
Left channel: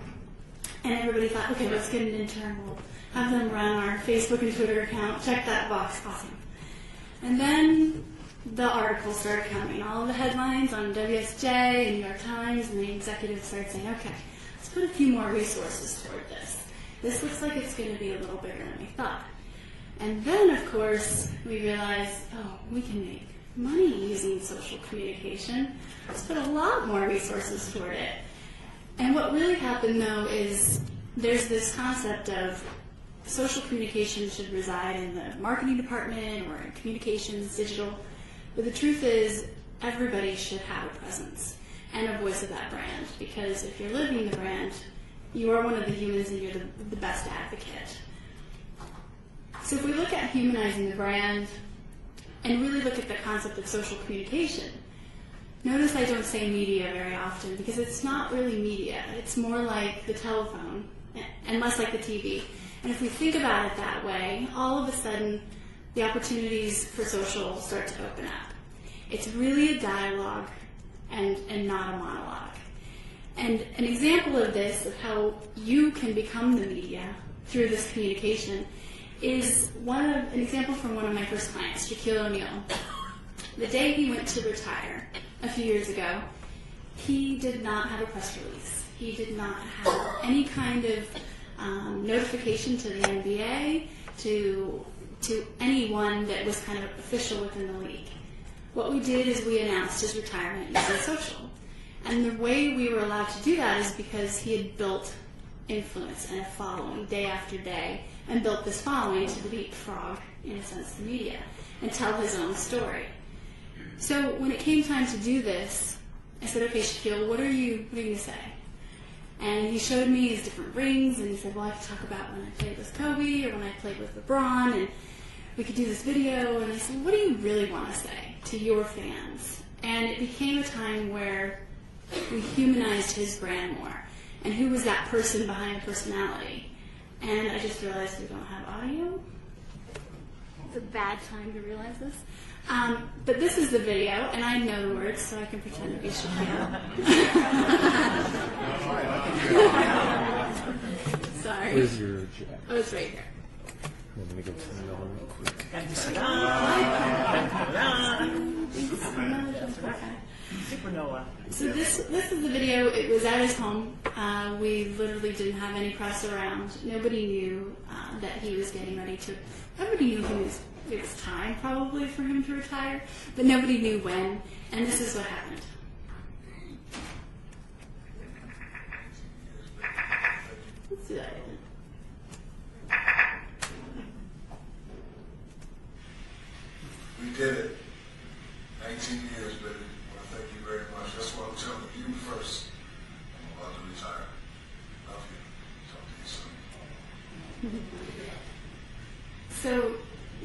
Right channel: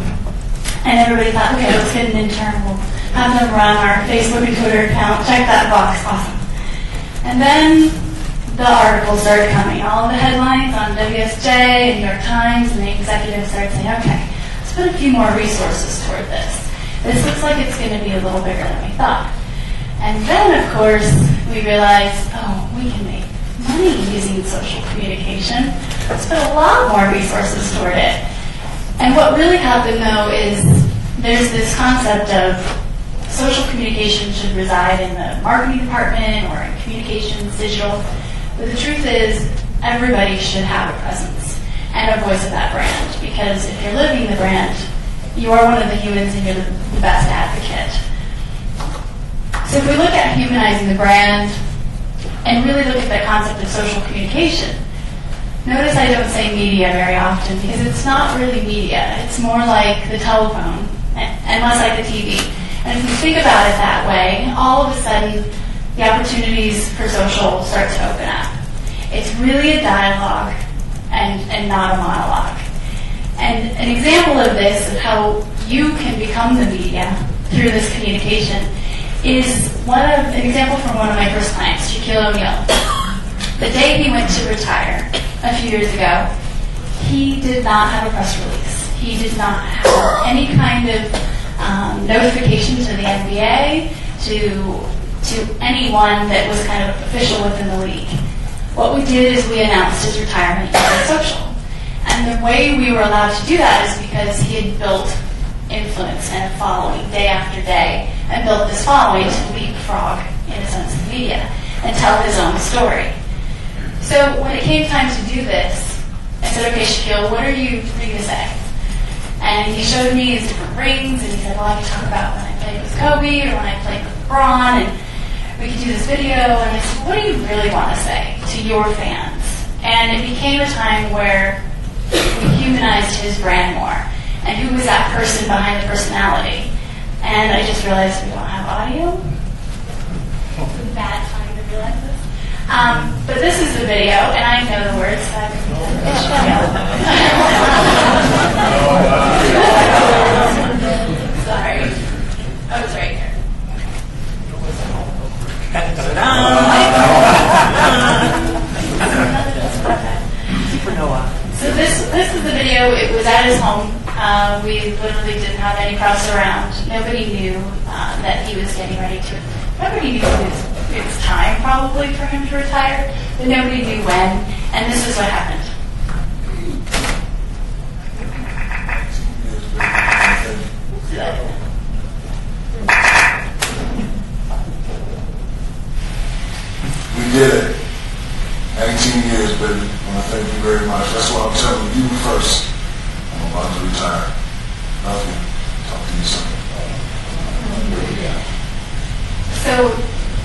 and everybody thought, okay, let's get an intern, we'll have them run our Facebook and Twitter account, check that box, awesome. And then the articles started coming, all of the headlines on WSJ and New York Times, and the executives started saying, okay, let's put a few more resources toward this. This looks like it's going to be a little bigger than we thought. And then, of course, we realized, oh, we can make money using social communication. Let's put a lot more resources toward it. And what really happened, though, is there's this concept of social communication should reside in the marketing department or in communications, digital. But the truth is, everybody should have a presence and a voice of that brand. Because if you're living the brand, you are one of the humans and you're the best advocate. So if we look at humanizing the brand and really look at the concept of social communication, notice I don't say media very often because it's not really media. It's more like the telephone and less like the TV. And if you think about it that way, all of a sudden the opportunities for social start to open up. It's really a dialogue and not a monologue. And an example of this, of how you can become the media through this communication, is an example from one of my first clients, Shaquille O'Neal. The day he went to retire a few years ago, he did not have a press release. He did not have any kind of notification to the NBA, to anyone that was kind of official within the league. What we did is we announced his retirement using social. And the way we were allowed to do that is because he had built influence and a following day after day, and built this following to leapfrog, in a sense, the media and tell his own story. So when it came time to do this, I said, okay, Shaquille, what are you going to say? And he showed me his different rings, and he said, well, I can talk about when I played with Kobe or when I played with LeBron, and we can do this video. And I said, what do you really want to say to your fans? And it became a time where we humanized his brand more. And who was that person behind the personality? And I just realized we don't have audio. It's a bad time to realize this. But this is the video, and I know the words. So sorry. Oh, it's right here. Supernova. So this is the video. It was at his home. We literally didn't have any press around. Nobody knew that he was getting ready to. Nobody knew it was time probably for him to retire, but nobody knew when. And this is what happened. you first. I'm about to retire. Love you. Talk to you soon. So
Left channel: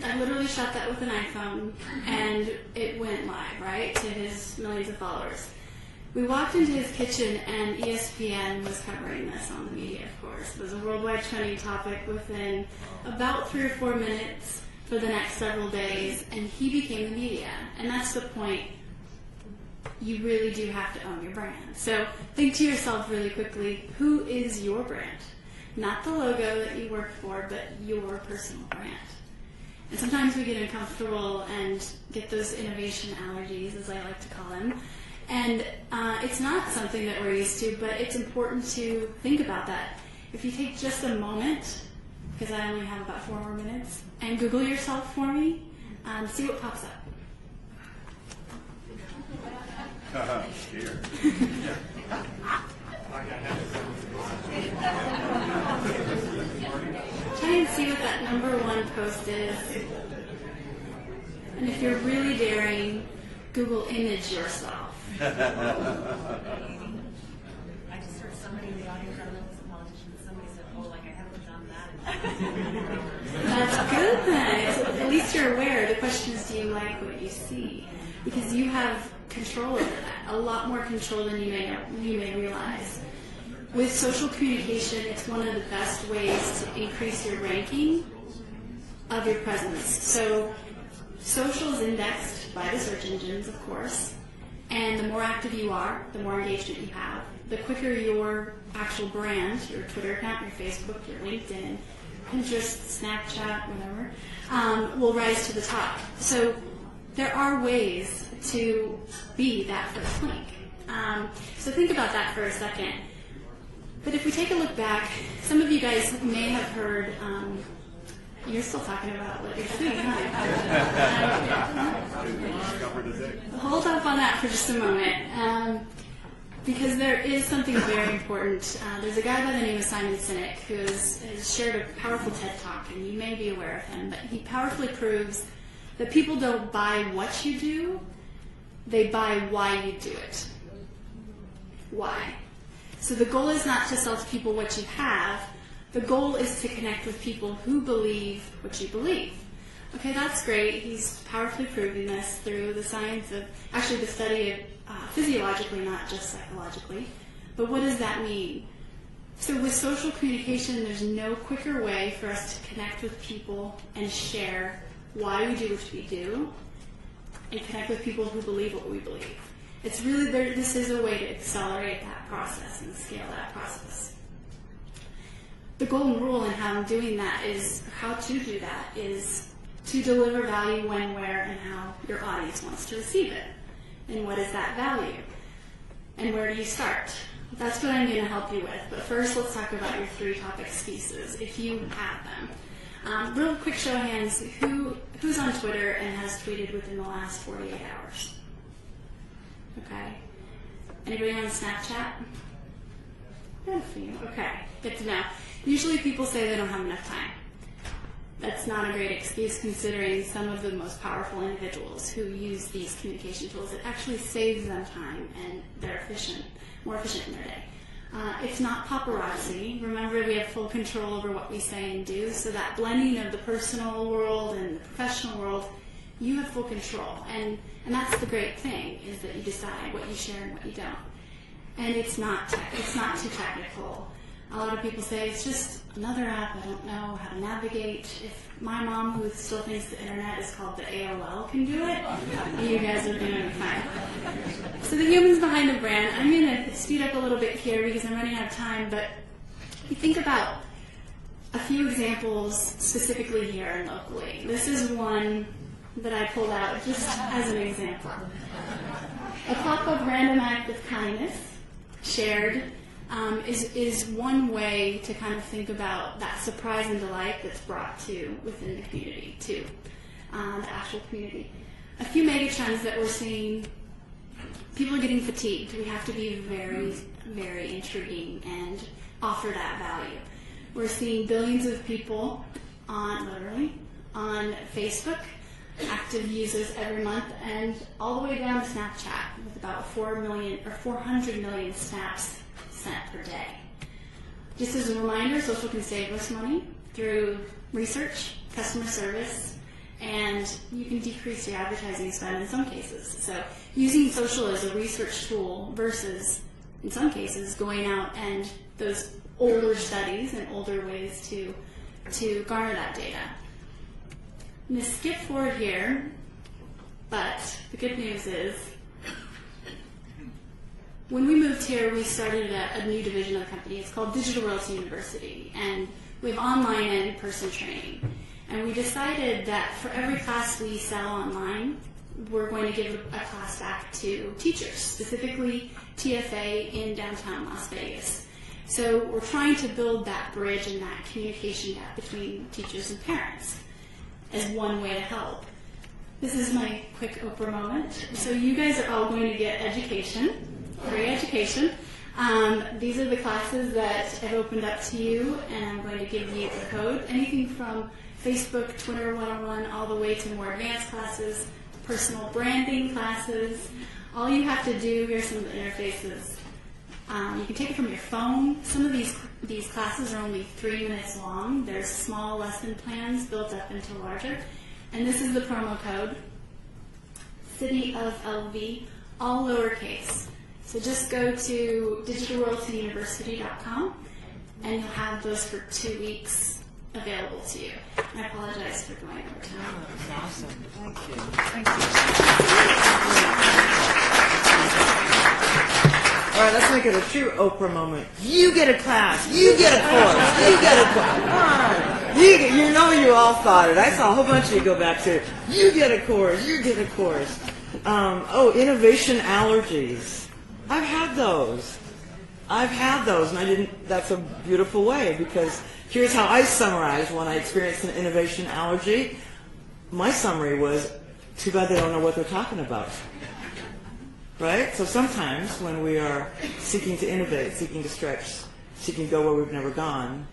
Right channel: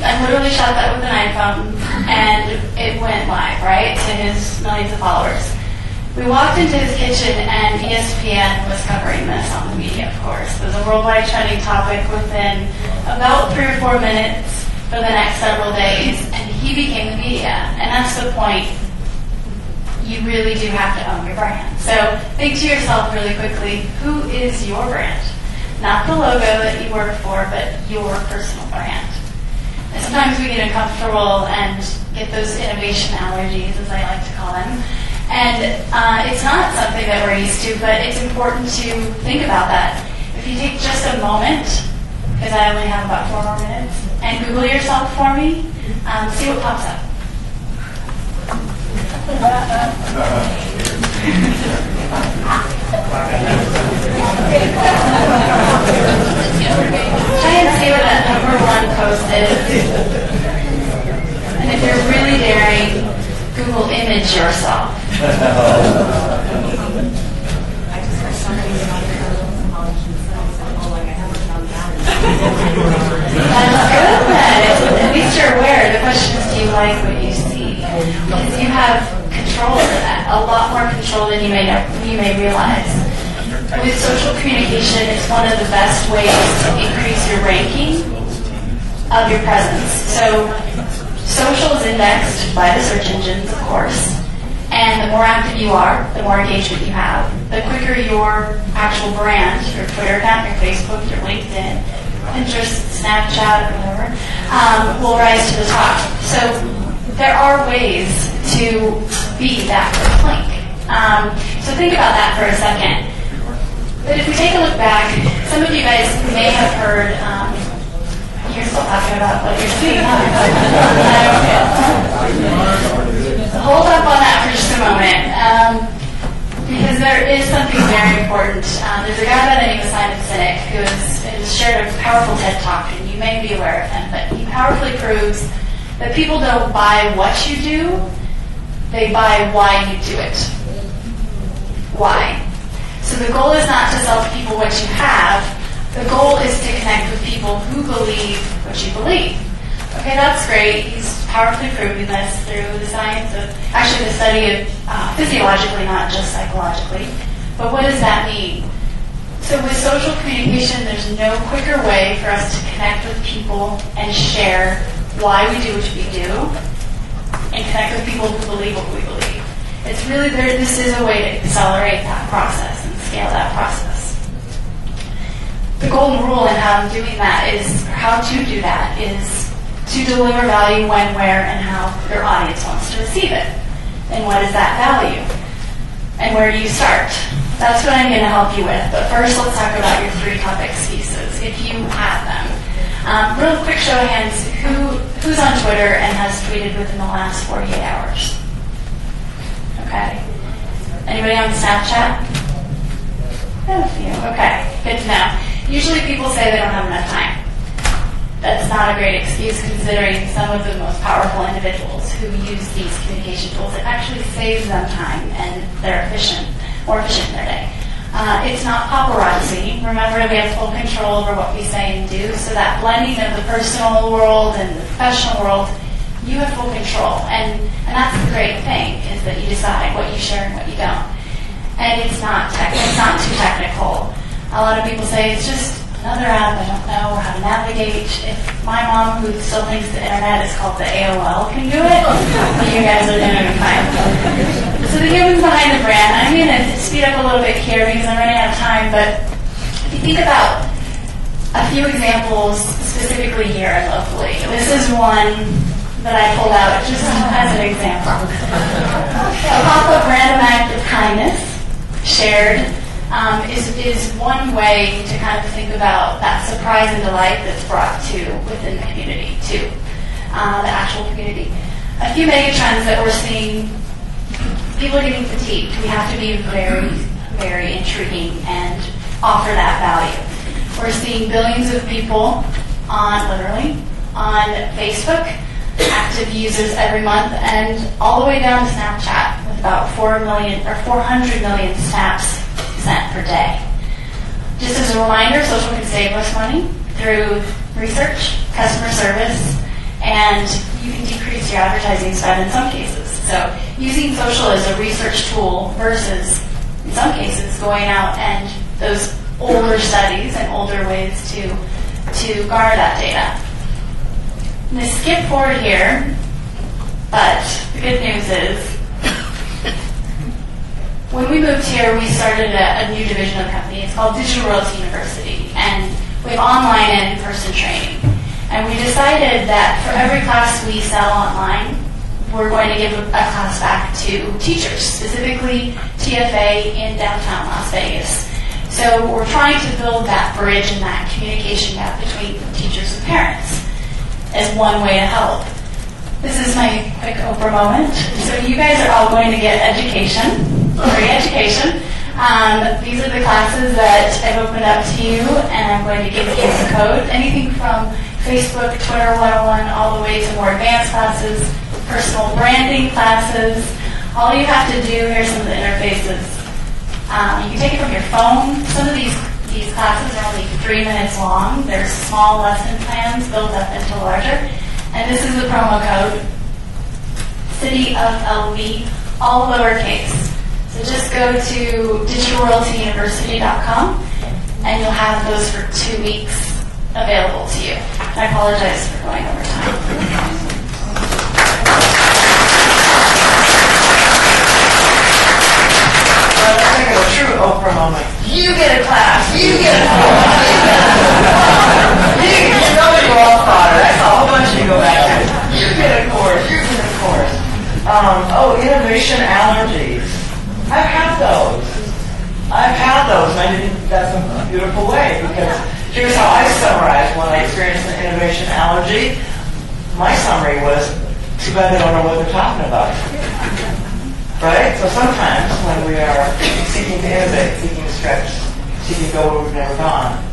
I literally shot that with an iPhone, and it went live, right, to his millions of followers. We walked into his kitchen, and ESPN was covering this on the media, of course. It was a worldwide trending topic within about 3 or 4 minutes for the next several days, and he became the media. And that's the point. You really do have to own your brand. So think to yourself really quickly, who is your brand? Not the logo that you work for, but your personal brand. And sometimes we get uncomfortable and get those innovation allergies, as I like to call them. And it's not something that we're used to, but it's important to think about that. If you take just a moment, because I only have about 4 more minutes, and Google yourself for me, see what pops up. Try and see what that #1 post is. And if you're really daring, Google image yourself. That's good then. At least you're aware. The question is, do you like what you see? Because you have control over that, a lot more control than you may realize. With social communication, it's one of the best ways to increase your ranking of your presence. So social is indexed by the search engines, of course, and the more active you are, the more engagement you have, the quicker your actual brand, your Twitter account, your Facebook, your LinkedIn, Pinterest, Snapchat, whatever, will rise to the top. So there are ways to be that first link. So think about that for a second. But if we take a look back, some of you guys may have heard, you're still talking about what you're seeing, huh? Hold up on that for just a moment, because there is something very important. There's a guy by the name of Simon Sinek who has shared a powerful TED Talk, and you may be aware of him, but he powerfully proves that people don't buy what you do, they buy why you do it. Why? So the goal is not to sell people what you have. The goal is to connect with people who believe what you believe. Okay, that's great. He's powerfully proven this through the science of, actually the study of physiologically, not just psychologically. But what does that mean? So with social communication, there's no quicker way for us to connect with people and share why we do what we do and connect with people who believe what we believe. It's really there. This is a way to accelerate that process and scale that process. The golden rule in how I'm doing that is, or how to do that, is to deliver value when, where, and how your audience wants to receive it. And what is that value? And where do you start? That's what I'm going to help you with. But first, let's talk about your 3 top excuses, if you have them. Real quick show of hands, who's on Twitter and has tweeted within the last 48 hours? Okay. Anybody on Snapchat? A few. Okay, good to know. Usually people say they don't have enough time. That's not a great excuse considering some of the most powerful individuals who use these communication tools. It actually saves them time and they're more efficient in their day. It's not paparazzi. Remember, we have full control over what we say and do, so that blending of the personal world and the professional world, you have full control. And that's the great thing, is that you decide what you share and what you don't. And it's not too technical. A lot of people say it's just another app, I don't know how to navigate. If my mom, who still thinks the internet is called the AOL, can do it, you guys are doing it fine. So the humans behind the brand, I'm going to speed up a little bit here because I'm running out of time, but if you think about a few examples specifically here and locally. This is one that I pulled out just as an example. A pop-up random act of kindness shared is one way to kind of think about that surprise and delight that's brought to within the community, to the actual community. A few mega trends that we're seeing, people are getting fatigued. We have to be very, very intriguing and offer that value. We're seeing billions of people on Facebook, active users every month, and all the way down to Snapchat with about 400 million snaps sent per day. Just as a reminder, social can save us money through research, customer service, and you can decrease your advertising spend in some cases. So using social as a research tool versus, in some cases, going out and those older studies and older ways to garner that data. I'm going to skip forward here, but the good news is when we moved here, we started a new division of the company. It's called Digital Royalty University, and we have online and in-person training. And we decided that for every class we sell online, we're going to give a class back to teachers, specifically TFA in downtown Las Vegas. So we're trying to build that bridge and that communication gap between teachers and parents as one way to help. This is my quick Oprah moment. So you guys are all going to get education, free education. These are the classes that I've opened up to you, and I'm going to give you a code. Anything from Facebook, Twitter 101, all the way to more advanced classes, personal branding classes. All you have to do, here's some of the interfaces. You can take it from your phone. Some of these classes are only 3 minutes long. They're small lesson plans built up into larger. And this is the promo code, City of LV, all lowercase. So just go to digitalroyaltyuniversity.com and you'll have those for 2 weeks available to you. I apologize for going over time. Let's make it a true Oprah moment. You get a class. You get a course. You know you all thought it. I saw a whole bunch of you go back there. You get a course. You get a course. Innovation allergies. I've had those. And I think that's a beautiful way, because here's how I summarize when I experience an innovation allergy. My summary was, too bad they don't know what they're talking about. Right? So sometimes when we are seeking to innovate, seeking to stretch, seeking to go where we've never gone,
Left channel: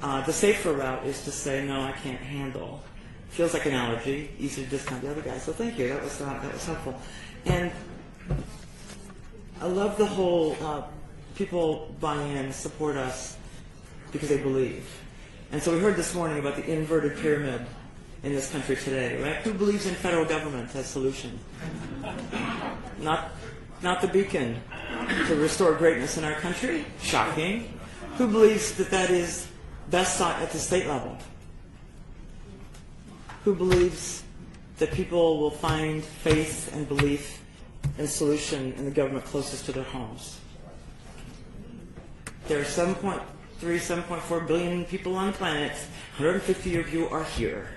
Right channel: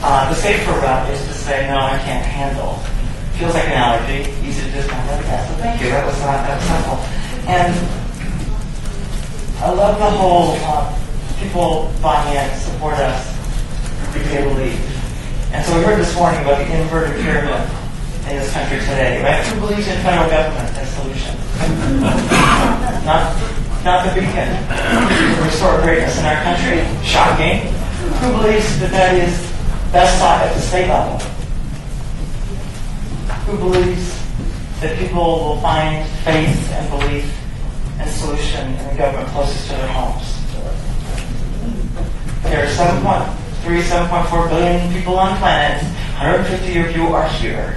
the safer route is to say, no, I can't handle. Feels like an allergy. Easy to discount that. Yeah, so thank you. That was simple. And I love the whole people buying in, support us because they believe. And so we heard this morning about the inverted pyramid in this country today, right? Who believes in federal government as a solution? Not the beacon to restore greatness in our country. Shocking. Who believes that is best sought at the state level? Who believes that people will find faith and belief and solution in the government closest to their homes? There are 7.4 billion people on the planet. 150 of you are here.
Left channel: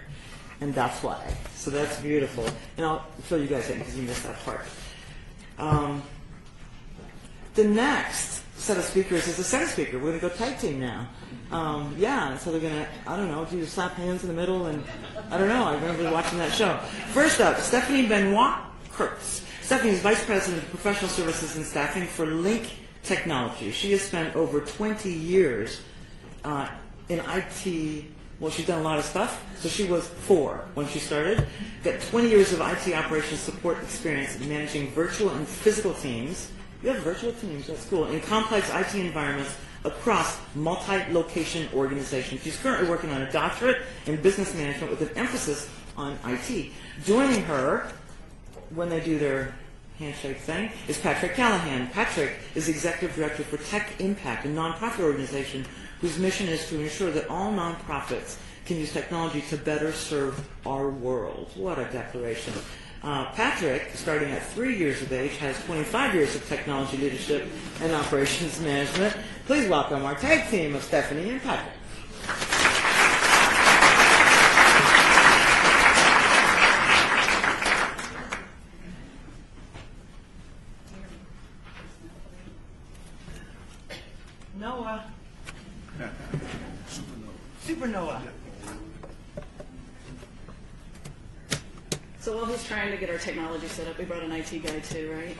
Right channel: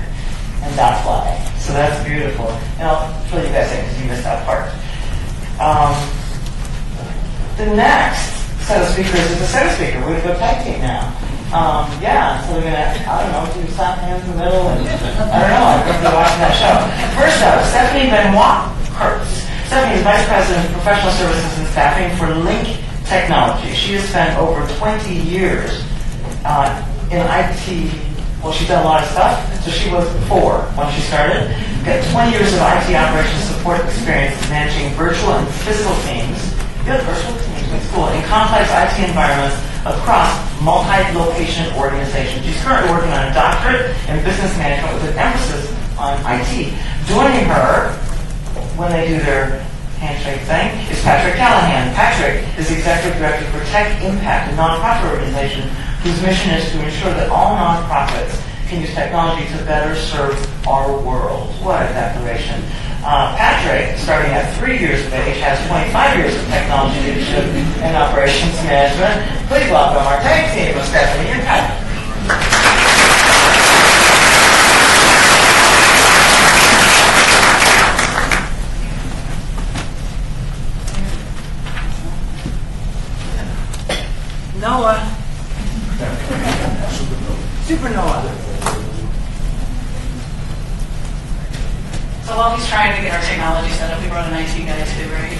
And that's why. So that's beautiful. And I'll fill you guys in because you missed that part. The next set of speakers is a set of speakers. We're going to go tag team now. So we're going to, do slap hands in the middle. And I don't know. I'm going to be watching that show. First up, Stephanie Benoit Kurtz. Stephanie is Vice President of Professional Services and Staffing for Link Technology. She has spent over 20 years in IT. Well, she's done a lot of stuff. So she was 4 when she started. Got 20 years of IT operations support experience managing virtual and physical teams. You have virtual teams, that's cool. In complex IT environments across multi-location organizations. She's currently working on a doctorate in business management with an emphasis on IT. Joining her when they do their handshake thing is Patrick Callahan. Patrick is Executive Director for Tech Impact, a nonprofit organization whose mission is to ensure that all nonprofits can use technology to better serve our world. What a declaration. Patrick, starting at 3 years of age, has 25 years of technology leadership and operations management. Please welcome our tag team of Stephanie and Patrick. Noah. Supernova. So while he's trying to get our technology set up, we brought an IT guy too, right?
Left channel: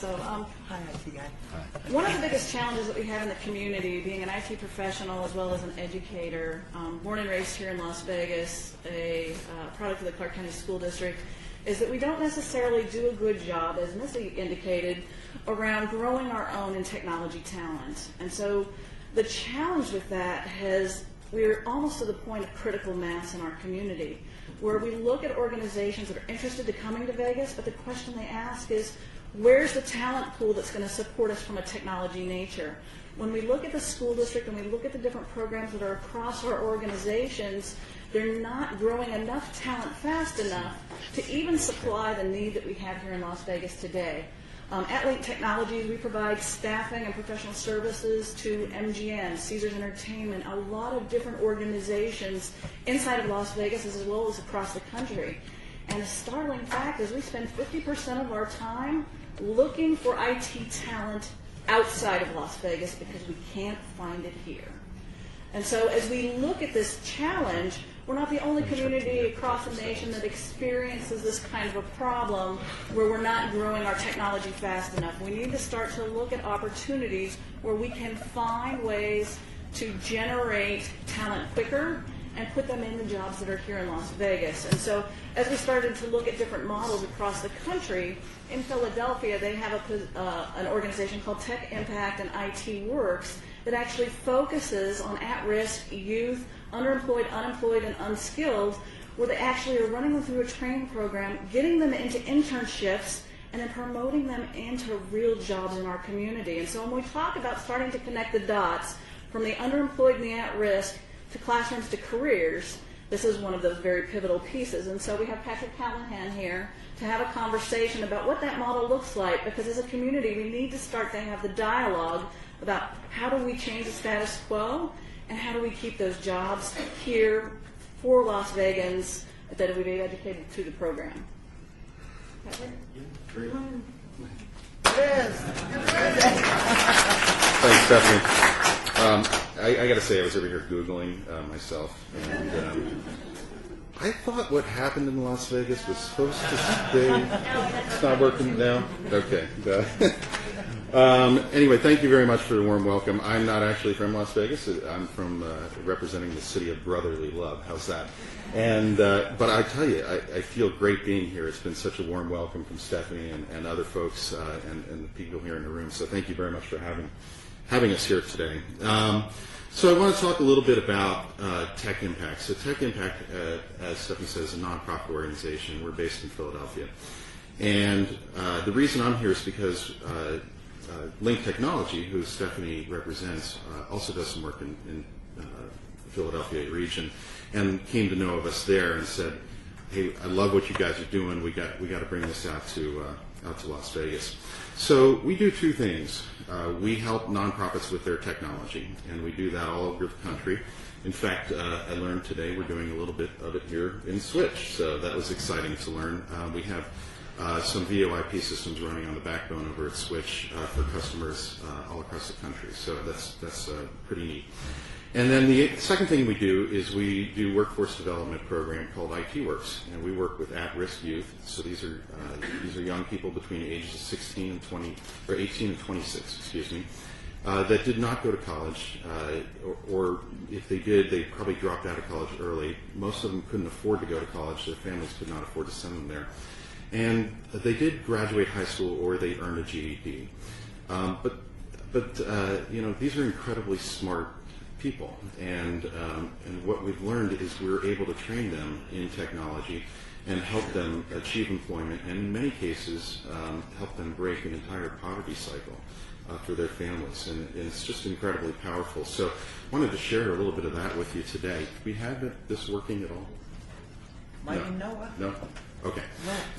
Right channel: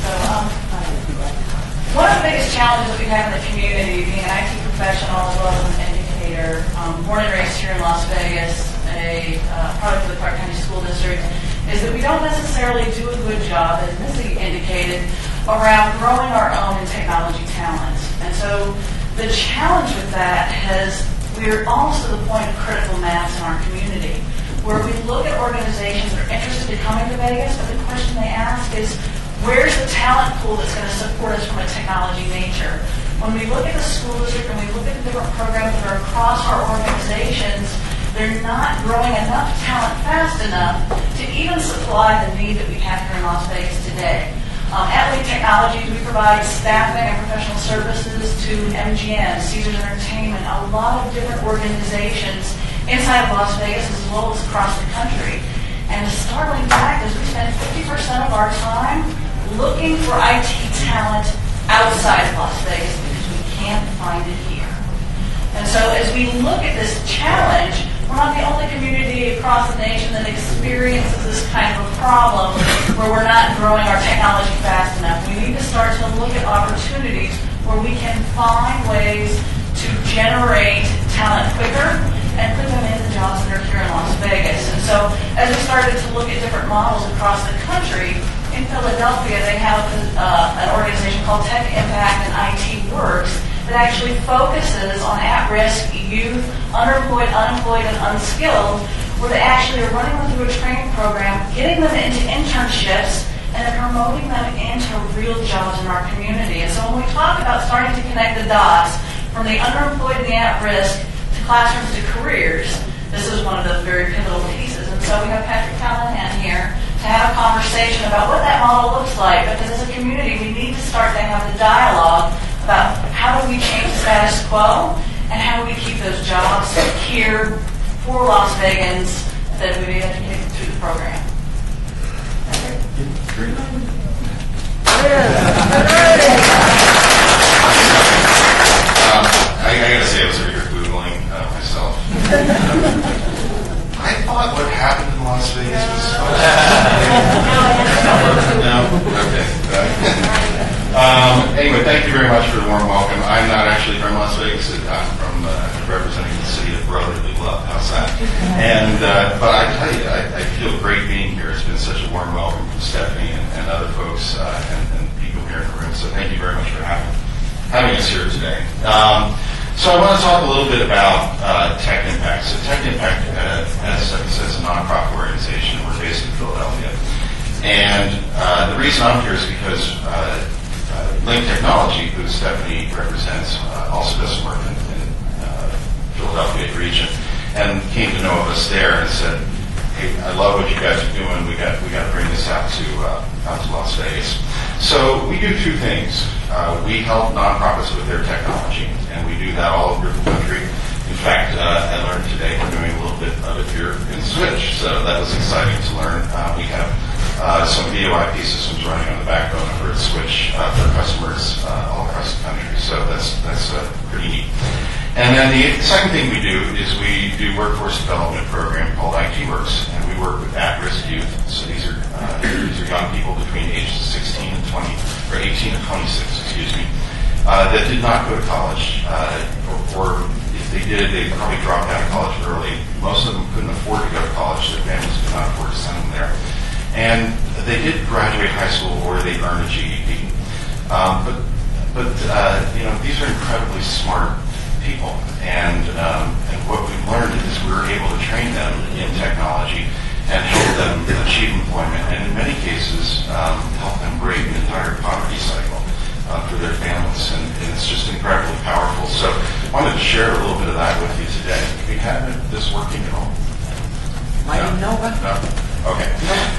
So one of the biggest challenges that we have in the community, being an IT professional as well as an educator, born and raised here in Las Vegas, a product of the Clark County School District, is that we don't necessarily do a good job, as Missy indicated, around growing our own in technology talent. And so the challenge with that we're almost at the point of critical mass in our community, where we look at organizations that are interested in coming to Vegas, but the question they ask is, where's the talent pool that's going to support us from a technology nature? When we look at the school district and we look at the different programs that are across our organizations, they're not growing enough talent fast enough to even supply the need that we have here in Las Vegas today. At Lead Technologies, we provide staffing and professional services to MGM, Caesars Entertainment, a lot of different organizations inside of Las Vegas as well as across the country. And the startling fact is we spend 50% of our time looking for IT talent outside of Las Vegas because we can't find it here. And so as we look at this challenge, we're not the only community across the nation that experiences this kind of a problem where we're not growing our technology fast enough. We need to start to look at opportunities where we can find ways to generate talent quicker and put them in the jobs that are here in Las Vegas. And so as we started to look at different models across the country, in Philadelphia they have an organization called Tech Impact and IT Works that actually focuses on at-risk youth, underemployed, unemployed, and unskilled, where they actually are running them through a training program, getting them into internships, and then promoting them into real jobs in our community. And so when we talk about starting to connect the dots from the underemployed and the at-risk to classrooms to careers, this is one of the very pivotal pieces. And so we have Patrick Callahan here to have a conversation about what that model looks like, because as a community we need to start to have the dialogue about how do we change the status quo and how do we keep those jobs here for Las Vegans that we may have to get through the program. I gotta say, I was over here Googling myself. I thought what happened in Las Vegas was supposed to No? Okay. Anyway, thank you very much for the warm welcome. I'm not actually from Las Vegas. I'm from representing the city of brotherly love. How's that? And but I tell you, I feel great being here. It's been such a warm welcome from Stephanie and other folks and people here in the room. So thank you very much for having us here today. So I want to talk a little bit about Tech Impact. So Tech Impact, as Stephanie says, is a nonprofit organization. We're based in Philadelphia. And the reason I'm here is because Link Technology, who Stephanie represents, also does some work in Philadelphia region, and came to know of us there and said, "Hey, I love what you guys are doing. We got to bring this out to Las Vegas." So we do two things. We help nonprofits with their technology, and we do that all over the country. In fact, I learned today we're doing a little bit of it here in Switch, so that was exciting to learn. We have some VoIP systems running on the backbone over at Switch for customers all across the country. So that's pretty neat. And then the second thing we do is we do workforce development program called IT Works, and we work with at-risk youth. So these are young people between ages 16 and 20, or 18 and 26, excuse me, that did not go to college, or if they did, they probably dropped out of college early. Most of them couldn't afford to go to college; their families could not afford to send them there. And they did graduate high school or they earned a GED. But these are incredibly smart people. And what we've learned is we're able to train them in technology and help them achieve employment, and in many cases help them break an entire poverty cycle for their families. And it's just incredibly powerful. So I wanted to share a little bit of that with you today. Do we have this working at all? No? Okay.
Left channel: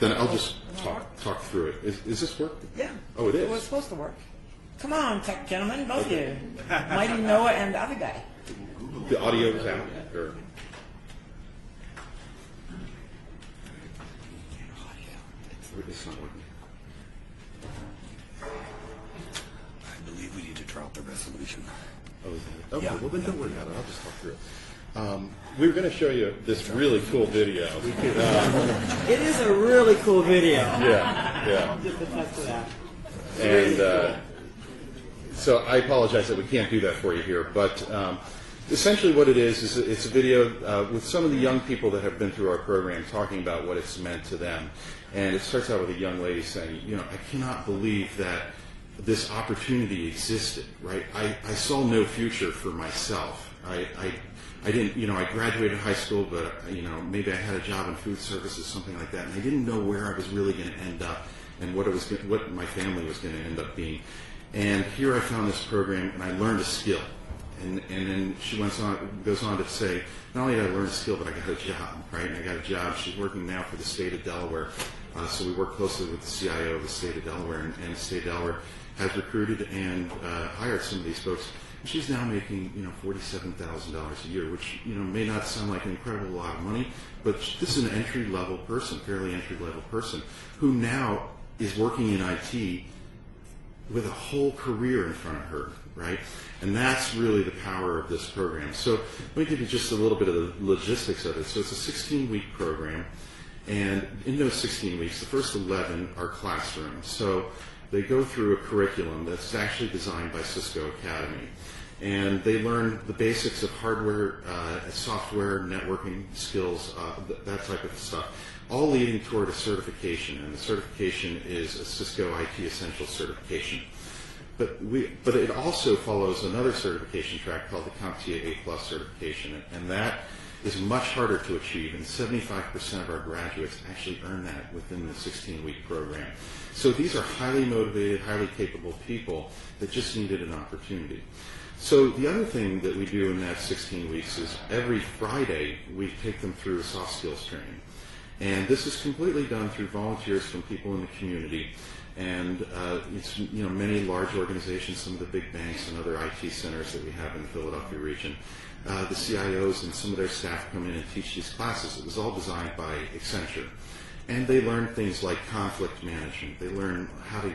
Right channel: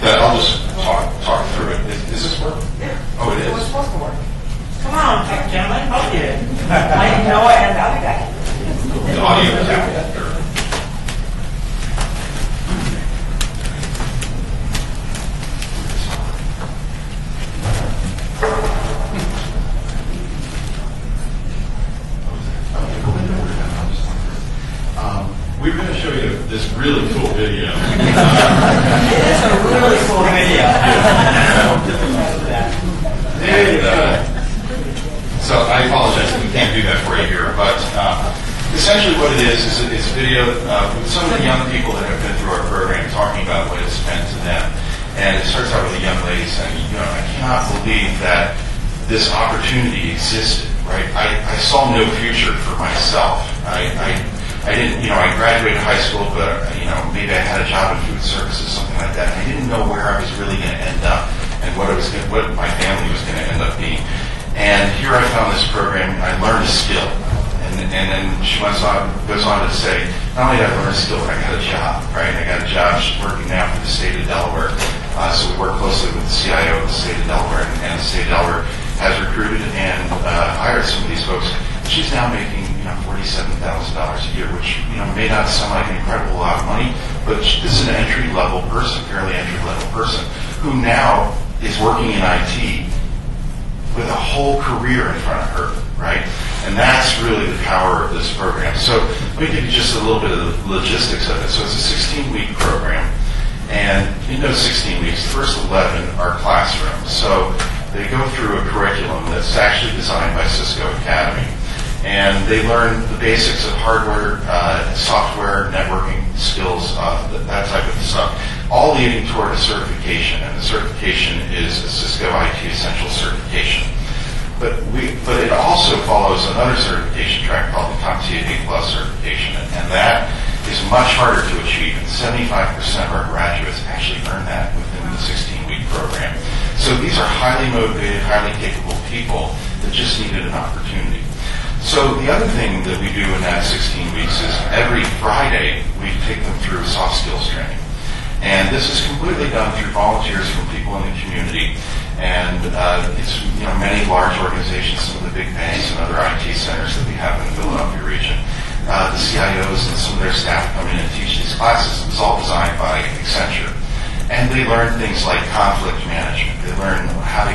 Then I'll just talk through it. Is this work? Yeah. Oh, it is? It was supposed to work. Come on, gentlemen. Oh, yeah. I didn't know it, and the other guy. The audio is out. Sure. We're going to show you this really cool video. It is a really cool video. And so I apologize if we can't do that for you here, but essentially what it is it's a video with some of the young people that have been through our program talking about what it's meant to them. And it starts out with a young lady saying, I cannot believe that this opportunity existed, right? I saw no future for myself. I didn't, I graduated high school, but, maybe I had a job in food services, something like that. I didn't know where I was really going to end up and what my family was going to end up being. And here I found this program, and I learned a skill. And then she goes on to say, not only did I learn a skill, but I got a job, right? I got a job. She's working now for the state of Delaware. So we work closely with the CIO of the state of Delaware, and the state of Delaware has recruited and hired some of these folks. She's now making $47,000 a year, which may not sound like an incredible lot of money, but this is an entry-level person, fairly entry-level person, who now is working in IT with a whole career in front of her, right? And that's really the power of this program. So let me give you just a little bit of the logistics of it. So it's a 16-week program, and 16 weeks, the first 11 are classrooms. So they go through a curriculum that's actually designed by Cisco Academy. And they learn the basics of hardware, software, networking skills, that type of stuff, all leading toward a certification. And the certification is a Cisco IT Essential certification. But it also follows another certification track called the CompTIA A+ certification, and that is much harder to achieve. And 75% of our graduates actually earn that within the 16-week program. So these are highly motivated, highly capable people that just needed an opportunity. So the other thing that we do in that 16 weeks is every Friday we take them through soft skills training. And this is completely done through volunteers from people in the community. And it's many large organizations, some of the big banks and other IT centers that we have in the Philadelphia region. The CIOs and some of their staff come in and teach these classes. It's all designed by Accenture. And they learn things like conflict management. They learn how to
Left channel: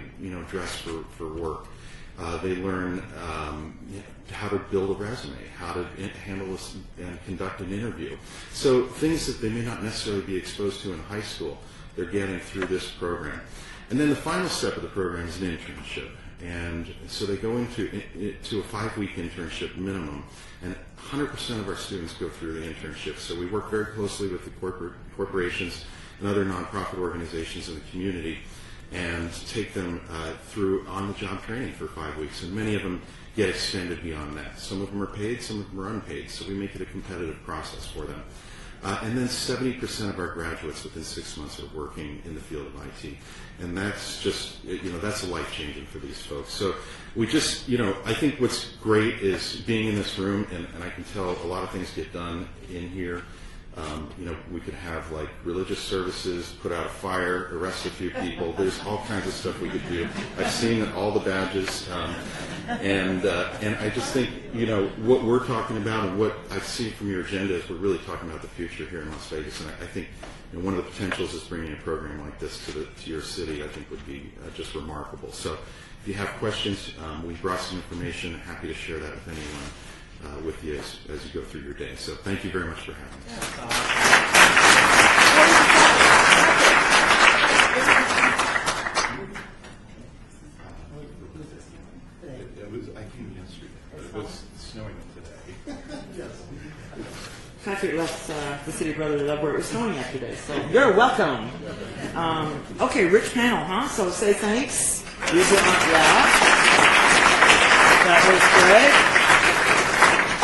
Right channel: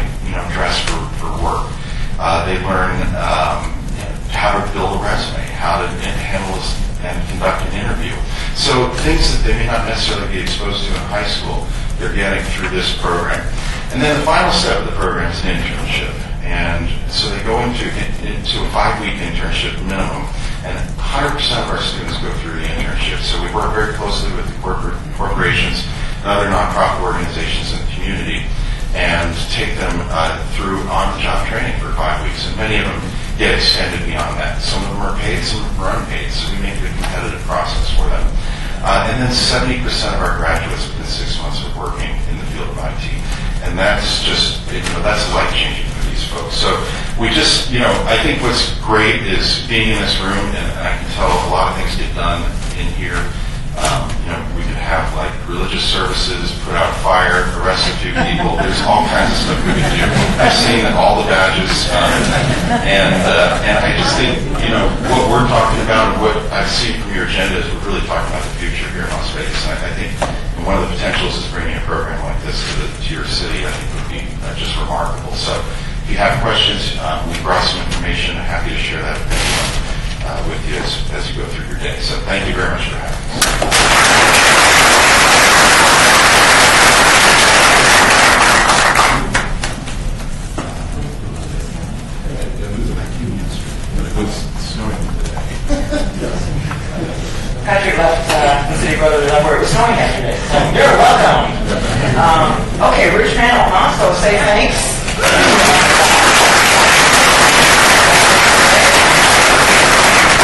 dress for work. They learn how to build a resume, how to handle and conduct an interview. So things that they may not necessarily be exposed to in high school, they're getting through this program. And then the final step of the program is an internship. And so they go into a 5-week internship minimum, and 100% of our students go through the internship. So we work very closely with the corporations and other nonprofit organizations in the community and take them through on-the-job training for 5 weeks. And many of them get extended beyond that. Some of them are paid, some of them are unpaid, so we make it a competitive process for them. And then 70% of our graduates within 6 months are working in the field of IT. And that's just, that's life-changing for these folks. So we just, I think what's great is being in this room, and I can tell a lot of things get done in here. We could have like religious services, put out fire, arrest a few people. There's all kinds of stuff we can do. I've seen all the badges, and I just think what we're talking about and what I've seen from your agenda is we're really talking about the future here in Las Vegas. And I think one of the potentials is bringing a program like this to your city. I think would be just remarkable. So if you have questions, we brought some information. I'm happy to share that with you as you go through your day. So thank you very much for having us. Patrick left the city brotherly love where it was snowing yesterday, so you're welcome. Okay, rich panel, huh? So say thanks.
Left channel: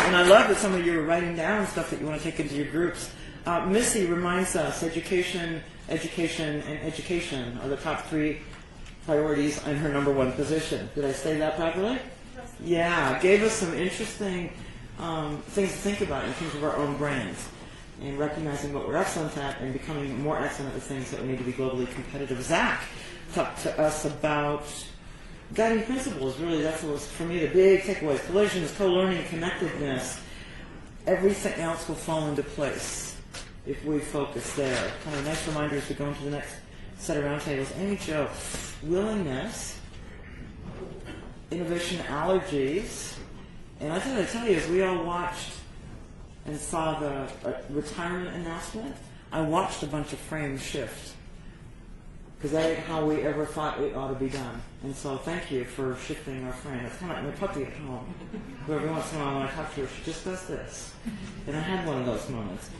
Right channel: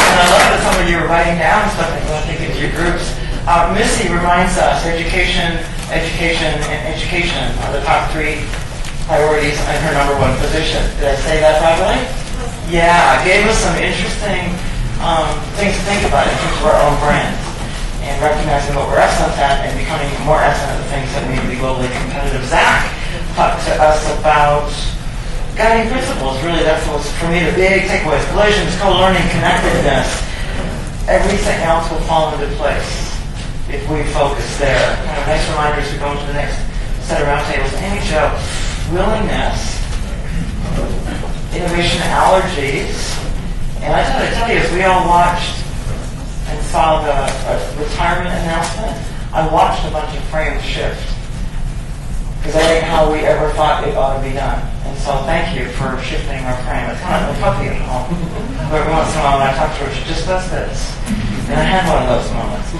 And I love that some of you are writing down stuff that you want to take into your groups. Missy reminds us education are the top 3 priorities and her #1 position. Did I say that properly? Yeah, it gave us some interesting things to think about in terms of our own brands and recognizing what we're excellent at and becoming more excellent at the things that we need to be globally competitive. Zach talked to us about guiding principles. Really, that's what's, for me, the big takeaways. Collisions, co-learning, connectedness. Everything else will fall into place if we focus there. Kind of nice reminders to go into the next set of roundtables. Amy Jo, willingness, innovation, allergies. And I got to tell you, as we all watched and saw the retirement announcement, I watched a bunch of frames shift. Because that ain't how we ever thought it ought to be done. And so thank you for shifting our frame. It's kind of a puppy at home. Every once in a while when I talk to her, she just does this. And I had one of those moments.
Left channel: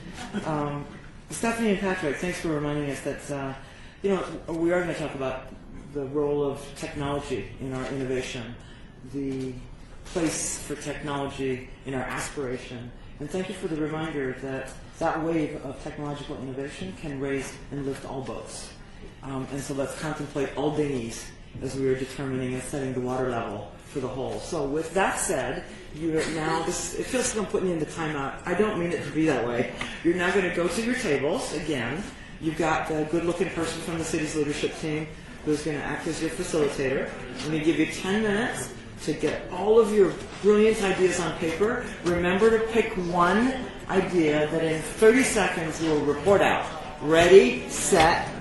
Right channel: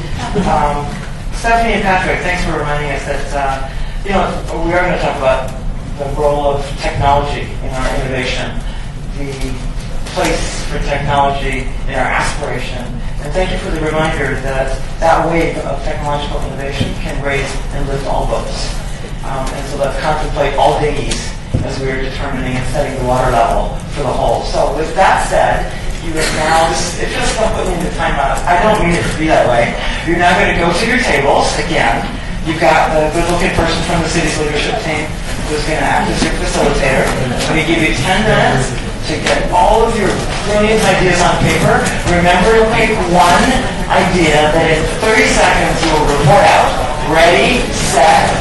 Stephanie and Patrick, thanks for reminding us that we are going to talk about the role of technology in our innovation, the place for technology in our aspiration. And thank you for the reminder that that wave of technological innovation can raise and lift all boats. And so let's contemplate all dinghies as we are determining and setting the water level for the whole. So with that said, you are now, it feels like I'm putting you in timeout. I don't mean it to be that way. You're now going to go to your tables again. You've got the good-looking person from the city's leadership team who's going to act as your facilitator. I'm going to give you 10 minutes to get all of your brilliant ideas on paper. Remember to pick one idea that in 30 seconds you will report out. Ready, set,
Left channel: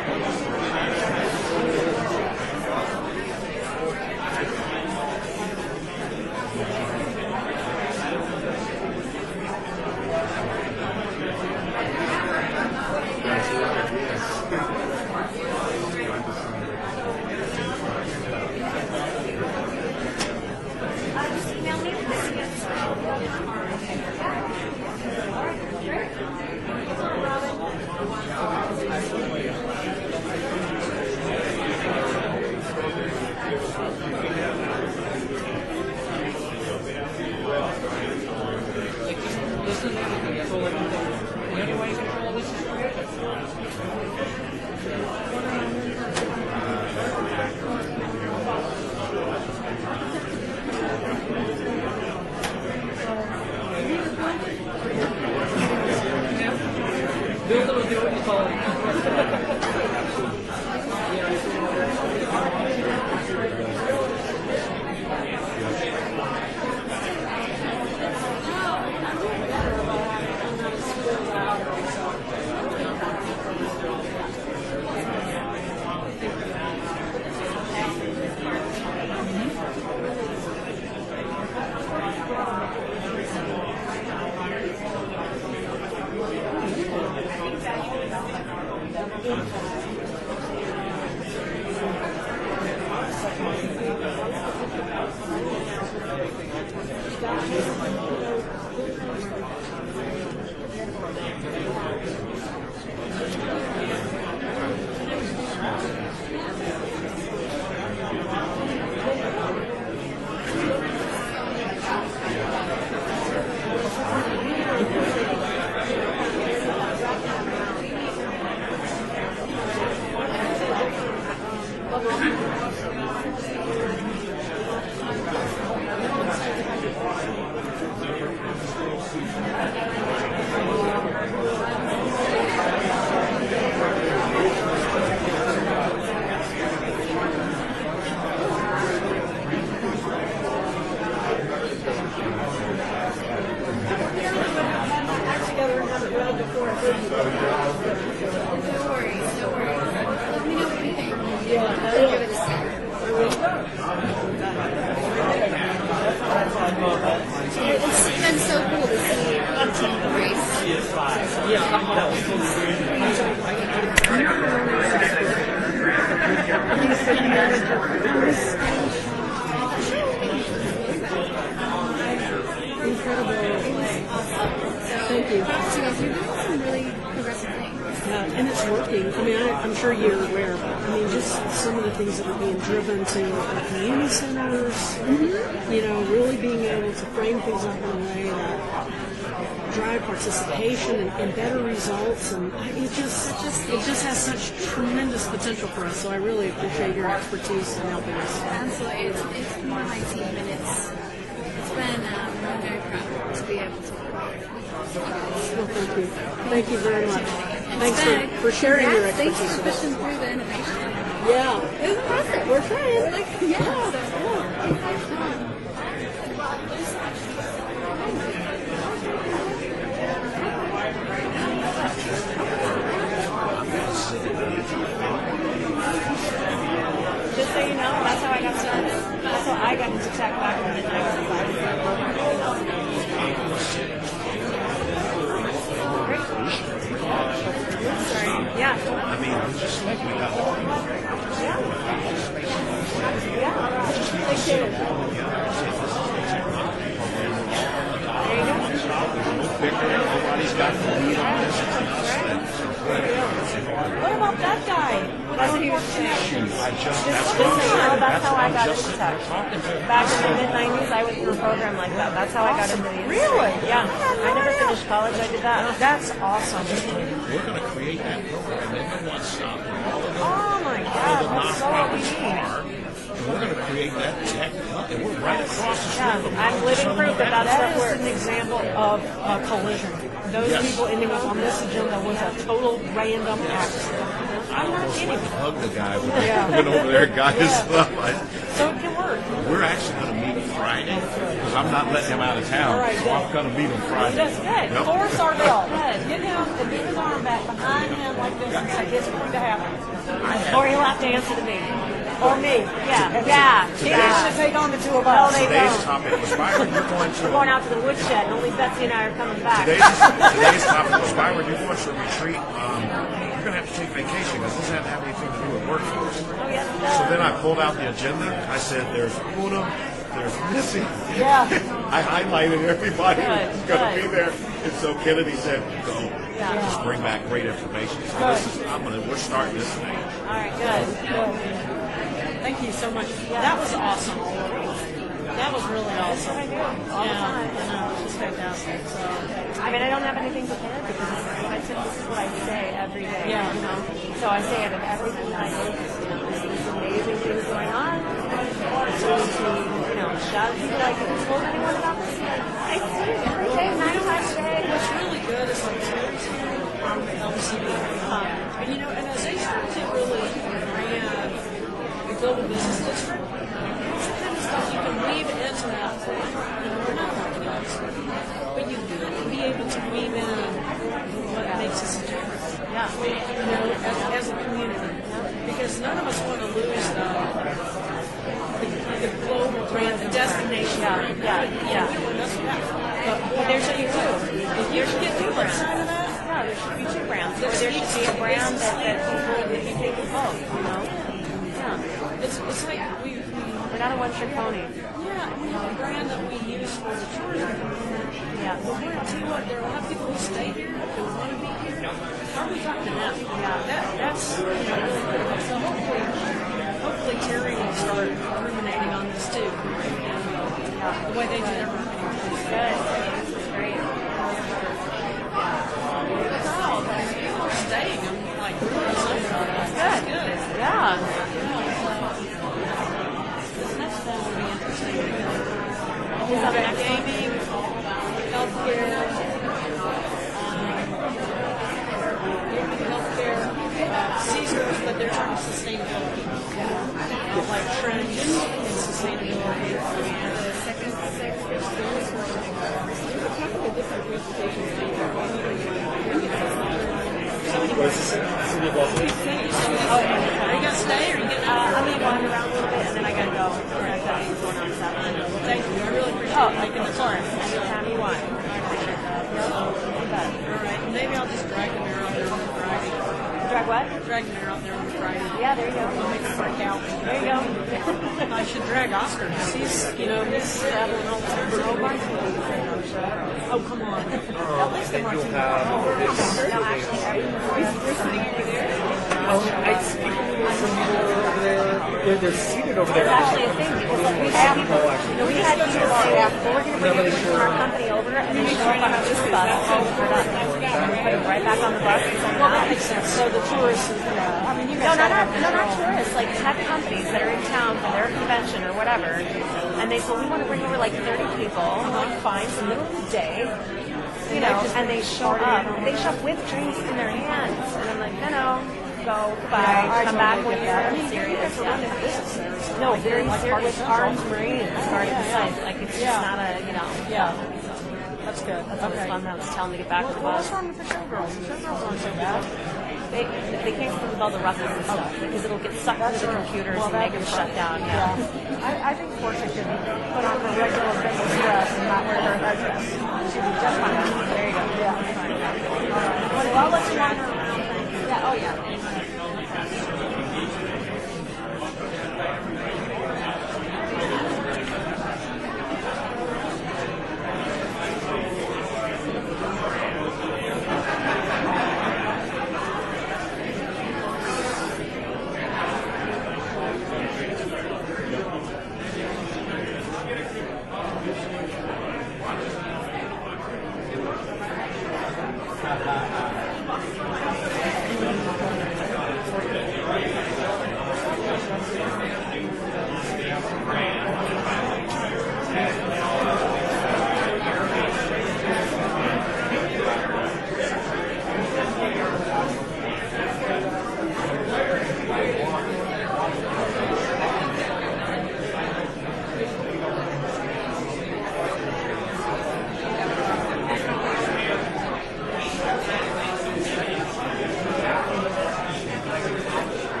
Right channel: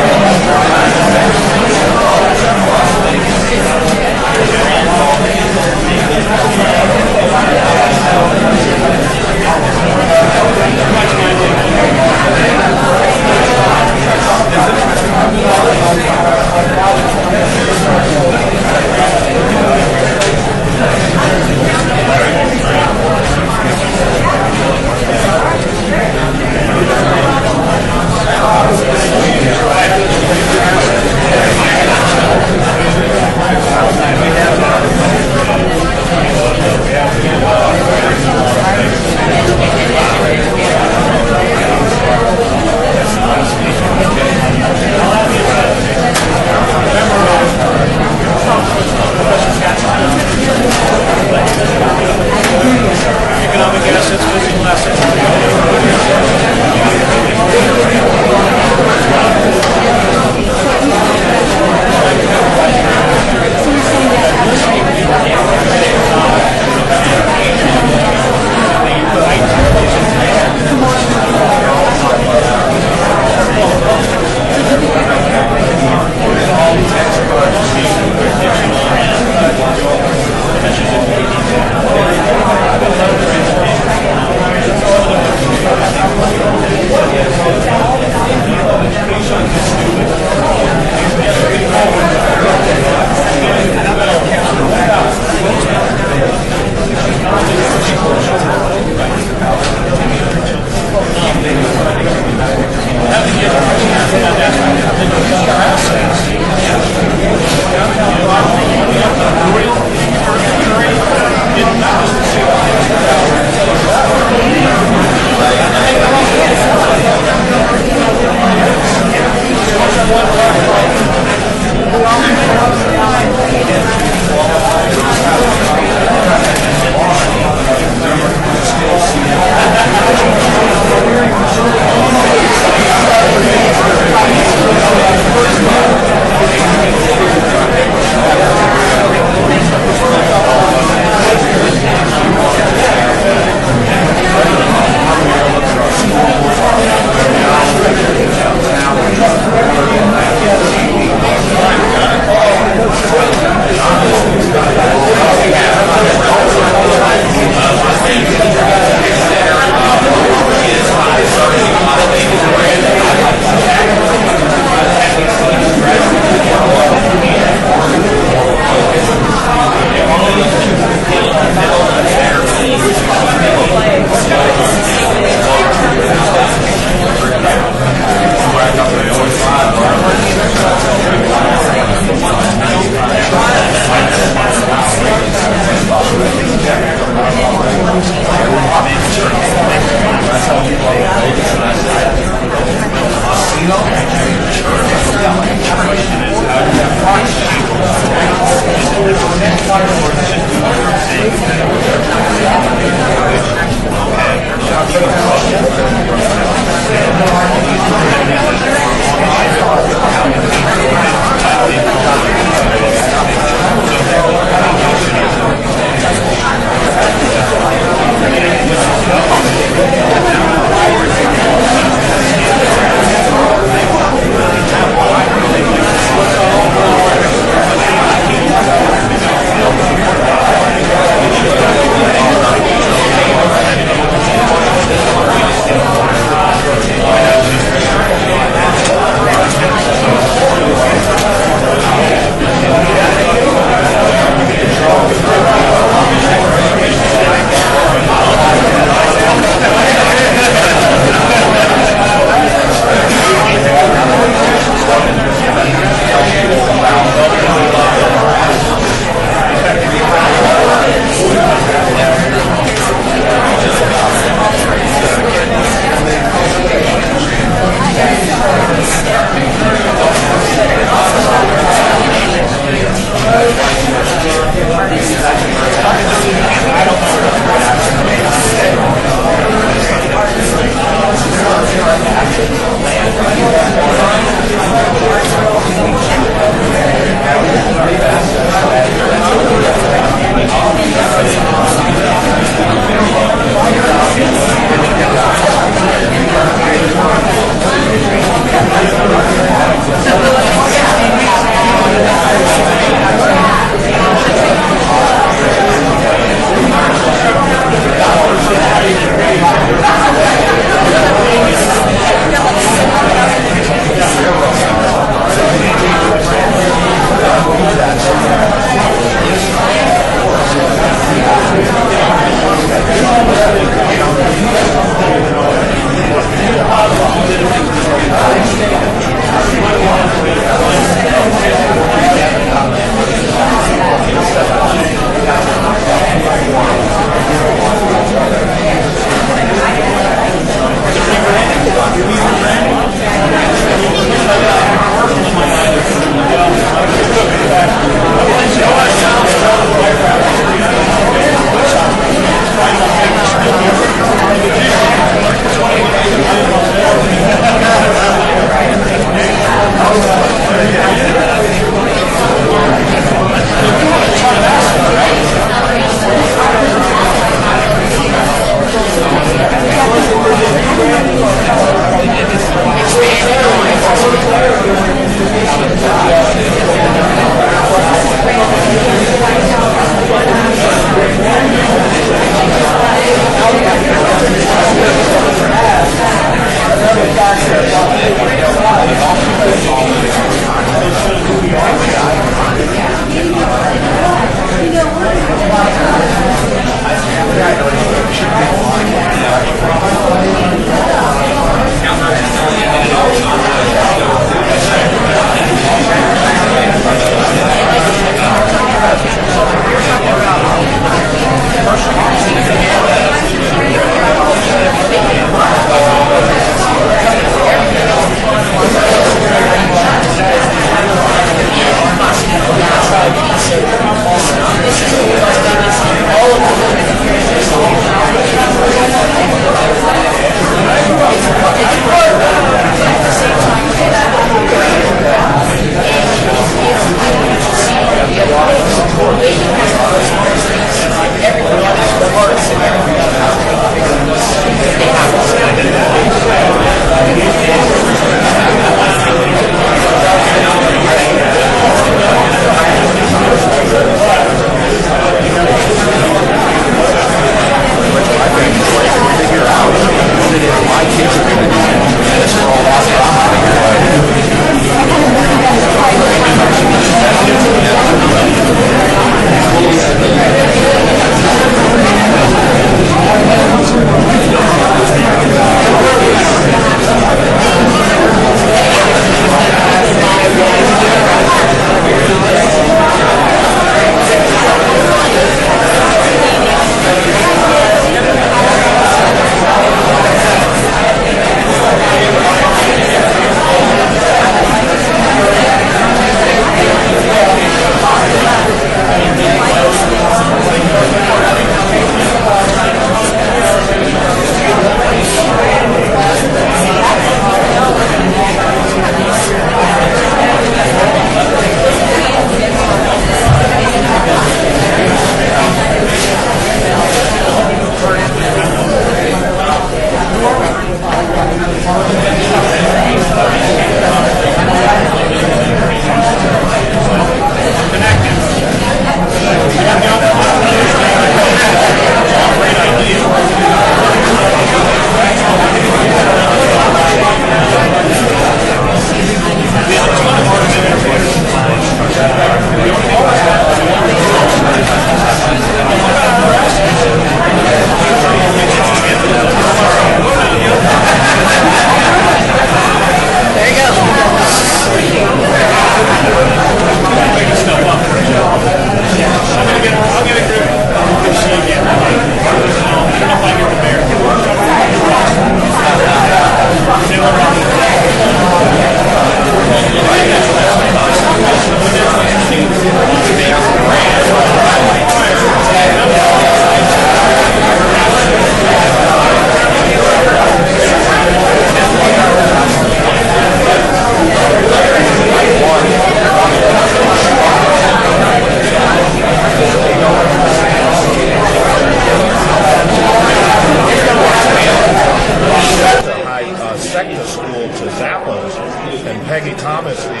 Peggy Thomas, the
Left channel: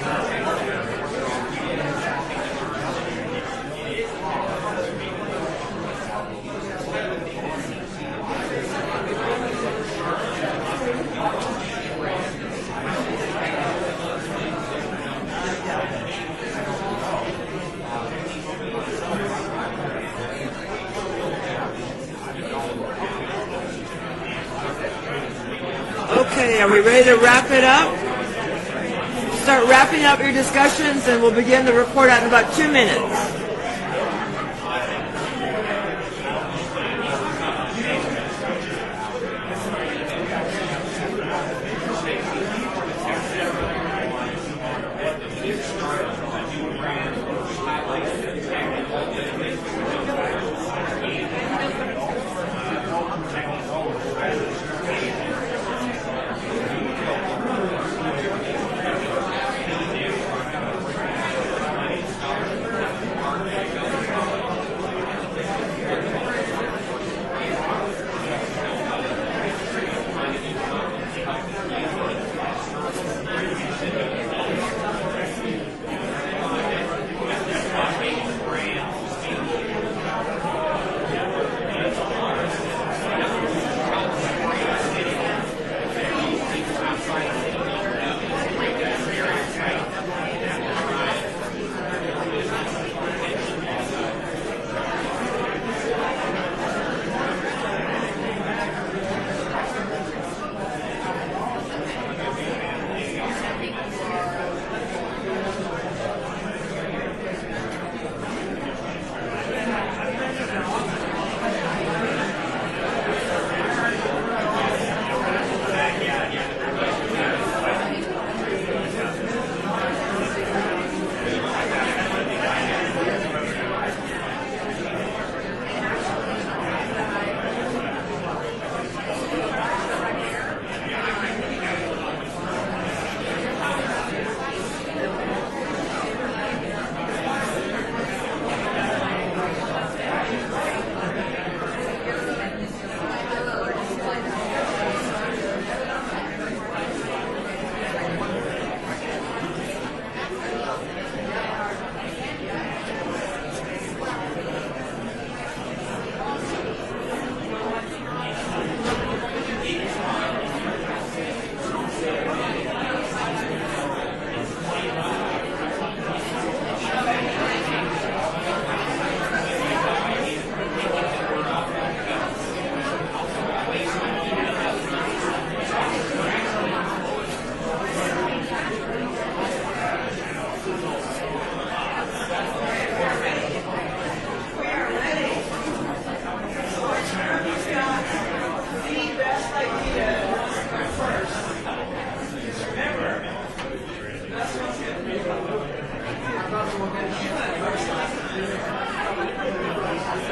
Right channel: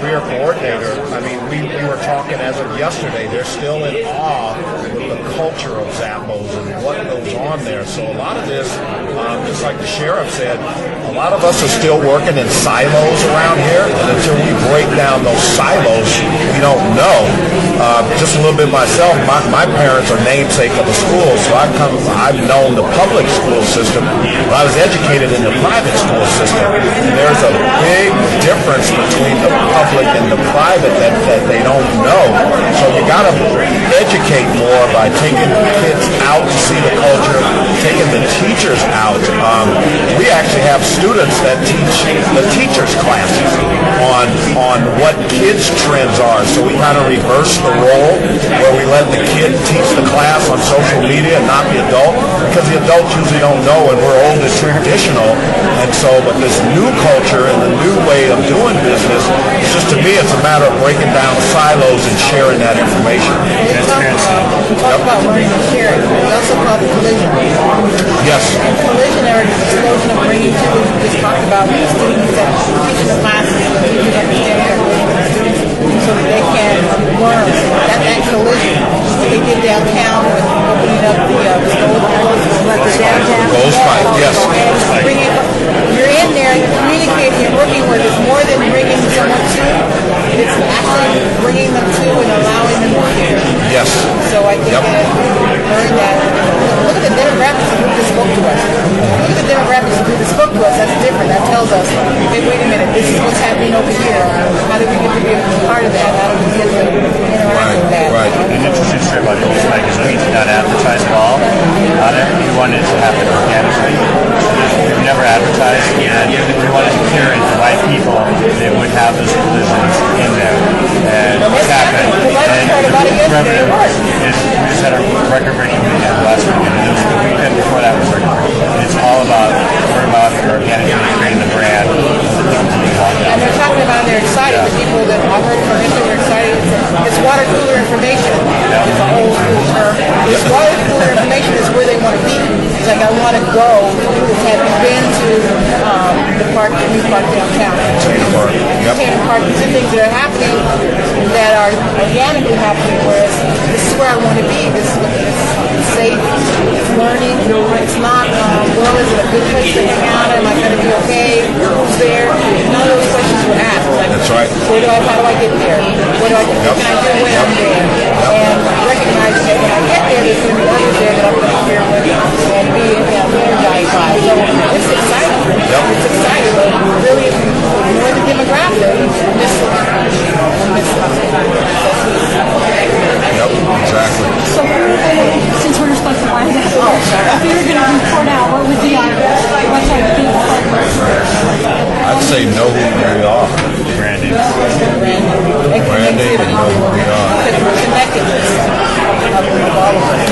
career coordinator, I mean, we were talking as of yesterday, they're still in awe with the culture of Zappos and what goes on there. So a lot of this, just like the sheriff said, a lot of us are still working in silos around here, and until we break down those silos, we don't know. Just a little bit myself, my parents are namesake of the school, so I've known the public school system, but I was educated in the private school system. There's a big difference between the public and the private that they don't know. So you got to educate more by taking kids out to see the culture, taking the teachers out. We actually have students that teach the teachers' classes on what kids' trends are. So we kind of reverse the role where we let the kid teach the class on social media and not the adult, because the adults usually don't know and we're old and traditional. And so, but this new culture and the new way of doing business, it's just, to me, it's a matter of breaking down silos and sharing that information. We talk about learning and sharing. We also call it collision. Yes. And collision are an explosion of bringing people. We just talked about students that teaching the classes and the teachers understanding their bringing the students so that they can learn. That collision. What they did downtown with opening up the Goals Fight, yes. And bringing, you're in there and you're communicating and working with. It's more than bringing someone to. It's actually bringing them to and allowing them to share. Yes. So I think that we learned that. Look at the demographics of who just spoke to us. Look at the demographics of who just spoke to us. That's different. That tells us, hey, wait a minute, this is what's happening over here. How do we get to be a part of that? How do we get to interact with that? Right. An interesting story about Goals Fight is we did not advertise at all on it. We wanted it to happen organically. We never advertised, and we wanted to curate the right people that would have those positions in there. And it's happened. And we just had a record-breaking weekend last weekend, and the weekend before that was record-breaking. And it's all about word of mouth and organically creating the brand. And they're talking about they're excited. The people that I've heard from them, they're excited. It's water cooler information. It's an old school term. It's water cooler information is where they want to be. It's like, I want to go. Have you been to the park, the new park downtown? Entertainment Park. These are things that are happening that are organically happening, whereas this is where I want to be. This is safe. It's learning. It's not, well, is it a good place to hang out? Am I going to be okay? Who's there? None of those questions were asked. Like, that's right. How do I get there? What can I do when I'm there? And recognizing that when I get there, there's going to be others there that I'm going to share with and be energized by. So it's exciting. It's exciting. Really, more the demographic. Yep, exactly. So, since we're supposed to find out, if you were going to report out, what would be our, what type of people? I'd say know who we are. Branding. Branding and know who we are. Connectedness of all of us.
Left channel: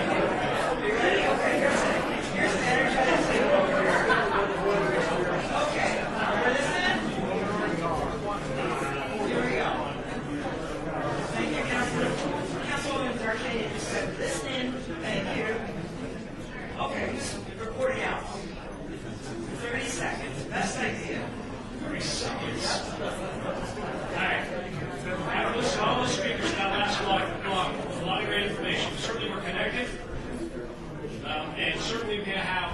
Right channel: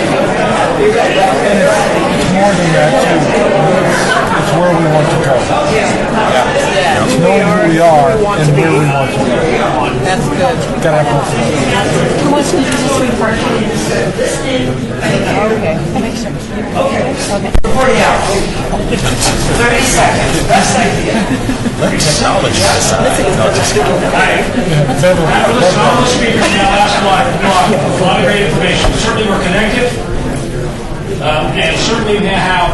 It's more than that, too. It's where we want to go. It's knowing who we are and where we want to go. That's good. Gotta have both of those. Who wants to do this report? Okay. Makes sense. Okay. 40 hours. 30 seconds. Best idea. Let technology decide. No, just kidding. Listen, all the speakers now ask a lot of great information. Certainly we're connected. And certainly we have,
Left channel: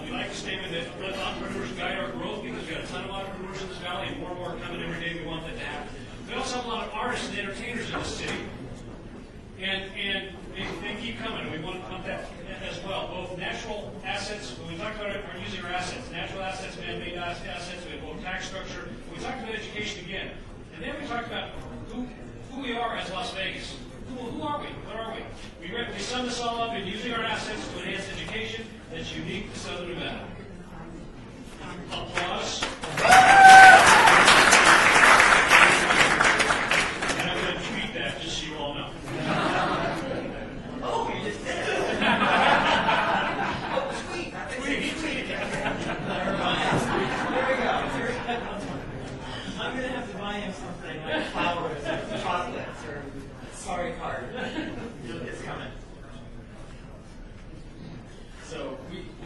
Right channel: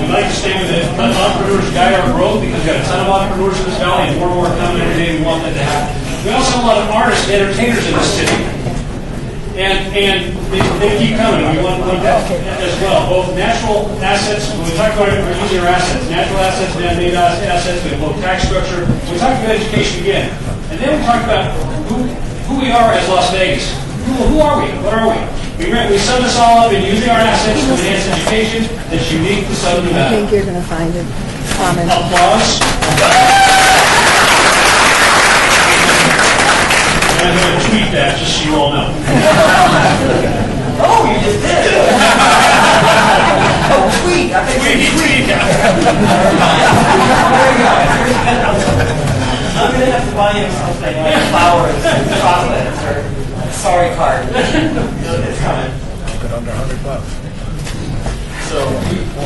we'd like to stay with the entrepreneurs guide our growth, because we've got a ton of entrepreneurs in this valley and more coming every day. We want that to happen. We also have a lot of artists and entertainers in this city. And they keep coming. We want that as well. Both natural assets, when we talk about it, we're using our assets. Natural assets, man-made assets, we have both tax structure. We talk about education again. And then we talk about who we are as Las Vegas. Who are we? What are we? We sum this all up in using our assets to enhance education that's unique to Southern Nevada. I think you're going to find it. Applause. I'm going to tweet that just so you all know. Oh, you just did. Oh, tweet. I think tweet. I'm going to have to buy you something like flowers and chocolates or a sorry card. It's coming. Keep it under $100. So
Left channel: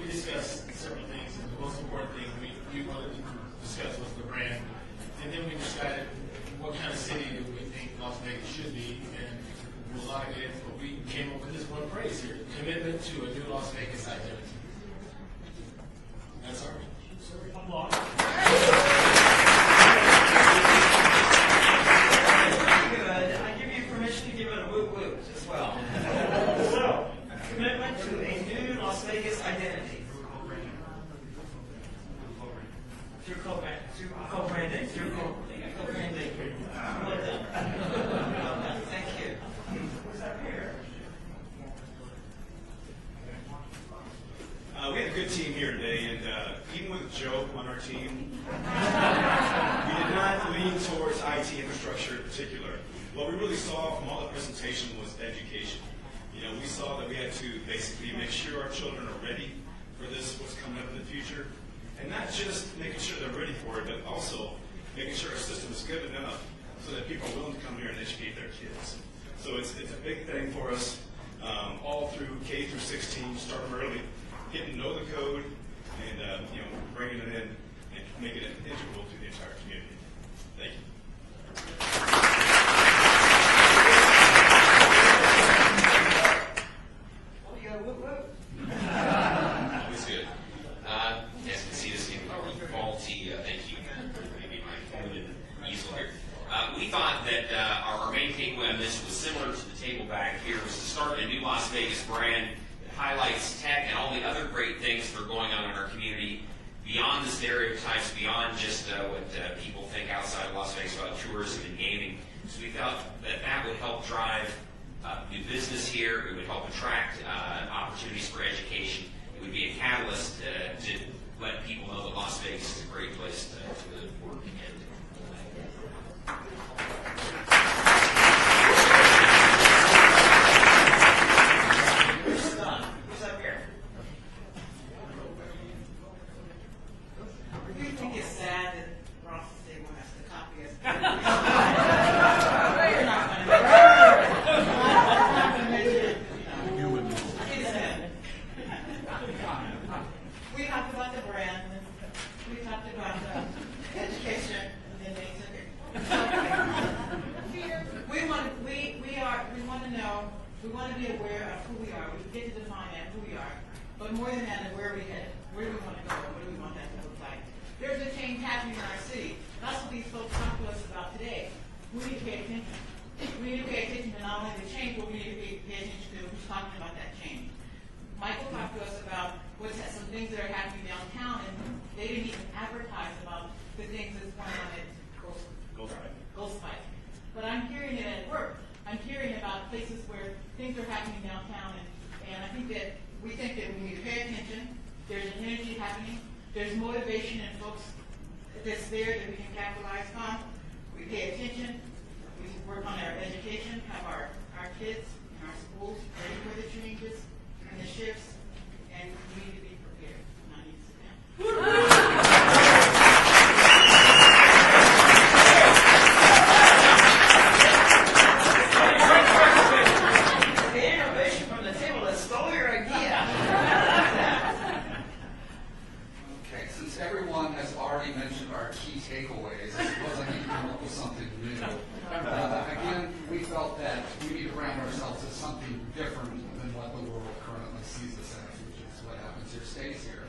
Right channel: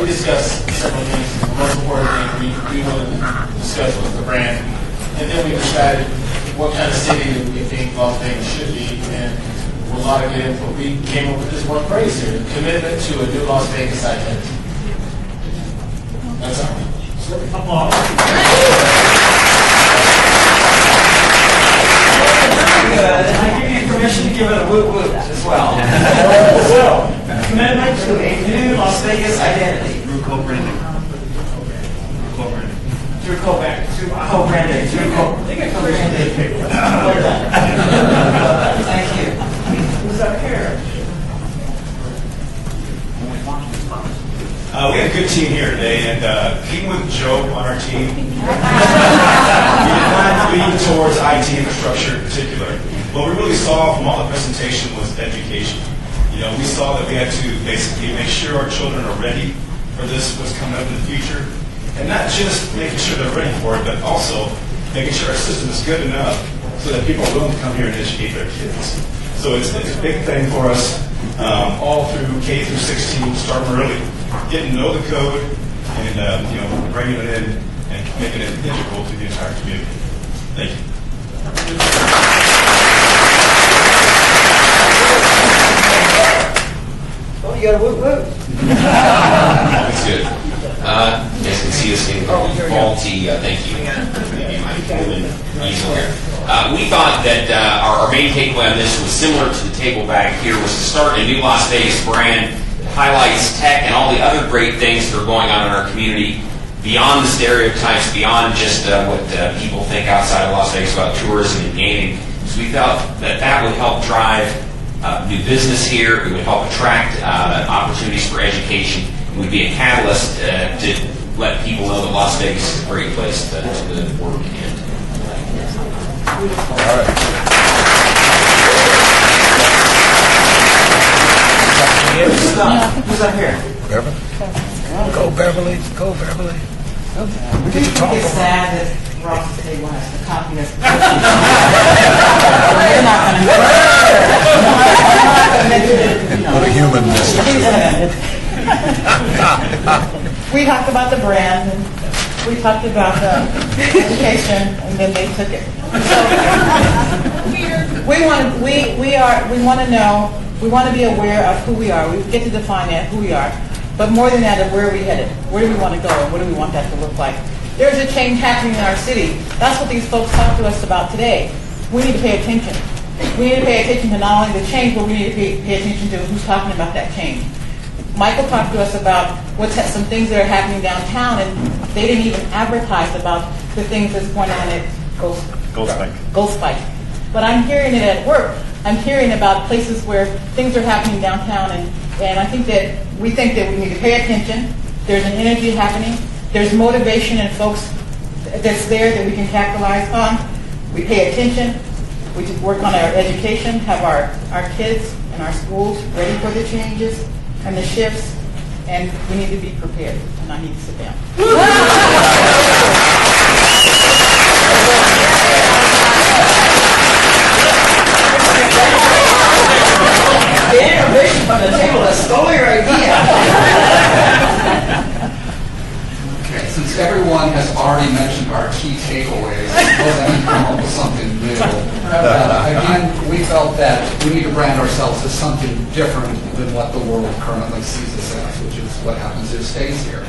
we discussed several things. The most important thing we wanted to discuss was the brand. And then we decided what kind of city we think Las Vegas should be, and we'll not get into it. We came up with this one phrase here: commitment to a new Las Vegas identity. That's all. Applause. Good, and I give you permission to give it a woot woot as well. So, commitment to a new Las Vegas identity. Through co-branding. Through co-branding. Through co-branding. Thank you. Who's up here? We had a good team here today, and being with Joe on our team, we did not lean towards IT infrastructure in particular. What we really saw from all the presentation was education. You know, we saw that we had to basically make sure our children are ready for this, what's coming up in the future, and not just making sure they're ready for it, but also making sure our system is good enough so that people are willing to come here and educate their kids. So it's a big thing for us, all through K through 16, starting early, getting to know the code, and bringing it in and making it integral to the entire community. Thank you. Oh, you got a woot woot. That's good. You guys can see this thing faulty. Thank you. We thought that our main takeaway on this was similar to the table back here, was to start a new Las Vegas brand that highlights tech and all the other great things that are going on in our community beyond the stereotypes, beyond just what people think outside of Las Vegas about tourism and gaming. So we felt that would help drive new business here. It would help attract opportunities for education. It would be a catalyst to let people know that Las Vegas is a great place to work in. All right. Who's up here? Beverly. Go, Beverly. Go, Beverly. We get to talk. It's sad that Ross table has the copy of We're not going to Put a human in this. We talked about the brand, and we talked about the education, and then they took it. So we want to know. We want to be aware of who we are. We get to define that, who we are. But more than that, of where are we headed? Where do we want to go? And what do we want that to look like? There's a change happening in our city. That's what these folks talked to us about today. We need to pay attention. We need to pay attention to not only the change, but we need to pay attention to who's talking about that change. Michael talked to us about some things that are happening downtown, and they didn't even advertise about the things that's going on at Gold Spike. But I'm hearing it at work. I'm hearing about places where things are happening downtown, and I think that we think that we need to pay attention. There's an energy happening. There's motivation in folks that's there that we can capitalize on. We pay attention. We just work on our education, have our kids and our schools ready for the changes and the shifts, and we need to be prepared. And I need to sit down. The innovation from the table that stole your idea. Okay, since everyone has already mentioned our key takeaways, I suppose I need to come up with something new. Again, we felt that we need to brand ourselves as something different than what the world currently sees us as, which is what happens who stays here.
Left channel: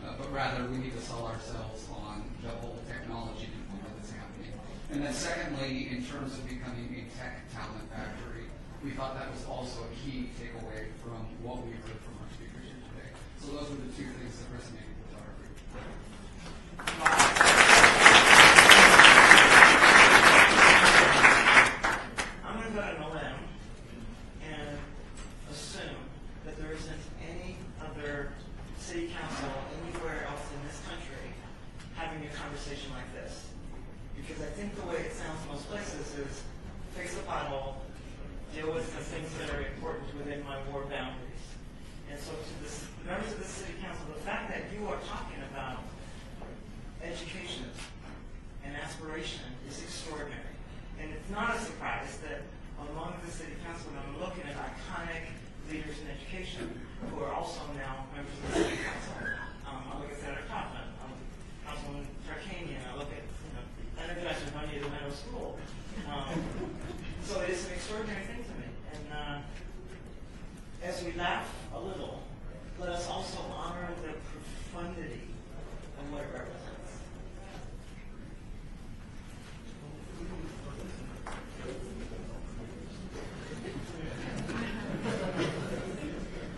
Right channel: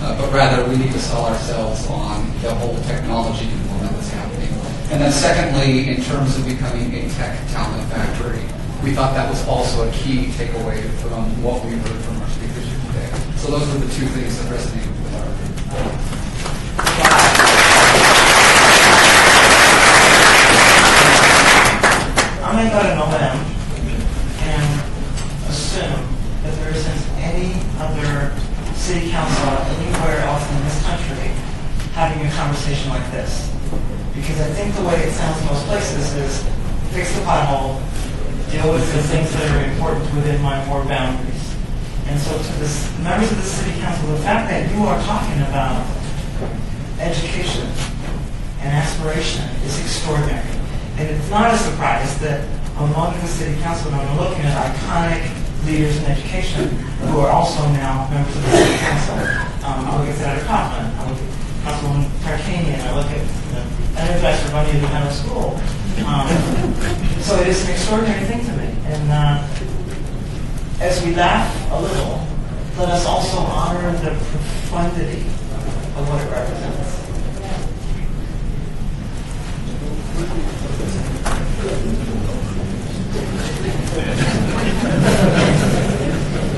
But rather, we need to sell ourselves on the whole technology component that's happening. And then secondly, in terms of becoming a tech talent factory, we thought that was also a key takeaway from what we heard from our speakers here today. So those were the two things that resonated with our group. I'm going to go to November and assume that there isn't any other city council anywhere else in this country having a conversation like this. Because I think the way it sounds in most places is fix the pothole, deal with the things that are important within my ward boundaries. And so to the members of the city council, the fact that you are talking about education and aspiration is extraordinary. And it's not a surprise that among the city council, and I'm looking at iconic leaders in education who are also now members of the city council. I look at Senator Coughlin, I look at Councilwoman Tarkanian, I look at the Energizer Bunny Independent School. So it is an extraordinary thing to me. And as we laugh a little, let us also honor the profundity of what it represents.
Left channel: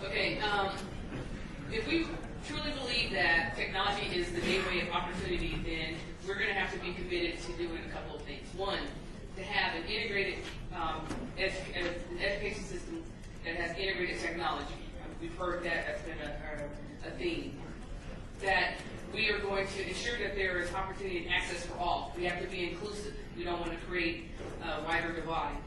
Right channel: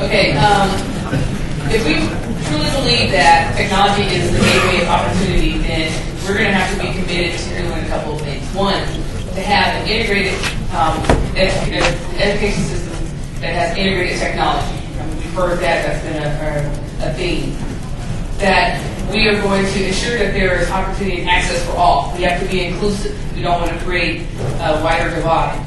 Okay, if we truly believe that technology is the gateway of opportunity, then we're going to have to be committed to doing a couple of things. One, to have an integrated education system that has integrated technology. We've heard that's been a theme. That we are going to ensure that there is opportunity and access for all. We have to be inclusive. We don't want to create a wider divide.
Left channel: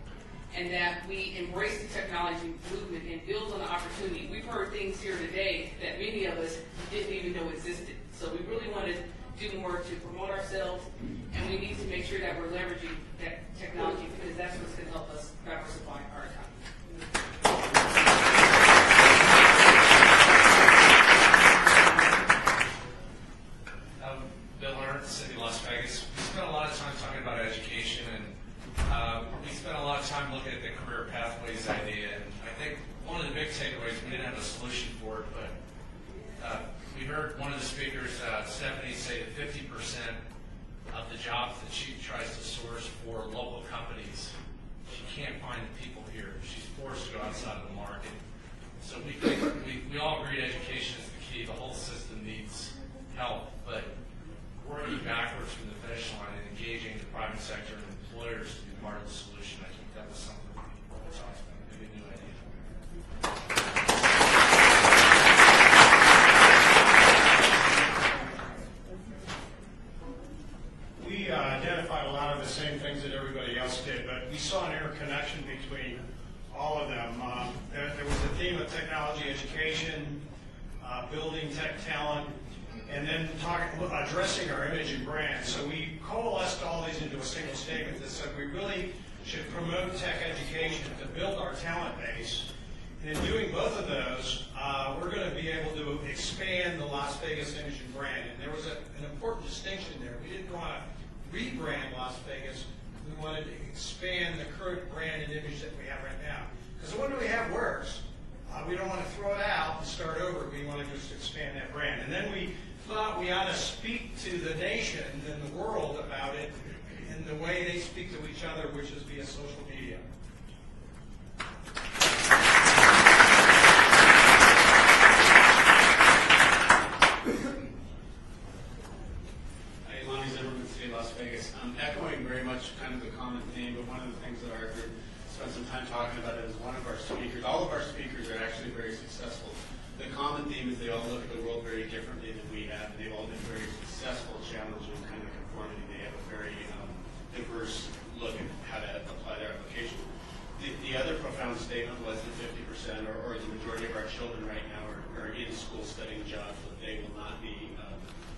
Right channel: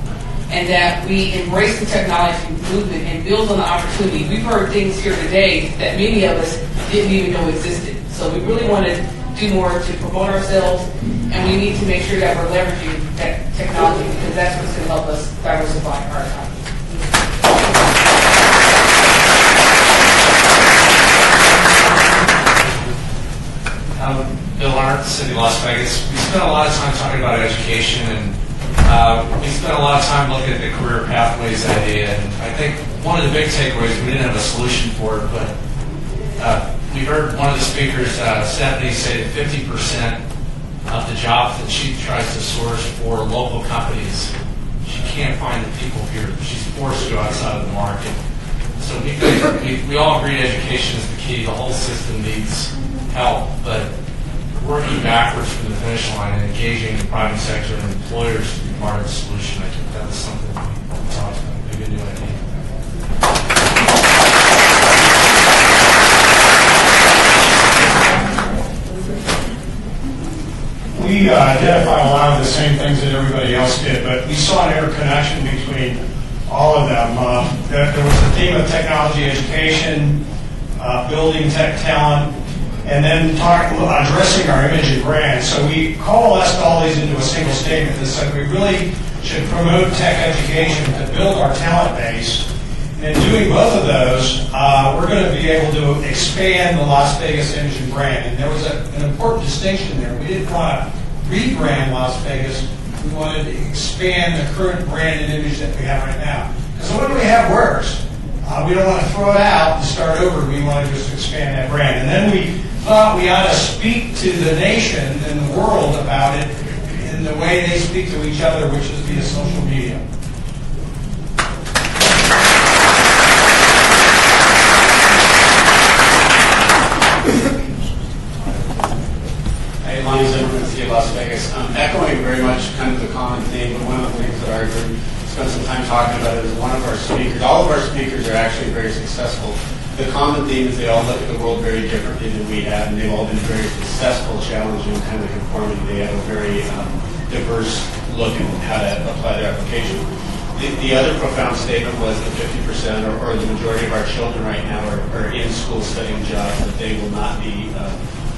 And that we embrace the technology movement and build on the opportunity. We've heard things here today that many of us didn't even know existed. So we really want to do more to promote ourselves, and we need to make sure that we're leveraging that technology because that's what's going to help us diversify our economy. Bill Arndt, City of Las Vegas. We spent a lot of time talking about education, and we spent a lot of time looking at the career pathways idea. And I think one of the big takeaways, we didn't have a solution for it, but we heard one of the speakers, Stephanie, say that 50% of the jobs that she tries to source for local companies, she can't find the people here. She's forced to go outside of the market. So we all agree education is the key. The whole system needs help, but working backwards from the finish line and engaging the private sector and employers to be part of the solution, I think that was something we talked about. Maybe a new idea. We identified a lot of the same things that everybody else did, but we saw an interconnection between all of them. There was a theme of technology education, building tech talent, and then addressing our image and brand. So we coalesced all these into a single statement that said we really should promote tech education to build our talent base. And in doing both of those, we're going to be able to expand the Las Vegas image and brand. And there was an important distinction there. We didn't want to rebrand Las Vegas. We wanted to expand the current brand and image that we have right now. Because what we have works. We don't want to throw it out and start over. We want to just expand that brand. And then we thought we ought to speak to the nation and the world about it in the way they speak to each other, which is via social media. Hey, Lonnie Zimmerman, City of Las Vegas. Echoing very much kind of the common theme, but one of the things that I heard spend some time talking about it is one of our speakers. All of our speakers are actually very successful. The common theme is they all look at the world very differently than we have, and they've all been very successful challenging kind of conformity. They have a very diverse look at how to apply their application. The other profound statement was that 50% or the majority of our children right now are in school studying jobs that they will not be,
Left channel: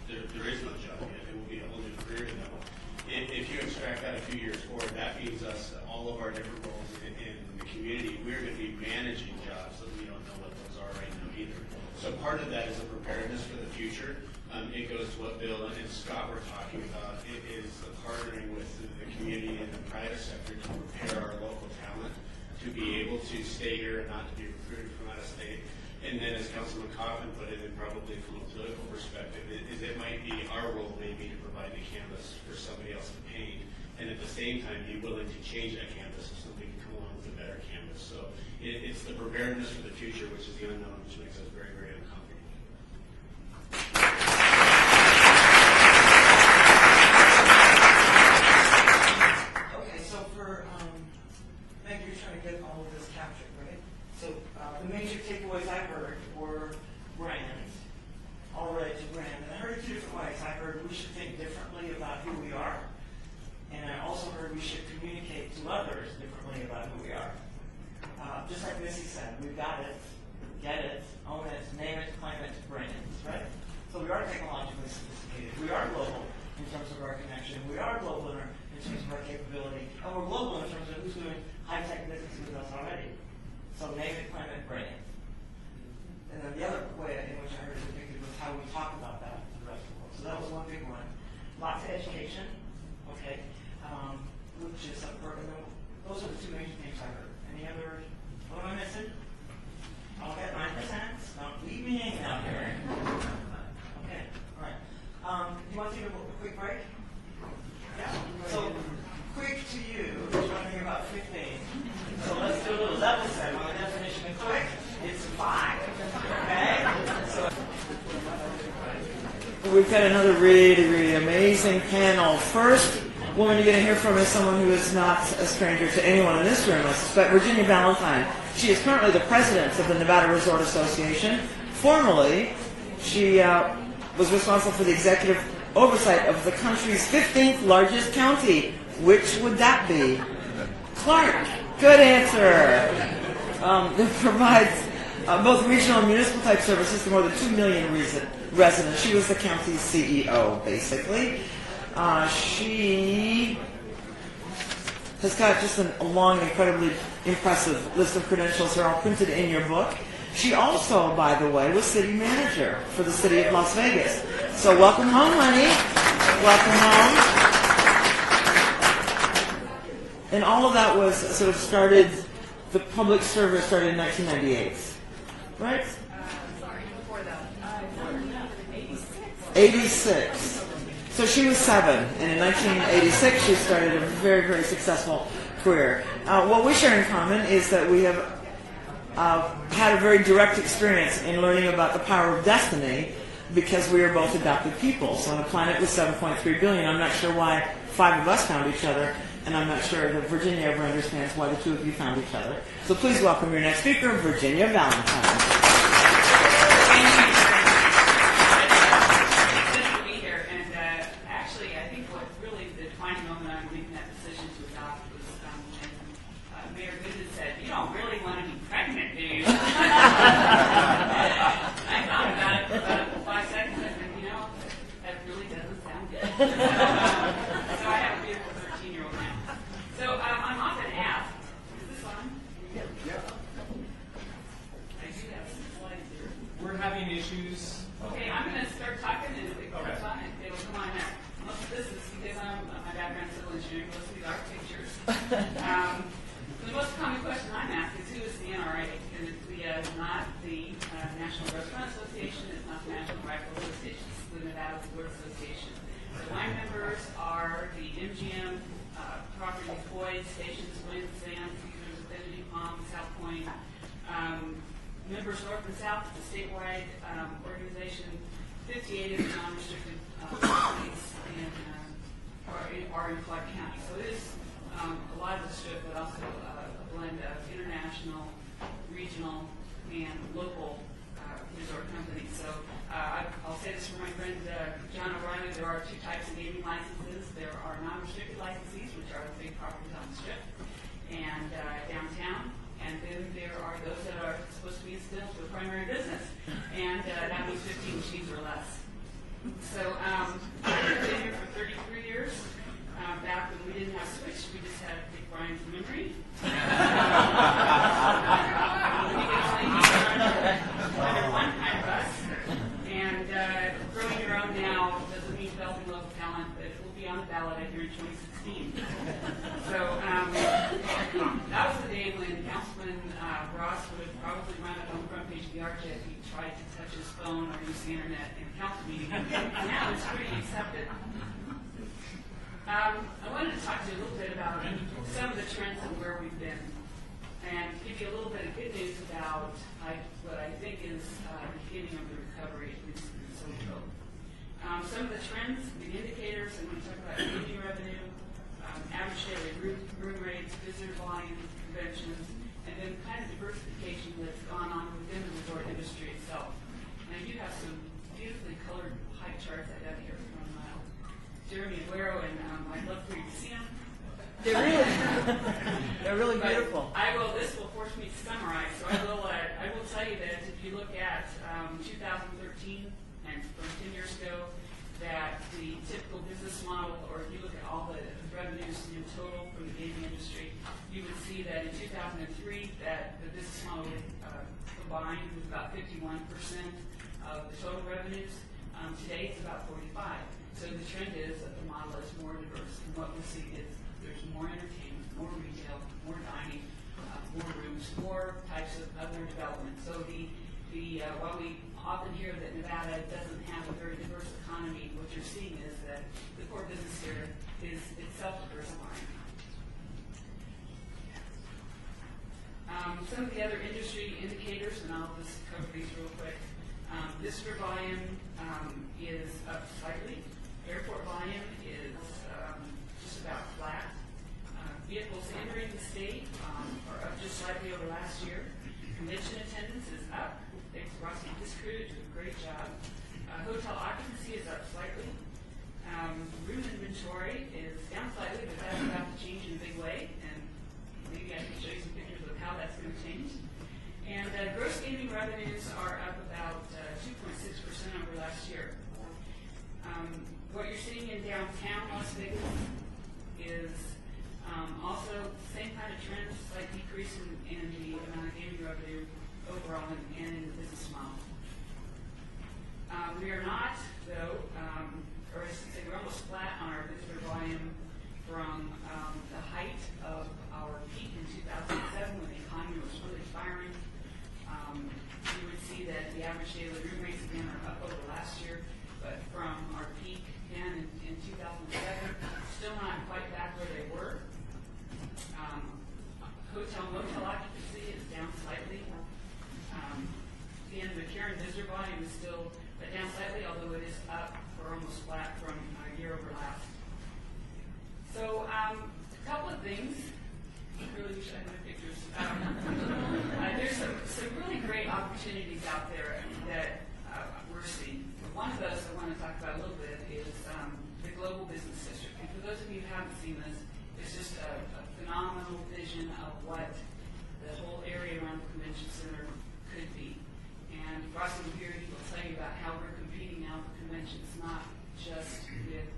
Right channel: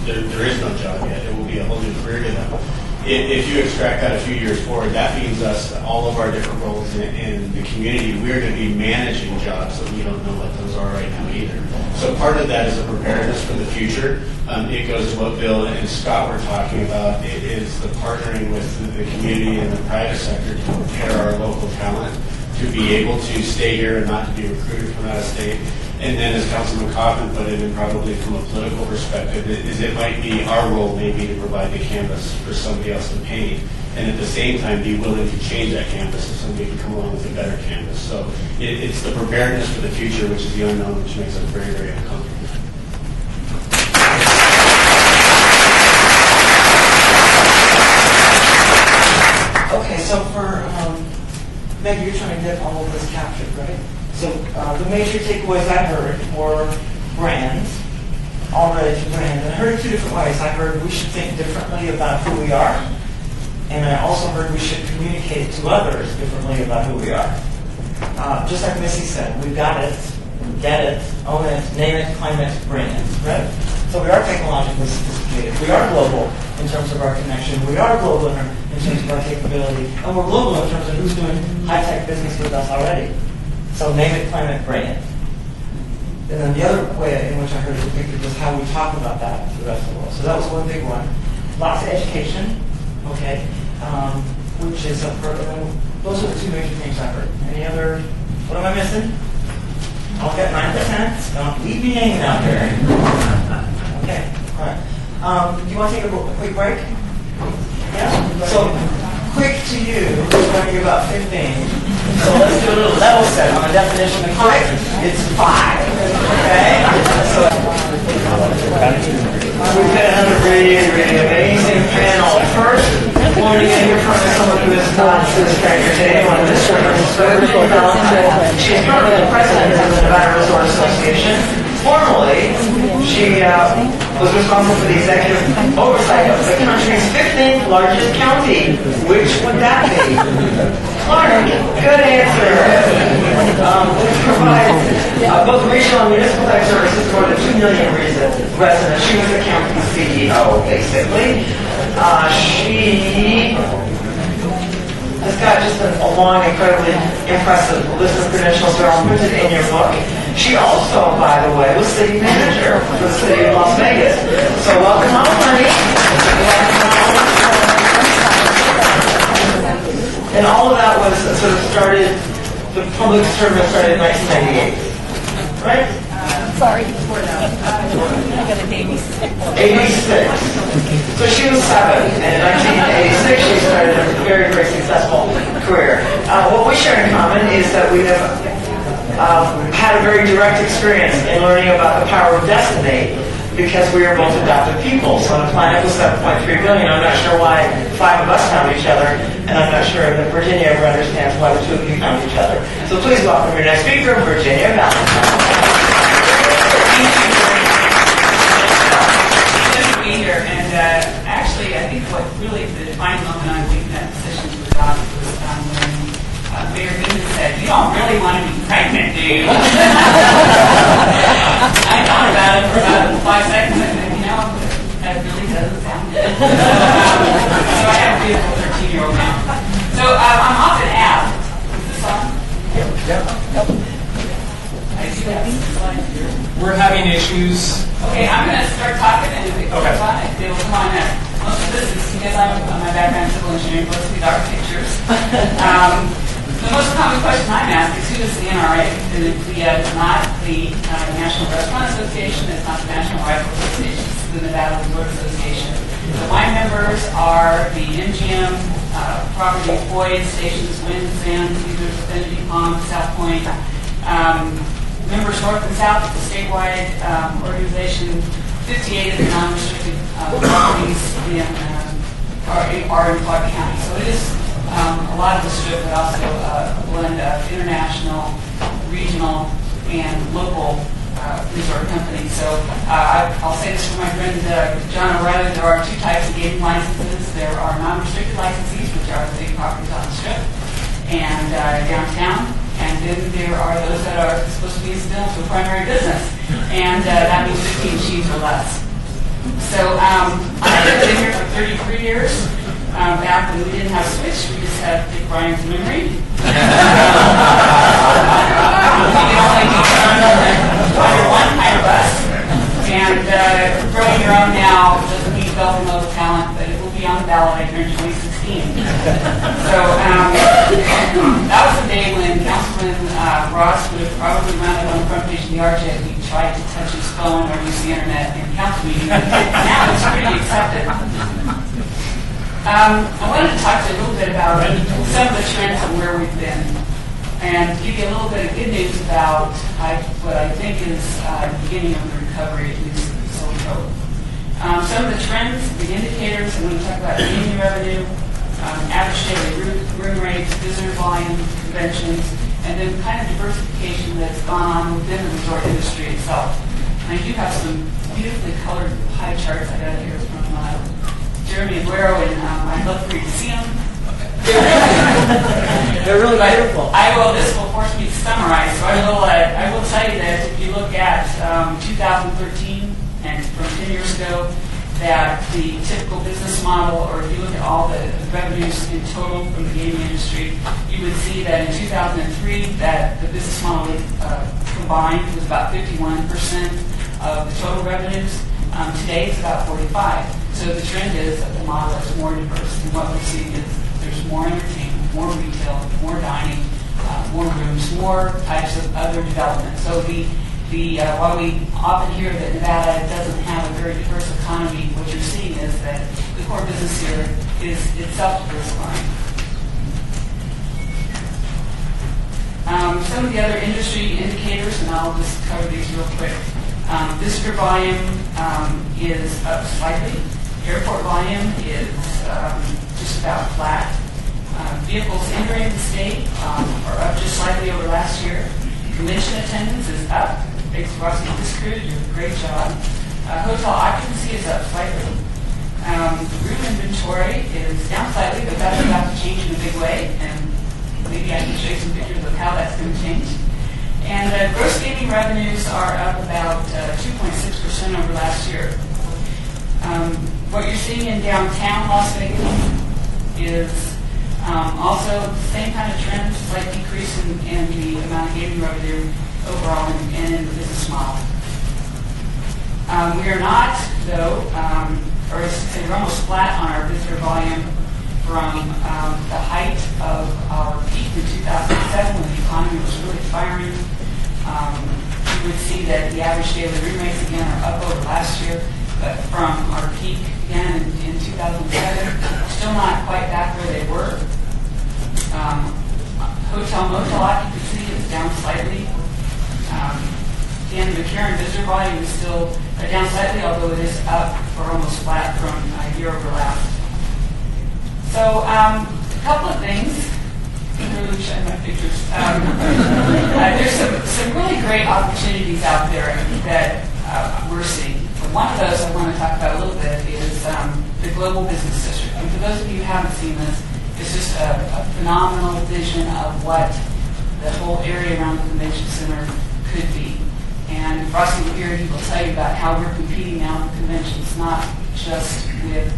there is no job yet. It will be a whole new career to them. If you extract that a few years forward, that means us, all of our different roles in the community, we're going to be managing jobs that we don't know what those are right now either. So part of that is a preparedness for the future. It goes to what Bill and Scott were talking about. It is the partnering with the community and the private sector to prepare our local talent to be able to stay here and not to be recruited from out of state. And then, as Councilman Coffin put it, and probably from a political perspective, it might be our role maybe to provide the canvas for somebody else to paint, and at the same time be willing to change that canvas so somebody can come along with a better canvas. So it's the preparedness for the future, which is the unknown, which makes us very, very uncomfortable. Okay, so for maybe you're trying to get all of this captured, right? So the major takeaways I heard were brands, all ready to brand. And I heard it two different ways. I heard we should think differently about who we are, and I also heard we should communicate to others differently about who we are. Just like Missy said, we've got it, get it, own it, name it, claim it, brand, right? So we are technologically sophisticated. We are global in terms of our connection. We are global in terms of our capability. And we're global in terms of who's doing high-tech business with us already. So name it, claim it, brand. And then the other way in which I heard it depicted was how we talk about that to the rest of the world. So that was one big one. Lots of education, okay. which is those are the two major things I heard. Any other? What am I missing? I'll get 9%. Don't leave me hanging out there. Okay. All right. Do you want to take a quick break? Yeah. So quick to you is going to be about 15. So let's do a little level set on the definition of quick. It's 5. Okay. So we've got another really amazing panel. First, we're going to get here from someone who is not this stranger today. One of the strangers. She's currently the president of the Nevada Resort Association. Formerly, she was responsible for the executive oversight of the country's 15th largest county. Which would that be? Clark. Good answer. Which provides both regional and municipal type services to more than 2 million residents. She was the county CEO, basically. She has got just a long, incredibly impressive list of credentials that are printed in your book. She also, by the way, was city manager for the city of Las Vegas. So welcome home, honey. And all of that was sort of started, the public service started in 1998, right? Sorry. I got an 86. 86. So she was 7, and in 1986 she started a very, very successful career. What we share in common is that we have had a very direct experience in learning about the power of destiny because we are both adopted people. So on a planet with 7.3 billion, I'm not sure why 5 of us found each other, and I'm not sure that Virginia ever understands why the 2 of you found each other. So please welcome your next speaker, Virginia Valentine. Be here, and actually, I think what really the defining moment on taking that decision to adopt was when Mayor Goodman said, "You don't really want to be pregnant, do you?" I thought about it for about 5 seconds, and said, that really doesn't sound good. So I have a beautiful 13-year-old now. So I'm often asked, is this on? Yep. I see that. We're having issues. Okay, I'm going to start talking, and if it goes on, it will come on next. Most of this is because my background in civil engineering, most of these architectures. The most common question I'm asked is, who is the NRA? And it's not the National Restaurant Association, it's not the National Rifle Association, it's the Nevada Resort Association. So my members are the MGM, property Boyd, Stations, Wind, Sands, Cedars, Affinity Palm, South Point. Members north and south of the statewide organization, 58 of the non-restricted properties are in Clark County. So it is a lot of the strip, but also a blend of international, regional, and local resort companies. So I'll say this for my friend John O'Reilly, there are 2 types of gaming licenses. There are non-restricted licensees, which are the big properties on the strip and downtown. And then there are those that are supposed to be incidental to a primary business. And that means 15 sheets or less. So I've been here for 33 years. Back when we didn't have Switch, we just had Dick Ryan's memory. You can only be under one kind of bus. And growing your own now doesn't mean developing local talent, but it will be on the ballot here in 2016. So that was the day when Councilman Ross would have probably wound up on the front page of the RJ if he tried to touch his phone or use the internet in council meetings. Now it's pretty accepted. I wanted to talk to you a little bit about some of the trends and where we've been, and give you a little bit of good news about what I think is the beginning of the recovery, at least so we hope. Some of the trends, the indicators, I'm going to talk about gaming revenue, average daily room rates, visitor volume, conventions, and then kind of diversification that's gone on within the resort industry itself. And I do have some beautifully colored pie charts I got here from Jeremy Aguero, and I'd love for you to see them. They're really beautiful. This will force me to summarize. So I will tell you that if you look at 2013 and from 10 years ago, that the typical business model, or if you look at all the revenues in total from the gaming industry, you would see that in 2003 that the business model combined was about 51% of the total revenues. Today it's about 45%. So the trend is that the model is more diverse, and what we're seeing is There's more entertainment, more retail, more dining, more rooms, more types of other development. So while we often hear that Nevada doesn't have a very diverse economy, what you're seeing is that the core business here is itself diversifying. Some of the other industry indicators, and I'll just cover these real quick. Visitor volume is up slightly. Airport volume is just about flat. Vehicles entering the state are up just slightly over last year. Convention attendance is up. Thanks to Roxy Discrew, you did a great job. Hotel occupancy is up slightly. Room inventory is down slightly, but that's about to change in a big way. And maybe I can show you some pictures of how that's going to change. And gross gaming revenues are up about 2.6% over last year. What you're seeing in downtown Las Vegas is also the same kind of trend, slight decrease in the amount of gaming revenue overall and in the business model. We are not, though, or I should say we're almost flat on our visitor volume from the height of our peak in 2007 when the economy was really firing. You would see that the average daily room rates again are up over last year, but from our peak again in 2007, still not quite back where they were. Hotel motel occupancy is down slightly. And the McCarran visitor volume is still down slightly, although it is up or almost flat from a year over last. So a couple of things. Really showing my pictures. There's some really great opportunities out there that we're seeing. One of those I want to talk about a little bit is the Global Business District. And for those of you who haven't seen this, it's just a phenomenal vision of what the whole area around the convention center could be. And Rusty here, he will tell you about how we're competing now with conventions, not just with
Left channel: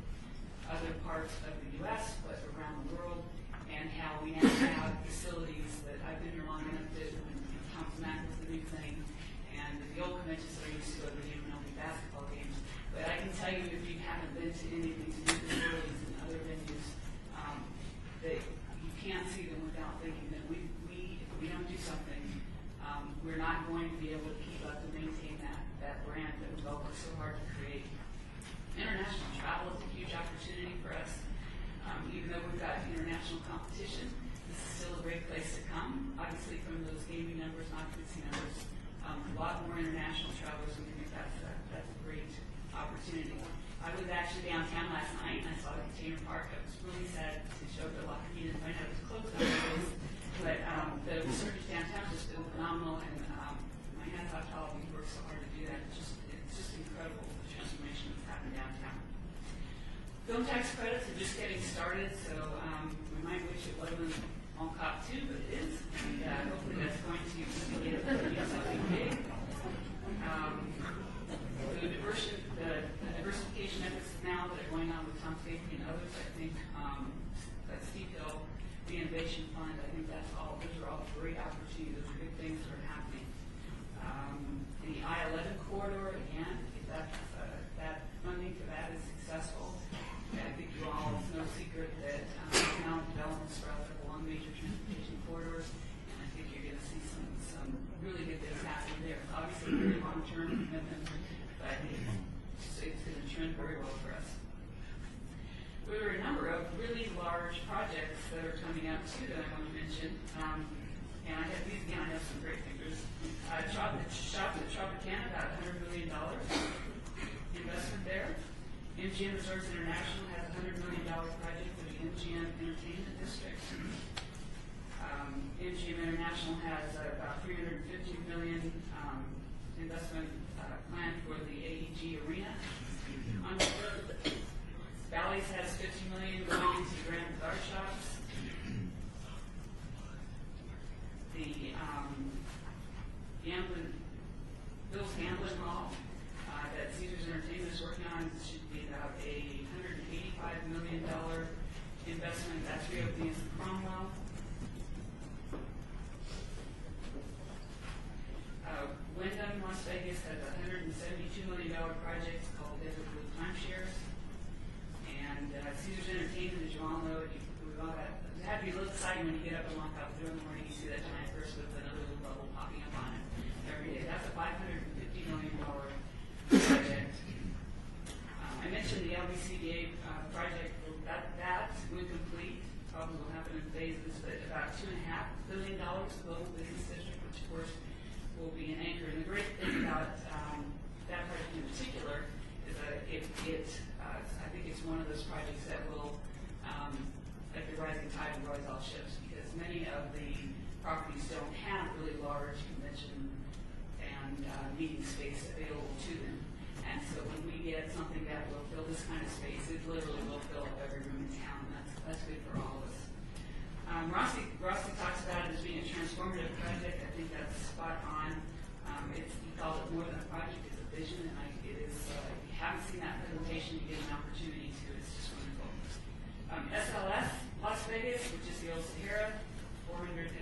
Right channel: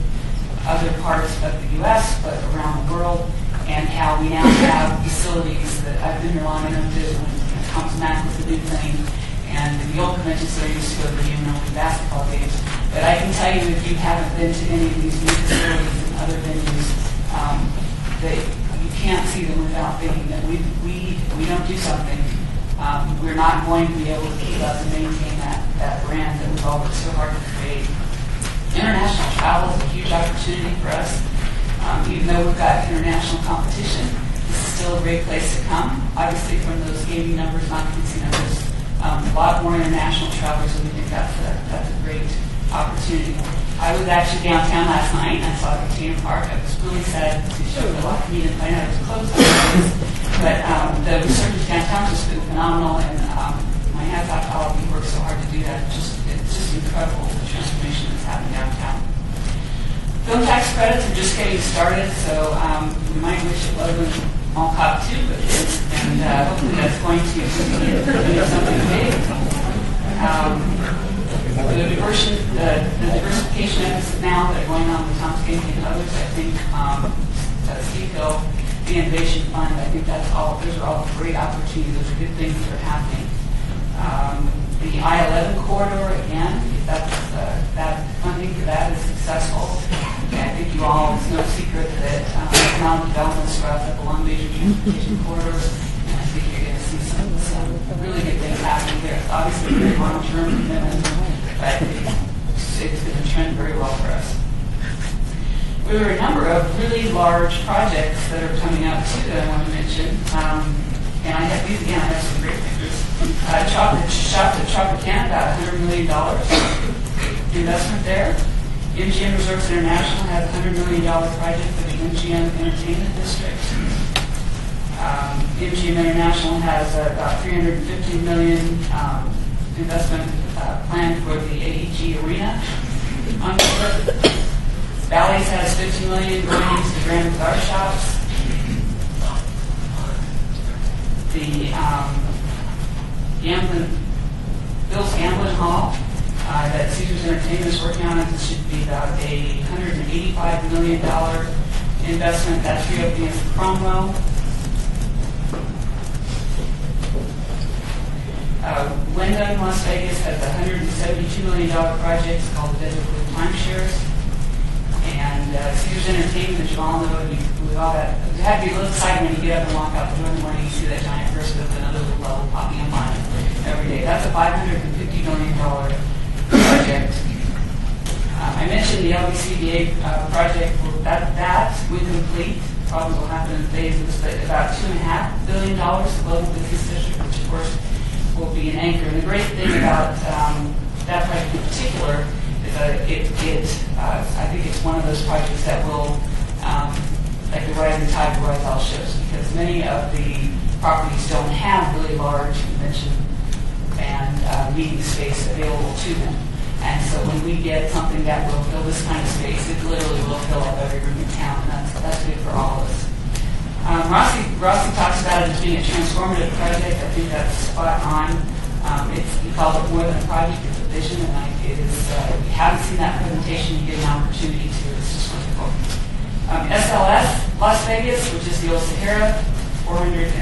other parts of the U.S., but around the world, and how we now have facilities that I've been here long enough to, when Thomas Mack was the new thing, and the old convention center used to go to the UNLV basketball games. But I can tell you, if you haven't been to any of these new facilities and other venues, that you can't see them without thinking that we don't do something. We're not going to be able to keep up and maintain that brand that we've all worked so hard to create. International travel is a huge opportunity for us. Even though we've got international competition, this is still a great place to come. Obviously, from those gaming numbers, occupancy numbers, a lot more international travelers, and we think that's a great opportunity. I was actually downtown last night, and I saw Catena Park. I was really sad to show the lot of me and find out it was closed. But the resurgence downtown has just been phenomenal, and my hats off to all of you who worked so hard to do that. It's just incredible, the transformation that's happening downtown. Film tax credits are just getting started, so we might wish it wasn't all cop too, but it is, and hopefully that's going to be something big. The diversification efforts now that are going on with Tom's Game and others, I think Steve Hill, the Innovation Fund, I think those are all great opportunities. Those are good things that are happening. The I-11 corridor, again, that funding for that is successful. And I think you all, it's no secret that economic development sprouts up along major transportation corridors, and I think you're going to see some really good things happening there. It's obviously a very long-term commitment, but it's going to trend very well for us. There are a number of really large projects that are coming out too that I want to mention. And I have these again, I have some great pictures. Tropicana, about $100 million investment there. MGM Resorts International has a $100 million project for the MGM Entertainment District. MGM International has about $350 million investment planned for the AEG Arena on board. Bally's has $50 million going into the Grand Bazaar shops. The Bill's Gambling Hall that Caesars Entertainment is working on, this should be about a $185 million investment. That's reopening as Cromwell. Wyndham Las Vegas has a $172 million project called the Desert Blue Timeshares. And Caesars Entertainment, as you all know, we all got, you have to be a little excited when you get up and walk out the door in the morning, you see that giant person with another little level popping up on it every day. That's a $550 million project. I mentioned the LBCBA project. That when complete, probably will happen in phases, but about $2.5 billion, the Global Business District, which of course will be an anchor. And the great thing about that project in particular is that I think it's one of those projects that will, like the rising tide will rise all ships, because many of the properties don't have really large convention and meeting space available to them. And so when we get something that will fill this kind of space, it literally will fill up every room in town, and that's good for all of us. Rossi talks about it as being a transformative project. I think that's spot on. He called it more than a project, it's a vision, and it is, if you haven't seen that presentation, you get an opportunity to. It's just wonderful. SLS, Las Vegas, which is the old Sahara, $415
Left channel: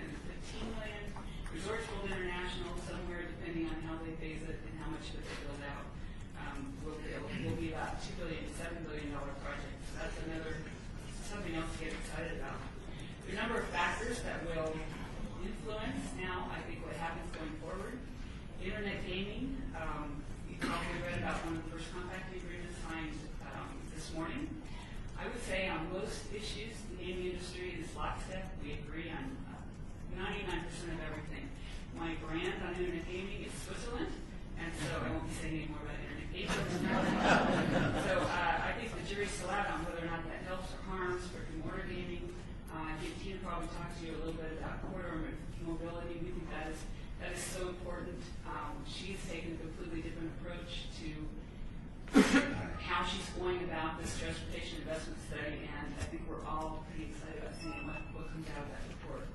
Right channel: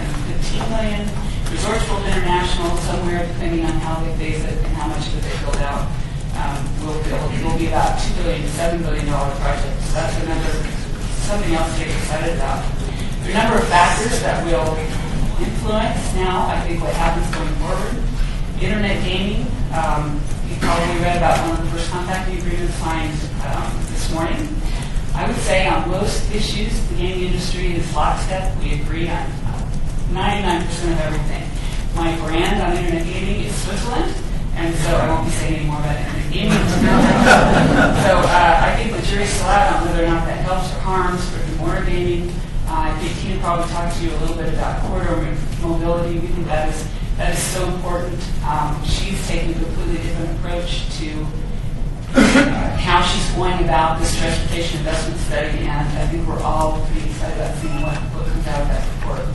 million. Resorts World International, somewhere depending on how they phase it and how much of it they build out, will be about $2 billion to $7 billion project. So that's something else to get excited about. There are a number of factors that will influence now, I think, what happens going forward. Internet gaming, you probably read about one of the first contracting agreements signed this morning. I would say on most issues, the gaming industry is lockstep. We agree on 99% of everything. My brand on internet gaming is Switzerland, and so I won't be saying any more about internet gaming. So I think the jury's still out on whether or not that helps or harms brick-and-mortar gaming. I think Tina probably talked to you a little bit about corridor mobility. We think that is so important. She's taking a completely different approach to how she's going about this transportation investment study, and I think we're all pretty excited about seeing what comes out of that report.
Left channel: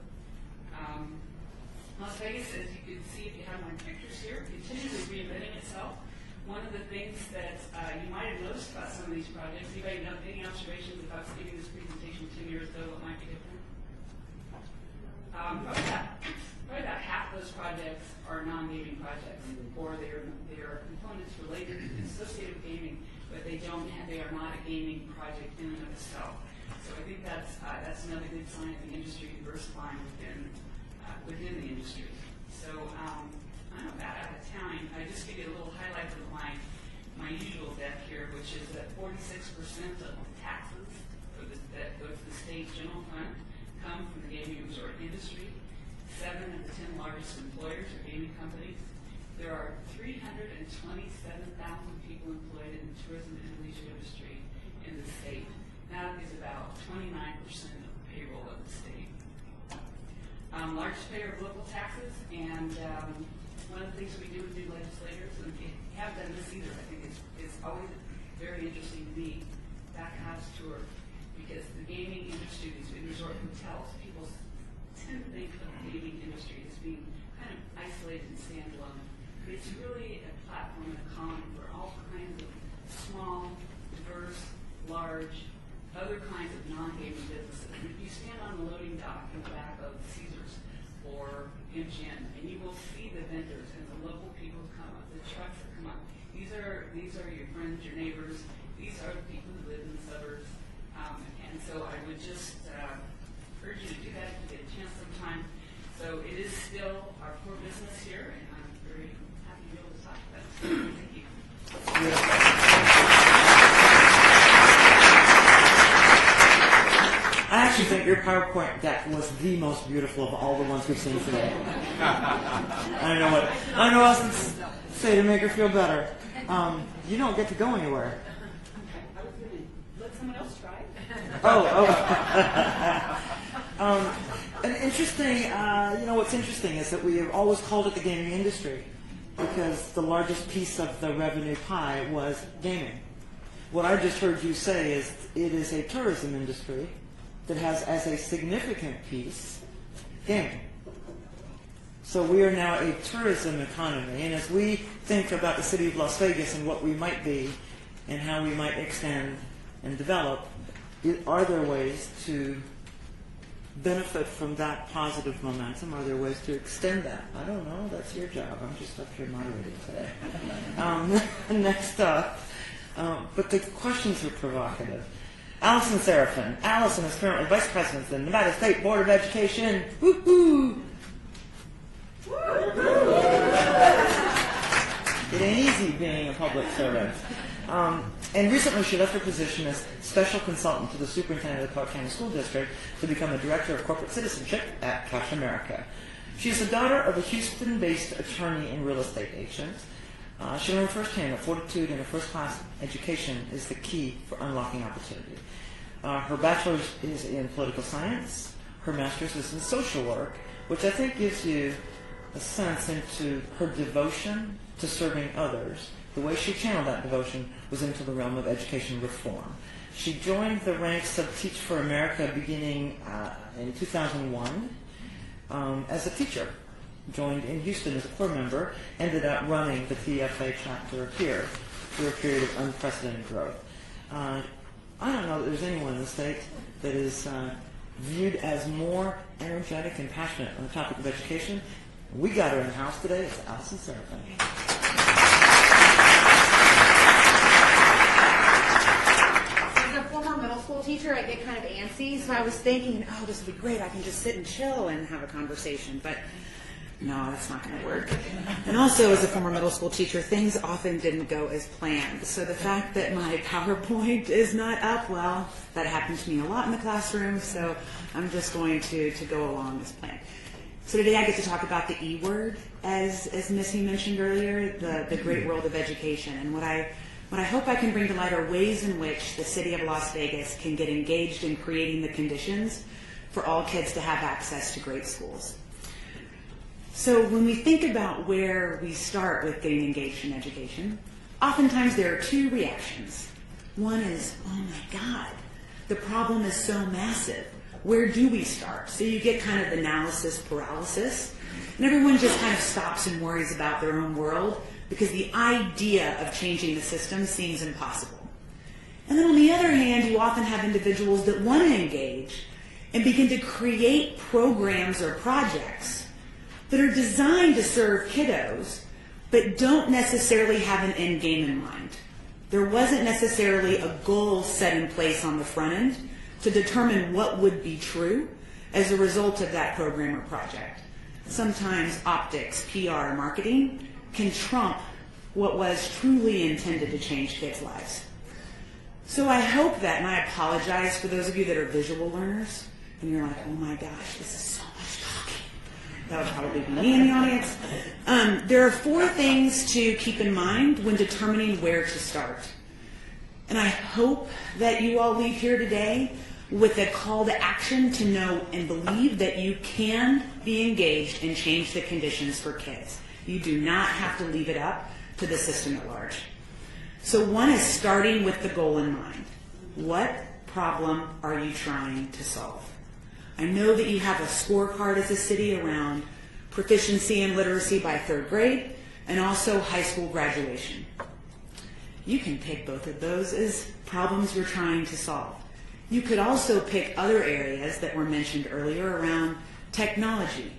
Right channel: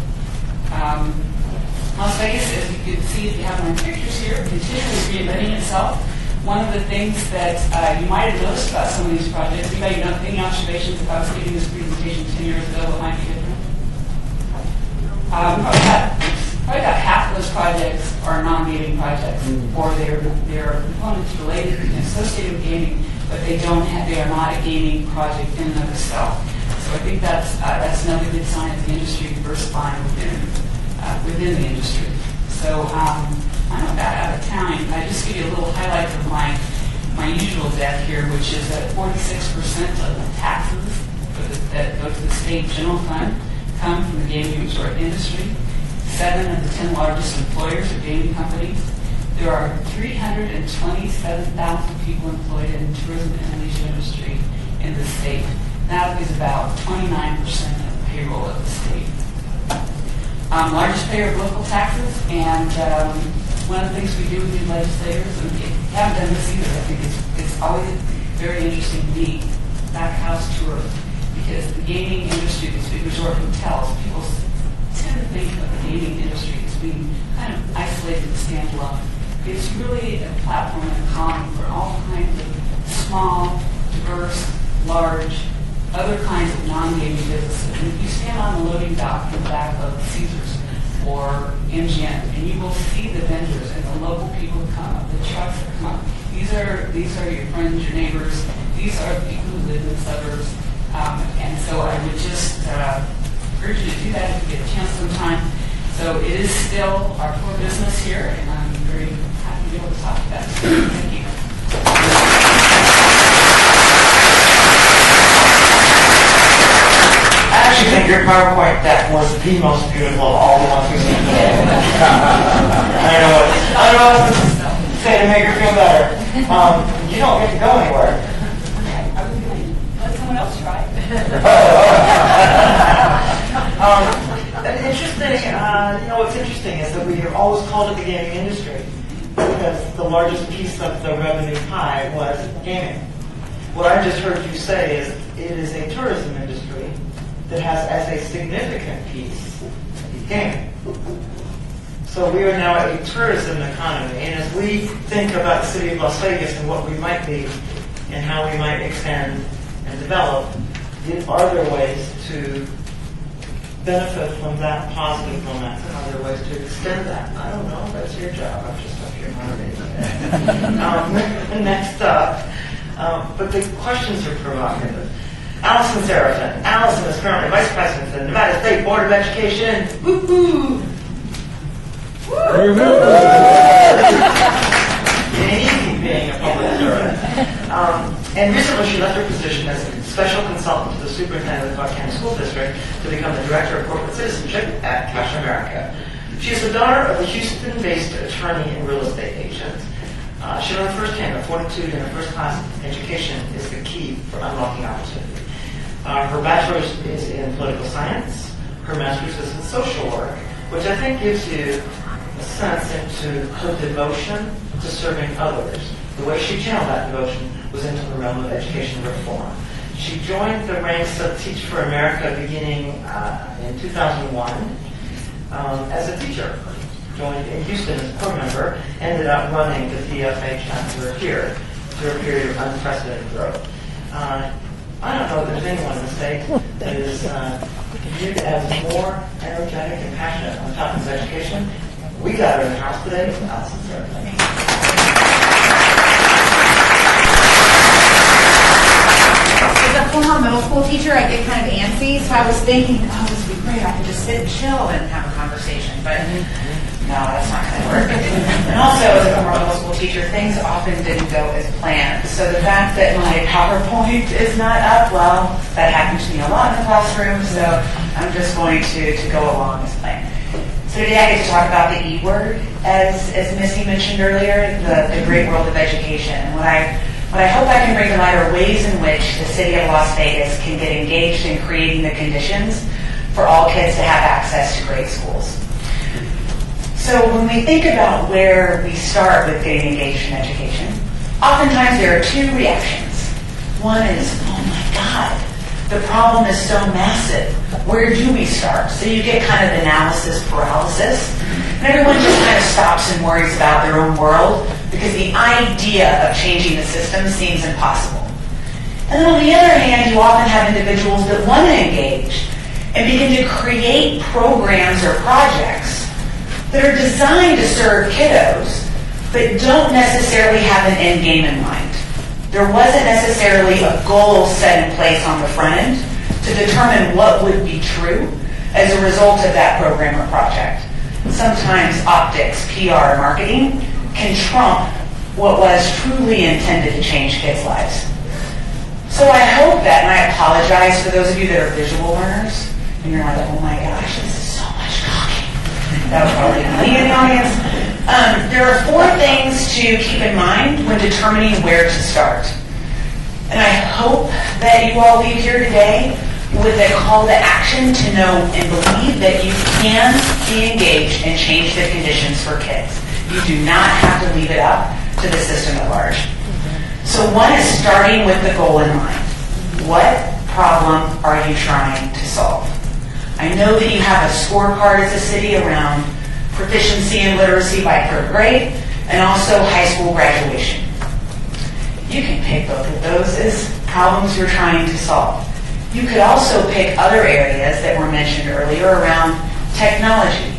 Las Vegas, as you can see if you have my pictures here, continually reinventing itself. One of the things that you might have noticed about some of these projects, anybody know any observations if I was giving this presentation 10 years ago, what might be different? Probably about half of those projects are non-gaming projects, or they're components related and associated with gaming, but they are not a gaming project in and of itself. So I think that's another good sign of the industry diversifying within the industry. So I'm about out of time. I just give you a little highlight of my usual deck here, which is that 46% of the taxes that go to the state general fund come from the gaming resort industry. 7 of the 10 largest employers are gaming companies. There are 327,000 people employed in the tourism and leisure industry in the state. That is about 29% of the payroll of the state. Largest payer of local taxes, and one of the things we do with these legislators, and we haven't done this either, I think it's always very interesting to me, back house tour, because the gaming industry, these big resort hotels, people tend to think of the gaming industry as being kind of isolated and standalone. It's really a platform and a colony for all kinds of small, diverse, large, other kinds of non-gaming businesses. And if you stand on the loading dock in the back of Caesars or MGM, and you will see the vendors and the local people who come up, the trucks that come up. These are your friends, your neighbors. These are people who live in the suburbs. And so I would just urge you to do that if you get a chance sometime. So it is still our core business here, and I'm very happy to be able to talk about it. Thank you. I actually think your PowerPoint deck was the most beautiful of all the ones we've seen today. I don't know what to say to make her feel better. You don't get to go anywhere. Let someone else try. Interesting, what's interesting is that we have always called it the gaming industry because the largest piece of the revenue pie was gaming. What I just heard you say is it is a tourism industry that has as a significant piece gaming. So we are now a tourism economy, and as we think about the city of Las Vegas and what we might be and how we might expand and develop, are there ways to benefit from that positive momentum? Are there ways to extend that? I don't know. That's your job. I'm just up here moderating. Next up. But the questions are provocative. Allison Serafin. Allison is currently Vice President of the Nevada State Board of Education. Woo-hoo! It ain't easy being a public servant. And recently she left her position as a special consultant to the superintendent of the Clark County School District to become the Director of Corporate Citizenship at Cash America. She is the daughter of a Houston-based attorney and real estate agent. She learned firsthand that fortitude in a first-class education is the key for unlocking opportunity. Her bachelor's is in political science. Her master's is in social work, which I think gives you a sense into her devotion to serving others. The way she channeled that devotion was into the realm of education reform. She joined the ranks of Teach for America beginning in 2001 as a teacher. Joined in Houston as a board member, ended up running the DFA chapter here through a period of unprecedented growth. I don't know that there's anyone in the state that is viewed as more energetic and passionate on topics of education. We got her in the house today, Allison Serafin. As a former middle school teacher, I get kind of antsy, so I was thinking, oh, this would be great. I could just sit and chill and have a conversation. But no, that's not going to work. And also, as a former middle school teacher, things often didn't go as planned. So the fact that my PowerPoint is not up, well, that happened to me a lot in the classroom, so I'm just going to go along as planned. So today I get to talk about the E word, as Missy mentioned earlier, the great world of education. And what I hope I can bring to light are ways in which the city of Las Vegas can get engaged in creating the conditions for all kids to have access to great schools. So when we think about where we start with getting engaged in education, oftentimes there are two reactions. One is, oh my God, the problem is so massive. Where do we start? So you get kind of analysis paralysis, and everyone just kind of stops and worries about their own world because the idea of changing the system seems impossible. And then on the other hand, you often have individuals that want to engage and begin to create programs or projects that are designed to serve kiddos, but don't necessarily have an end game in mind. There wasn't necessarily a goal set in place on the front end to determine what would be true as a result of that program or project. Sometimes optics, PR, and marketing can trump what was truly intended to change kids' lives. So I hope that, and I apologize for those of you that are visual learners, and you're like, oh my gosh, this is so much talking. That was probably me in the audience. There are 4 things to keep in mind when determining where to start. And I hope that you all leave here today with a call to action to know and believe that you can be engaged and change the conditions for kids. You do not have to leave it up to the system at large. So one is starting with the goal in mind. What problem are you trying to solve? I know that you have a scorecard as a city around proficiency in literacy by 3rd grade and also high school graduation. You can pick both of those as problems you're trying to solve. You could also pick other areas that were mentioned earlier around technology,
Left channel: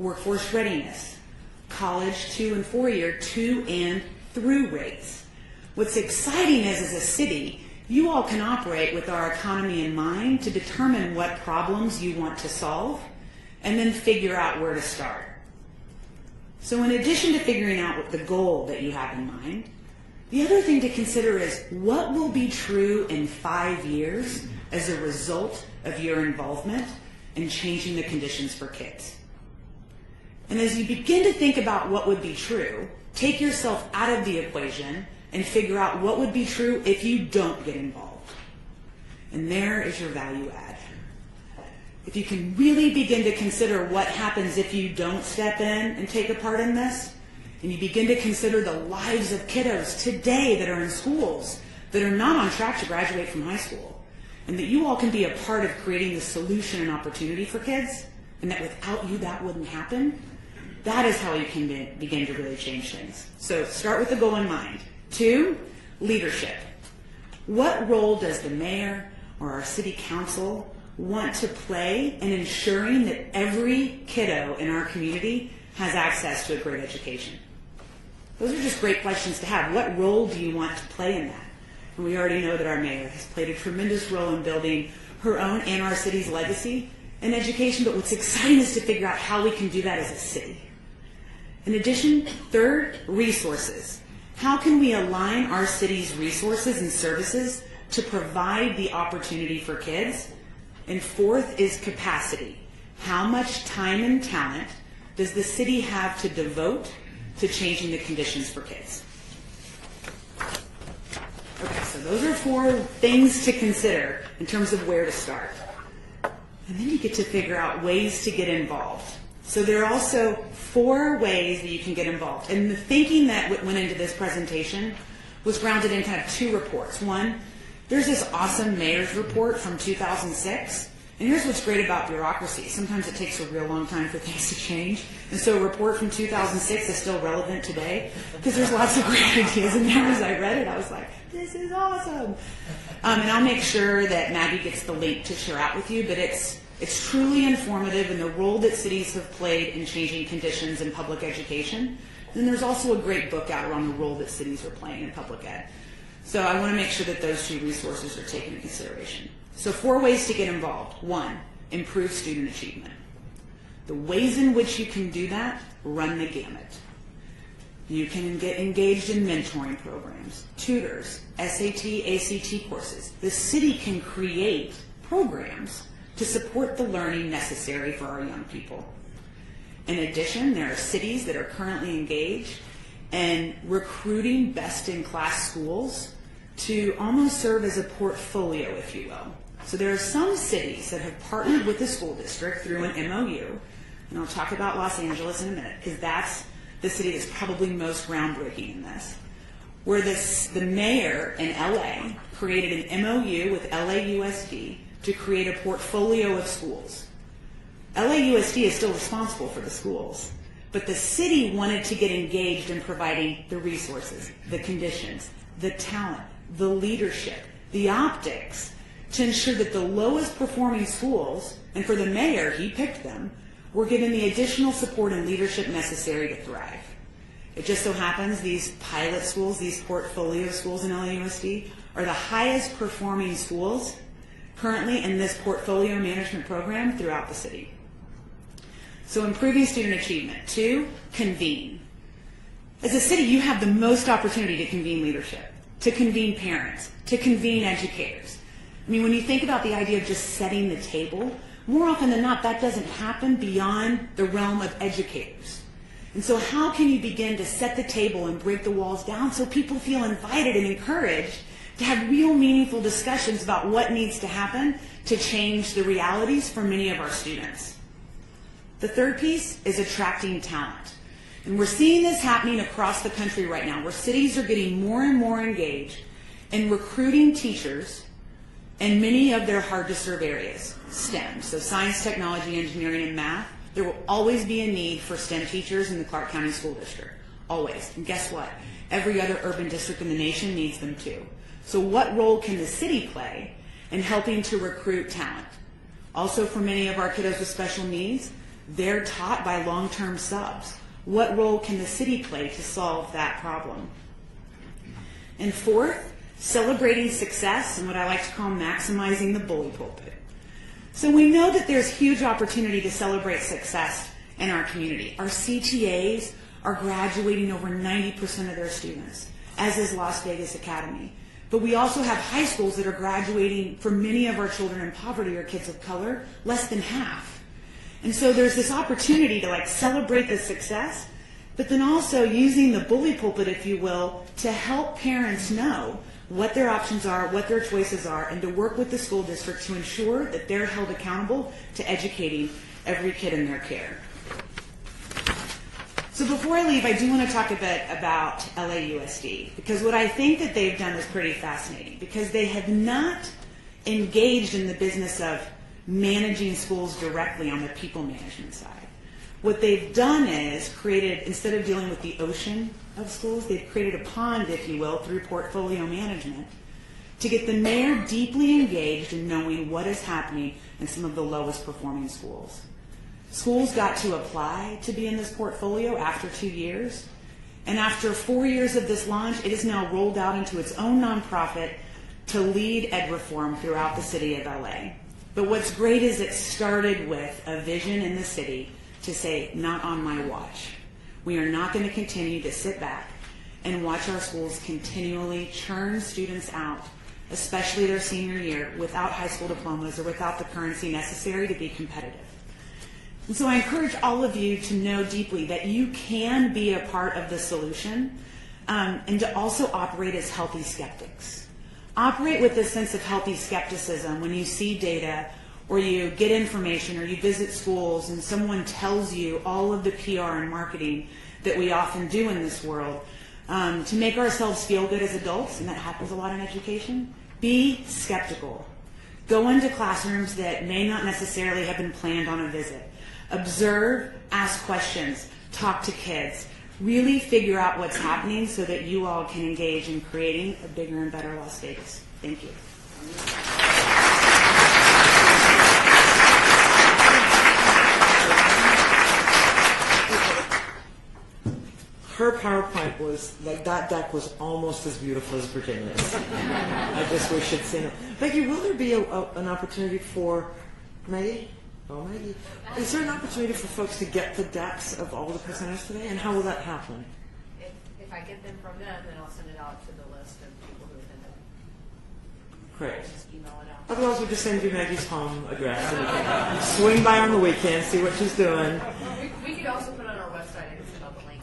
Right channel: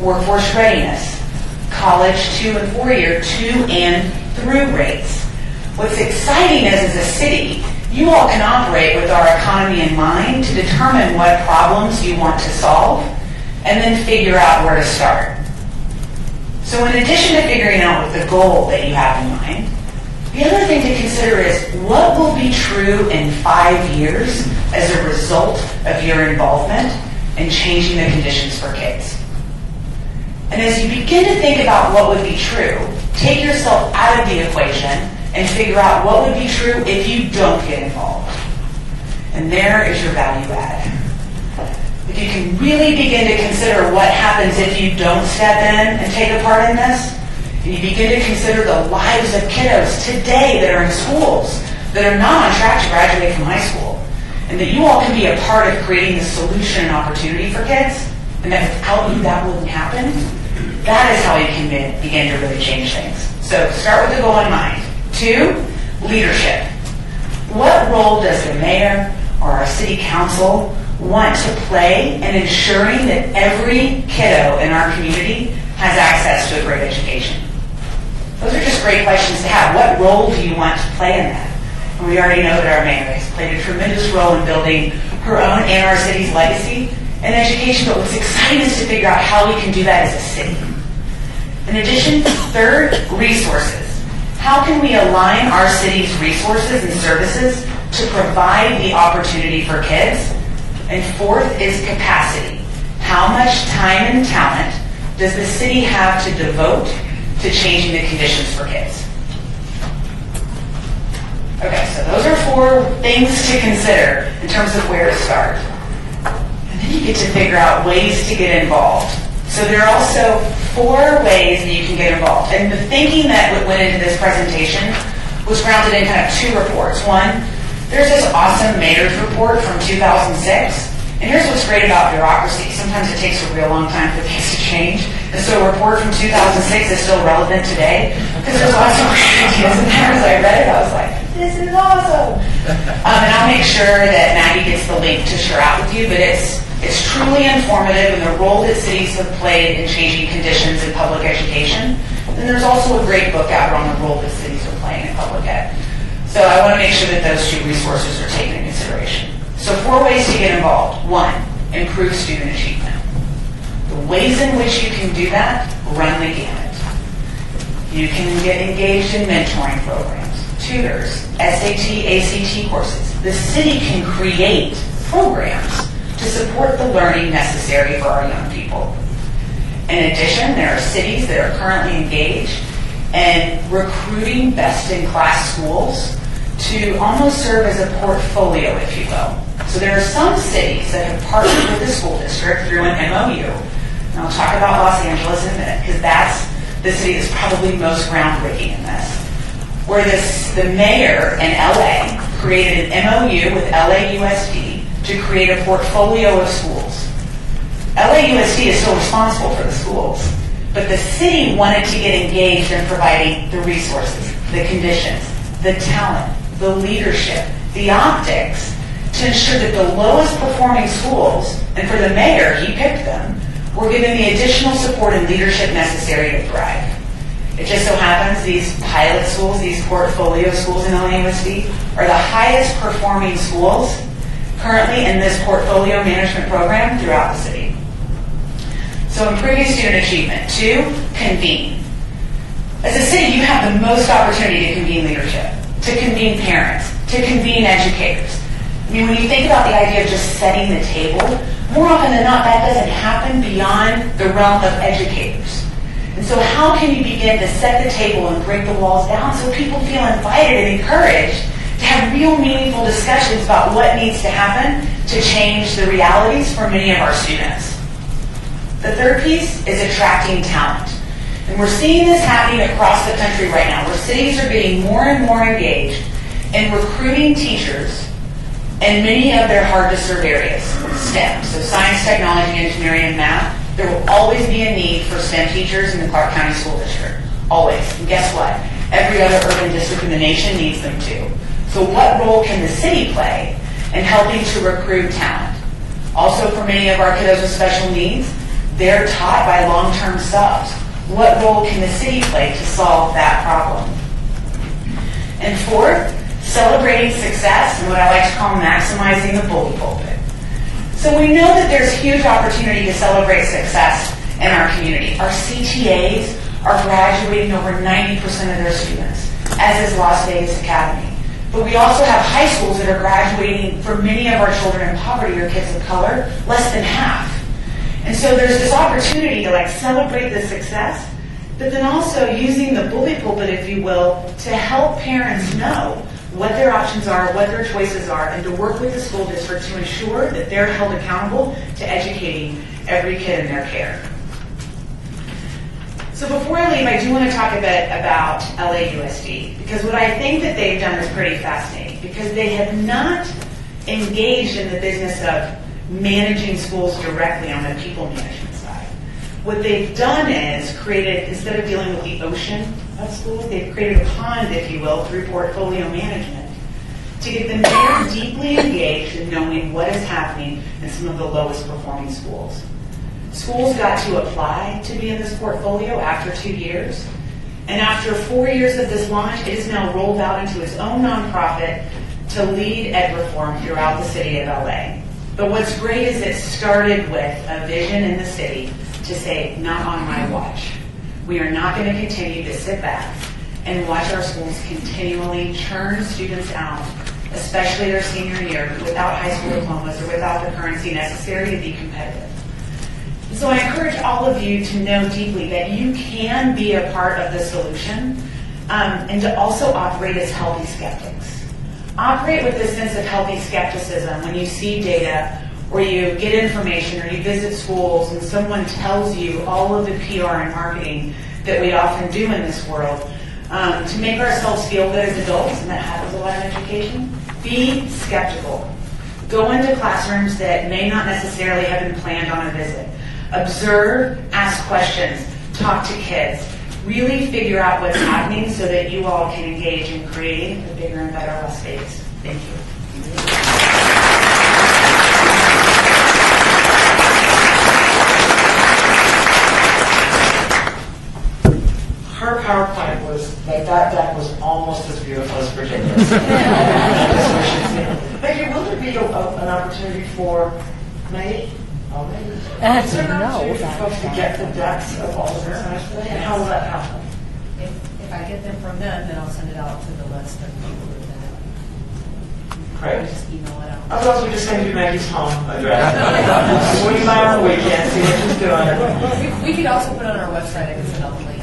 workforce readiness, college 2 and 4-year 2 and through rates. What's exciting is, as a city, you all can operate with our economy in mind to determine what problems you want to solve and then figure out where to start. So in addition to figuring out the goal that you have in mind, the other thing to consider is what will be true in 5 years as a result of your involvement in changing the conditions for kids. And as you begin to think about what would be true, take yourself out of the equation and figure out what would be true if you don't get involved. And there is your value add. If you can really begin to consider what happens if you don't step in and take a part in this, and you begin to consider the lives of kiddos today that are in schools that are not on track to graduate from high school, and that you all can be a part of creating the solution and opportunity for kids, and that without you that wouldn't happen, that is how you can begin to really change things. So start with the goal in mind. 2, leadership. What role does the mayor or our city council want to play in ensuring that every kiddo in our community has access to a great education? Those are just great questions to have. What role do you want to play in that? And we already know that our mayor has played a tremendous role in building her own and our city's legacy in education, but what's exciting is to figure out how we can do that as a city. In addition, third, resources. How can we align our city's resources and services to provide the opportunity for kids? And fourth is capacity. How much time and talent does the city have to devote to changing the conditions for kids? Okay, so those are 4 things to consider in terms of where to start. And then you get to figure out ways to get involved. So there are also 4 ways that you can get involved. And the thinking that went into this presentation was grounded in kind of 2 reports. One, there's this awesome mayor's report from 2006. And here's what's great about bureaucracy. Sometimes it takes a real long time for things to change. And so a report from 2006 is still relevant today because there's lots of great ideas in there. As I read it, I was like, this is awesome. And I'll make sure that Maggie gets the link to share out with you, but it's truly informative in the role that cities have played in changing conditions in public education. Then there's also a great book out on the role that cities are playing in public ed. So I want to make sure that those 2 resources are taken into consideration. So 4 ways to get involved. 1, improve student achievement. The ways in which you can do that run the gamut. You can get engaged in mentoring programs, tutors, SAT, ACT courses. The city can create programs to support the learning necessary for our young people. In addition, there are cities that are currently engaged in recruiting best-in-class schools to almost serve as a portfolio, if you will. So there are some cities that have partnered with the school district through an MOU. And I'll talk about Los Angeles in a minute, because that's the city that's probably most groundbreaking in this. Where the mayor in LA created an MOU with LAUSD to create a portfolio of schools. LAUSD is still responsible for the schools, but the city wanted to get engaged in providing the resources, the conditions, the talent, the leadership, the optics, to ensure that the lowest performing schools, and for the mayor, he picked them, were given the additional support and leadership necessary to thrive. It just so happens these pilot schools, these portfolio schools in LAUSD, are the highest performing schools currently in this portfolio management program throughout the city. So improving student achievement. 2, convene. As a city, you have the most opportunity to convene leadership, to convene parents, to convene educators. I mean, when you think about the idea of just setting the table, more often than not, that doesn't happen beyond the realm of educators. And so how can you begin to set the table and break the walls down so people feel invited and encouraged to have real meaningful discussions about what needs to happen to change the realities for many of our students? The third piece is attracting talent. And we're seeing this happening across the country right now, where cities are getting more and more engaged in recruiting teachers in many of their hard-to-serve areas, STEM, so science, technology, engineering, and math. There will always be a need for STEM teachers in the Clark County School District. Always. And guess what? Every other urban district in the nation needs them too. So what role can the city play in helping to recruit talent? Also, for many of our kiddos with special needs, they're taught by long-term subs. What role can the city play to solve that problem? And fourth, celebrating success and what I like to call maximizing the bully pulpit. So we know that there's huge opportunity to celebrate success in our community. Our CTAs are graduating over 90% of their students, as is Las Vegas Academy. But we also have high schools that are graduating, for many of our children in poverty or kids of color, less than half. And so there's this opportunity to celebrate the success, but then also using the bully pulpit, if you will, to help parents know what their options are, what their choices are, and to work with the school district to ensure that they're held accountable to educating every kid in their care. So before I leave, I do want to talk a bit about LAUSD, because what I think that they've done is pretty fascinating, because they have not engaged in the business of managing schools directly on the people management side. What they've done is created, instead of dealing with the ocean of schools, they've created a pond, if you will, through portfolio management to get them very deeply engaged in knowing what is happening in some of the lowest performing schools. Schools got to apply to be in this portfolio after 2 years, And after 4 years of this launch, it is now rolled out into its own nonprofit to lead ed reform throughout the city of LA. But what's great is it started with a vision in the city to say, not on my watch. We are not going to continue to sit back and watch our schools continually churn students out, especially their senior year, without high school diplomas or without the currency necessary to be competitive. And so I encourage all of you to know deeply that you can be a part of the solution, and to also operate as healthy skeptics. Operate with this sense of healthy skepticism when you see data, or you get information, or you visit schools and someone tells you all of the PR and marketing that we often do in this world to make ourselves feel good as adults, and that happens a lot in education. Be skeptical. Go into classrooms that may not necessarily have been planned on a visit. Observe, ask questions, talk to kids. Really figure out what's happening so that you all can engage in creating a bigger and better Las Vegas. Thank you. Her PowerPoint was, like, that deck was almost as beautiful as Virginia's. Maybe will there be an opportunity for me? Oh, maybe. Is there an opportunity for folks to get the decks of all of this? And how will that happen? If I get them from them, then I'll send it out to the list of people who can. Great. Just email it out. Otherwise, we just send you Maggie's home address. Swing by on the weekend, see what she's doing. We could also put it on our website. I can send out the link.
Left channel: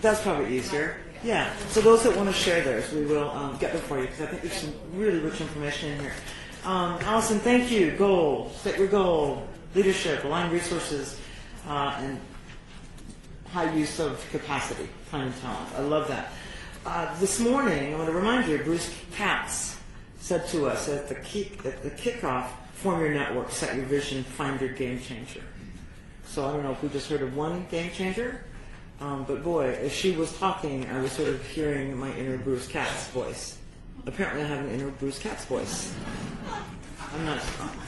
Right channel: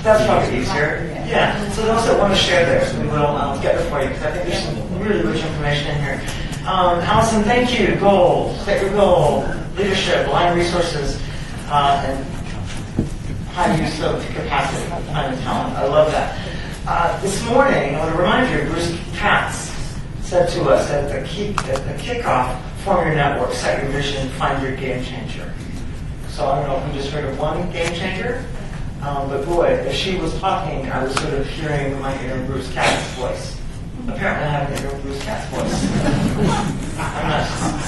That's probably easier. Yeah. So those that want to share theirs, we will get it for you, because I think there's some really rich information in here. Allison, thank you. Goal, set your goal, leadership, aligned resources, and high use of capacity, time and talent. I love that. This morning, I want to remind you, Bruce Katz said to us at the kickoff, form your network, set your vision, find your game changer. So I don't know if we just heard of one game changer. But boy, as she was talking, I was sort of hearing my inner Bruce Katz voice. Apparently I have an inner Bruce Katz voice.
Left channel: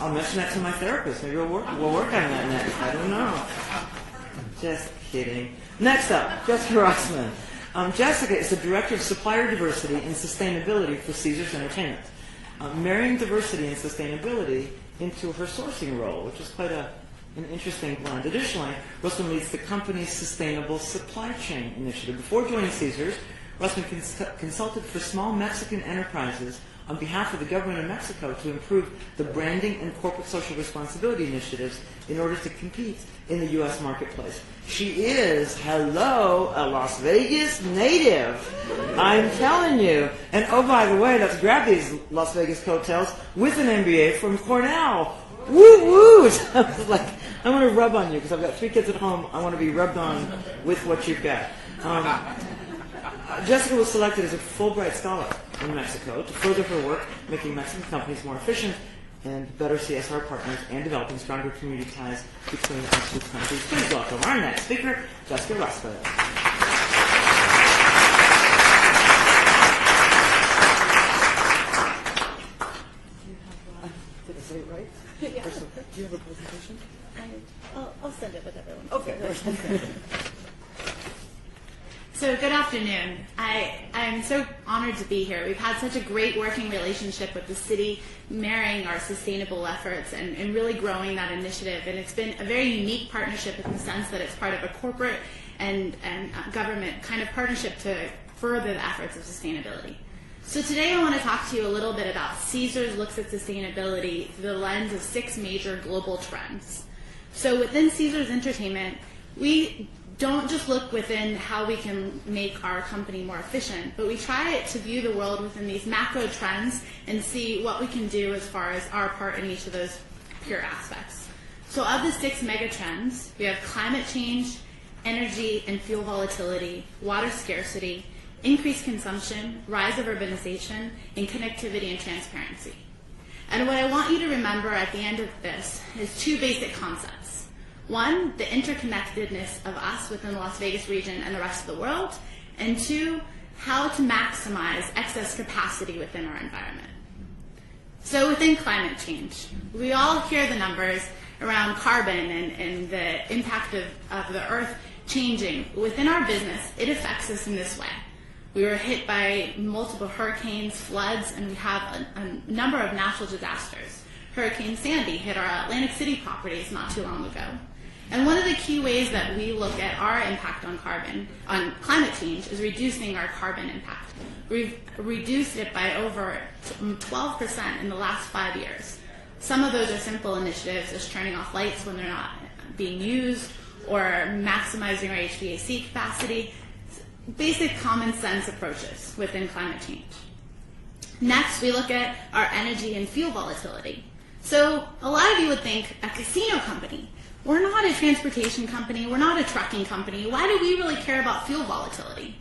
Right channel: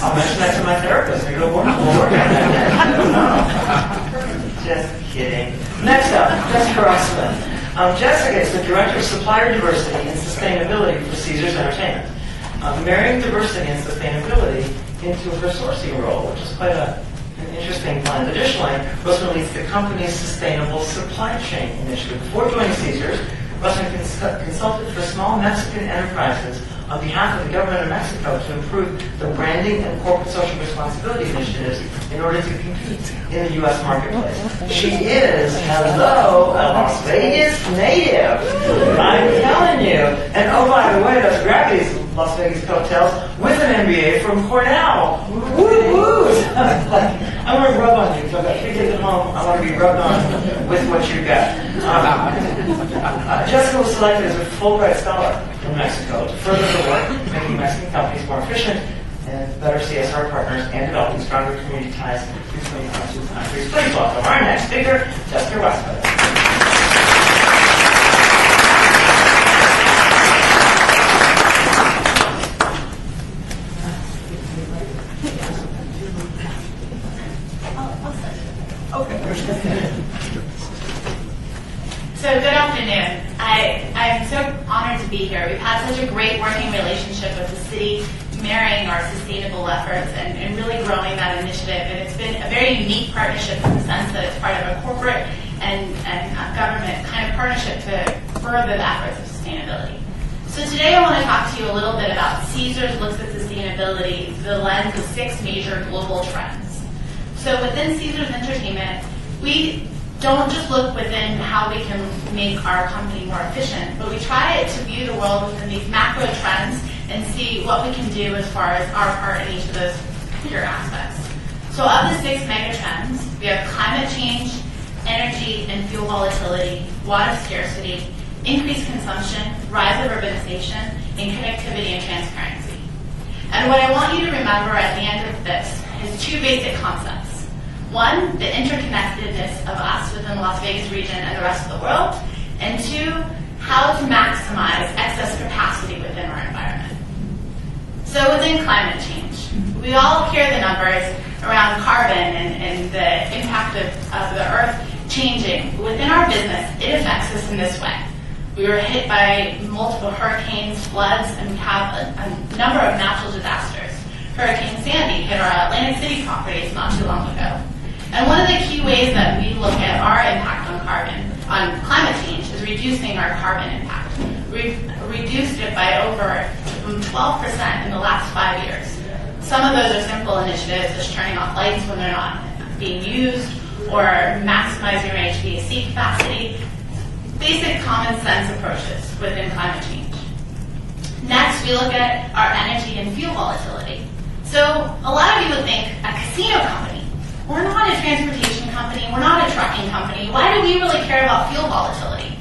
I'll mention that to my therapist. Maybe we'll work on that. I don't know. Just kidding. Next up, Jessica Rossman. Jessica is the Director of Supplier Diversity and Sustainability for Caesars Entertainment. Marrying diversity and sustainability into her sourcing role, which is quite an interesting blend. Additionally, Russman leads the company's Sustainable Supply Chain Initiative. Before joining Caesars, Russman consulted for small Mexican enterprises on behalf of the government of Mexico to improve the branding and corporate social responsibility initiatives in order to compete in the U.S. marketplace. She is, hello, a Las Vegas native. I'm telling you. And oh, by the way, let's grab these Las Vegas coattails with an MBA from Cornell. Woo woo! I want to rub on you, because I've got 3 kids at home. I want to be rubbed on with what you've got. Jessica was selected as a Fulbright Scholar in Mexico to further her work making Mexican companies more efficient and better CSR partners and developing stronger community ties between the two countries. Please welcome our next speaker, Jessica Rossman. So good afternoon. I'm so honored to be here. We've had such a great working relationship with the city, marrying our sustainable efforts and really growing that initiative. And it's been a very unique partnership in the sense that it's part of a corporate and government kind of partnership to further the efforts of sustainability. So today I want to talk to you a little bit about Caesars looks at sustainability through the lens of 6 major global trends. So within Caesars Entertainment, we don't just look within how we can make our company more efficient, but we try to view the world within these macro trends and see what we can do as far as our part in each of those clear aspects. So of the 6 mega trends, we have climate change, energy and fuel volatility, water scarcity, increased consumption, rise of urbanization, and connectivity and transparency. And what I want you to remember at the end of this is 2 basic concepts. 1, the interconnectedness of us within the Las Vegas region and the rest of the world, and 2, how to maximize excess capacity within our environment. So within climate change, we all hear the numbers around carbon and the impact of the Earth changing. Within our business, it affects us in this way. We were hit by multiple hurricanes, floods, and we have a number of natural disasters. Hurricane Sandy hit our Atlantic City properties not too long ago. And one of the key ways that we look at our impact on climate change is reducing our carbon impact. We've reduced it by over 12% in the last 5 years. Some of those are simple initiatives, such as turning off lights when they're not being used, or maximizing our HVAC capacity. Basic common sense approaches within climate change. Next, we look at our energy and fuel volatility. So a lot of you would think a casino company. We're not a transportation company. We're not a trucking company. Why do we really care about fuel volatility?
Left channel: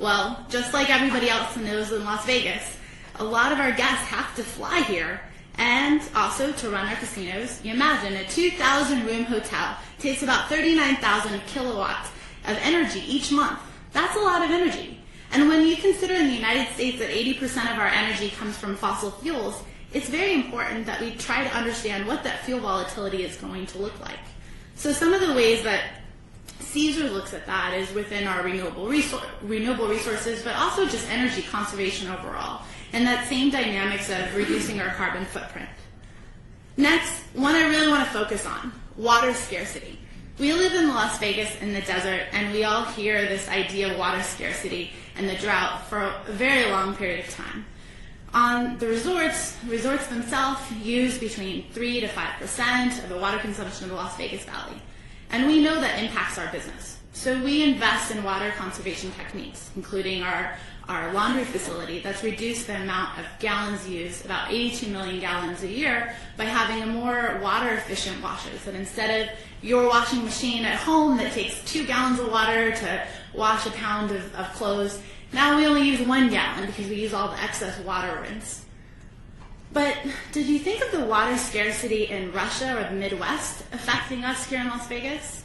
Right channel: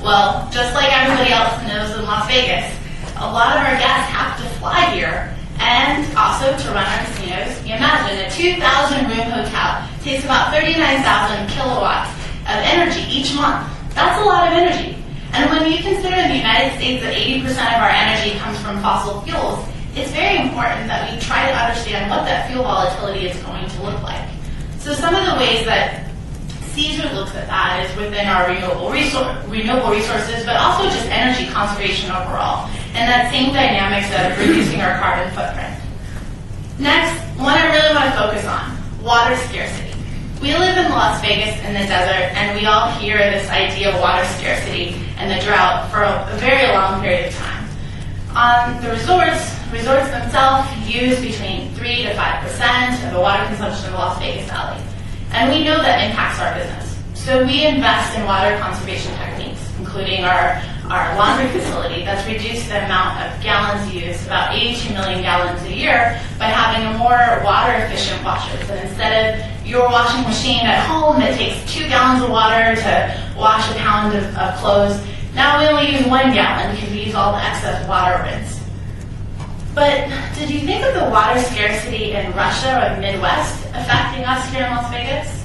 Well, just like everybody else knows in Las Vegas, a lot of our guests have to fly here and also to run our casinos. You imagine a 2,000-room hotel takes about 39,000 kilowatts of energy each month. That's a lot of energy. And when you consider in the United States that 80% of our energy comes from fossil fuels, it's very important that we try to understand what that fuel volatility is going to look like. So some of the ways that Caesar looks at that is within our renewable resources, but also just energy conservation overall, and that same dynamics of reducing our carbon footprint. Next, one I really want to focus on, water scarcity. We live in Las Vegas in the desert, and we all hear this idea of water scarcity and the drought for a very long period of time. On the resorts themselves use between 3 to 5% of the water consumption of the Las Vegas Valley. And we know that impacts our business. So we invest in water conservation techniques, including our laundry facility that's reduced the amount of gallons used, about 82 million gallons a year, by having a more water-efficient washers. And instead of your washing machine at home that takes 2 gallons of water to wash a pound of clothes, now we only use 1 gallon because we use all the excess water rinse. But did you think of the water scarcity in Russia or the Midwest affecting us here in Las Vegas?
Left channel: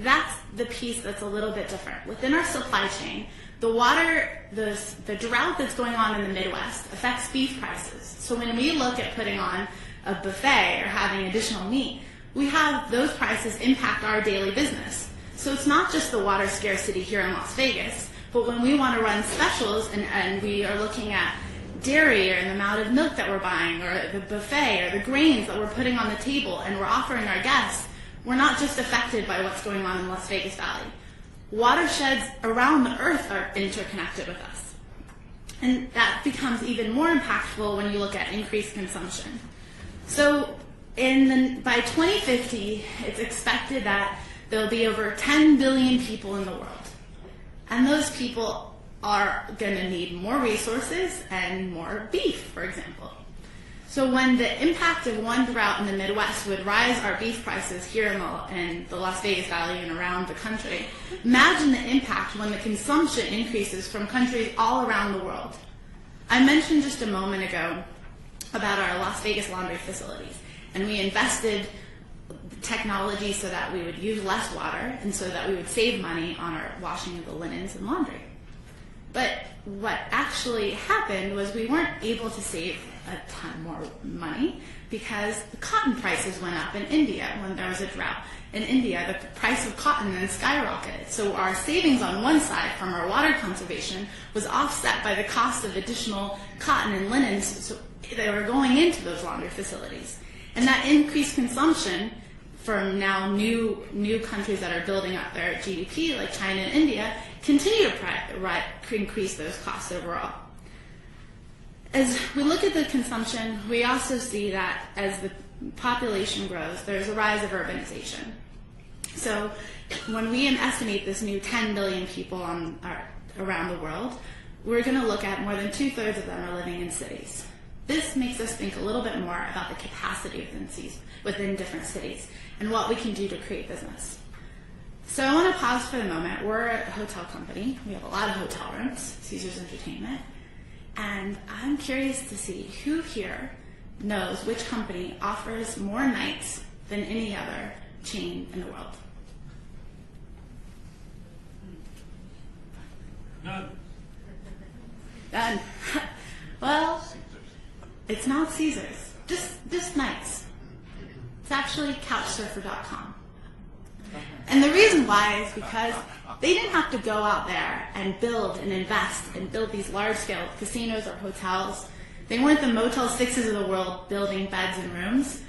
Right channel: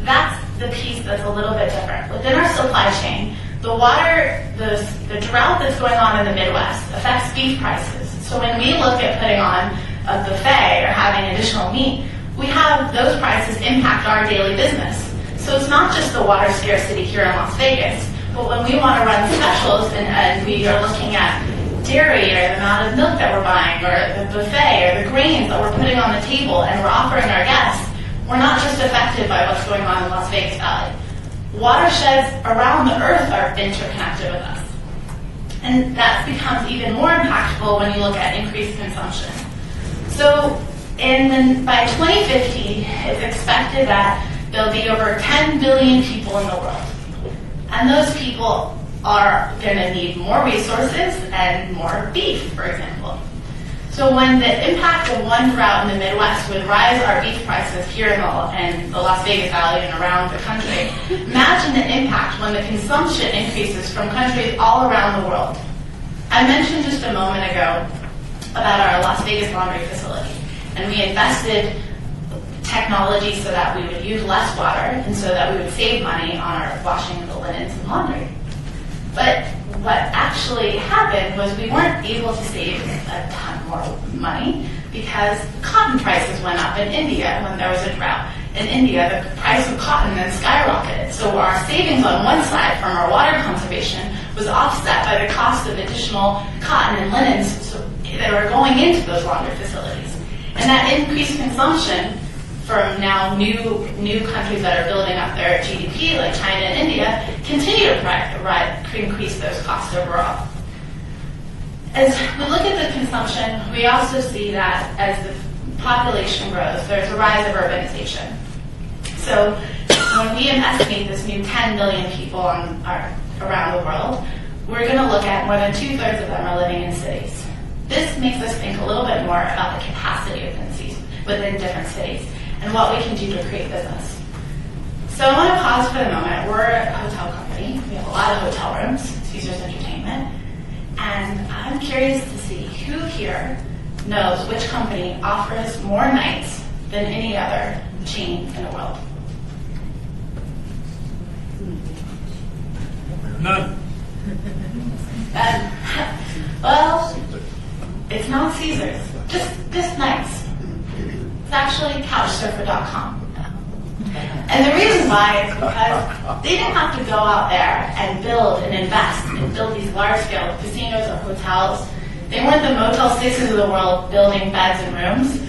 That's the piece that's a little bit different. Within our supply chain, the drought that's going on in the Midwest affects beef prices. So when we look at putting on a buffet or having additional meat, we have those prices impact our daily business. So it's not just the water scarcity here in Las Vegas, but when we want to run specials and we are looking at dairy or the amount of milk that we're buying or the buffet or the grains that we're putting on the table and we're offering our guests, we're not just affected by what's going on in Las Vegas Valley. Watersheds around the earth are interconnected with us. And that becomes even more impactful when you look at increased consumption. So by 2050, it's expected that there'll be over 10 billion people in the world. And those people are going to need more resources and more beef, for example. So when the impact of one drought in the Midwest would rise our beef prices here in the Las Vegas Valley and around the country, imagine the impact when the consumption increases from countries all around the world. I mentioned just a moment ago about our Las Vegas laundry facility, and we invested technology so that we would use less water and so that we would save money on our washing of the linens and laundry. But what actually happened was we weren't able to save a ton more money because cotton prices went up in India when there was a drought. In India, the price of cotton then skyrocketed. So our savings on one side from our water conservation was offset by the cost of additional cotton and linens that are going into those laundry facilities. And that increased consumption from now new countries that are building up their GDP, like China and India, continue to increase those costs overall. As we look at the consumption, we also see that as the population grows, there's a rise of urbanization. So when we estimate this new 10 billion people around the world, we're going to look at more than 2/3 of them are living in cities. This makes us think a little bit more about the capacity within different cities and what we can do to create business. So I want to pause for the moment. We're a hotel company. We have a lot of hotel rooms, Caesars Entertainment, and I'm curious to see who here knows which company offers more nights than any other chain in the world. None. Well, it's not Caesars. Just nights. It's actually Couchsurfer.com. And the reason why is because they didn't have to go out there and build and invest and build these large-scale casinos or hotels. They weren't the Motel 6s of the world building beds and rooms,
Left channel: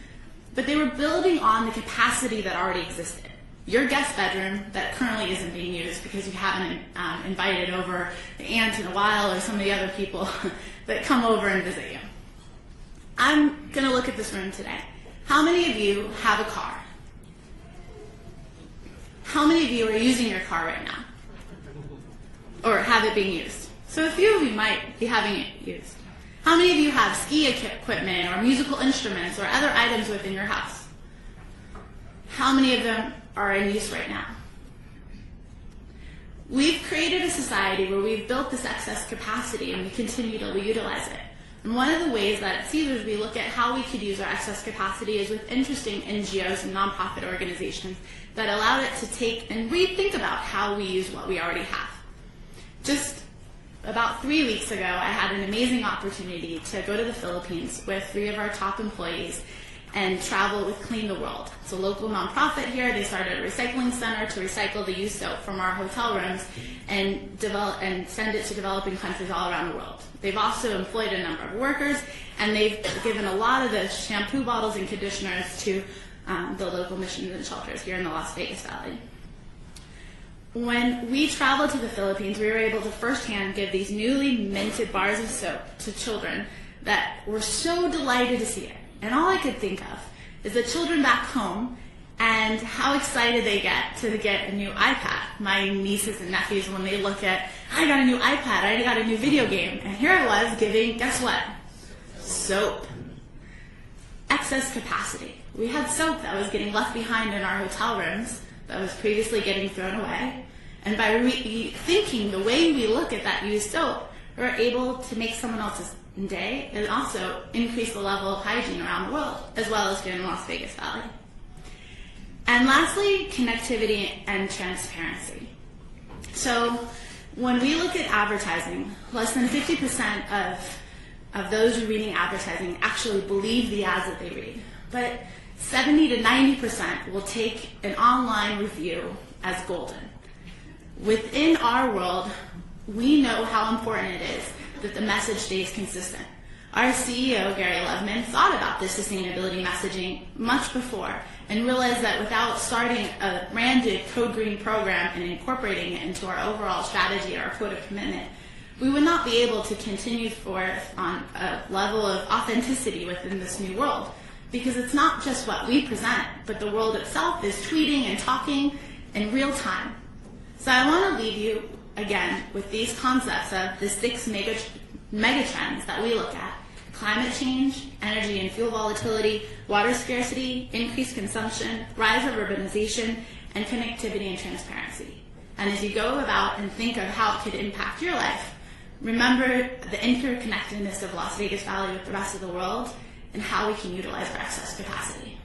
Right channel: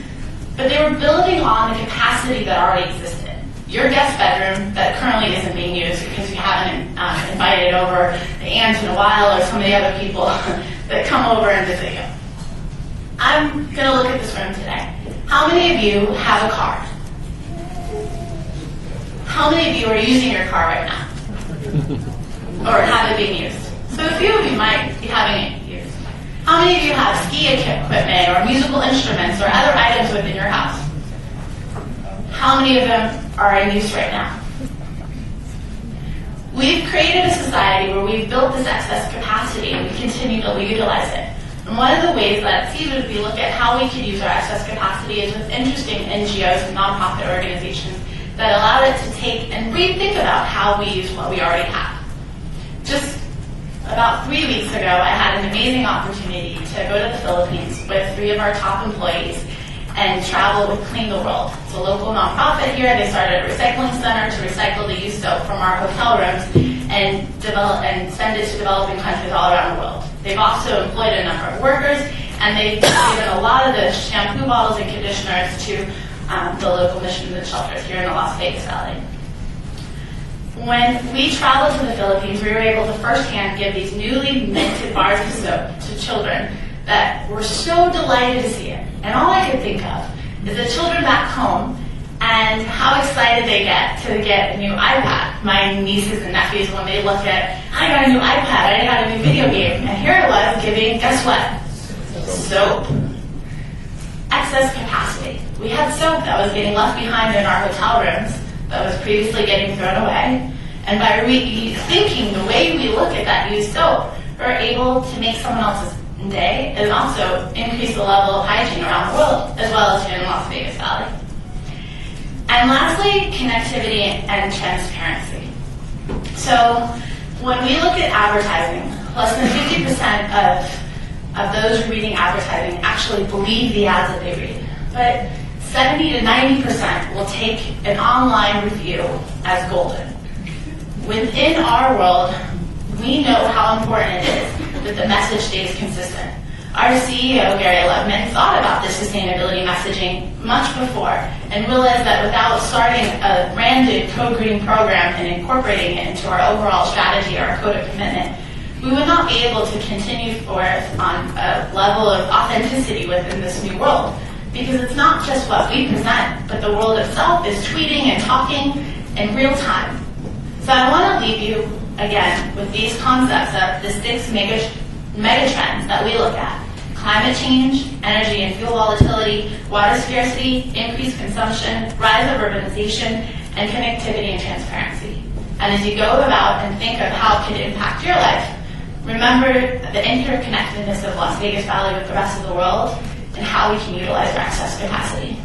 but they were building on the capacity that already existed. Your guest bedroom that currently isn't being used because you haven't invited over the aunts in a while or some of the other people that come over and visit you. I'm going to look at this room today. How many of you have a car? How many of you are using your car right now? Or have it being used? So a few of you might be having it used. How many of you have ski equipment or musical instruments or other items within your house? How many of them are in use right now? We've created a society where we've built this excess capacity and we continue to utilize it. And one of the ways that sees would be look at how we could use our excess capacity is with interesting NGOs and nonprofit organizations that allow it to take and rethink about how we use what we already have. Just about 3 weeks ago, I had an amazing opportunity to go to the Philippines with 3 of our top employees and travel with Clean the World. It's a local nonprofit here. They started a recycling center to recycle the used soap from our hotel rooms and send it to developing countries all around the world. They've also employed a number of workers, and they've given a lot of the shampoo bottles and conditioners to the local missions and shelters here in the Las Vegas Valley. When we traveled to the Philippines, we were able to firsthand give these newly minted bars of soap to children that were so delighted to see it. And all I could think of is the children back home and how excited they get to get a new iPad. My nieces and nephews, when they look at, I got a new iPad, I got a new video game, and here it was giving, guess what? Soap. Excess capacity. We had soap that was getting left behind in our hotel rooms that was previously getting thrown away. And by rethinking the way we look at that used soap, we're able to make someone else's day and also increase the level of hygiene around the world, as well as here in the Las Vegas Valley. And lastly, connectivity and transparency. So when we look at advertising, less than 50% of those reading advertising actually believe the ads that they read. But 70 to 90% will take an online review as golden. Within our world, we know how important it is that the message stays consistent. Our CEO, Gary Levman, thought about this sustainability messaging much before and realized that without starting a branded pro-green program and incorporating it into our overall strategy, our code of commitment, we would not be able to continue forth on a level of authenticity within this new world. Because it's not just what we present, but the world itself is tweeting and talking in real time. So I want to leave you, again, with these concepts of the 6 mega trends that we look at. Climate change, energy and fuel volatility, water scarcity, increased consumption, rise of urbanization, and connectivity and transparency. And as you go about and think of how it could impact your life, remember the interconnectedness of Las Vegas Valley with the rest of the world and how we can utilize our excess capacity.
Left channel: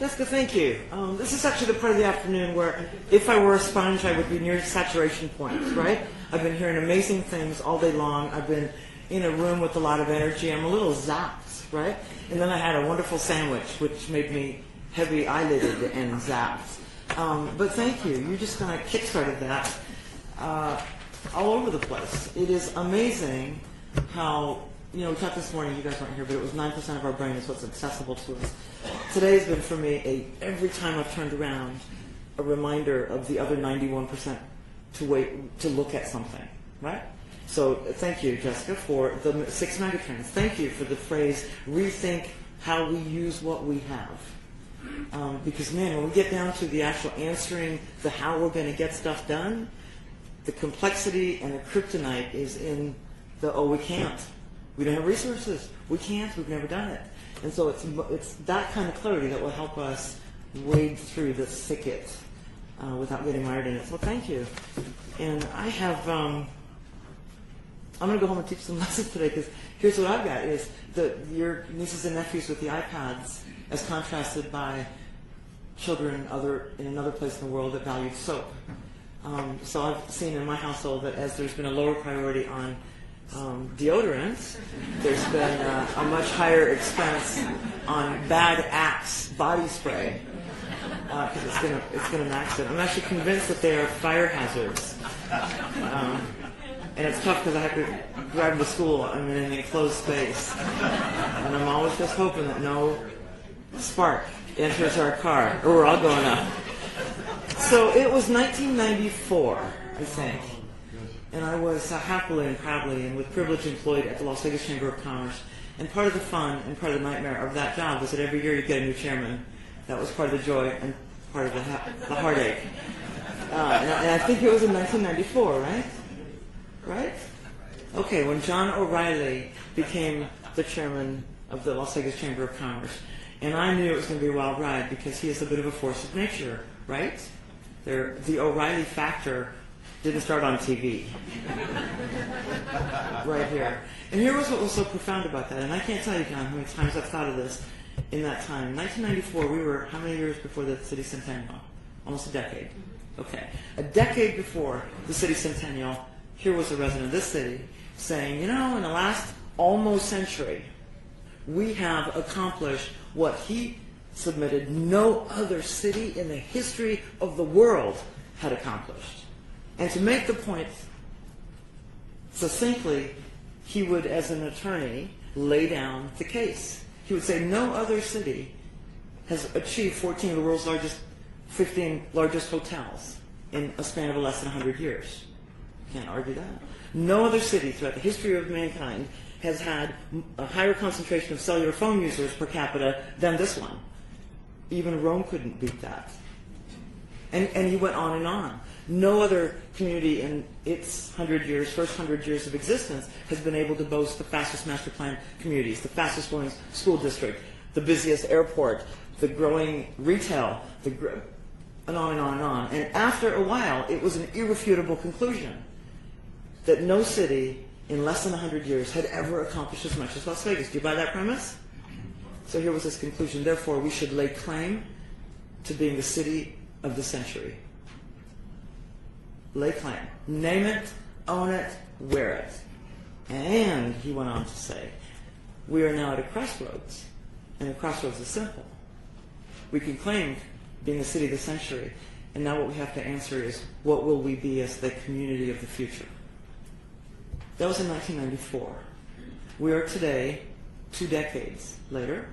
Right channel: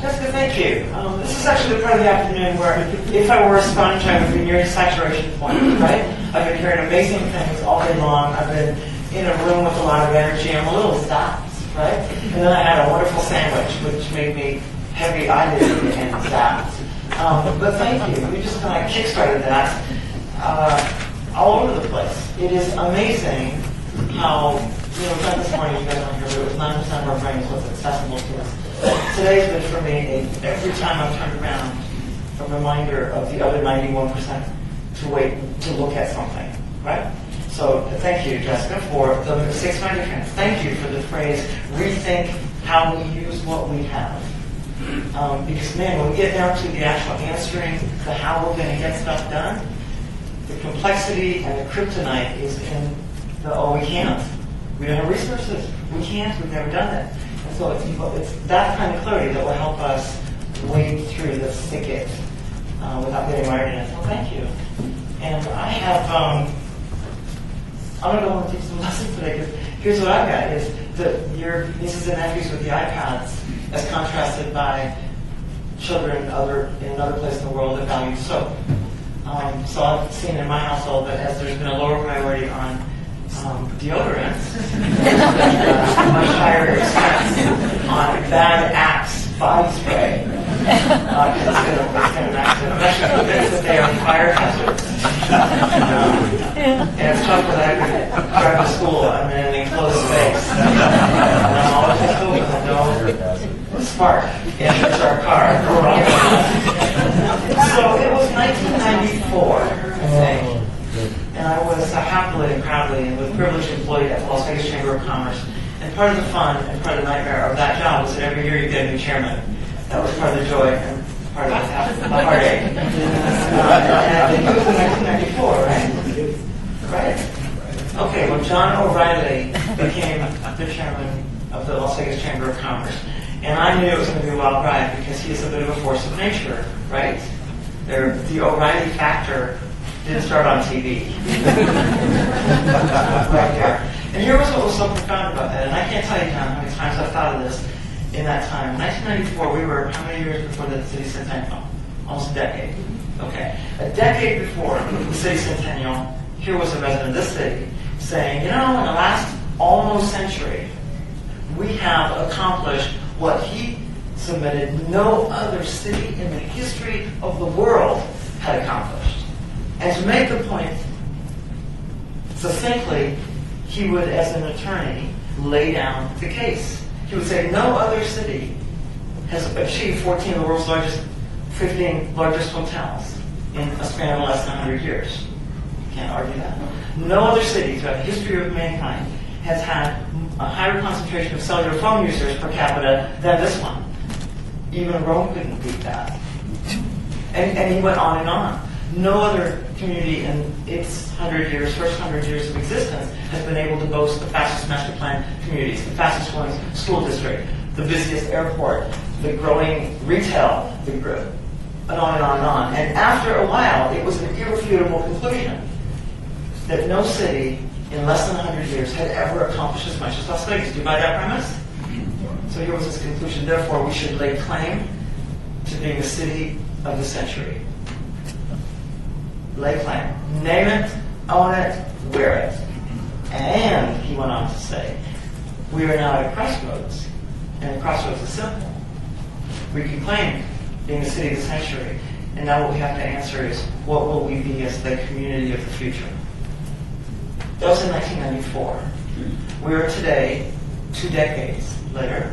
Jessica, thank you. This is actually the part of the afternoon where if I were a sponge, I would be near saturation point, right? I've been hearing amazing things all day long. I've been in a room with a lot of energy. I'm a little zapped, right? And then I had a wonderful sandwich, which made me heavy-eyed and zapped. But thank you. You just kind of kickstarted that all over the place. It is amazing how, not this morning, you guys aren't here, but it was 9% of our brains was accessible to us. Today has been for me, every time I've turned around, a reminder of the other 91% to wait to look at something, right? So thank you, Jessica, for the 6 mega trends. Thank you for the phrase, rethink how we use what we have. Because, man, when we get down to the actual answering the how we're going to get stuff done, the complexity and the kryptonite is in the, oh, we can't. We don't have resources. We can't. We've never done it. And so it's that kind of clarity that will help us wade through the thicket without getting mired in it. So thank you. And I have, I'm going to go home and teach some lessons today because here's what I've got is your nieces and nephews with the iPads as contrasted by children in another place in the world that value soap. So I've seen in my household that as there's been a lower priority on deodorants, much higher expense on bad Axe body spray. It's going to actually convince that they are fire hazards. And it's tough because I drive to school. I'm in an enclosed space. And I'm always just hoping that no spark enters our car. So it was 1994, I think. And I was happily and proudly and with privilege employed at the Las Vegas Chamber of Commerce. And part of the fun and part of the nightmare of that job was that every year you get a new chairman. That was part of the joy and part of the heartache. And I think it was in 1994, right? Right? Okay, well, John O'Reilly became the chairman of the Las Vegas Chamber of Commerce. And I knew it was going to be a wild ride because he is a bit of a force of nature, right? The O'Reilly factor didn't start on TV. Right here. And here's what was so profound about that. And I can't tell you how many times I've thought of this in that time. In 1994, we were how many years before the city centennial? Almost a decade. Okay. A decade before the city centennial, here was a resident of this city saying, in the last almost century, we have accomplished what he submitted no other city in the history of the world had accomplished. And to make the point succinctly, he would, as an attorney, lay down the case. He would say, no other city has achieved 14 of the world's 15 largest hotels in a span of less than 100 years. You can't argue that. No other city throughout the history of mankind has had a higher concentration of cellular phone users per capita than this one. Even Rome couldn't beat that. And he went on and on. No other community in its first 100 years of existence has been able to boast the fastest master plan communities, the fastest growing school district, the busiest airport, the growing retail, and on and on and on. And after a while, it was an irrefutable conclusion that no city in less than 100 years had ever accomplished as much as Las Vegas. Do you buy that premise? So here was his conclusion. Therefore, we should lay claim to being the city of the century. Lay claim. Name it, own it, wear it. And, he went on to say, we are now at a crossroads. And the crossroads is simple. We can claim being the city of the century. And now what we have to answer is, what will we be as the community of the future? That was in 1994. We are today, 2 decades later.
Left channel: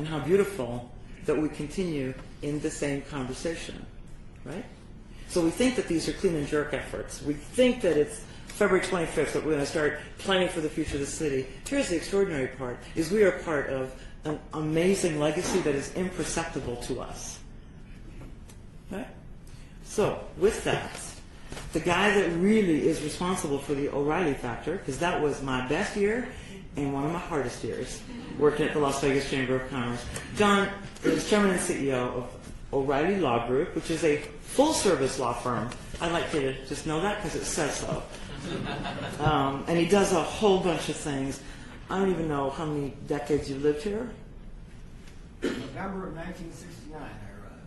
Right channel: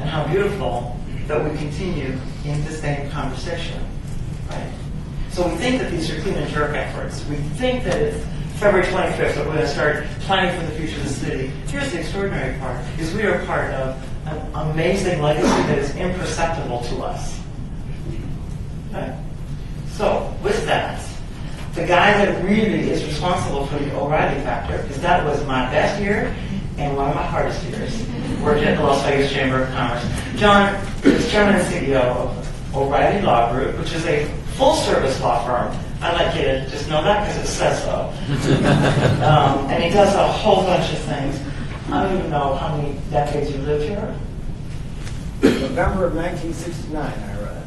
And how beautiful that we continue in the same conversation. Right? So we think that these are clean and jerk efforts. We think that it's February 25th that we're going to start planning for the future of the city. Here's the extraordinary part, is we are part of an amazing legacy that is imperceptible to us. Right? So, with that, the guy that really is responsible for the O'Reilly factor, because that was my best year and one of my hardest years, working at the Las Vegas Chamber of Commerce. John is chairman and CEO of O'Reilly Law Group, which is a full-service law firm. I'd like you to just know that because it says so. And he does a whole bunch of things. I don't even know how many decades you lived here. November of 1969, I read.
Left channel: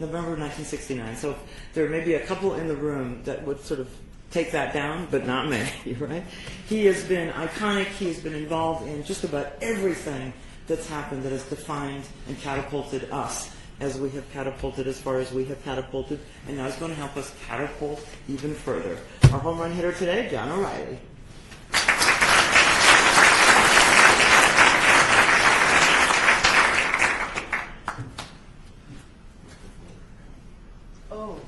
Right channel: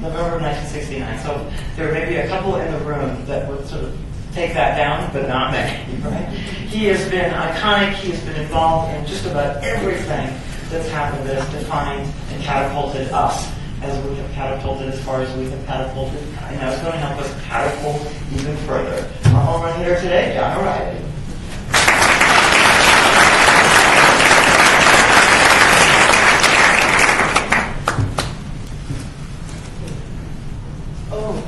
November of 1969. So there may be a couple in the room that would sort of take that down, but not many, right? He has been iconic. He has been involved in just about everything that's happened that has defined and catapulted us as we have catapulted as far as we have catapulted. And that's going to help us catapult even further. Our home run hitter today, John O'Reilly. Oh,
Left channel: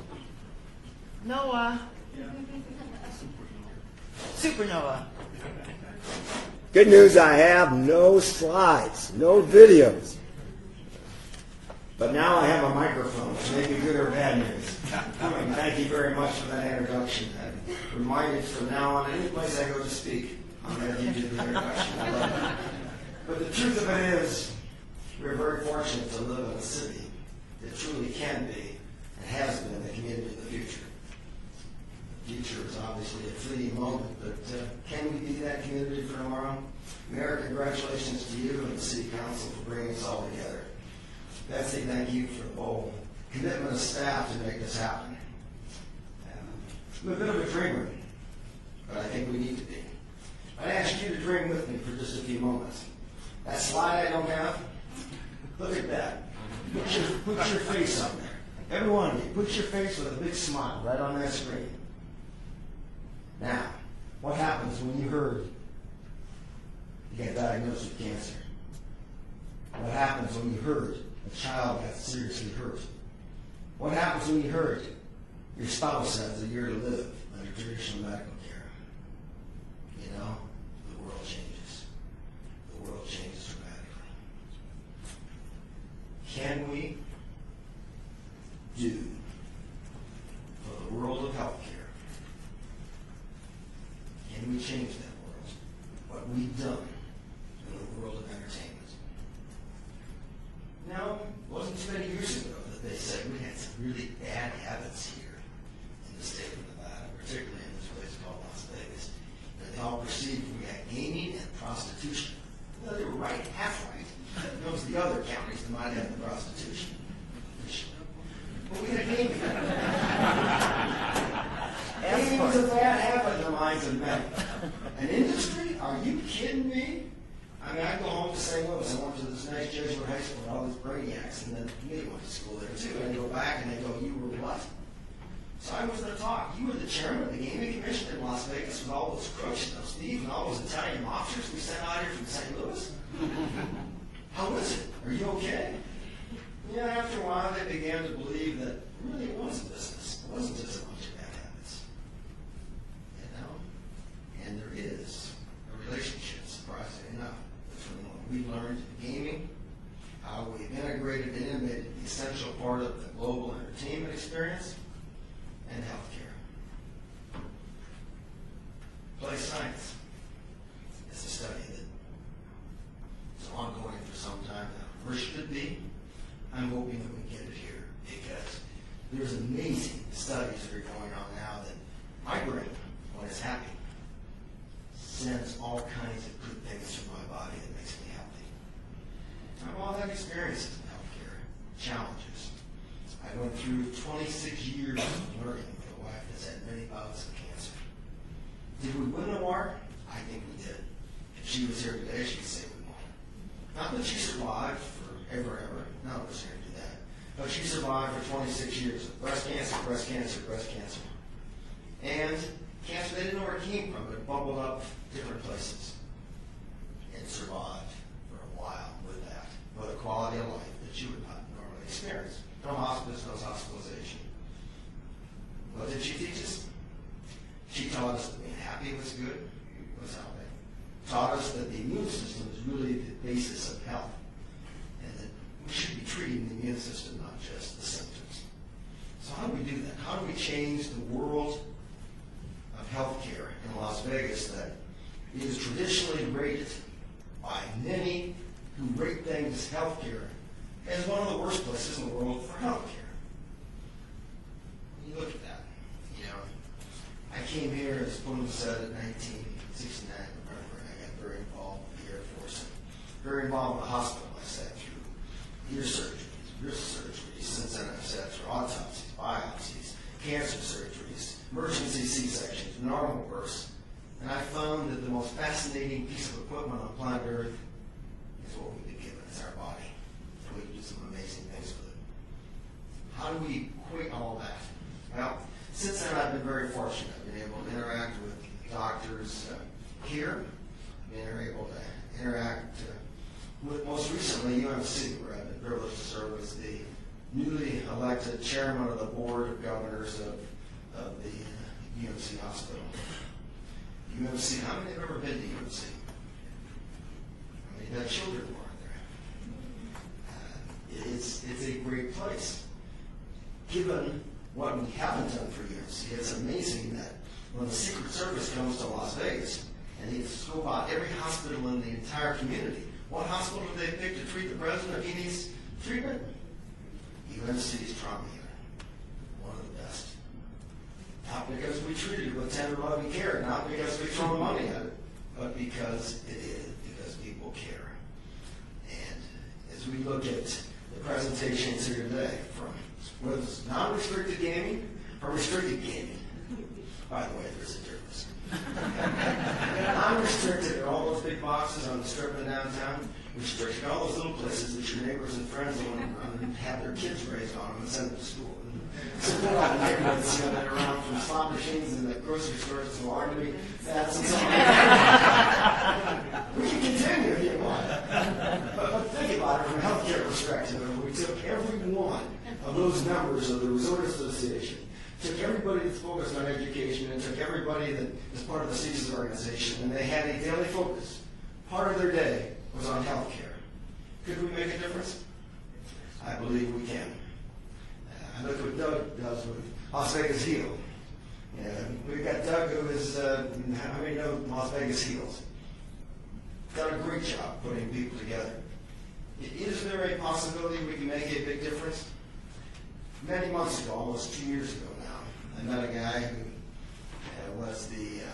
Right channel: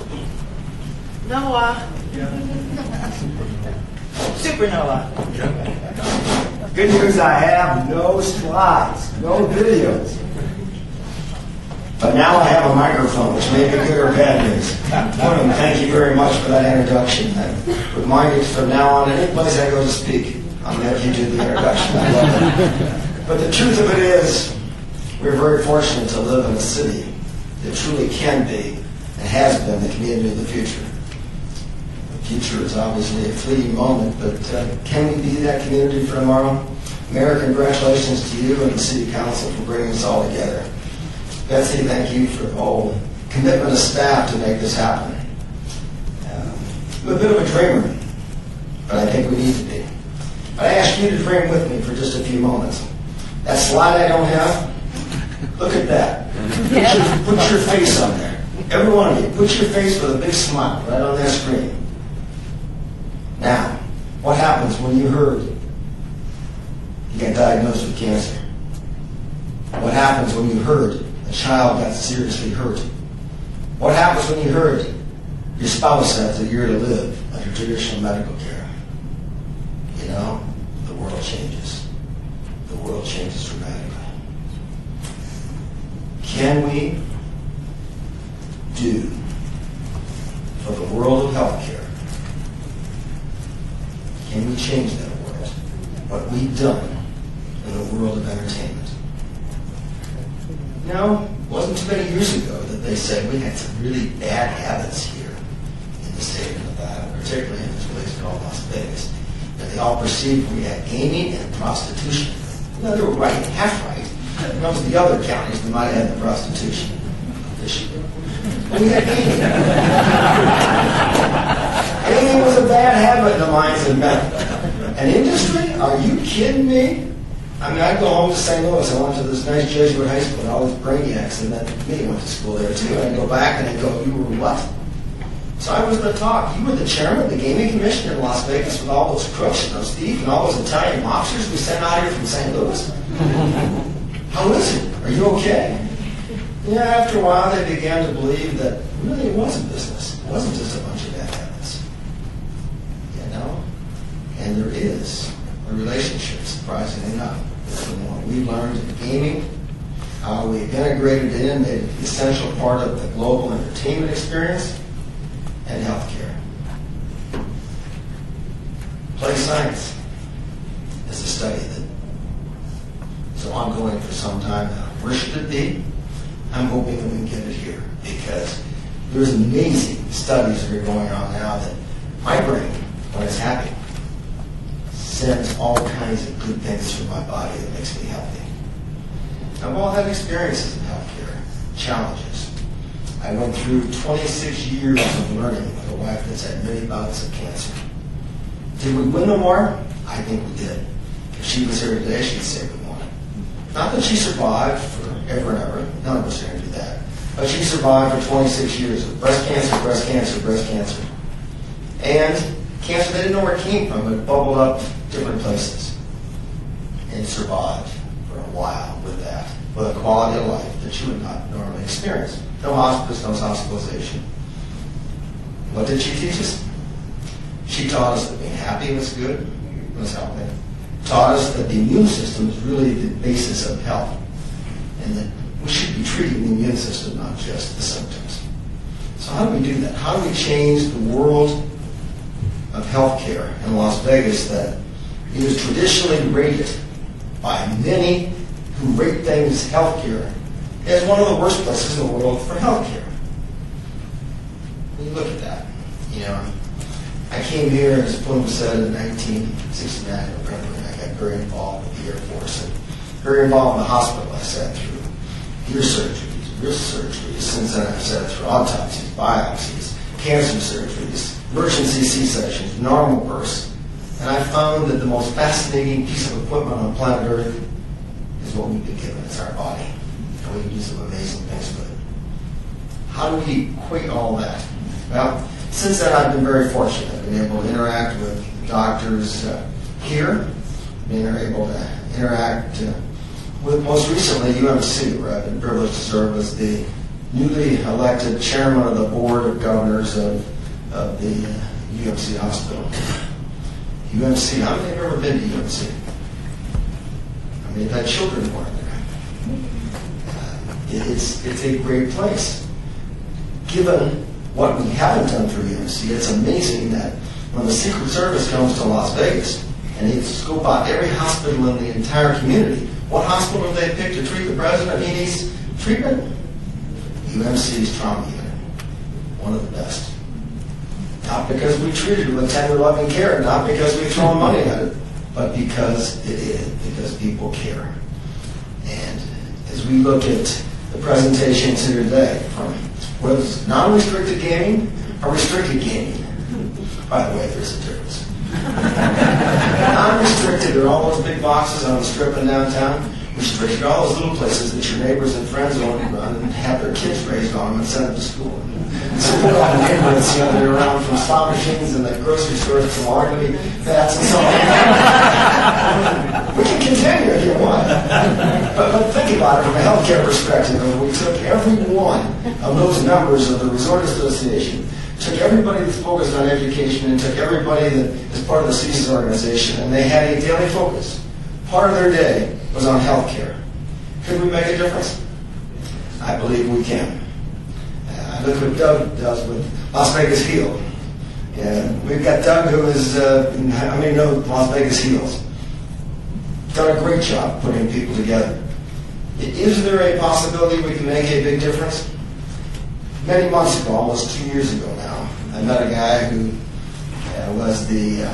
Noah. Super Noah. Good news, I have no slides, no videos. But now I have a microphone, which may be good or bad news. William, thank you very much for that introduction. I remind you from now on, any place I go to speak, I'm going to let you do the introduction. I love it. But the truth of it is, we're very fortunate to live in a city that truly can be and has been the community of the future. The future is obviously a fleeting moment, but can we be that community for tomorrow? Mayor, congratulations to you and the City Council for bringing us all together. Betsy, thank you for the whole commitment of staff to make this happen. I'm a bit of a dreamer, but I think we need to be. But I ask you to dream with me for just a few moments. That slide I don't have, look at that. Put your face on there. Every one of you, put your face with a big smile right on that screen. Now, what happens when you heard you got diagnosed with cancer? What happens when you heard a child got seriously hurt? What happens when you heard your spouse has a year to live under traditional medical care? You know, the world changes. The world changes dramatically. Can we do for the world of healthcare? Can we change that world? What we've done in the world of entertainment? You know, it wasn't too many years ago that they said we had some really bad habits here in the state of Nevada, particularly in this place called Las Vegas, that they all perceived we had gaming and prostitution. You know, they were right, half right. When it comes to the other counties, we might have had the prostitution issue. But we had gaming. Gaming was a bad habit in the minds of men. And industry? Are you kidding me? I mean, I'd go home to St. Louis. I went to this nice Jesuit high school, and all these brainiacs, and then me went to school there too. I'd go back and I'd go, you were what? So I was the talk. You were the chairman of the gaming commission in Las Vegas with all those crooks and those thieves and all those Italian mobsters we sent out here from St. Louis? How is it? Are you okay? Yeah, after a while they began to believe that really it was a business. It wasn't just a bunch of bad habits. You know? And there is a relationship, surprisingly enough, between what we learned in gaming, how we integrated it in, made it an essential part of the global entertainment experience, and healthcare. Play science is a study that is ongoing for some time now. Where should it be? I'm hoping that we can get it here because there's amazing studies that are going on now that my brain, when it's happy, sends all kinds of good things through my body that makes me healthy. I've all had experiences in healthcare, challenges. I went through 26 years of learning with a wife that's had many bouts of cancer. Did we win the war? I think we did. If she was here today, she'd say we won. Not that she survived forever and ever. None of us are going to do that. But she survived for 26 years of breast cancer, breast cancer, breast cancer. And cancer, they didn't know where it came from, but it bubbled up different places. And survived for a while with that, with a quality of life that you would not normally experience. No hospice, no hospitalization. What did she teach us? She taught us that being happy was good, was healthy. Taught us that the immune system is really the basis of health, and that we should be treating the immune system, not just the symptoms. So how do we do that? How do we change the world of healthcare in Las Vegas that is traditionally rated by many who rate things healthcare as one of the worst places in the world for healthcare? When you look at that, you know, I came here, as Bloom said, in 1969, November, and I got very involved with the Air Force and very involved in the hospital. I sat through ear surgeries, wrist surgeries. Since then, I've sat through autopsies, biopsies, cancer surgeries, emergency C-sections, normal births. And I found that the most fascinating piece of equipment on planet Earth is what we've been given. It's our body. And we can do some amazing things with it. How do we equate all that? Well, since then, I've been very fortunate. I've been able to interact with doctors here, been able to interact with, most recently, UMC, where I've been privileged to serve as the newly elected chairman of the board of governors of the UMC hospital. UMC, how many have ever been to UMC? I mean, they've had children born there. It's a great place. Given what we haven't done for UMC, it's amazing that when the Secret Service comes to Las Vegas and they scope out every hospital in the entire community, what hospital have they picked to treat the president he needs treatment? UMC's trauma unit, one of the best. Not because we treated it with tender, loving care, not because we throw money at it, but because it is, because people care. And as we look at the presentations here today, from whether it's non-restricted gaming or restricted gaming, by the way, there's a difference. Non-restricted there are all those big boxes on the strip in downtown. Restricted all those little places that your neighbors and friends own and run and have their kids raised on and send them to school. Support all the neighborhoods, that are around from slot machines and the grocery stores to laundry vats and so on. We can continue if you want. But think about it from a healthcare perspective. We took every one of those members of the Resort Association, took everybody that's focused on education, and took everybody that is part of the CSIS organization, and they had a daily focus. Part of their day was on healthcare. Could we make a difference? I believe we can. Look what Doug does with Las Vegas Heal. And we've got Doug who is, Las Vegas Heals. Done a great job putting people together. Is there a possibility we can make a big difference? Many months ago, almost 2 years ago now, I met a guy who was the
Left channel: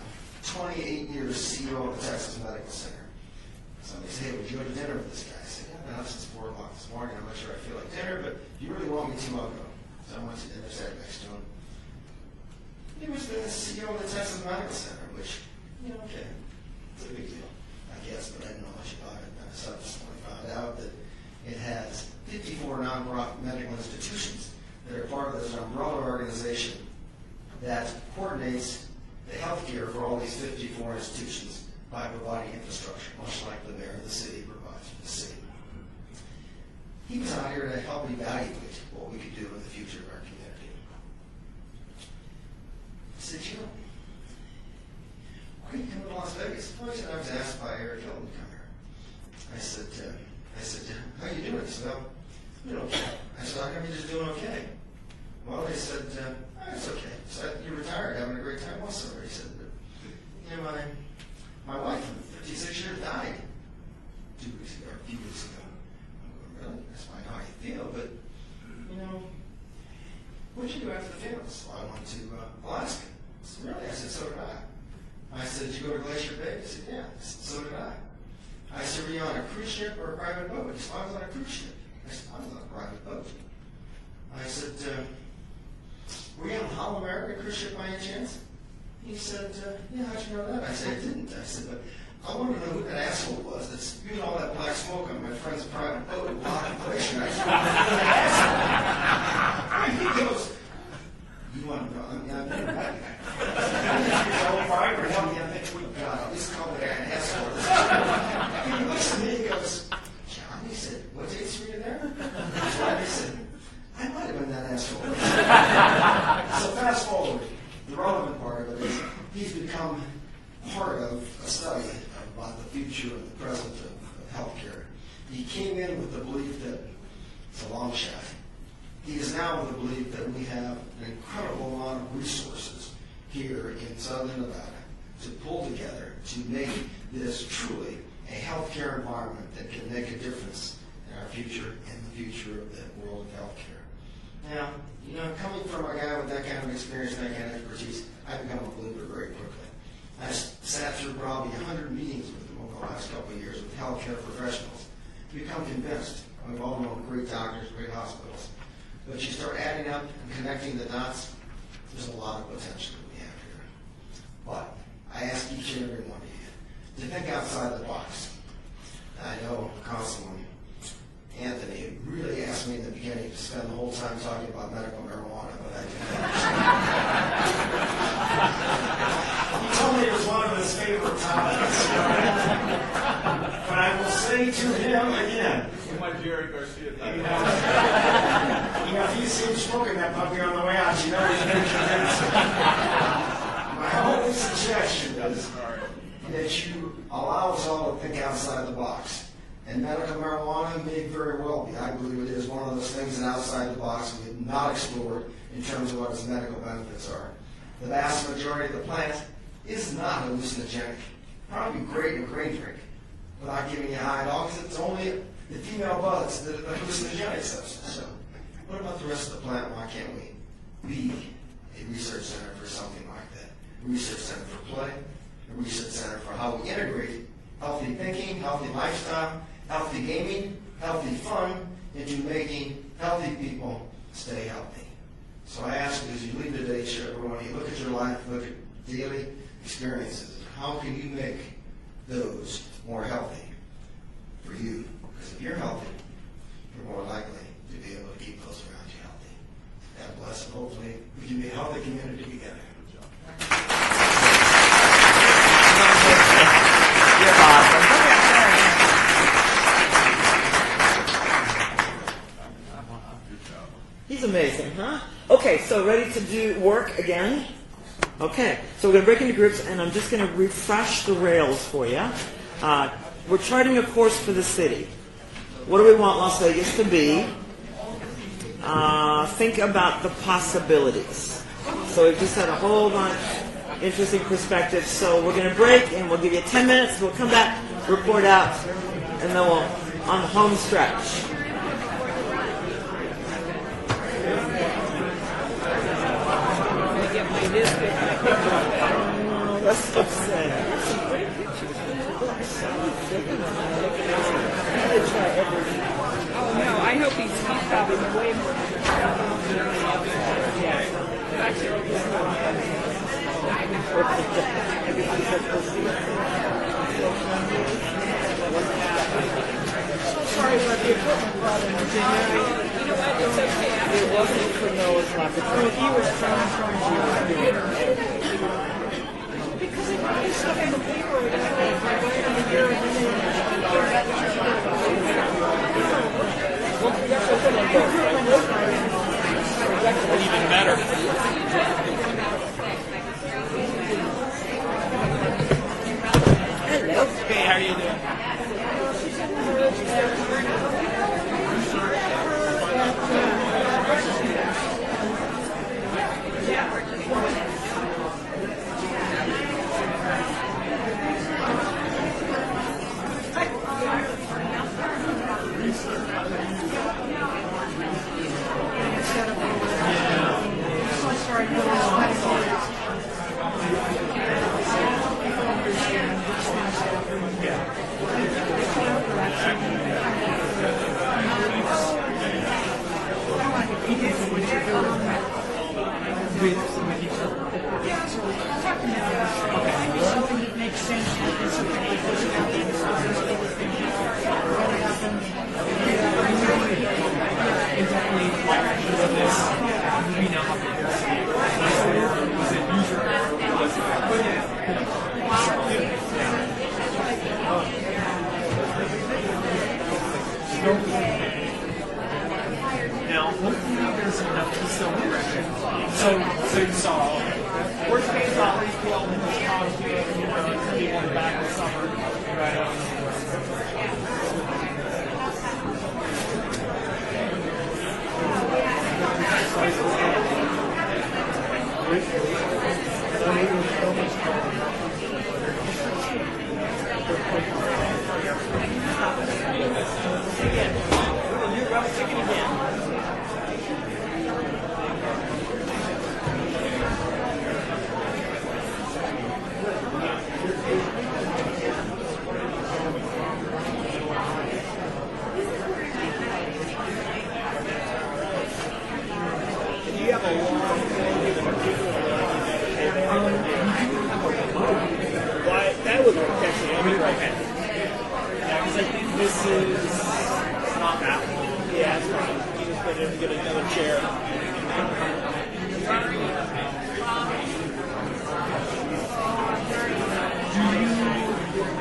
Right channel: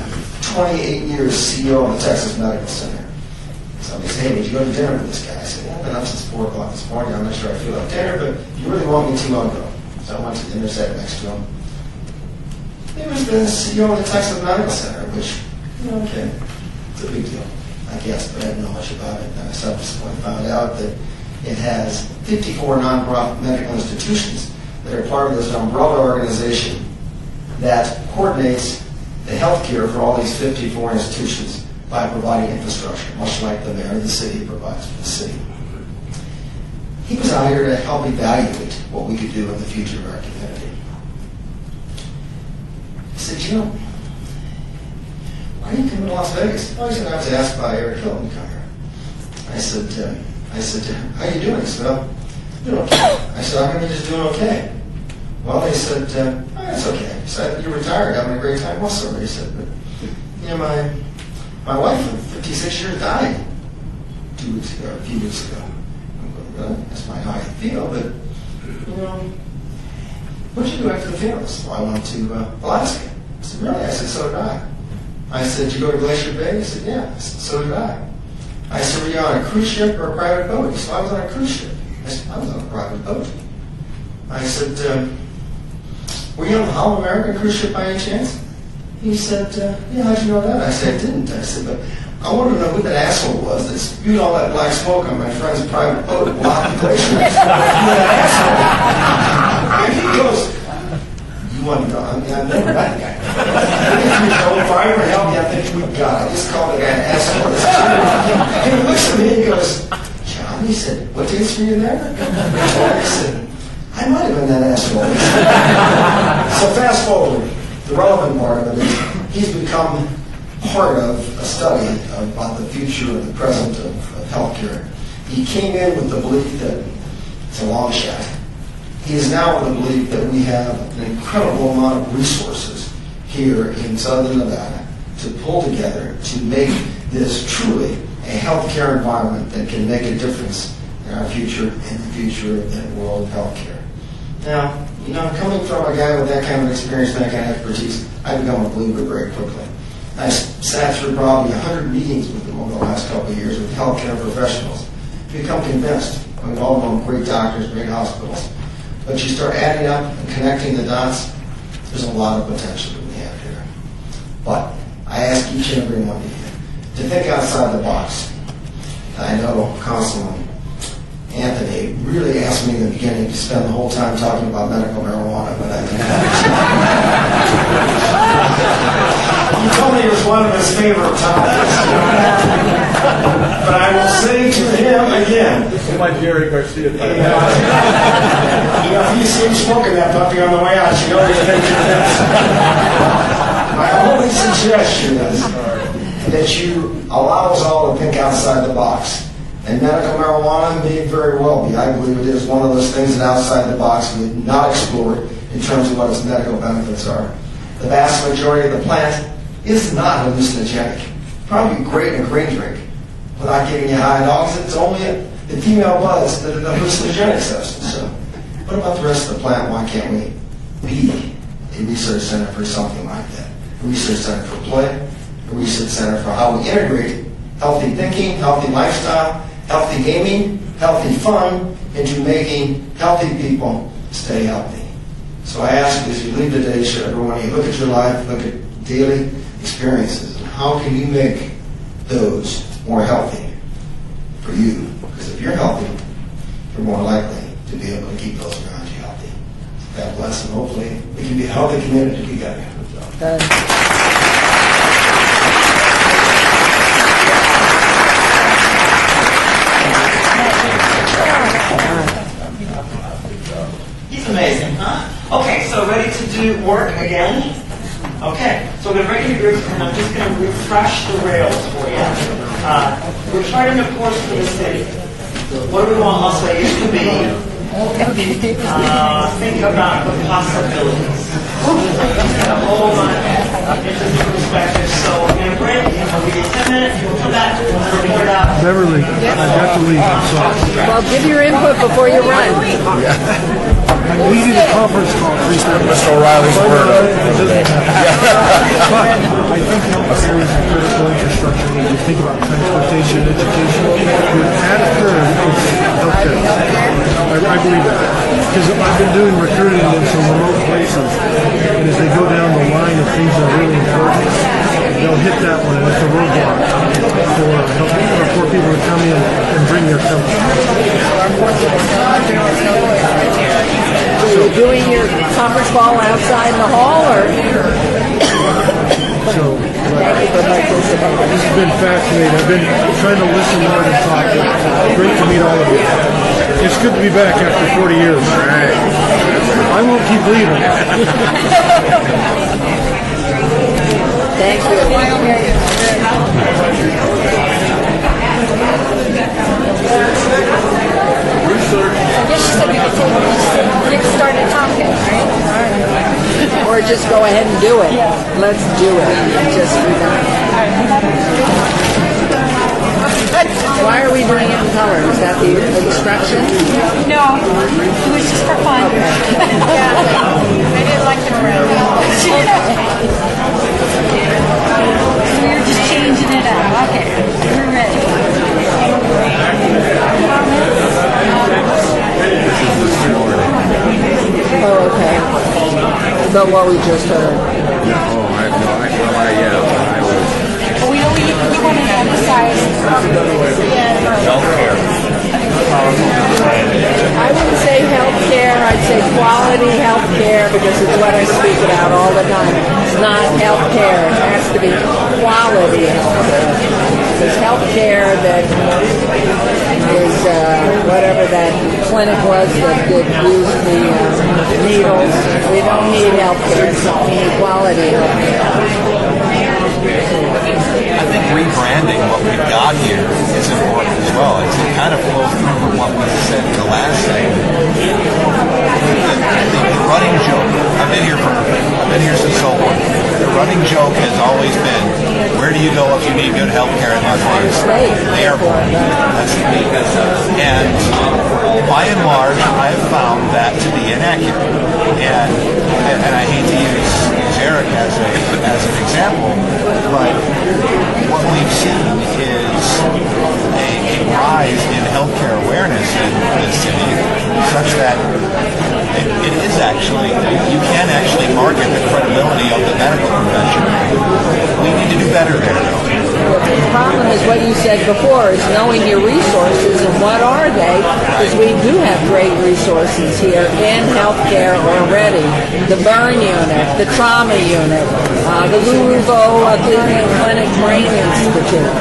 28 years CEO of the Texas Medical Center. So he said, hey, would you go to dinner with this guy? I said, yeah, I've been up since 4 o'clock this morning. I'm not sure I feel like dinner, but you really want me to, I'll go. So I went to dinner, sat next to him. He was the CEO of the Texas Medical Center, which, okay, it's a big deal, I guess, but I didn't know much about it. And I subsequently found out that it has 54 non-profit medical institutions that are part of this umbrella organization that coordinates the health care for all these 54 institutions by providing infrastructure, much like the mayor of the city provides for the city. He was out here to help evaluate what we could do in the future of our community. He said, why are you coming to Las Vegas? Well, he said, I was asked by Eric Hilton to come here. I said, how are you doing? He said, well, I'm doing okay. I said, I'm going to be just doing okay. Well, he said, it's okay. He said, you're retired, having a great time. Well, sorry. He said, but, my wife of 56 years died a few weeks ago. I'm going, really? That's not how I feel, but, what'd you do after the funeral? Well, I went to Alaska. I said, really? I said, so did I. I said, did you go to Glacier Bay? He said, yeah. I said, so did I. I said, were you on a cruise ship or a private boat? He said, I was on a cruise ship. I said, I was on a private boat. I said, were you on the All American cruise ship by any chance? He said, yeah, how'd you know that? I said, I didn't. I said, but I wanted to know who that asshole was that spewed all that black smoke on my friend's private boat and blocked the glacier. Who that asshole? And he goes, you want to know? I mean, I've never met the guy. If I ever help me, I think we got it. I just called the guy an asshole. And he looks at me and he goes, John, he said, what days were you there? I said, I might have been that asshole. So fast forward. The relevant part of it is he's become part of a study about the future and the present of healthcare. He came in with the belief that it's a long shot. He is now with the belief that we have an incredible amount of resources here in Southern Nevada to pull together to make this truly a healthcare environment that can make a difference in our future and the future of the world of healthcare. Now, coming from a guy with that kind of experience, that kind of expertise, I become a believer very quickly. I sat through probably 100 meetings with them over the last couple of years with healthcare professionals. You become convinced. We've all known great doctors, great hospitals. But you start adding up and connecting the dots, there's a lot of potential that we have here. But I ask each and every one of you to think outside the box. I know Councilman Anthony really asked me in the beginning to spend the whole time talking about medical marijuana, but I didn't. He told me it was one of his favorite topics. But I will say to him again. This is my Jerry Garcia. If you see him smoking that puppy on the way out, you know he's making this. My only suggestion is that you allow us all to think outside the box. And medical marijuana may very well be. I believe it is one of those things that outside the box we have not explored in terms of what its medical benefits are. The vast majority of the plant is not hallucinogenic. Probably great in a green drink without giving you high dogs. It's only the female buds that are the hallucinogenic substance. So what about the rest of the plant? Why can't we be a research center for something like that? A research center for play, a research center for how we integrate healthy thinking, healthy lifestyle, healthy gaming, healthy fun, into making healthy people stay healthy. So I ask you, as you leave today, should everyone, you look at your life, look at daily experiences, and how can you make those more healthy for you. Because if you're healthy, you're more likely to be able to keep those around you healthy. God bless, and hopefully we can be a healthy community together. He's amazing, huh? Okay, so ready to do work again? Okay, so we're going to break into groups, and I'm just going to refresh the rails for you. We're charting a course for the city. What do we want Las Vegas to be? Think about the possibilities. So just got a whole bunch of interesting perspectives. So we're going to break, and we'll give you 10 minutes. You'll come back and report out. Beverly, I have to leave. I'm sorry. Well, give your input before you run. I needed a conference call. Mr. O'Reilly's word. I think healthcare is a critical infrastructure when you think about transportation, education. The added third is healthcare. I believe that. Because I've been doing recruiting in some remote places, and as they go down the line of things that are really important, they'll hit that one, and it's a roadblock for people to come in and bring their culture. Are you doing your conference call outside in the hall, or? So, this has been fascinating. I've been trying to listen more and talk. It's great to meet all of you. It's good to be back after 40 years. I won't keep leaving. Thank you. Or just go ahead and do it. Let's do it. Just be done. Why are we doing it in color? Is that the instruction? No, it was just for fun. I didn't like it around. We're just changing it up. Okay, we're ready. Oh, okay. About what we just heard. Oh, I have no idea. We want to emphasize Healthcare. I wouldn't say healthcare, I'd say quality healthcare because it's what I speak about all the time. It's not healthcare, it has to be quality healthcare. There's healthcare that is whatever that clinic was that did use the needles. We don't need healthcare, we need quality healthcare. I think rebranding what we've got here is important as well. It kind of flows through from what we said in the last segment. The running joke, I've been here since so long. The running joke has always been, where do you go if you need good health care in Las Vegas? The airport. That's the key. And by and large, I have found that to be inaccurate. And I hate to use Eric as an example, but what we've seen is a rise in healthcare awareness in the city, such that it is actually, you can actually market the credibility of the medical profession. We need to do better there, though. The problem is what you said before, is knowing your resources and what are they, because we do have great resources here in healthcare already. The burn unit, the trauma unit, the Louisville Cleveland Clinic Brain Institute.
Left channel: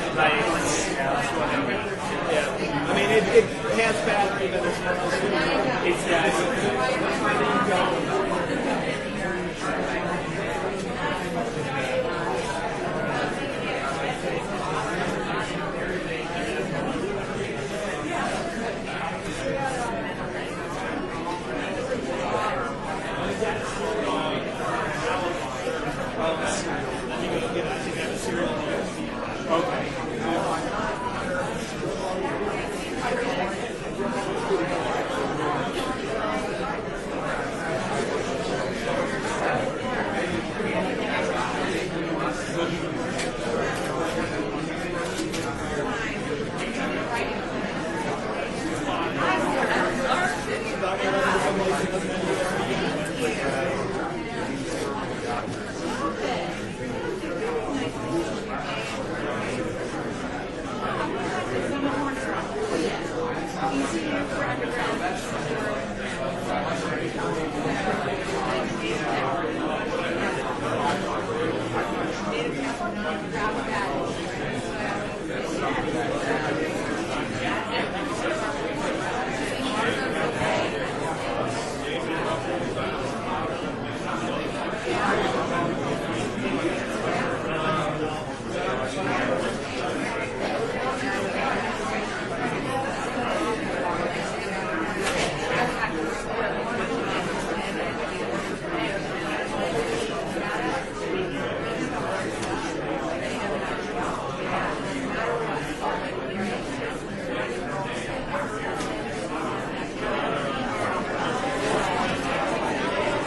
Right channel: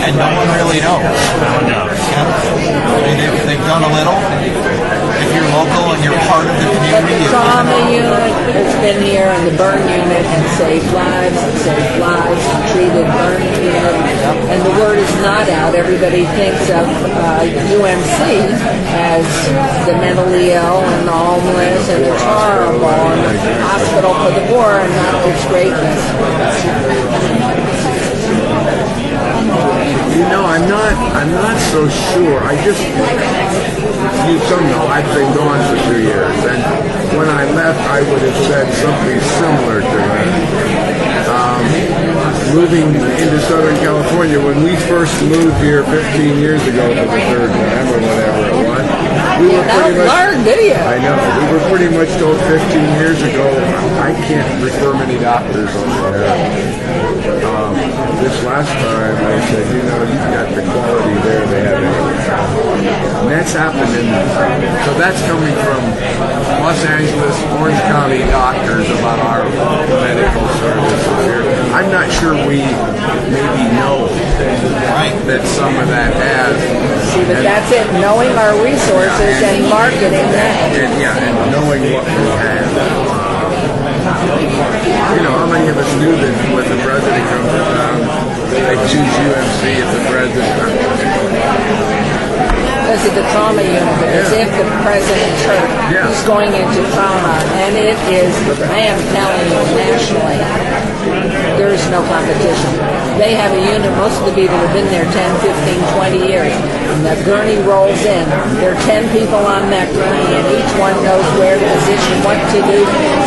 And no one really knows. They've done a little. If you're local and you're part of the community. But the trauma unit has been here, and the burn unit has saved lives, treated burn unit, and the word is not out. Everybody thinks of UMC as the mentally ill and the homeless and the horrible and the hospital for the poor, and not its greatness. You know, I'm not so sure. Some know I've been gone for 2 years, and when I left, I would have said something similar to that. Moving into Southern California, when we first moved here 15 years ago for the third time or whatever it was, We were don't pretty much- learn, do you? I know. We were pretty much told 15 years ago, I can't refer many doctors over there. This last time I said, you know, you've got the quality there they have it. And that's happened so that's coming from Los Angeles, Orange County doctors about our medical services here. I'm not sure we maybe know that some of that has. See, but that's it, knowing our resources and marketing that. And knowing what we have. You know, how many of us knew that when the president comes around, they choose UMC if the president comes? Because of the trauma unit, because if the president's hurt, he's going into trauma, and it is, I am telling you, nationally, there is no competition. They have a unit, most of the people have been there 10, 15, 20 years. And the gurney rolls in. There are 10 people on that gurney, and each one knows where to position, what to do.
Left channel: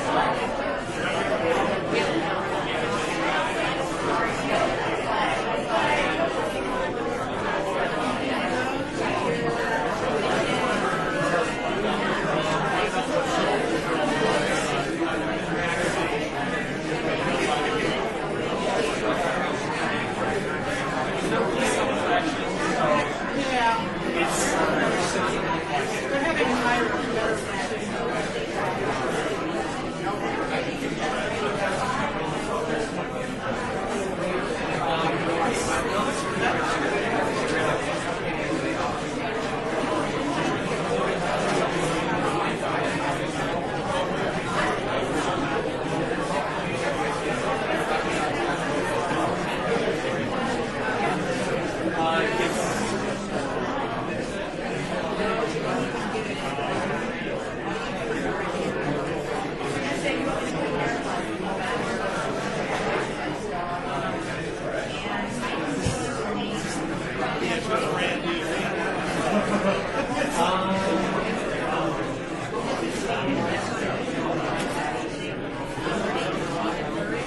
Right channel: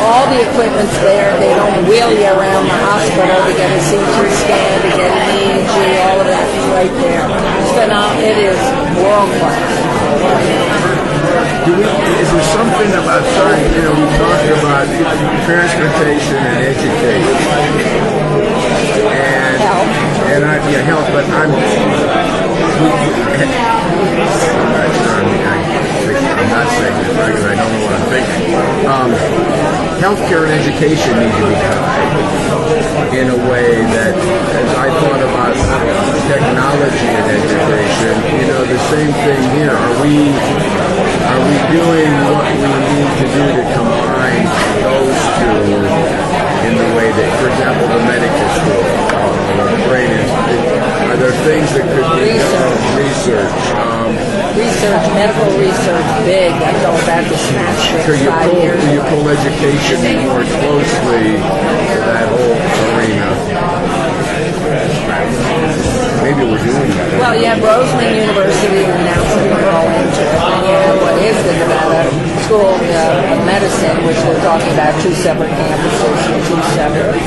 All the equipment's there. They don't wheel you around the hospital to get a CT scan, to get an EEG, all of that is right there. It's phenomenal. It is world class. Is there something about starting, you know, we talked about transportation and education. And health, but I'm not saying this because I don't know what I'm thinking. Healthcare and education need to be tied in a way that, as I thought about technology and education, you know, the same thing here. Are we doing what we need to do to combine those two in the way that, for example, the medical school, are there things that could be research? Medical research, big. I go back to SNAP So 5 years. you pull education more closely to that whole arena. Maybe we're doing that. Well, you have Roseman University announcing they're all into it. And you have what is the Nevada School of Medicine, which they're talking about 2 separate campuses and 2 separate.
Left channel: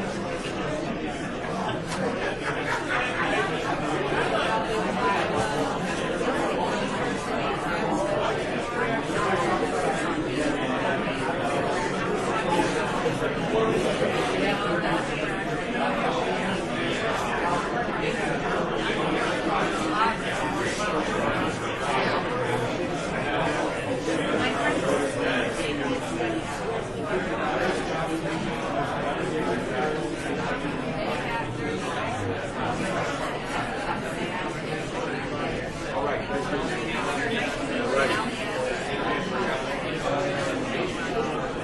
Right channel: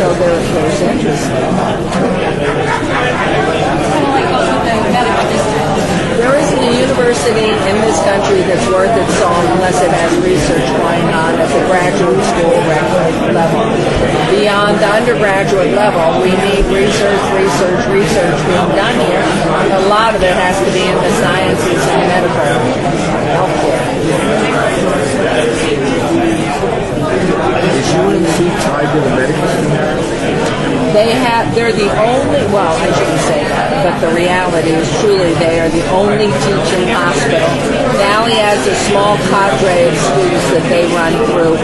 So there's interest. There isn't a university in this country that's worth its salt unless it has research going on at the graduate school level. Beyond the undergraduate level, we need research being done here. A lot of it has to be in the sciences and medical healthcare. Is UNC tied to the medical school? They're the only, well, I shouldn't say that, but the reality is truly they are the only teaching hospital. Valley has a small cadre of students that they run through.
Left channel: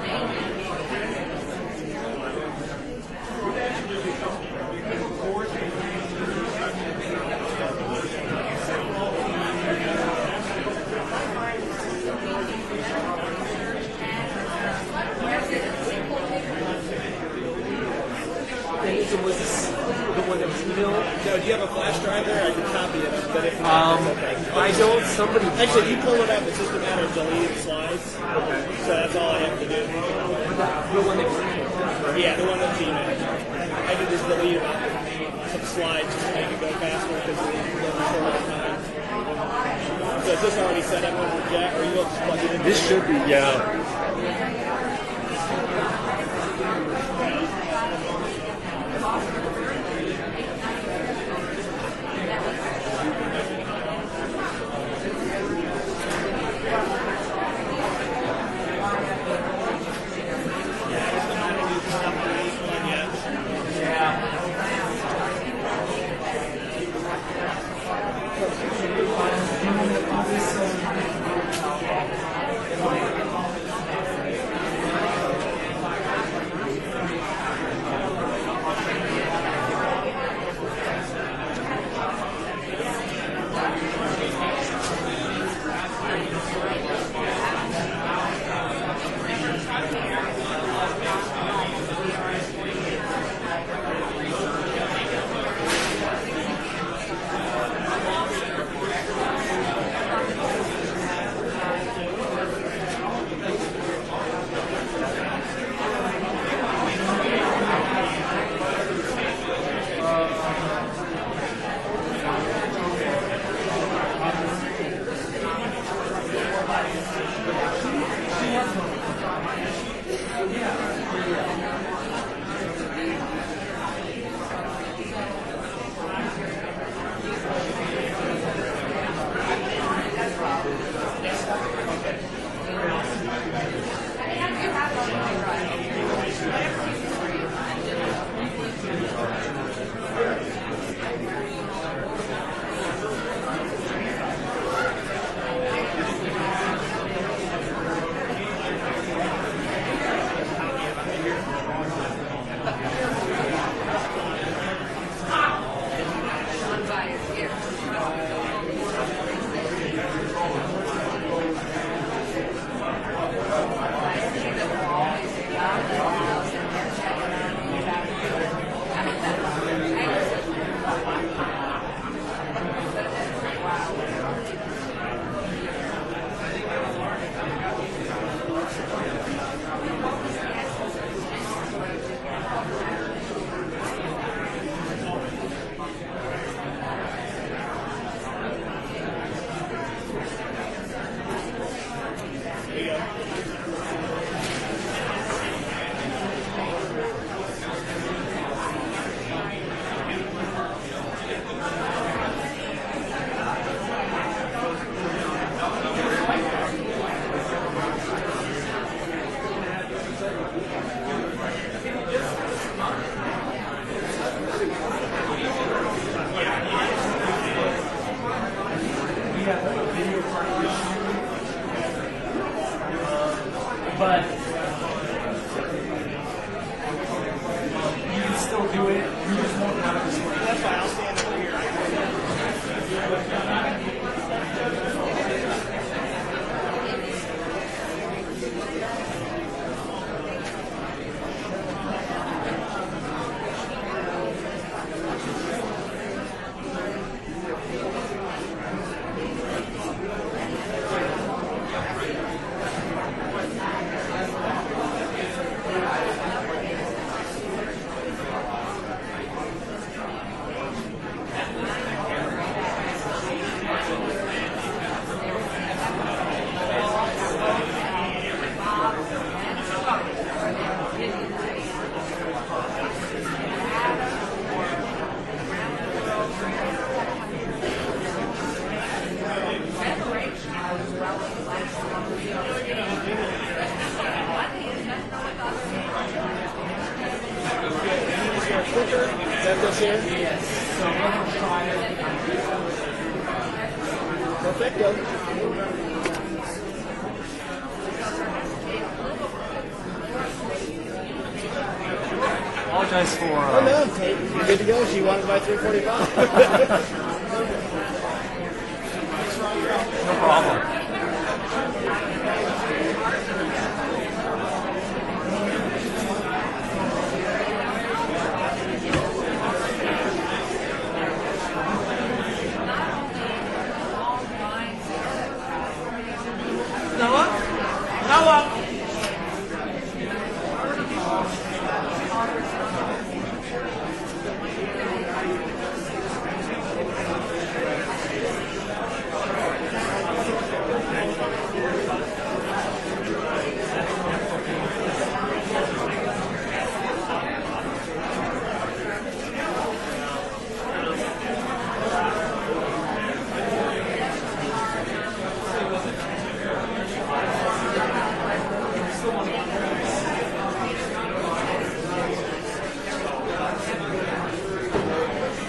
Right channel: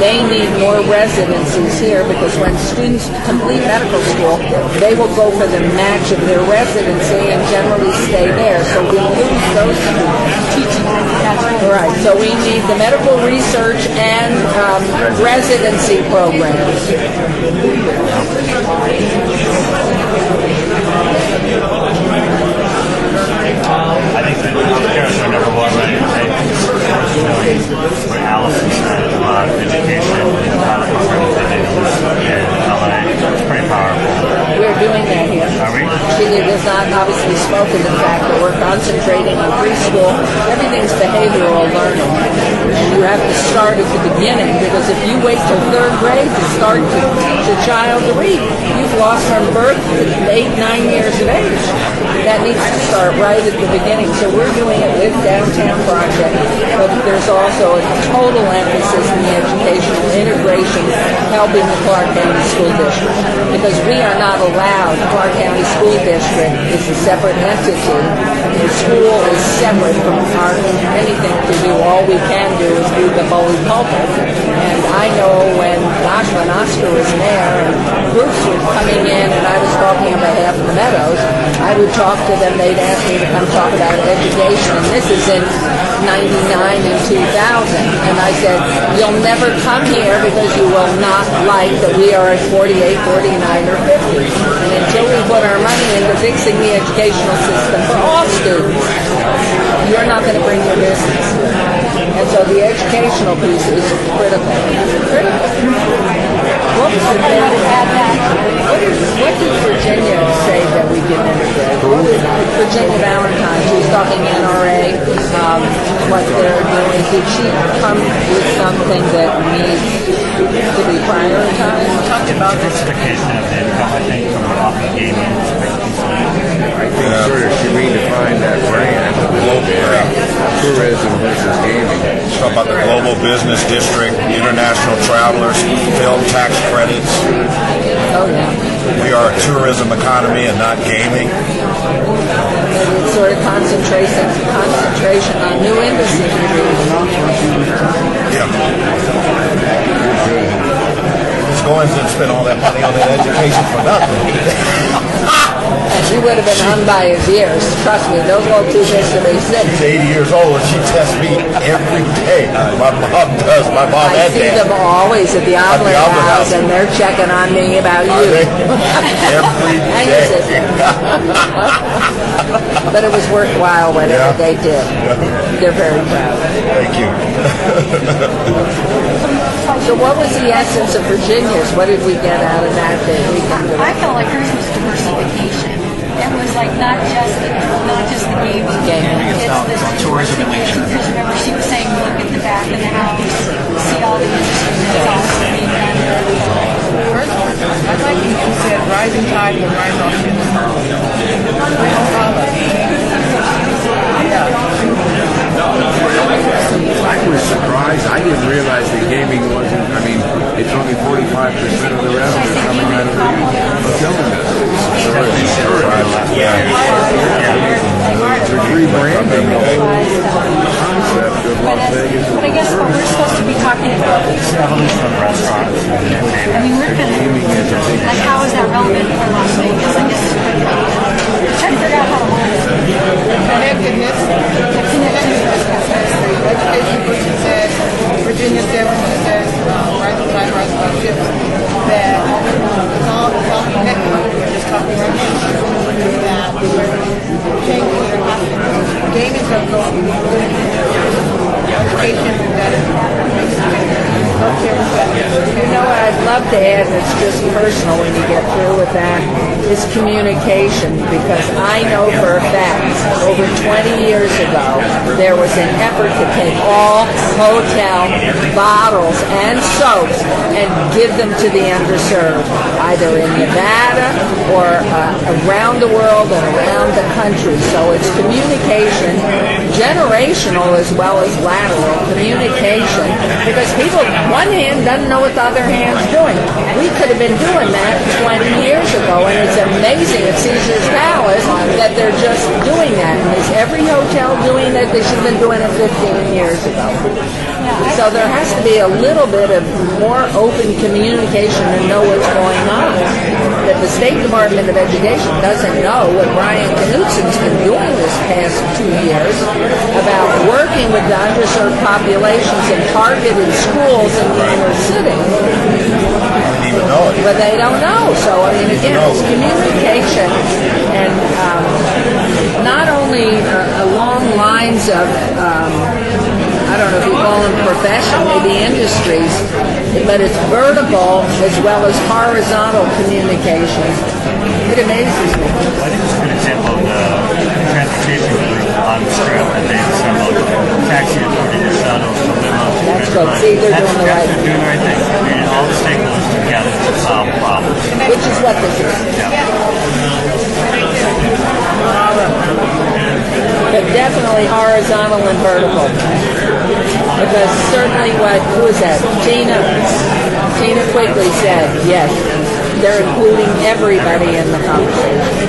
They need more residencies here because when students complete medical school, they will go for the match of their residency and generally stay there. So we lose those teaching. Right. So we need the medical research and residency programs. I think that healthcare is number one, right? What Allison said about education and how to programs that they do in LA. It's pretty powerful. We're doing that here. Are we? Chile does not obviously spoken the fact that we're concentrating on preschool. Everything's behavioral learning. You have to start at the beginning because if you wait till 3rd grade to start the child to read, you've lost from birth to 8, 9 years of age. That needs to start right at the beginning. So we're doing it with Downtown Project, but there's also a total emphasis in the educational integration helping the Clark County School District because we are not allowed. Clark County School District is a separate entity. The school is separate from anything to do. All we can do is do the bully pulpit. And I know when Oscar was mayor and groups were coming in and I was talking on behalf of the Meadows, I would talk to them. They'd ask me to come talk about education. And this is in 99 and 2000. And I said, you'll never come here because you will not like that we are at 48, 49, or 50. And until we put our money into fixing the educational system for all students, you're not going to bring your business. And so the educational piece is critical. What did Virginia say that we didn't do? Virginia Valentine. She was talking NRA, what they're doing. Did she come with something that needs to be prioritized? We talked about diversification of income, I think, from off of gaming. I think sort of she redefined that brand of tourism versus gaming. Talk about the global business district, international travelers, film tax credits. Oh, yeah. We are a tourism economy and not gaming. Maybe it's sort of concentration on new industries. Yeah. Let's go and spend all that money on that education for nothing. And she would have been hung by his ears. Trust me, those little two fish to be sick. She's 80 years old and she tests me every day. My mom does. My mom I and see dad. them always at the Omelet House, and they're checking on me about you. Every Hang day. your sister. But it was worthwhile whatever they did. They're very proud. Thank you. So what was the essence of Virginia's? What did we get out of that we can do? I felt like hers was diversification. It was like not just the gaming. It's the tourism and leisure. Because remember, she was saying, look at the back of the house, see all the industries that's also being done. I like when you said rising tide will rise all ships. I was surprised. I didn't realize that gaming wasn't, I mean, it's only 45% of the revenue coming out of the hotel business. Rebranding the whole concept of Las Vegas. But I guess what we're supposed to be talking about is Evolution of restaurants. I mean, we're gonna, like, how is that relevant for Las Vegas? I guess we're trying to figure out how to work it. Connectedness. Education person said, Virginia said, when she said, rising tide, rising all ships, that it's all connected. We're just talking right now. That changes that are happening. Gaming doesn't go education that makes a difference. You know what I'd love to add, and it's just personal when you get through with that, is communication, because I know for a fact, over 20 years ago, there was an effort to take all hotel bottles and soaps and give them to the underserved, either in Nevada or around the world and around the country. So it's communication, generational as well as lateral communication, because people, one hand doesn't know what the other hand's doing. We could have been doing that 20 years ago, and it's amazing at Caesar's Palace that they're just doing that. And is every hotel doing it? They should have been doing it 15 years ago. So there has to be a little bit of more open communication to know what's going on. If the State Department of Education doesn't know what Brian Knutson's been doing this past 2 years about working with the underserved populations in targeted schools in the inner city, but they don't know. So, I mean, again, it's communication, and not only along lines of, I don't know if you call them profession, maybe industries, but it's vertical as well as horizontal communication. It amazes me. I think it's a good example of the transportation group on the strip that they assembled taxi authority to shuttle to limos. That's good. See, they're doing the right thing. They're doing the right thing. They're bringing all the stakeholders together to solve problems. Which is what this is. But definitely horizontal and vertical. Because certainly who is that? Tina Quigley said, yes, they're including everybody in the conversation.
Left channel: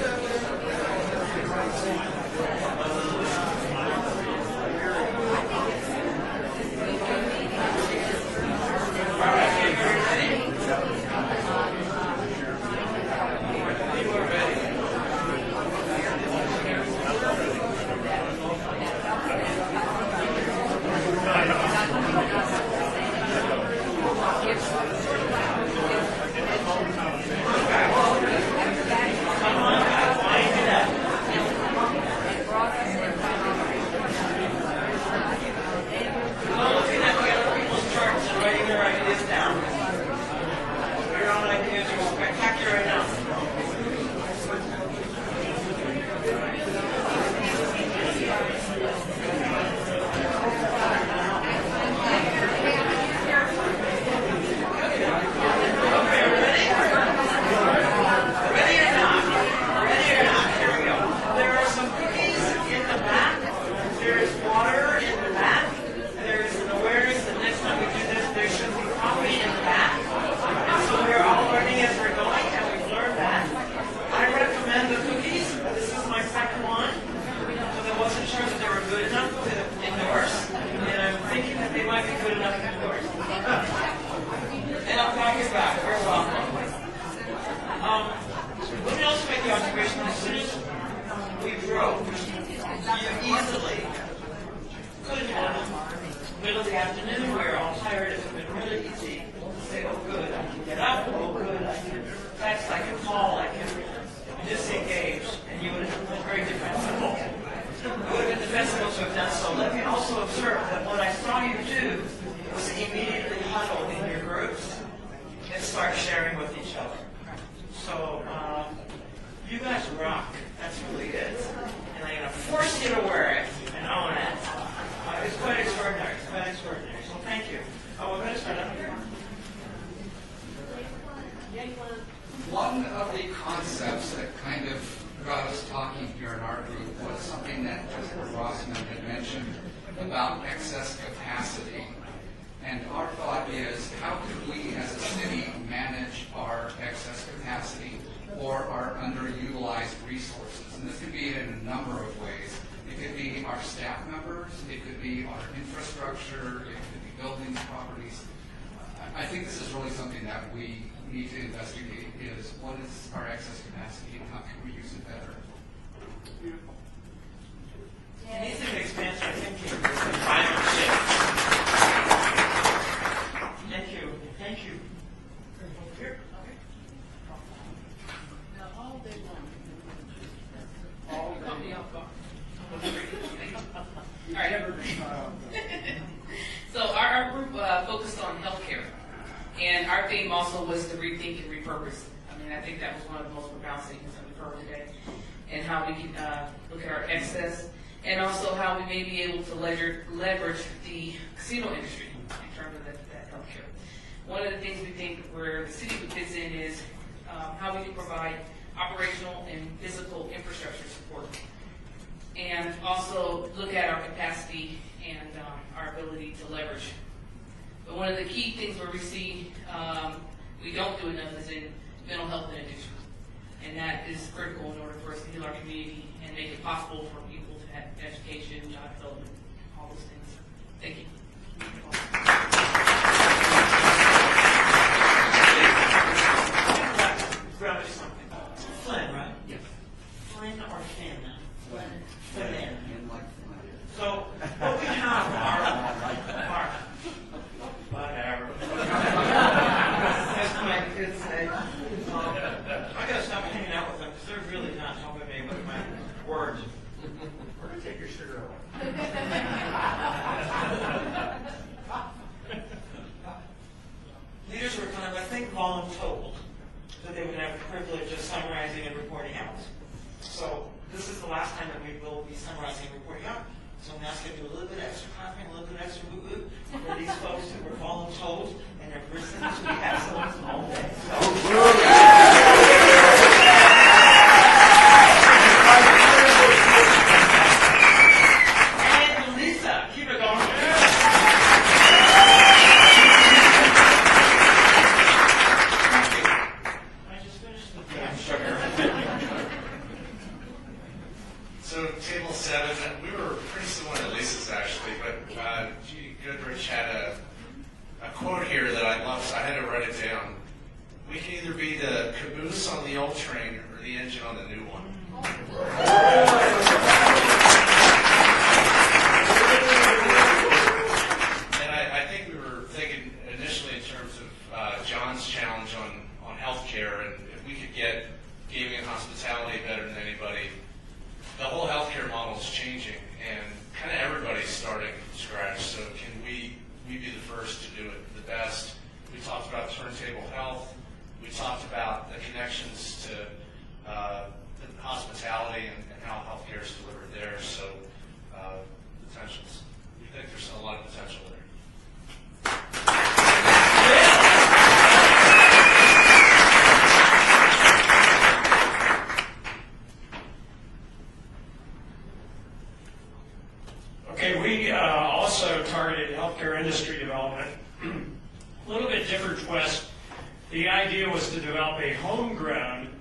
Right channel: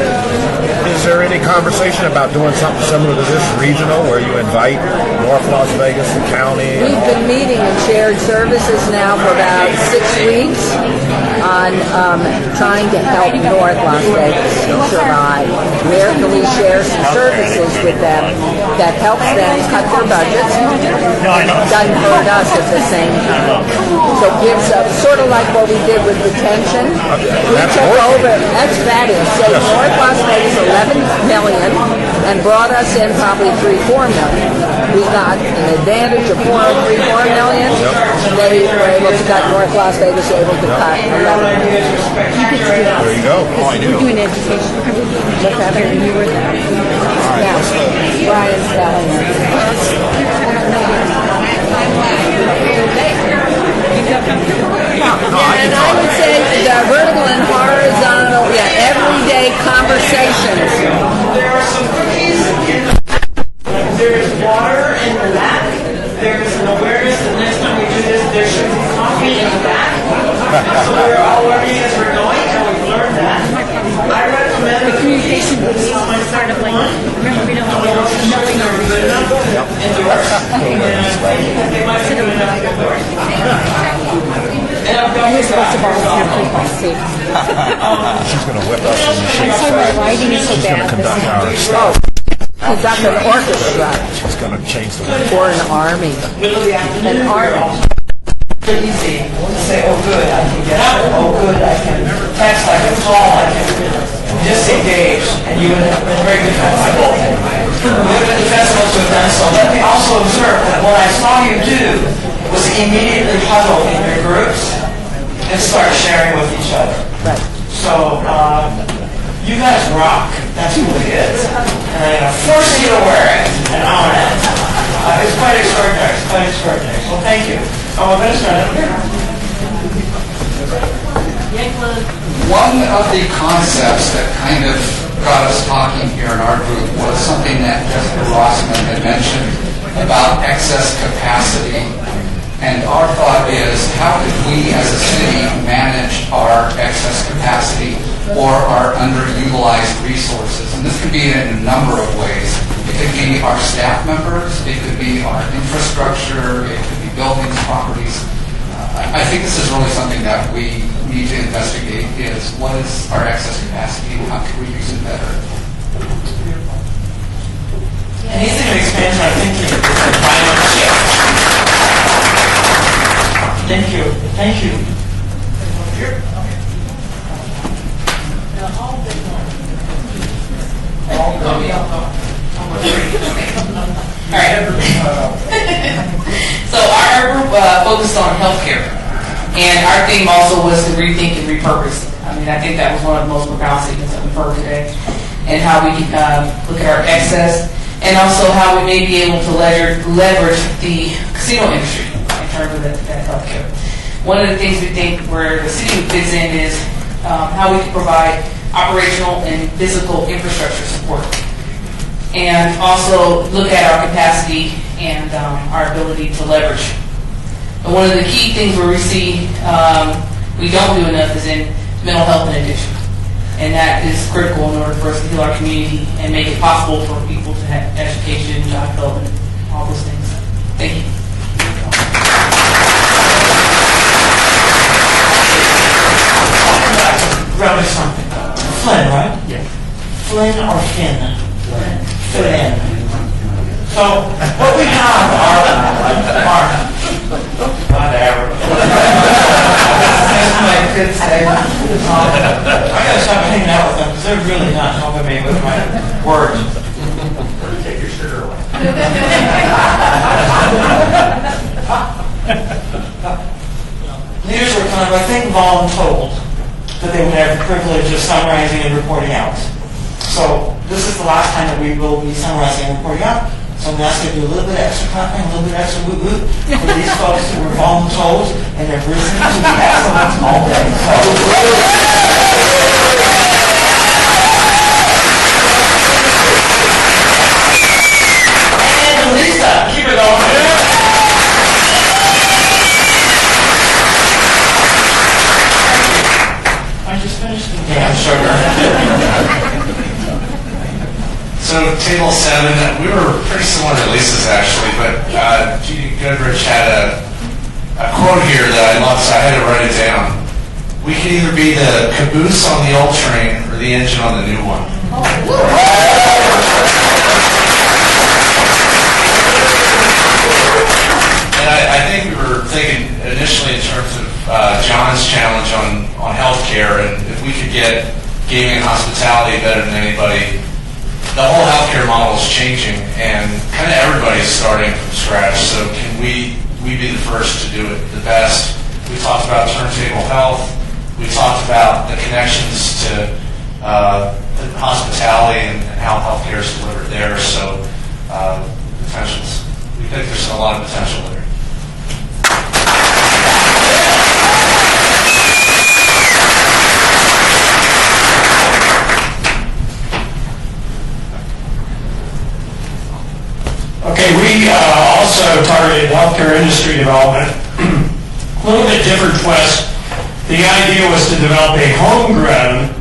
Is there any conversation about doing something similar to this regional where you invite North Las Vegas, the county? We've been meeting in shared services now for about 6 weeks on trying to help North Las Vegas survive. Where can we share some services with them that helps them cut their budgets? Doesn't hurt us at the same time. So gives up, sort of like what we did with detention. We took over, that's fabulous. Saved North Las Vegas $11 million and brought us in probably $3-4 million. We got an advantage of $4-4 million. They were able to cut, North Las Vegas were able to cut $11 million. There you go. Oh, I do. We're doing education. What's happening? You were there. Brian's telling me. And I would say the vertical and horizontal, everyday conversations. There are some cookies in the back. There's water in the back. There's an awareness that next time we do this, there should be coffee in the back. So we're all learning as we're going, and we've learned that. I recommend the communication with these my part of like, remember we don't have all the knowing are good enough indoors. And I think they might be good enough indoors. And I've got Here's what's about see. She's going to whip us in the shape. I'm sorry, my writing is so She's going bad. to conduct our Oh, conduct an orchestra. She's going to change the way. Or an army. An army. Pretty easy. Say, oh good, I can get up. Oh good, I can text, I can call, I can disengage. And you would have been very defensible. You would have been defensible to have done so. Let me also observe that what I saw you do was immediately huddle in your groups and start sharing with each other. Right. So, you guys rock. That's who it is. And I'm going to force you to wear it and own it. It's quite extraordinary. It's quite extraordinary. So thank you. Oh, Minister. One of the concepts that kind of got us talking here in our group was something that Jessica Rossman had mentioned about excess capacity. And our thought is, how could we as a city manage our excess capacity or our underutilized resources? And this could be in a number of ways. It could be our staff members, it could be our infrastructure, it could be buildings, properties. I think this is really something that we need to investigate, is what is our excess capacity and how can we use it better? Anything that expands our thinking is a climate shift. Thank you. Thank you. All right. So our group focused on healthcare, and our theme also was to rethink and repurpose. I mean, I think that was one of the most profound statements that we've heard today, and how we can look at our excess, and also how we may be able to leverage the casino industry in terms of that healthcare. One of the things we think where the city fits in is how we can provide operational and physical infrastructure support, and also look at our capacity and our ability to leverage. And one of the key things where we see we don't do enough is in mental health and addiction. And that is critical in order for us to heal our community and make it possible for people to have education, job development, all those things. Thank you. Grab me something. Flynn, right? Yeah. Flynn or Finn? Flynn. So what we have are whatever. As my kids say, I gotta stop hanging out with them because they're really not helping me with my words. Take your sugar away. Leaders were kind of, I think, voluntold that they would have the privilege of summarizing and reporting out. So this is the last time that we will be summarizing and reporting out. So I'm going to ask you to do a little bit of extra clapping, a little bit of extra woo-woo for these folks who were voluntold and have risen to the excellence all day. And Lisa, keep it going. I just finished the damn sugar. So table 7, we were pretty similar to Lisa's actually, but Judy Goodrich had a quote here that I love, so I had to write it down. We can either be the caboose on the old train or the engine on the new one. And I think we were thinking initially in terms of John's challenge on healthcare, and if we could get gaming and hospitality better than anybody, the whole healthcare model is changing, and kind of everybody's starting from scratch. So can we be the first to do it the best? We talked about turntable health. We talked about the connections to hospitality and how healthcare is delivered there. So potentials. We think there's a lot of potential there. Okay, we also targeted healthcare industry development. A little bit different twist. The idea was to develop a homegrown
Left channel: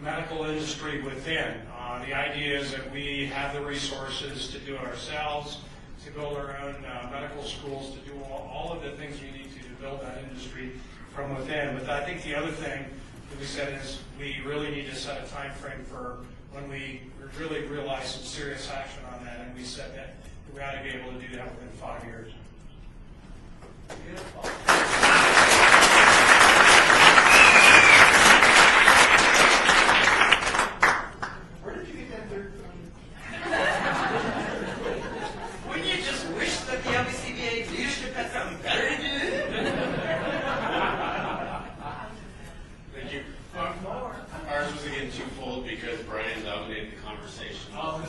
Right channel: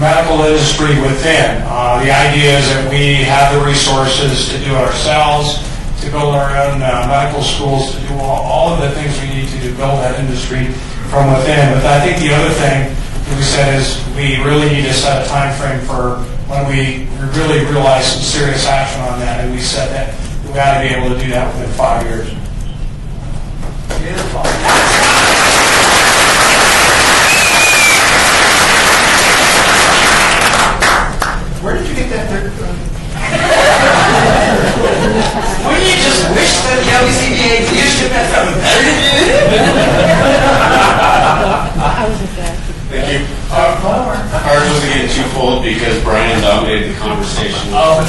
medical industry within. The idea is that we have the resources to do it ourselves, to build our own medical schools, to do all of the things we need to build that industry from within. But I think the other thing that we said is we really need to set a time frame for when we really realize some serious action on that, and we said that we got to be able to do that within 5 years. Beautiful. Where did you get that dirt from? Wouldn't you just wish that the LBCBA leadership had something better to do? Thank you. Ours wasn't getting too full because Brian dominated the conversation. But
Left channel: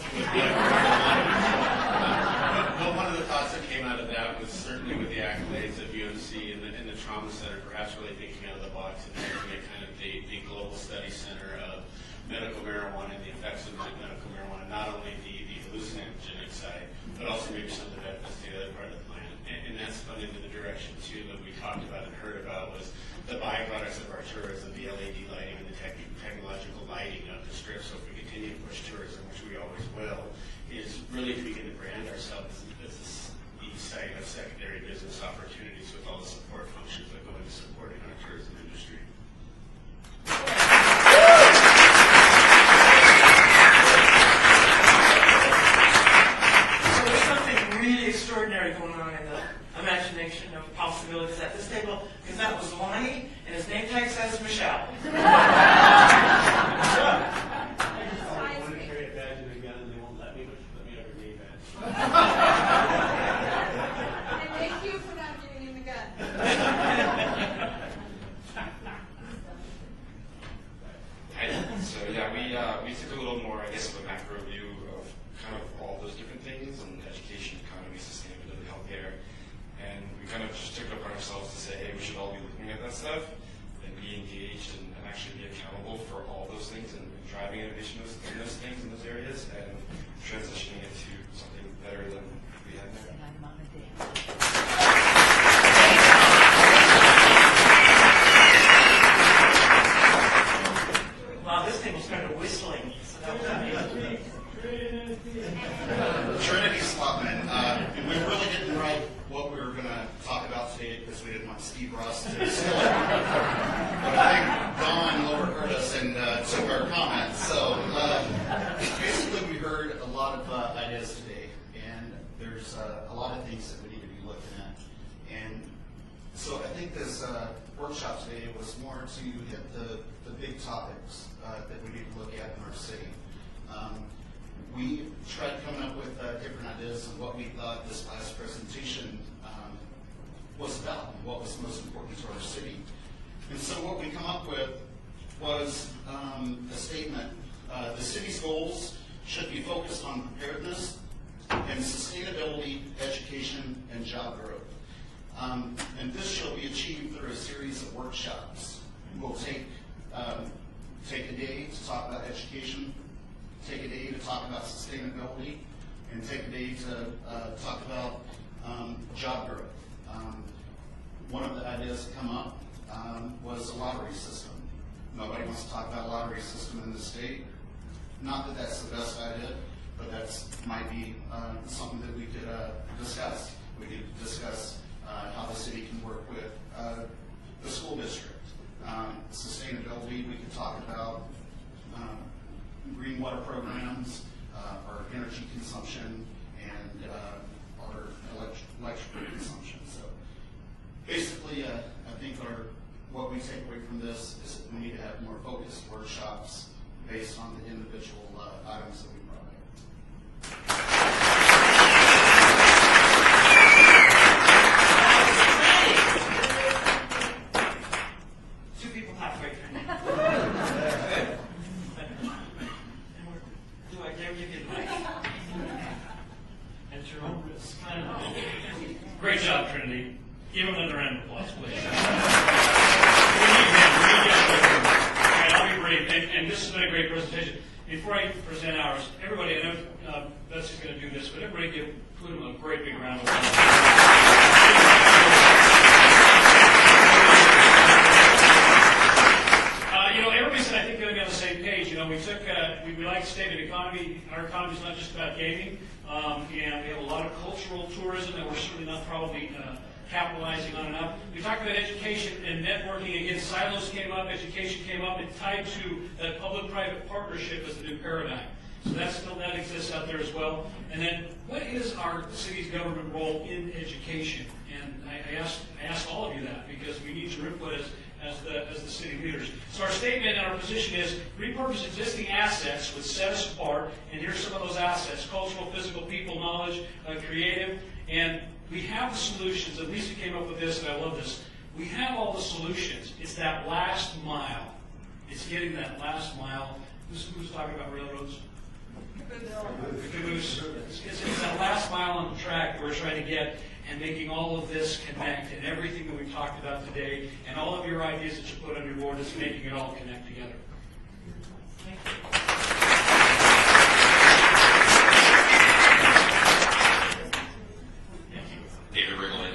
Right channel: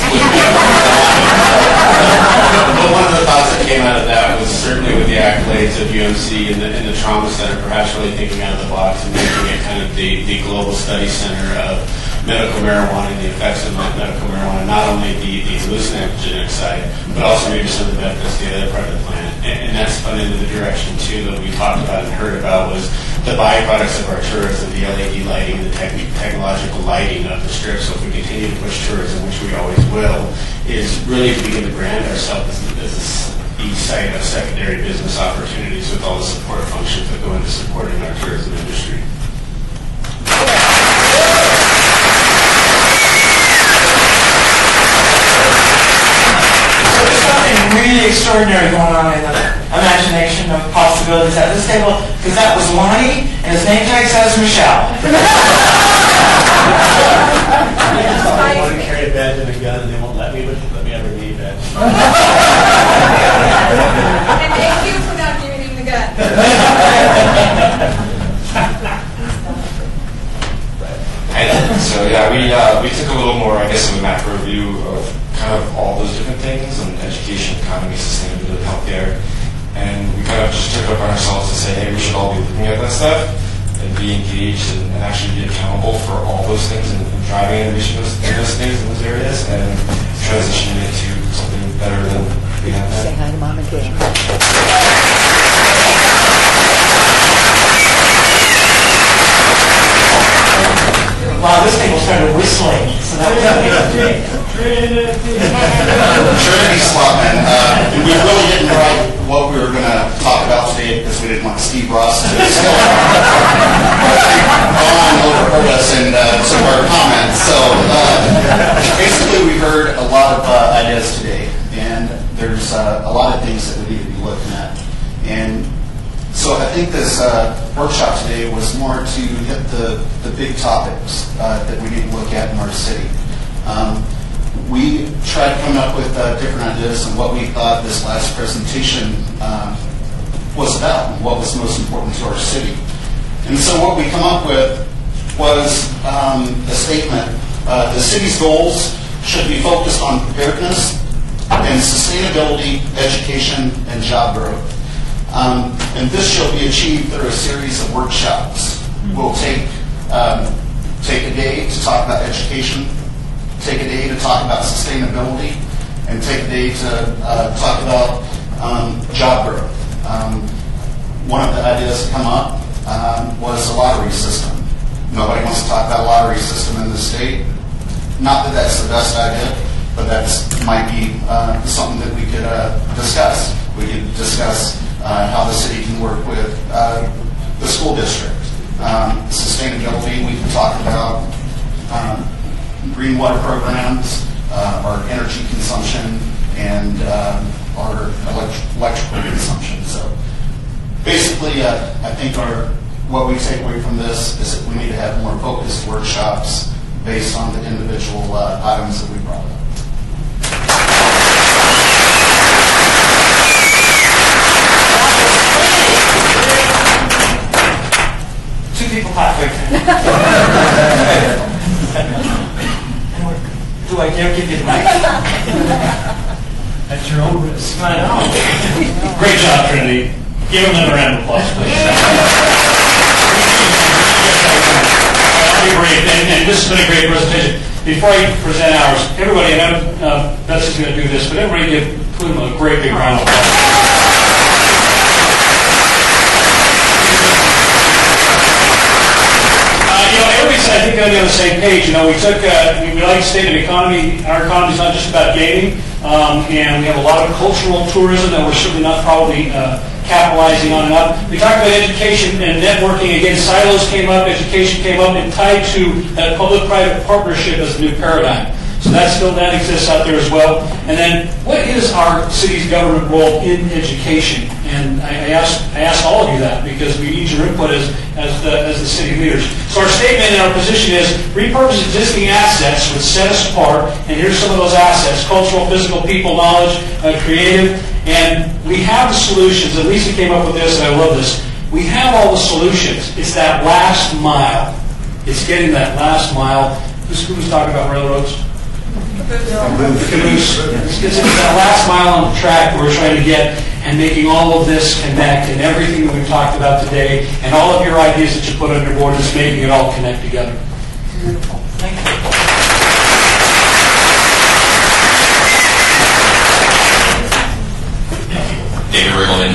one of the thoughts that came out of that was certainly with the accolades of UMC and the Trauma Center, perhaps really thinking out of the box and making it kind of the global study center of medical marijuana and the effects of medical marijuana, not only the hallucinogenic side, but also maybe some of the benefits to the other part of the plant. And that's spun into the direction, too, that we talked about and heard about was the byproducts of our tourism, the LED lighting, the technological lighting of the strip. So if we continue to push tourism, which we always will, is really to begin to brand ourselves as the site of secondary business opportunities with all the support functions that go into supporting our tourism industry. Really extraordinary going on in the imagination of possibilities at this table, because that was Lonnie, and his name tag says Michelle. I want to carry a badge and a gun, and they won't let me ever leave it. And thank you for not giving him the gun. So yeah, we took a little more, I guess, of a macro view of kind of all those different things, and education, economy, sustainability, healthcare, and we kind of just took it upon ourselves to say, hey, we should all be looking at that stuff and be engaged and actually be accountable for all those things and driving innovation in those things, in those areas, and transitioning it to something better than we have now. Say hi to Mom and Dad. Wow, this table started whistling, so that was Trinity Slotman. We really didn't write what we were going to talk about today because we didn't want Steve Ross to steal Vaughn overheard us in some of our comments. So basically we heard a lot of ideas today, and there's a lot of things that we need to be looking at. And so I think this workshop today was more to hit the big topics that we need to look at in our city. We tried to come up with different ideas on what we thought this last presentation was about and what was most important to our city. And so what we come up with was a statement. The city's goals should be focused on preparedness and sustainability, education, and job growth. And this shall be achieved through a series of workshops. We'll take a day to talk about education, take a day to talk about sustainability, and take a day to talk about job growth. One of the ideas that come up was a lottery system. Nobody wants to talk about a lottery system in the state. Not that that's the best idea, but that might be something that we could discuss. We could discuss how the city can work with the school district. Sustainability, we can talk about green water programs, our energy consumption, and our electrical consumption. So basically, I think what we take away from this is that we need to have more focused workshops based on the individual items that we brought up. two people halfway through. Do I dare give you the mic? At your own risk. I know. Great job, Trinity. Give them another round of applause, please. I'll be brief, and this has been a great presentation. Before I present ours, everybody, I know Betsy's going to do this, but everybody give Pluma a great big round of applause. Everybody's, I think, going to be on the same page. We like to state that economy, our economy is not just about gaming, and we have a lot of cultural tourism that we're certainly not probably capitalizing on enough. We talked about education and networking. Again, silos came up, education came up, and tied to that public-private partnership as a new paradigm. So that exists out there as well. And then, what is our city's government role in education? And I asked all of you that because we need your input as the city leaders. So our statement and our position is repurpose existing assets which set us apart. And here's some of those assets: cultural, physical, people, knowledge, creative. And we have the solutions. And Lisa came up with this, and I love this. We have all the solutions. It's that last mile. It's getting that last mile. Who's talking about railroads? Caboose. It's that last mile on the track where we're trying to get, and making all of this connect, and everything that we've talked about today, and all of your ideas that you put on your board, is making it all connect together. Beautiful. Thank you. David Riggleman,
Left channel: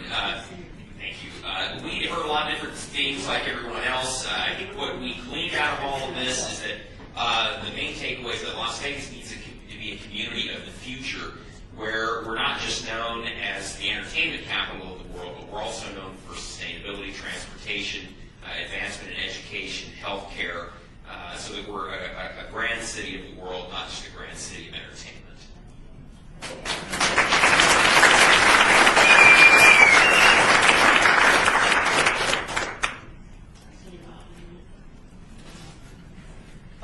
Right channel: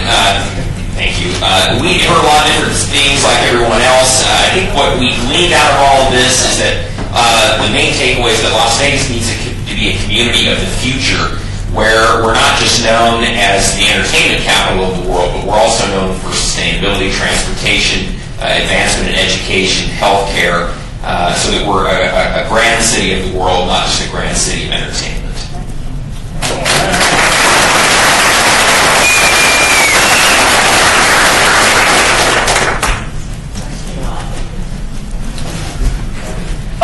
thank you. We heard a lot of different things like everyone else. I think what we gleaned out of all of this is that the main takeaway is that Las Vegas needs to be a community of the future, where we're not just known as the entertainment capital of the world, but we're also known for sustainability, transportation, advancement in education, healthcare, so that we're a grand city of the world, not just a grand city of entertainment.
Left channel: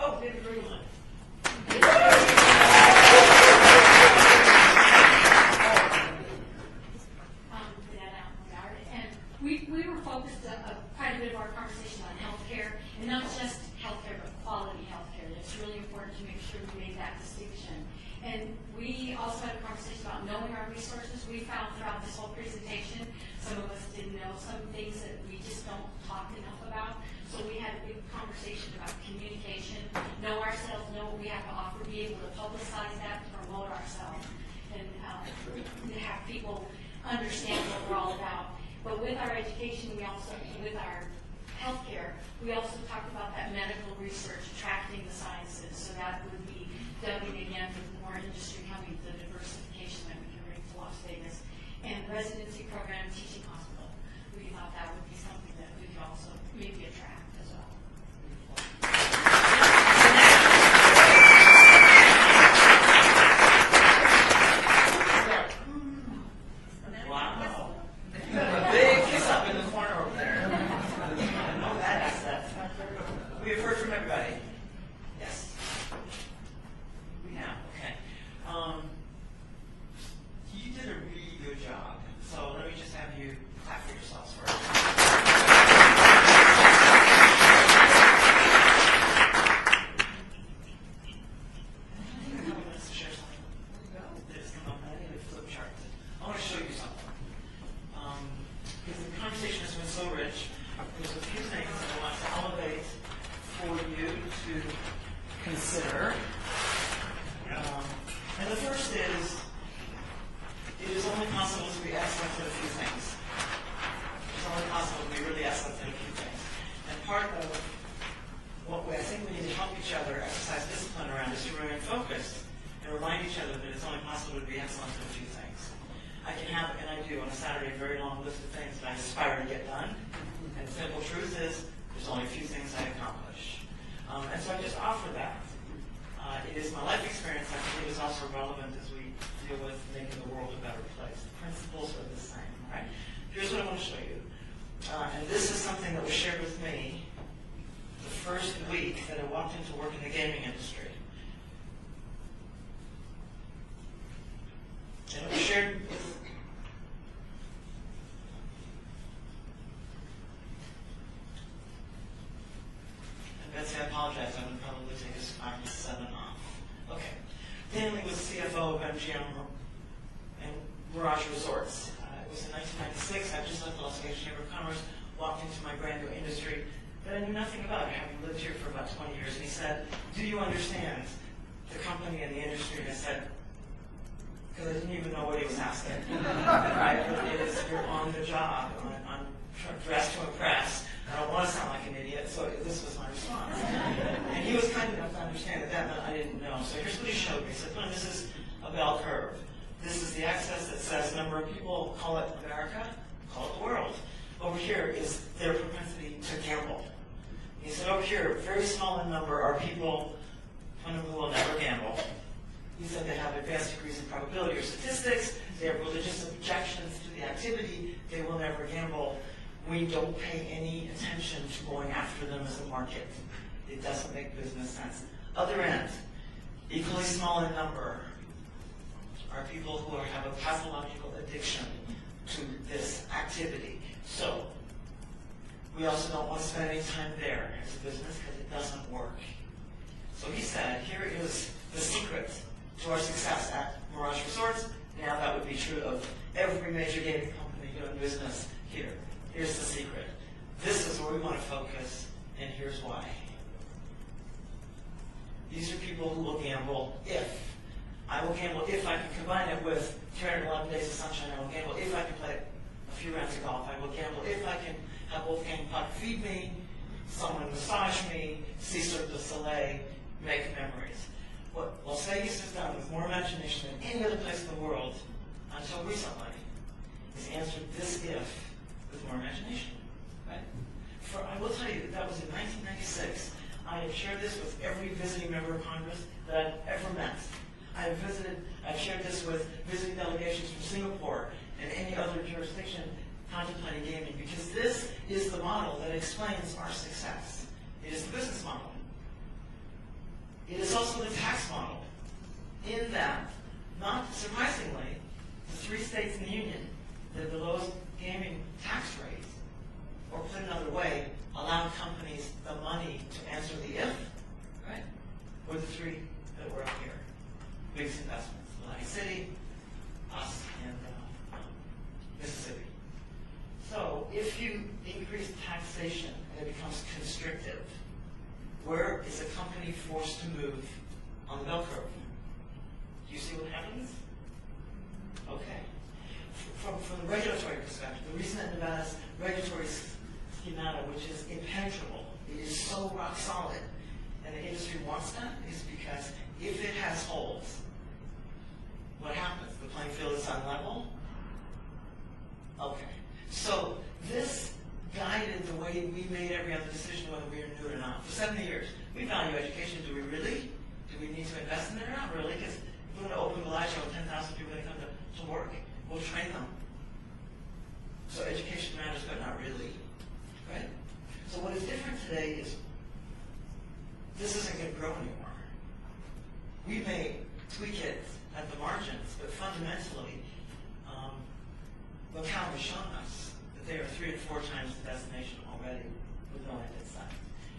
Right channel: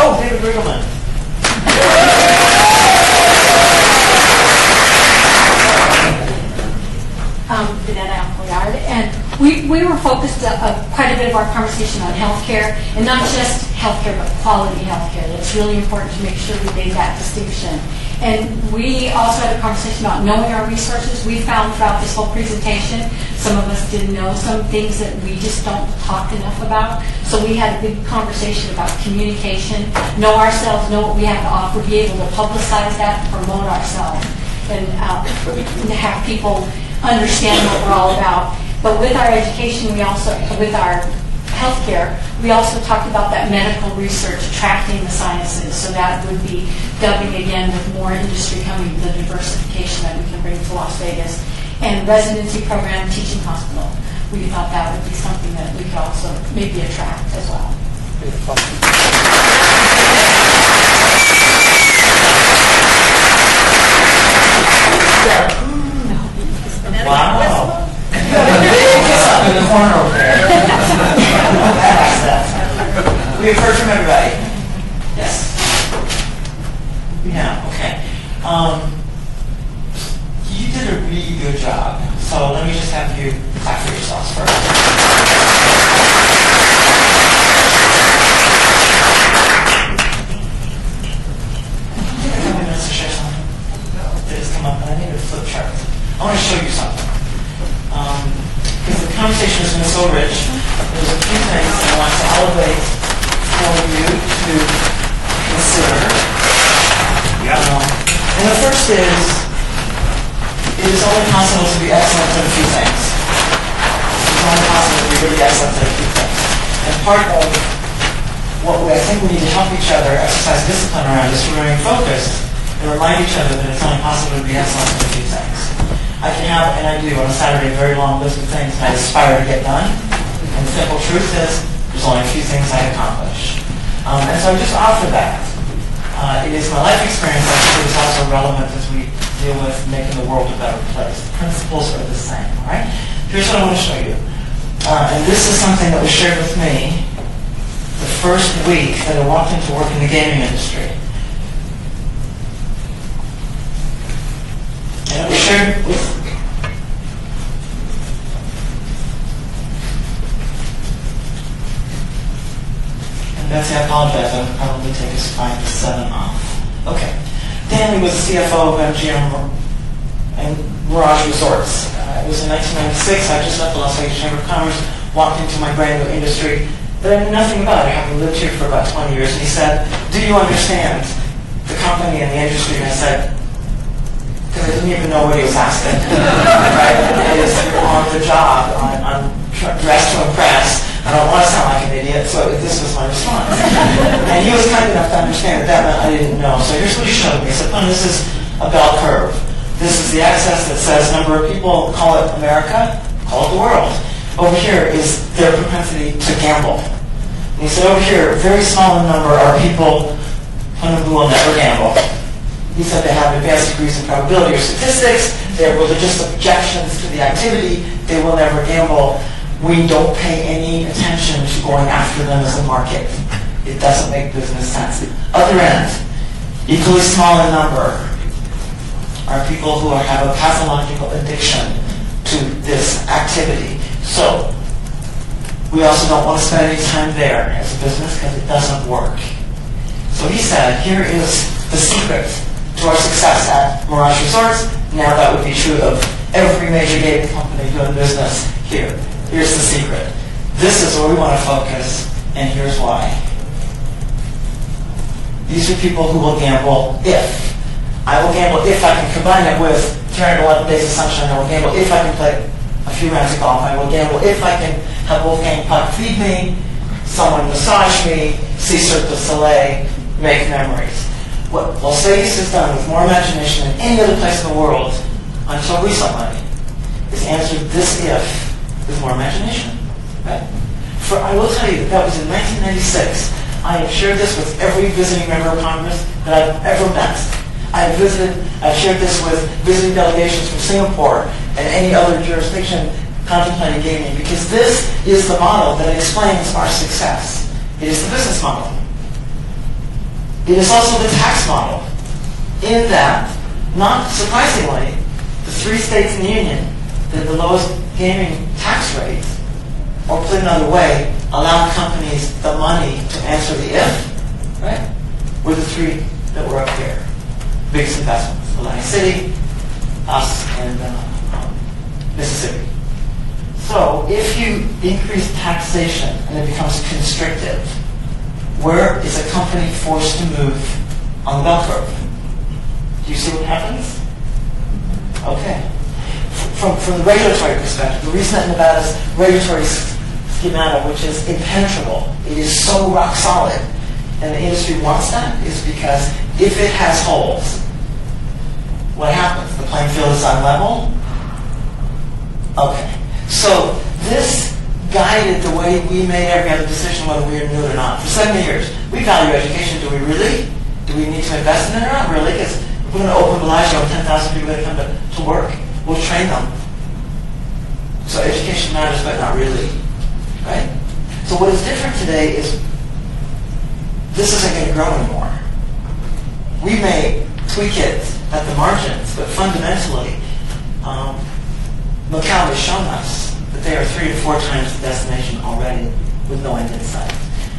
Oh, David Riggleman. Vanetta Appleyard, and we were focused quite a bit of our conversation on healthcare, and not just healthcare, but quality healthcare. It's really important to make sure we made that distinction. And we also had a conversation about knowing our resources. We found throughout this whole presentation, some of us didn't know some things that we just don't talk enough about. So we had a big conversation about communication, know ourselves, know what we have to offer, be able to publicize that, promote ourselves, and have people understand what we're all about. But with our education, with our healthcare, we also talked about that medical research, attracting the sciences. So that would be dubbing again with more industry coming, the diversification that we can bring to Las Vegas. And residency program, teaching hospital. We thought that would be something that we could also maybe attract as well. Wow. What's up in the corner over there? We have heard from everybody. Yes. Yeah, okay. You did a really good job. So let me just have you clap for yourselves first. I want to show you something. Because the conversation has been so rich, there's a few things I want to elevate for you to consider. And the first is, it is only possible to be excellent at a few things. It is only possible to be really excellent at a few things. And part of what I think we need to help each other exercise discipline around is to remain focused and remind each other that it's only possible to be excellent at a few things. I can have, and I do on a Saturday, a very long list of things I aspire to get done. And the simple truth is, there's only a few things I accomplish. And so I just offer that. It is my life experience, I think it is also relevant as we deal with making the world a better place. The principles are the same, all right? Here's what I want to show you. And this is something that was shared with me the first week that I walked into work in the gaming industry. And it was shared with... Betsy, I apologize. I would probably take us 5 to 7 off. Okay. Danny was the CFO of MGM and Mirage Resorts. It was in 1996. I just left the Las Vegas Chamber of Commerce, walked into my brand new industry that I knew nothing about. I having lived here for about 20 years. And he said, "Do you understand the company and the industry?" And I said, because I didn't even know what he was asking. Right? It is on the job. I'm dressed to impress. I don't want to sound like an idiot, so this was my response. And he was kind enough to understand that meant I didn't know. So here's what he showed me. He said, "This is a bell curve. This is the axis that says number of people, call it America, call it the world. Over here is their propensity to gamble." And he said, over here, very small in number are people who will never gamble. He said they have advanced degrees in probability or statistics, they have religious objections to the activity, they will never gamble. We don't pay any attention to going after them as a market. It doesn't make business sense. Other end, equally small in number, are people who have a pathological addiction to this activity. So, we also don't want to spend any time there as a business because it doesn't work. So he said, here is the secret to our success at Mirage Resorts. Now that would be true of every major gaming company doing business here. Here's the secret. This is where we want to focus, and here's why. These are people who will gamble if. I will gamble if I can combine it with 311 days of sunshine. I will gamble if I can play a few rounds of golf. I will gamble if I can have Wolfgang Puck feed me, someone massage me, see Cirque du Soleil, make memories. What Las Vegas has done with more imagination than any other place in the world until recently is answered this if with more imagination. Right? For I will tell you, that was in 1996. I have shared this with every visiting member of Congress that I've ever met. I've shared this with visiting delegations from Singapore and any other jurisdiction contemplating gaming, because this is the model that explains our success. It is the business model. It is also the tax model, in that, not surprisingly, the 3 states in the Union that have the lowest gaming tax rates, or put another way, allow companies the money to answer the if, right, were the 3 that were up here. Biggest investments, Atlantic City, us, and Mississippi. So if you increase taxation and it becomes constrictive, where is a company forced to move on the bell curve? Do you see what happens? Okay. From the regulatory perspective, the reason that Nevada's regulatory schema, which is impenetrable, it is so rock solid, and the industry wants that, is because if it has holes, what happens? The playing field is unlevel? Okay. So this guided the way we made every other decision, whether we knew it or not. For 70 years, we value education. Do we really? Do we need to invest in it or not? Really? Because if we're going to open Bellagio and 10,000 people that come to work, we'll train them. So education matters, but not really. Right? So what is different today is this isn't going to grow anymore. We may tweak it at the margins, but fundamentally, Macau has shown us that they are 3 to 4 times the destination already with no end in sight.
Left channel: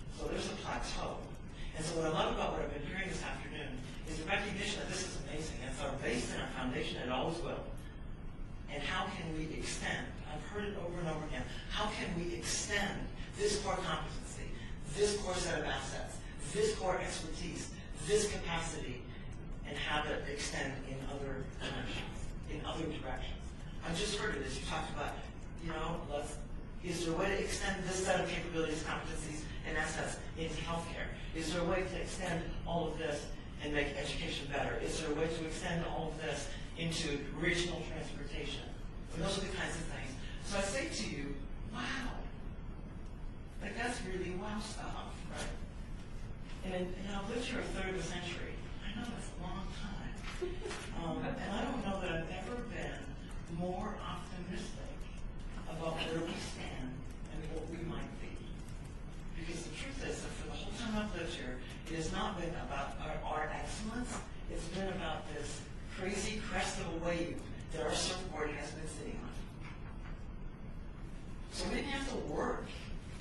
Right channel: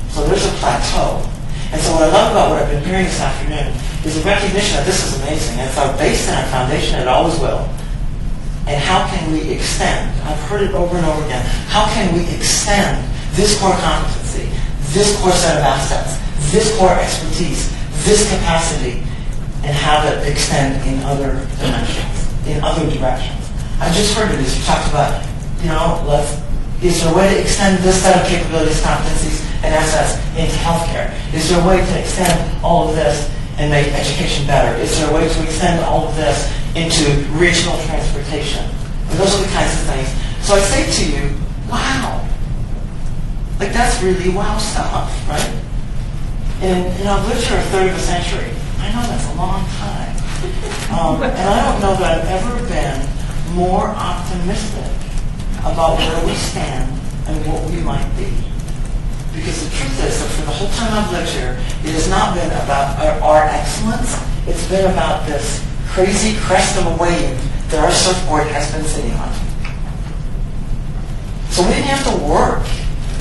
So there's a plateau. And so what I love about what I've been hearing this afternoon is a recognition that this is amazing, and it's our base and our foundation, and it always will. And how can we extend? I've heard it over and over again. How can we extend this core competency, this core set of assets, this core expertise, this capacity, and have it extend in other dimensions, in other directions? I just heard of this. You talked about, is there a way to extend this set of capabilities, competencies, and assets into healthcare? Is there a way to extend all of this and make education better? Is there a way to extend all of this into regional transportation? And those are the kinds of things. So I say to you, wow. Like, that's really wow stuff, right? And I've lived here a third of a century. I know that's a long time. And I don't know that I've ever been more optimistic about where we stand and what we might be. Because the truth is that for the whole time I've lived here, it has not been about our excellence. It's been about this crazy crest of a wave that our surfboard has been sitting on. So we didn't have to work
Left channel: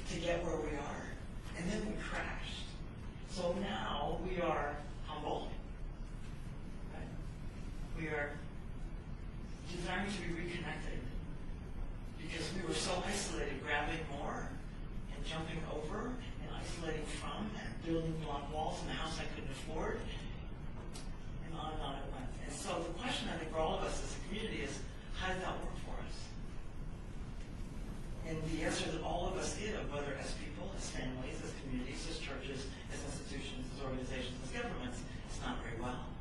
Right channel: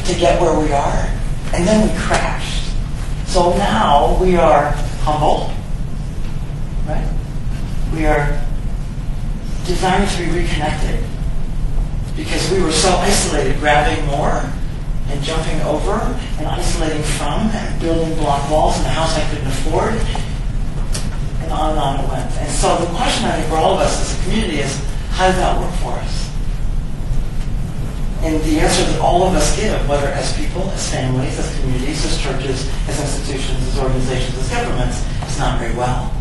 to get where we are, and then we crashed. So now we are humble, right? We are designed to be reconnected because we were so isolated, grabbing more and jumping over and isolating from and building block walls in a house I couldn't afford, and on it went. And so the question I think for all of us as a community is, how does that work for us? And the answer that all of us give, whether as people, as families, as communities, as churches, as institutions, as organizations, as governments, is not very well.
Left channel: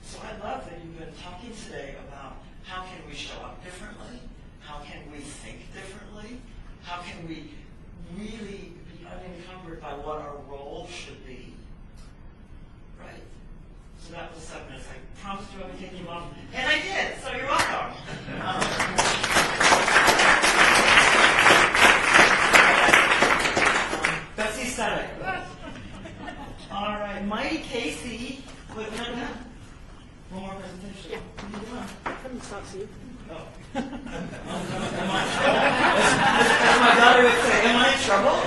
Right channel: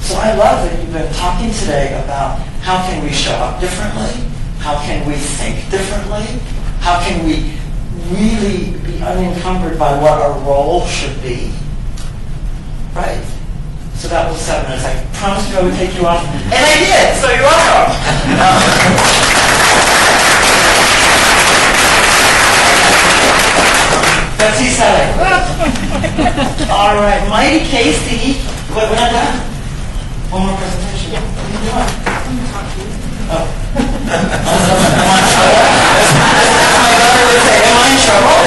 So I love that you've been talking today about how can we show up differently, how can we think differently, how can we really be unencumbered by what our role should be, right? So that was 7 minutes. I promised you I would take you off, and I did, so you're welcome. Betsy Selleck. All right, Mighty Casey. Wait, we're not done. One more presentation. Oh. My daughter would say, am I in trouble?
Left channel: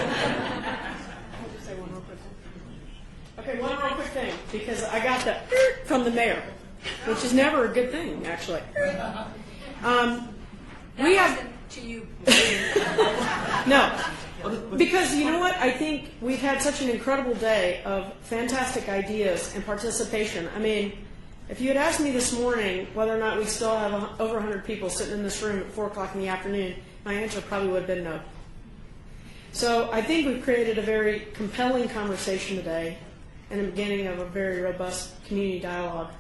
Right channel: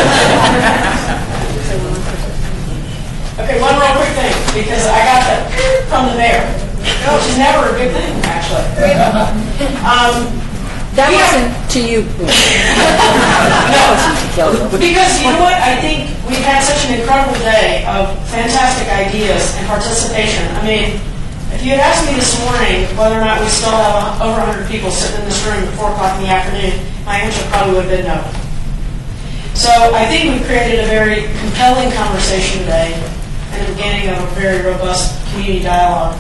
Okay, one real quick thing, because I got that from the mayor, which is never a good thing, actually. That wasn't to you. No, because you know what? I think we've had such an incredible day of fantastic ideas and participation. I mean, if you had asked me this morning whether or not we still have over 100 people sitting in this room at 4 o'clock in the afternoon, my answer probably would have been no. So I think we've created a very compelling conversation today and the beginning of a very robust community dialogue.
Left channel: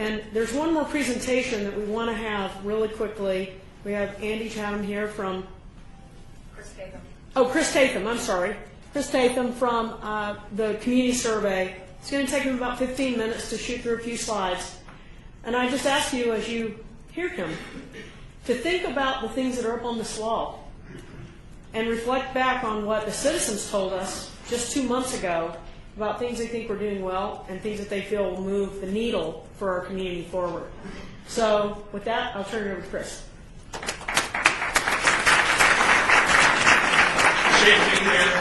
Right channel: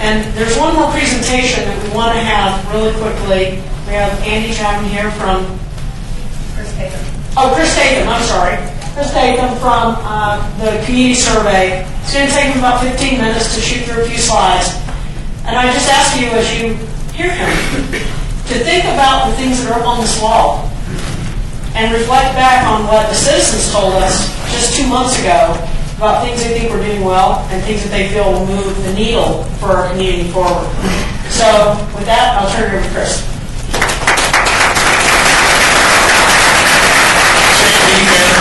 And there's one more presentation that we want to have really quickly. We have Andy Chapman here from Chris Tatham. Oh, Chris Tatham, I'm sorry. Chris Tatham from the community survey. It's going to take him about 15 minutes to shoot through a few slides. And I just ask you, as you hear him, to think about the things that are up on this wall and reflect back on what the citizens told us just 2 months ago about things they think we're doing well and things that they feel will move the needle for our community forward. So with that, I'll turn it over to Chris.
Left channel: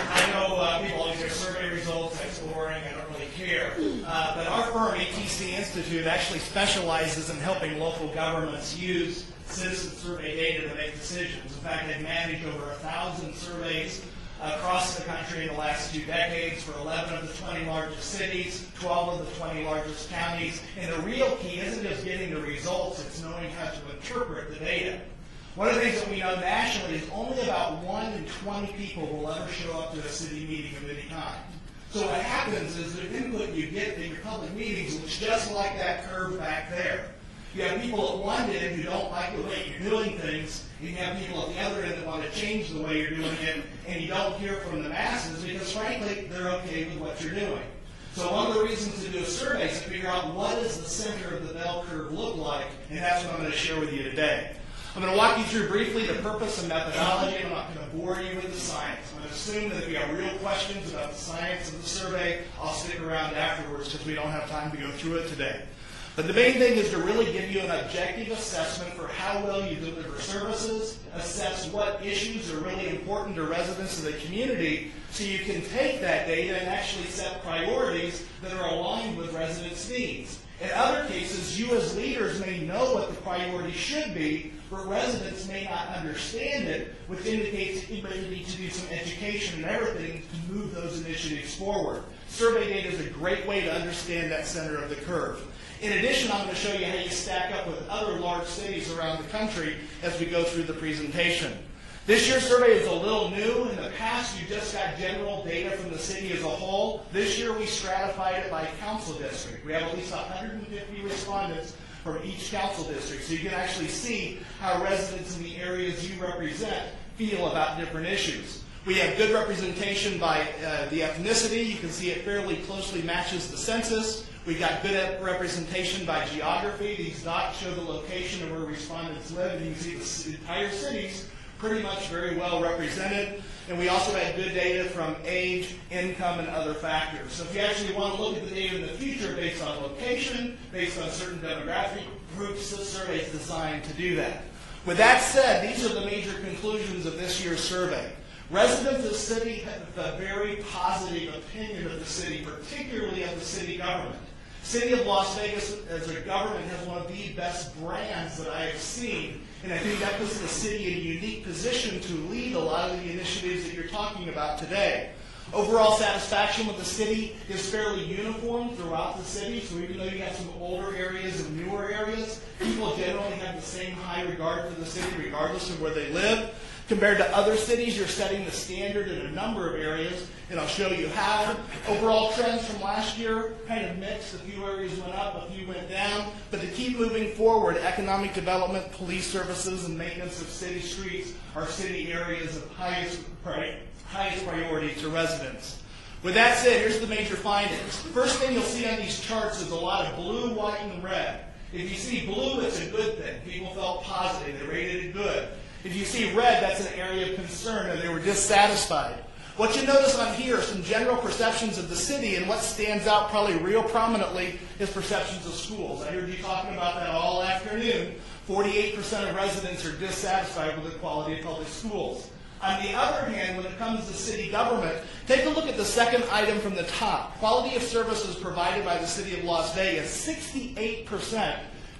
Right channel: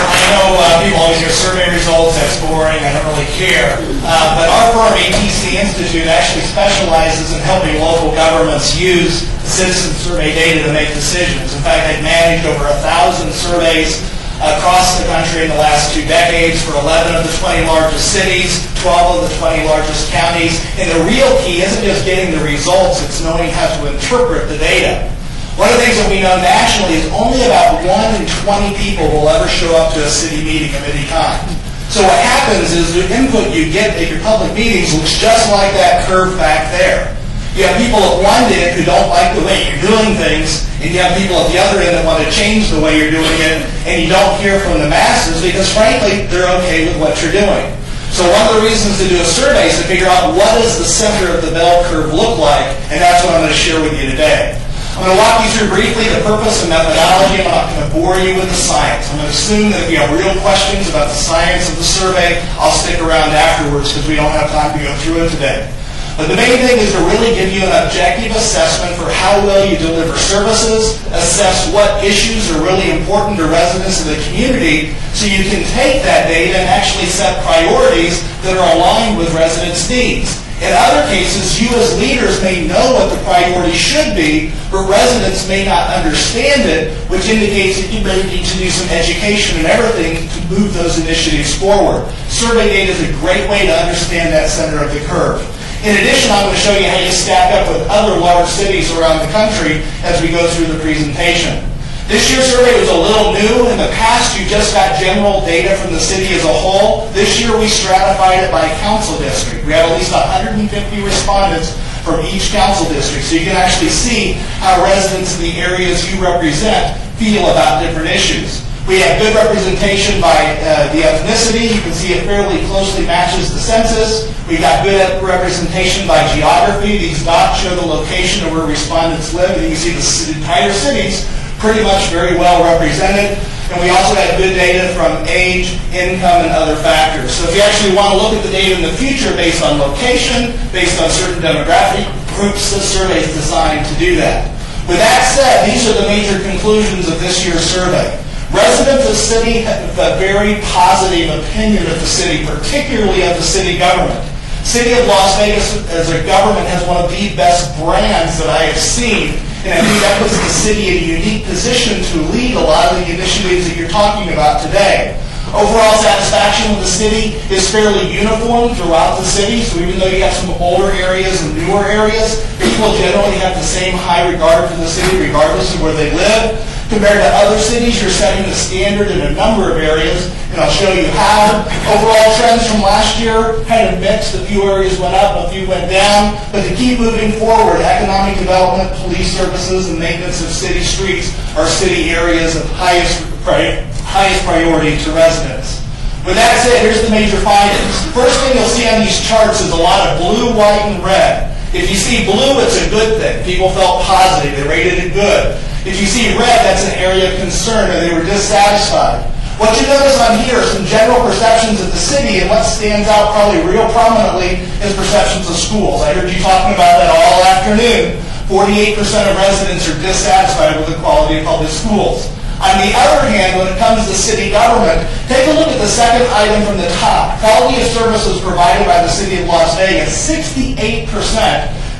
I know people always hear survey results, that's boring, I don't really care. But our firm, ATC Institute, actually specializes in helping local governments use citizen survey data to make decisions. In fact, they've managed over 1,000 surveys across the country in the last 2 decades for 11 of the 20 largest cities, 12 of the 20 largest counties. And the real key isn't just getting the results, it's knowing how to interpret the data. One of the things that we know nationally is only about 1 in 20 people will ever show up to a city meeting of any kind. So what happens is the input you get at your public meetings looks just like that curve back there. You have people at one end who don't like the way you're doing things, and you have people at the other end that want to change the way you're doing it, and you don't hear from the masses because, frankly, they're okay with what you're doing. So one of the reasons to do a survey is to figure out what does the center of the bell curve look like, and that's what I'm going to share with you today. I'm going to walk you through briefly the purpose and methodology. I'm not going to bore you with the science. I'm going to assume that if you have real questions about the science of the survey, I'll stick around afterwards because we don't have time to go through it today. But the main thing is to really give you an objective assessment for how well you deliver services, assess what issues are really important to residents of the community, so you can take that data and actually set priorities that are aligned with residents' needs. In other cases, you as leaders may know what the priority should be, but residents may not understand it, which indicates that you may need to do some education and everything to move those initiatives forward. Survey data is a great way to understand that center of the curve. In addition, I'm going to show you how you stack up with other large cities around the country as we go through the presentation. This year's survey was a little new. In the past, you just got general data from the city as a whole. This year, we stratified it by council district. We had at least 150 respondents from each council district, so you can actually see how residents in the areas you represent feel about different issues. We have good representation by the ethnicity. You can see it fairly closely matches the census. We've got good representation by geography. These dots show the location of where respondents live, and you can see the entire cities pretty much very well represented. And we also had good data from age, income, and other factors. So if you actually want to look at the data in the future based on location, based on certain demographic groups, this survey is designed to do that. With that said, these are the major conclusions of this year's survey. Residents of the city have a very positive opinion of the city, particularly of the city government. City of Las Vegas as a government has one of the best brands that I have seen, and I think that puts the city in a unique position to lead a lot of the initiatives that you're talking about today. Overall satisfaction with the city is fairly uniform throughout the city, so even though you have some older areas and newer areas, people generally have the same high regard for the city regardless of where they live. Compared to other cities, you're setting the standard in a number of areas, and I'll show you how. Overall trends from last year kind of mixed. A few areas went up, a few went down, but to keep moving forward, economic development, police services, and maintenance of city streets are city areas of highest priority to residents. With that said, here's the major findings. First thing you'll see on these charts is a lot of blue, white, and red. If you see blue, it's a good thing. People felt positive. They rated it good. If you see red, that's an area of concern, and they were dissatisfied. What you notice on here are some general perceptions of the city, and what stands out probably real prominently is perceptions of schools. I heard you talking about that all afternoon. 48% of residents are dissatisfied with the quality of public schools. On the other hand, when it comes to city government, take a look at the second item from the top. Quality of services provided by the city of Las Vegas. 68%,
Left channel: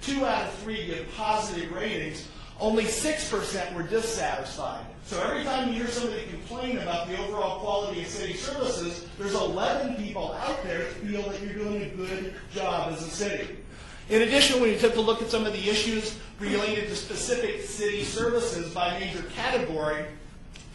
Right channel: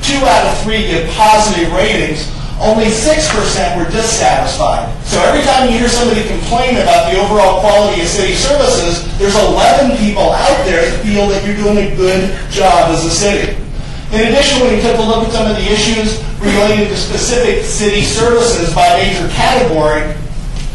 2 out of 3 give positive ratings. Only 6% were dissatisfied. So every time you hear somebody complain about the overall quality of city services, there's 11 people out there that feel that you're doing a good job as a city. In addition, when you take a look at some of the issues related to specific city services by major category,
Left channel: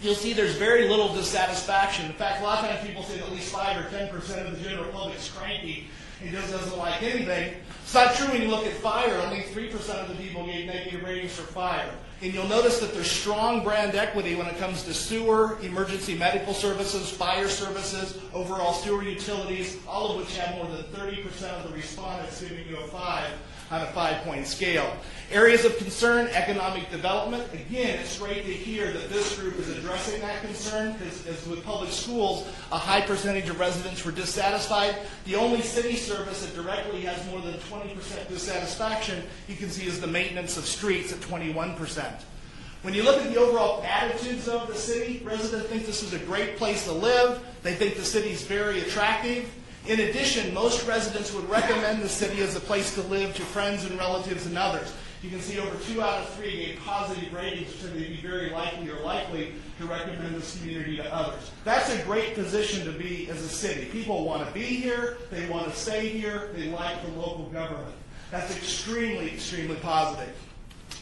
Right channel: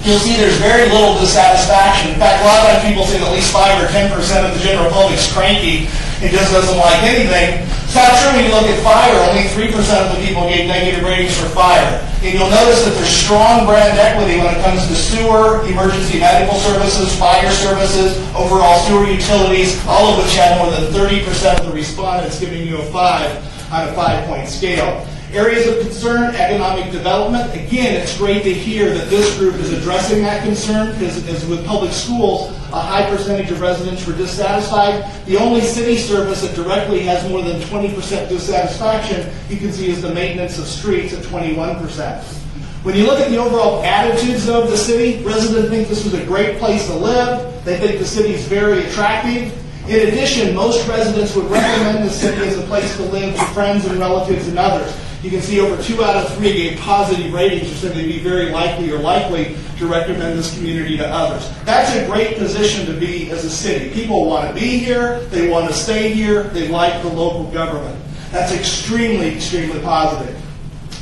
you'll see there's very little dissatisfaction. In fact, a lot of times people say that at least 5 or 10% of the general public's cranky and just doesn't like anything. It's not true when you look at fire. Only 3% of the people gave negative ratings for fire. And you'll notice that there's strong brand equity when it comes to sewer, emergency medical services, fire services, overall sewer utilities, all of which have more than 30% of the respondents giving you a 5 on a 5-point scale. Areas of concern, economic development. Again, it's great to hear that this group is addressing that concern because as with public schools, a high percentage of residents were dissatisfied. The only city service that directly has more than 20% dissatisfaction, you can see, is the maintenance of streets at 21%. When you look at the overall attitudes of the city, residents think this is a great place to live. They think the city is very attractive. In addition, most residents would recommend the city as a place to live to friends and relatives and others. You can see over 2 out of 3 gave positive ratings or said they'd be very likely to recommend this community to others. That's a great position to be as a city. People want to be here, they want to stay here, they like the local government. That's extremely, extremely positive.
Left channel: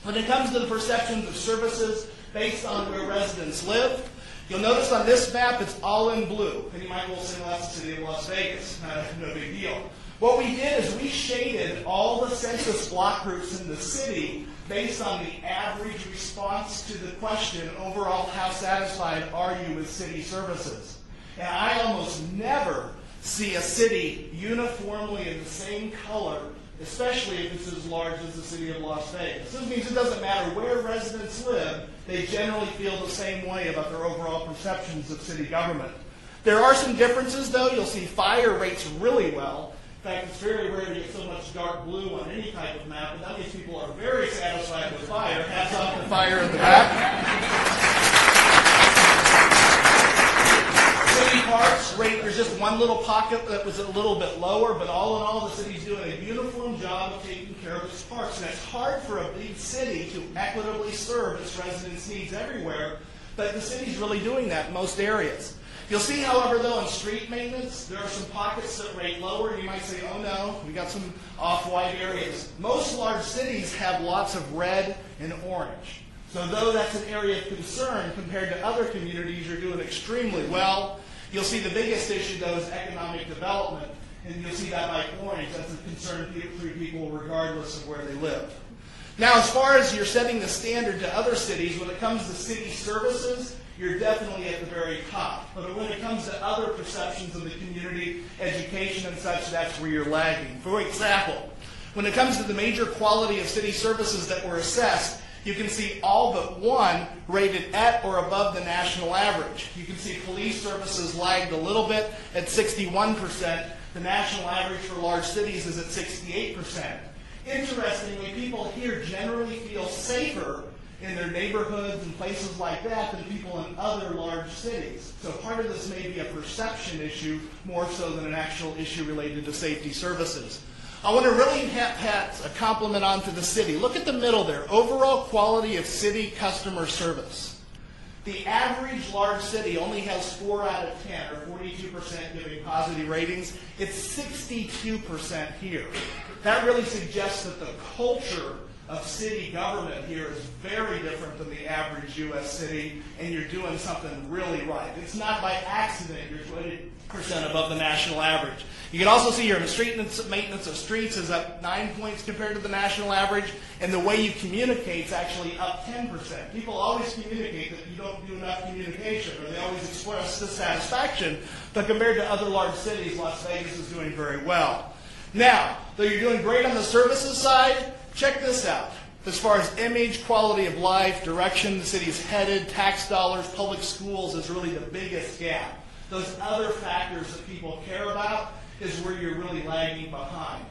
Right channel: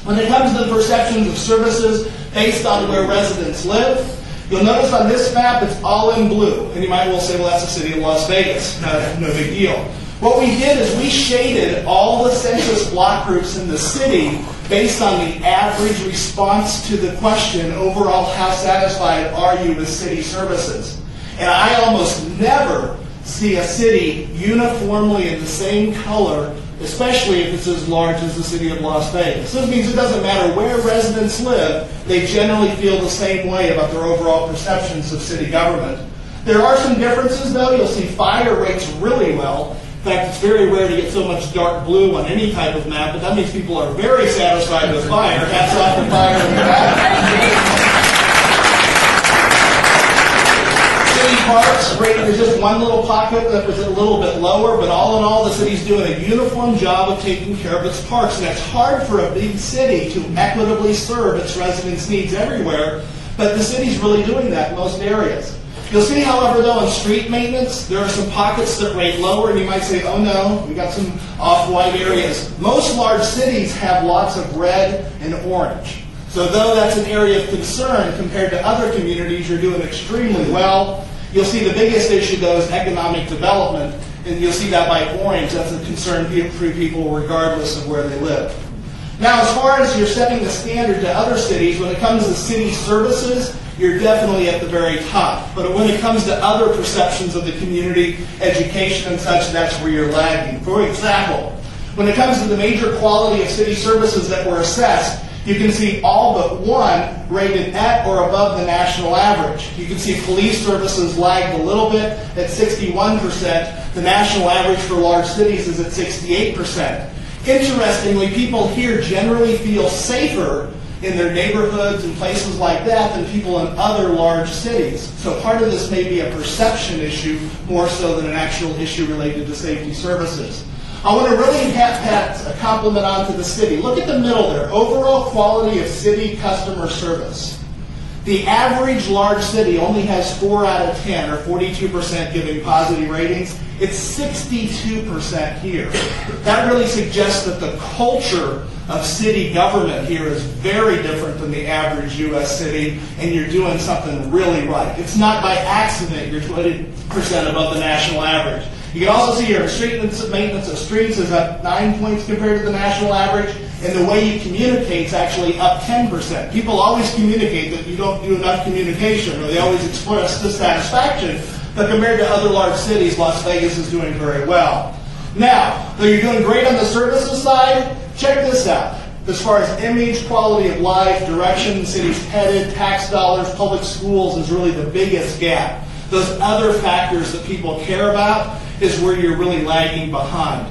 When it comes to the perceptions of services based on where residents live, you'll notice on this map it's all in blue. And you might well say, well, that's the city of Las Vegas. No big deal. What we did is we shaded all the census block groups in the city based on the average response to the question, overall, how satisfied are you with city services? And I almost never see a city uniformly in the same color, especially if it's as large as the city of Las Vegas. This means it doesn't matter where residents live, they generally feel the same way about their overall perceptions of city government. There are some differences, though. You'll see fire rates really well. In fact, it's very rare to get so much dark blue on any type of map, but that means people are very satisfied with fire. Hats off to fire in the back. City parks, there's just one little pocket that was a little bit lower, but all in all, the city's doing a uniform job of taking care of its parks. And it's hard for a big city to equitably serve its residents' needs everywhere, but the city's really doing that in most areas. You'll see, however, though, in street maintenance, there are some pockets that rate lower, and you might say, oh no, we got some off-white areas. Most large cities have lots of red and orange. So though that's an area of concern compared to other communities, you're doing extremely well. You'll see the biggest issue, though, is economic development, and you'll see that by orange. That's a concern for people regardless of where they live. Now, as far as you're setting the standard to other cities, when it comes to city services, you're definitely at the very top. But when it comes to other perceptions of the community, education and such, that's where you're lagging. For example, when it comes to the major quality of city services that were assessed, you can see all but one rated at or above the national average. You can see police services lagged a little bit at 61%. The national average for large cities is at 68%. Interestingly, people here generally feel safer in their neighborhoods and places like that than people in other large cities. So part of this may be a perception issue more so than an actual issue related to safety services. I want to really pat a compliment onto the city. Look at the middle there. Overall quality of city customer service. The average large city only has 4 out of 10, or 42% giving positive ratings. It's 62% here. That really suggests that the culture of city government here is very different than the average U.S. city, and you're doing something really right. It's not by accident you're 20% above the national average. You can also see your street maintenance of streets is up 9 points compared to the national average, and the way you communicate is actually up 10%. People always communicate that you don't do enough communication, or they always express dissatisfaction, but compared to other large cities, Las Vegas is doing very well. Now, though you're doing great on the services side, check this out. As far as image, quality of life, direction the city's headed, tax dollars, public schools is really the biggest gap. Those other factors that people care about is where you're really lagging behind.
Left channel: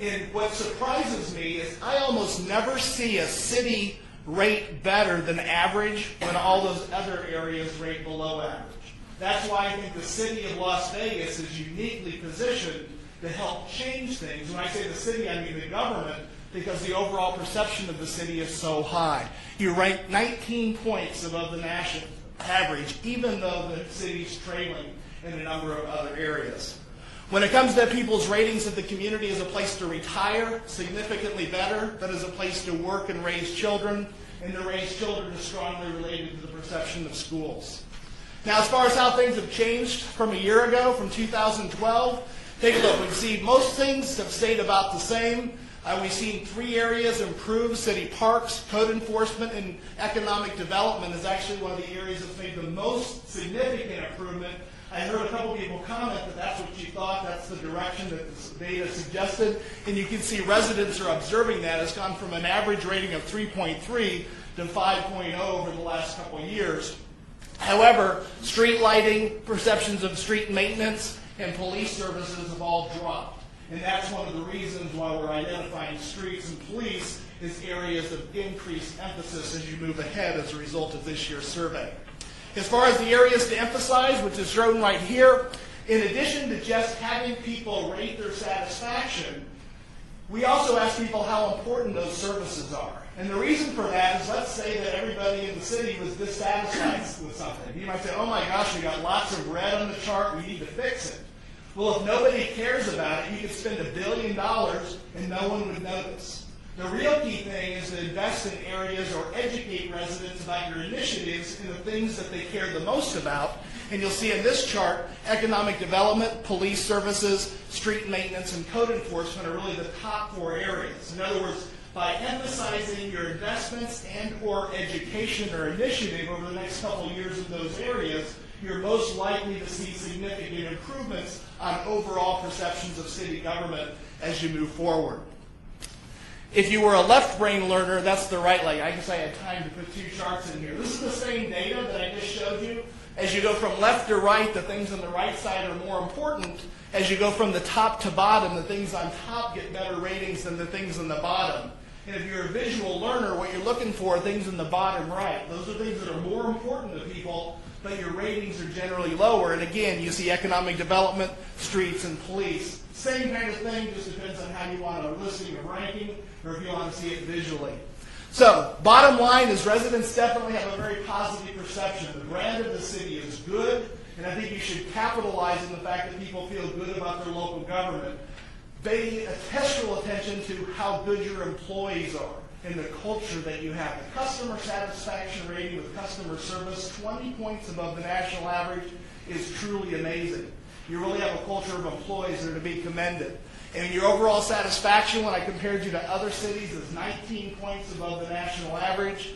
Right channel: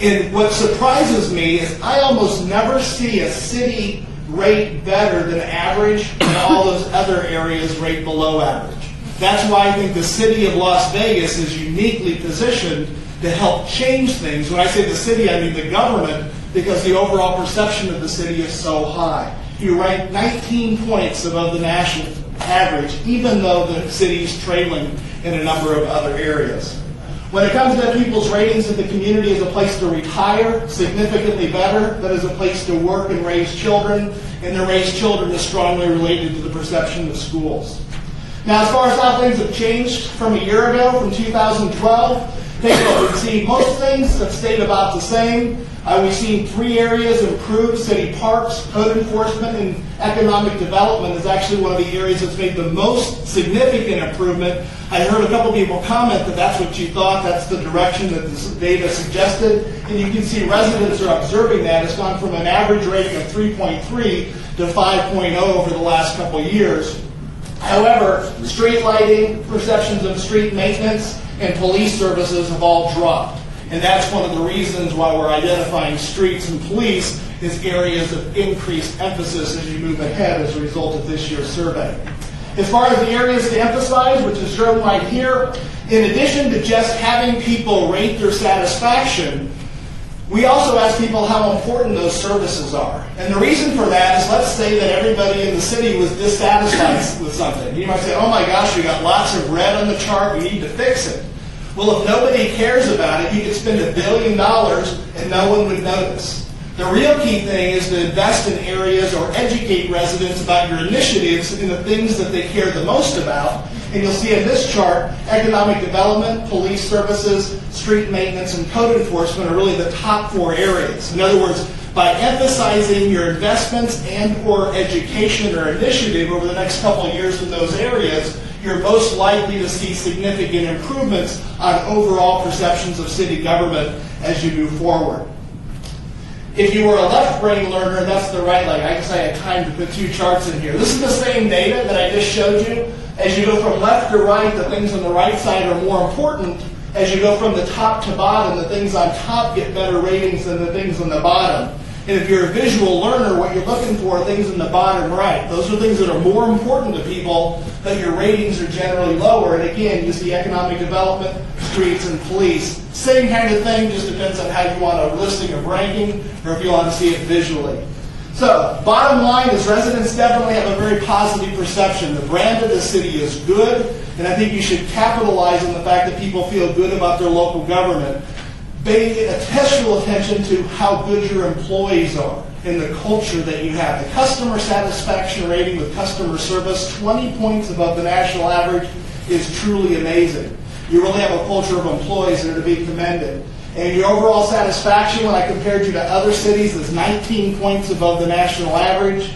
And what surprises me is I almost never see a city rate better than average, and all those other areas rate below average. That's why I think the city of Las Vegas is uniquely positioned to help change things. When I say the city, I mean the government, because the overall perception of the city is so high. You rank 19 points above the national average, even though the city is trailing in a number of other areas. When it comes to people's ratings of the community as a place to retire, significantly better than as a place to work and raise children, and to raise children is strongly related to the perception of schools. Now, as far as how things have changed from a year ago, from 2012, take a look. We've seen most things have stayed about the same. We've seen 3 areas improve: city parks, code enforcement, and economic development is actually one of the areas that's made the most significant improvement. I heard a couple people comment that that's what you thought, that's the direction that this data suggested, and you can see residents are observing that. It's gone from an average rating of 3.3 to 5.0 over the last couple of years. However, street lighting, perceptions of street maintenance, and police services have all dropped. And that's one of the reasons why we're identifying streets and police as areas of increased emphasis as you move ahead as a result of this year's survey. As far as the areas to emphasize, which is shown right here, in addition to just having people rate their satisfaction, we also ask people how important those services are. And the reason for that is, let's say that everybody in the city was dissatisfied with something. You might say, oh my gosh, we got lots of red on the chart, we need to fix it. Well, if nobody cares about it, you could spend $1 billion and no one would notice. The real key thing is to invest in areas or educate residents about your initiatives and the things that they care the most about. And you'll see in this chart, economic development, police services, street maintenance, and code enforcement are really the top 4 areas. In other words, by emphasizing your investments and or education or initiative over the next couple of years in those areas, you're most likely to see significant improvements on overall perceptions of city government as you move forward. If you were a left brain learner, that's the right leg. I guess I had time to put 2 charts in here. This is the same data that I just showed you. As you go from left to right, the things on the right side are more important. As you go from the top to bottom, the things on top get better ratings than the things on the bottom. And if you're a visual learner, what you're looking for are things in the bottom right. Those are things that are more important to people, but your ratings are generally lower. And again, you see economic development, streets, and police. Same kind of thing, just depends on how you want a listing of ranking or if you want to see it visually. So, bottom line is residents definitely have a very positive perception. The brand of the city is good, and I think you should capitalize on the fact that people feel good about their local government. Pay special attention to how good your employees are and the culture that you have. The customer satisfaction rating with customer service, 20 points above the national average, is truly amazing. You really have a culture of employees that are to be commended. And your overall satisfaction, when I compared you to other cities, is 19 points above the national average.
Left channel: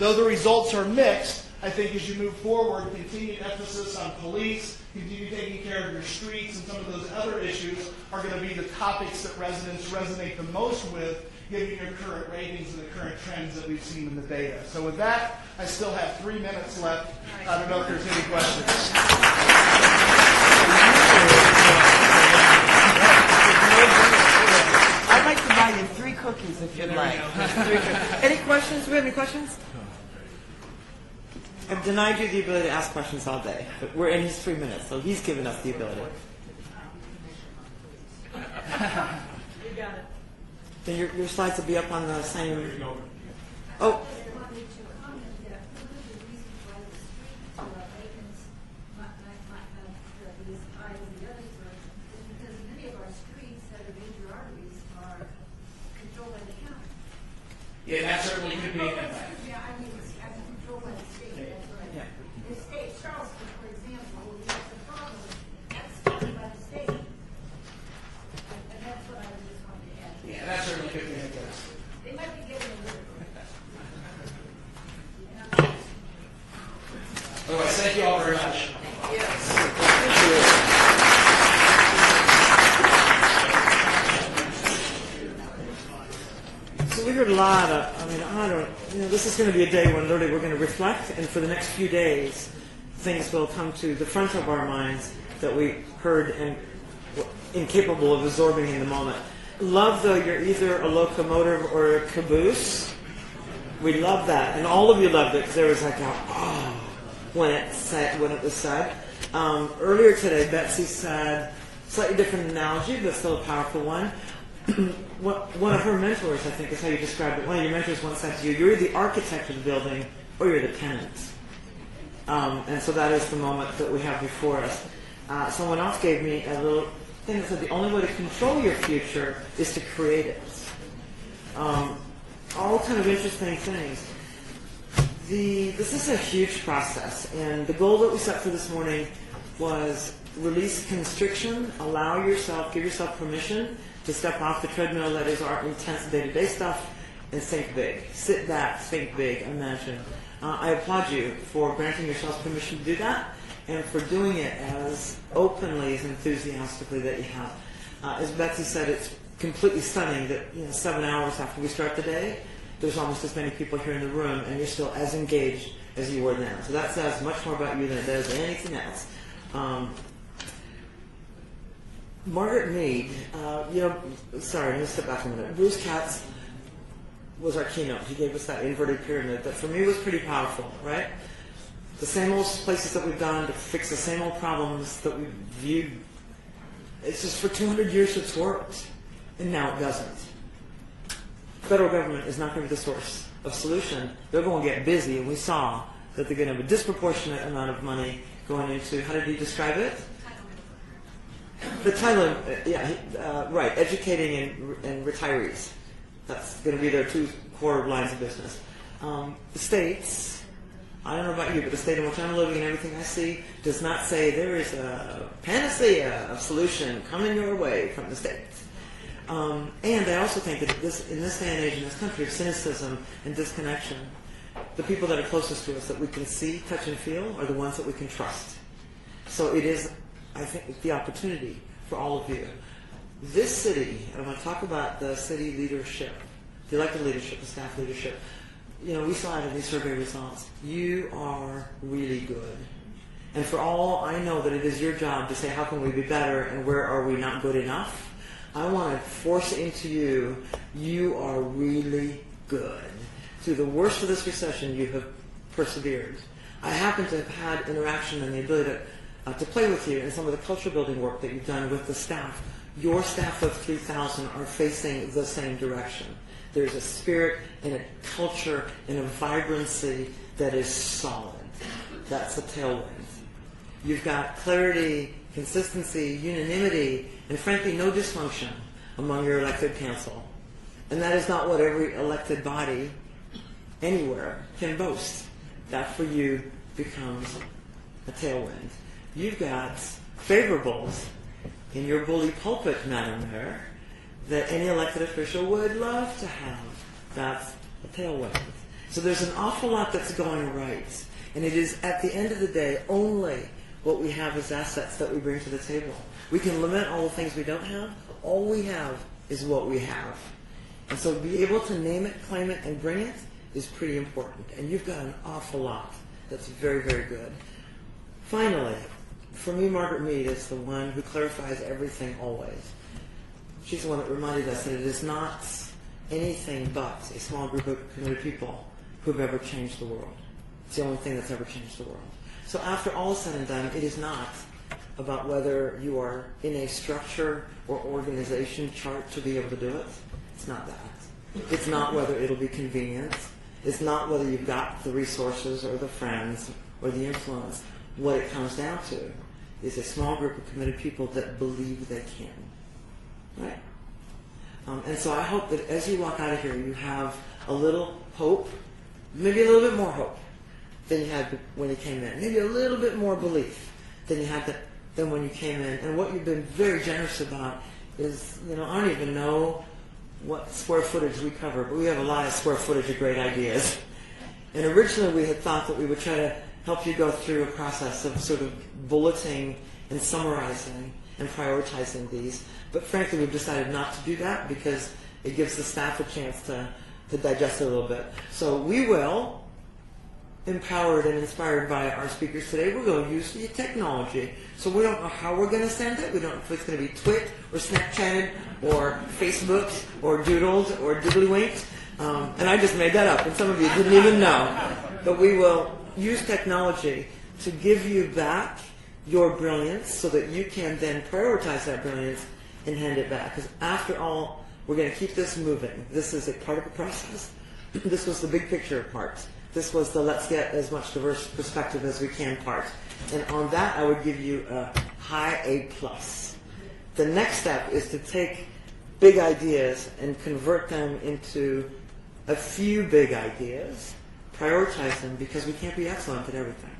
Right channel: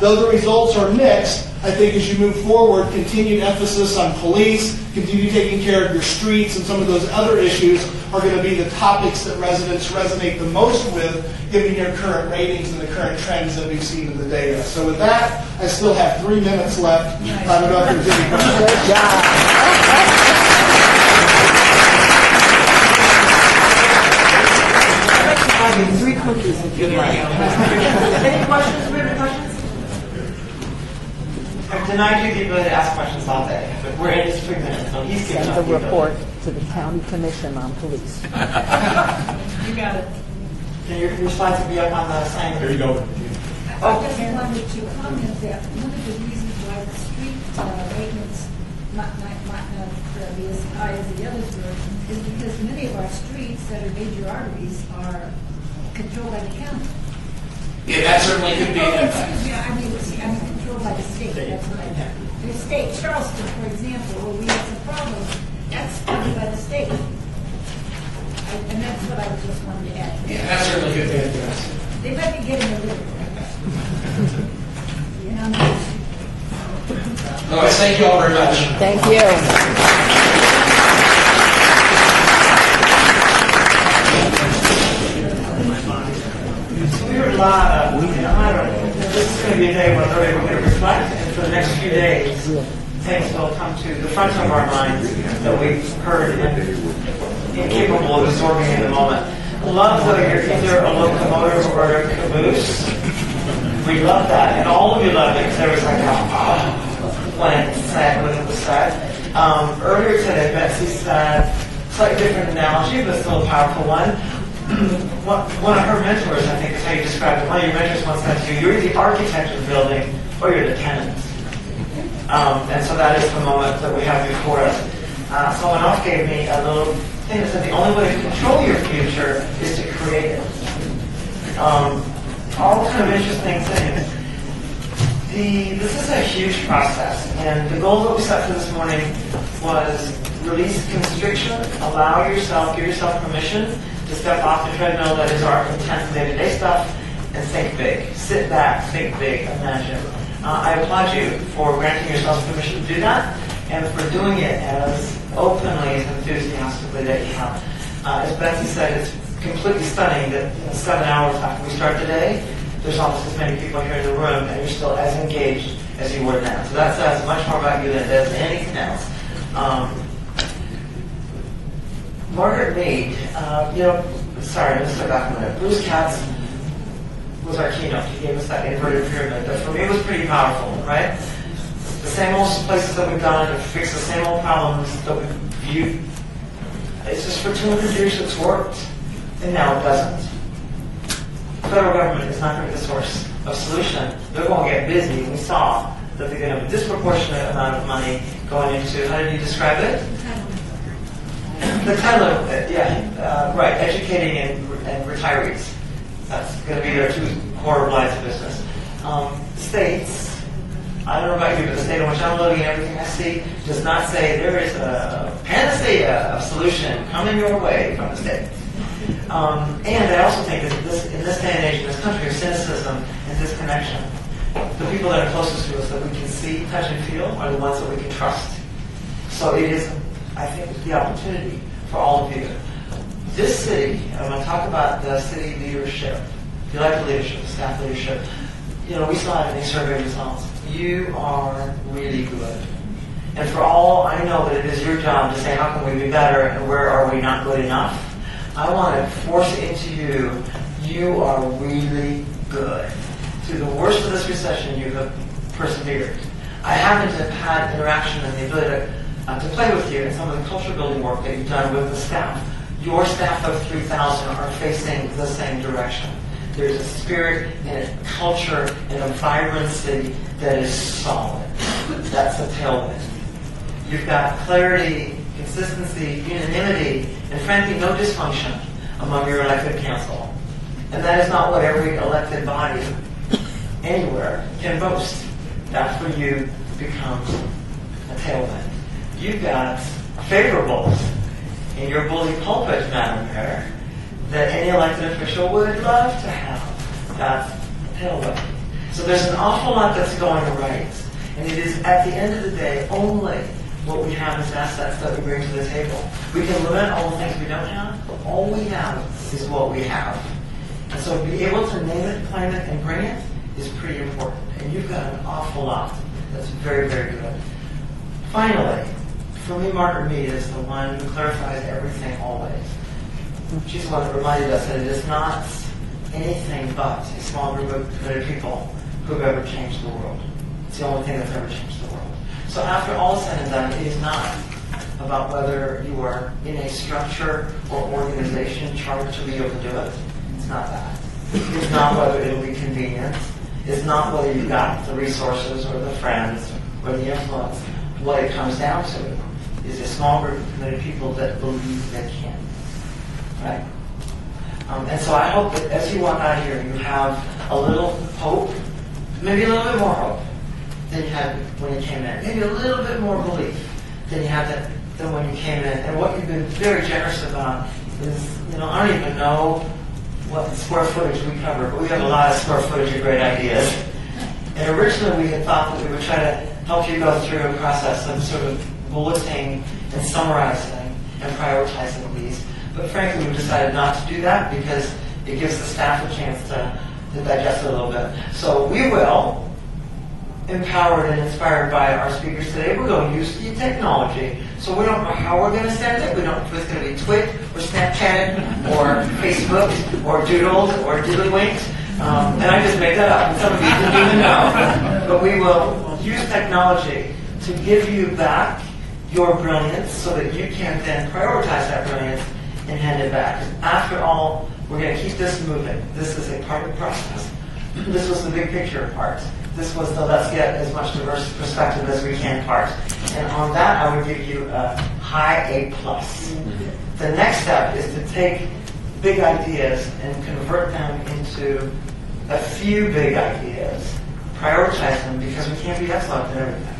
Though the results are mixed, I think as you move forward, continued emphasis on police, continue taking care of your streets, and some of those other issues are going to be the topics that residents resonate the most with, given your current ratings and the current trends that we've seen in the data. So with that, I still have 3 minutes left. I don't know if there's any questions. Good job. I'll give you 3 cookies if you'd like. Any questions? Do we have any questions? I've denied you the ability to ask questions all day, but we're in just 3 minutes. So he's giving Send us the the report to the county commission on police. You got it. Can your slides be up on the same? Here you go. I just wanted to comment that one of the reasons why the street maintenance might not be as high as the others were is because many of our streets that are major arteries are controlled by the county. Yeah, that certainly could be an impact. Excuse me, I mean, controlled by the state, that's what I meant. The state, Charleston, for example, where we have some problems, that's funded by the state. And that's what I was just wanting to add. Yeah, that certainly could be addressed. They might be getting a little. All right, thank you all very much. Thank you. We heard a lot of, this is going to be a day when we're going to reflect, and for the next few days, things will come to the front of our minds that we've heard and incapable of absorbing in the moment. Love that you're either a locomotive or a caboose. We love that, and all of you love it because there was like when it was said. Earlier today, Betsy said, slightly different analogy, but still a powerful one. One of her mentors, I think is how you described it. One of your mentors once said to you, you're the architect of the building, or you're the tenant. And so that is the moment that we have before us. Someone else gave me a little thing that said the only way to control your future is to create it. All kind of interesting things. This is a huge process, and the goal that we set for this morning was release constriction, allow yourself, give yourself permission to step off the treadmill that is our intense day-to-day stuff and think big. Sit back, think big, imagine. I applaud you for granting yourself permission to do that and for doing it as openly, as enthusiastically that you have. As Betsy said, it's completely stunning that 7 hours after we start the day, there's almost as many people here in the room and you're still as engaged as you were now. So that says much more about you than it does anything else. Margaret Mead, sorry, I'm going to step back a minute. Bruce Katz was our keynote. He gave us that inverted pyramid that for me was pretty powerful, right? The same old places that we've done to fix the same old problems that we've viewed. It's just for 200 years it's worked, and now it doesn't. The federal government is not going to be the source of solution. They're going to get busy. We saw that they're going to have a disproportionate amount of money going into, how did you describe it? The title, right, educating and retirees. That's going to be their two core lines of business. The states, I don't know about you, but the state in which I'm living and everything I see does not say there is a panacea of solution coming your way from the states. And I also think that in this day and age in this country of cynicism and disconnection, the people that are closest to us that we can see, touch, and feel are the ones that we can trust. So it is, I think, the opportunity for all of you. This city, and I'm going to talk about the city leadership, the elected leadership, the staff leadership. We still have any survey results. You are really good. And for all I know that it is your job to say, how can we be better and where are we not good enough? I want to force it into you. You are really good. Through the worst of this recession, you have persevered. I happen to have had interaction and the ability to play with you in some of the culture building work that you've done with the staff. Your staff of 3,000 are facing the same direction. There's a spirit and a culture and a vibrant city that is solid. That's a tailwind. You've got clarity, consistency, unanimity, and frankly, no dysfunction among your elected council. And that is not what every elected body anywhere can boast. That for you becomes a tailwind. You've got favorables in your bully pulpit, Madam Mayor, that any elected official would love to have. That's a tailwind. So there's an awful lot that's going right. And it is, at the end of the day, only what we have as assets that we bring to the table. We can lament all the things we don't have, but all we have is what we have. And so to be able to name it, claim it, and bring it is pretty important. And you've got an awful lot that's very, very good. Finally, for me, Margaret Mead is the one who clarifies everything always. She's the one that reminded us that it is not anything but a small group of committed people who have ever changed the world. It's the only thing that's ever changed the world. So after all is said and done, it is not about whether you are in a structure or organization chartered to be able to do it. It's not that. It's not whether it'll be convenient. It's not whether you've got the resources or the friends or the influence. What it comes down to is a small group of committed people that believe they can. Right? And so I hope that as you walk out of here, you have a little hope, maybe a little bit more hope than you had when you came in. Maybe a little bit more belief than you had than when you came in. And what you've been very generous about is, I don't even know what square footage we cover, but we have a lot of square footage of great ideas. And originally we had thought that we would try to help you go through a process of sort of bulleting and summarizing and prioritizing these. But frankly, we've decided not to do that because it gives the staff a chance to digest it a little bit. So we will, empowered and inspired by our speakers today, we're going to use the technology. So we don't know how we're going to send it. We don't know if it's going to be Twit or Snapchatted or Facebook or Doodled or Diddlywinked. And I just make that up. Some of you didn't even know. But we will use technology to give you back your brilliance so that you can then prioritize that brilliance and hand it back. After all, we're going to keep this moving. This is a part of the process. This was the big picture part. This was the let's get as much diverse perspective as we can part. And on that, I would give you a high A+. The next step is to take big ideas and convert them into a few big ideas, prioritize them because we can't be excellent at everything.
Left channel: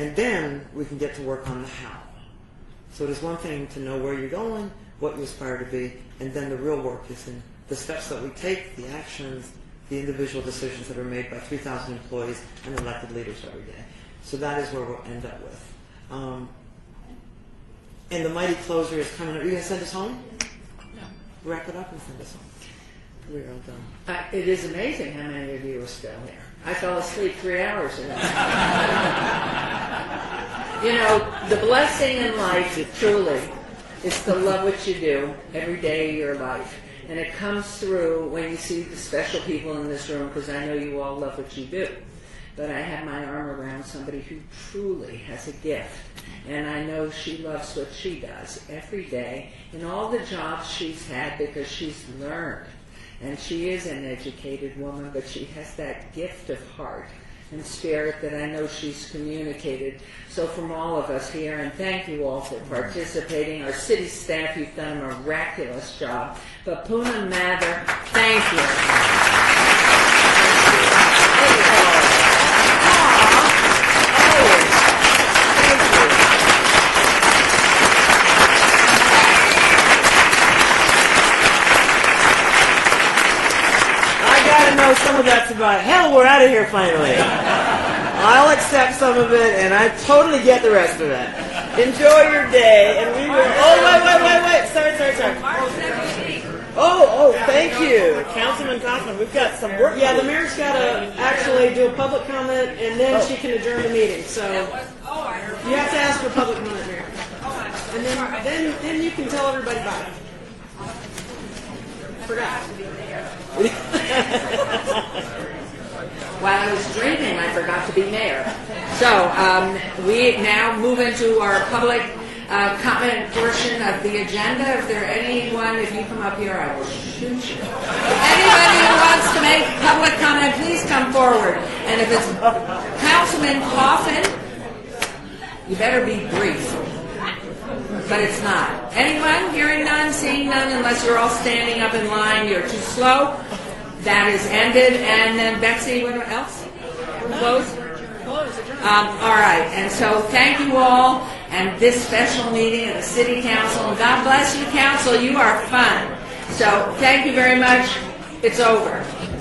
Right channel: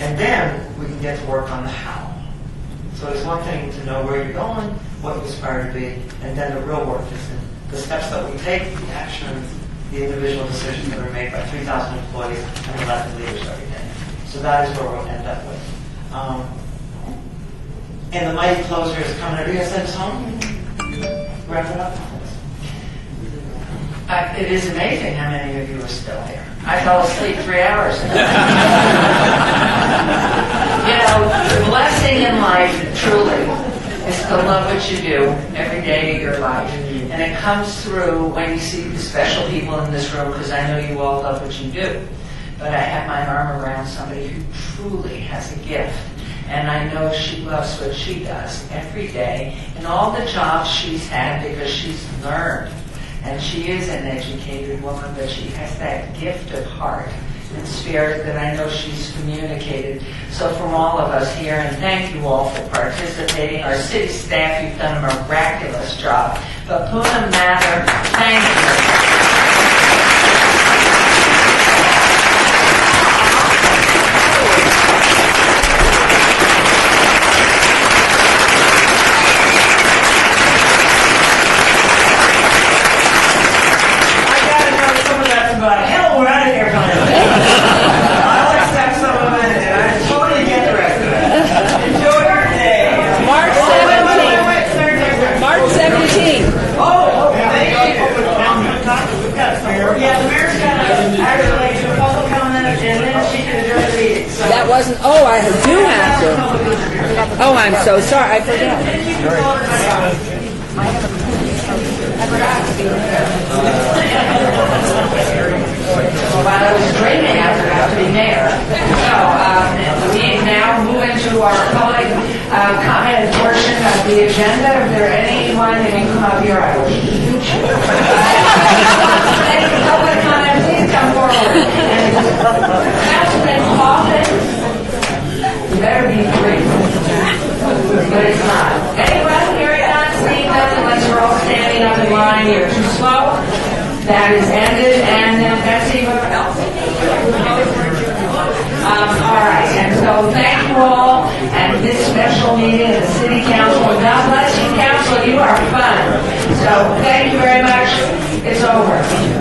And then we can get to work on the how. So it's one thing to know where you're going, what you aspire to be, and then the real work is in the steps that we take, the actions, the individual decisions that are made by 3,000 employees and elected leaders every day. So that is where we'll end up with. And the mighty closer is coming. Are you going to send us home? Wrap it up? It is amazing how many of you are still here. I fell asleep 3 hours ago. The blessing in life, truly, is to love what you do every day of your life. And it comes through when you see the special people in this room, because I know you all love what you do. But I have my arm around somebody who truly has a gift. And I know she loves what she does every day and all the jobs she's had because she's learned. And she is an educated woman, but she has that gift of heart and spirit that I know she's communicated. So from all of us here, and thank you all for participating. Our city staff, you've done a miraculous job. But Poonam Mather, thank you. Hell, we're out of here, kind of. I'll accept some of it, and I totally get the rest of it. Enjoy your day. March 17th. Sorry. March 17th. Oh, thank you. We've got some. Yeah, the mayor's got to actually do a public comment, and then she can adjourn the meeting. So. That wasn't. Oh, I do have to. Oh, I'm so sorry. I forgot. And you can tell everybody. While I was dreaming, I forgot to be mayor. So we now move into our public comment portion of the agenda. If there anyone, if you come up here, I will shoot you. Anyone wants to make a public comment, please come forward. And Councilman Coffin, you better be brief, but it's not. Anyone hearing none, seeing none, unless you're all standing up in line, you're too slow. That is ended, and Betsy, what else? All right, and so thank you all, and this special meeting of the City Council. God bless you, Council, you are fun. So thank you very much. It's over.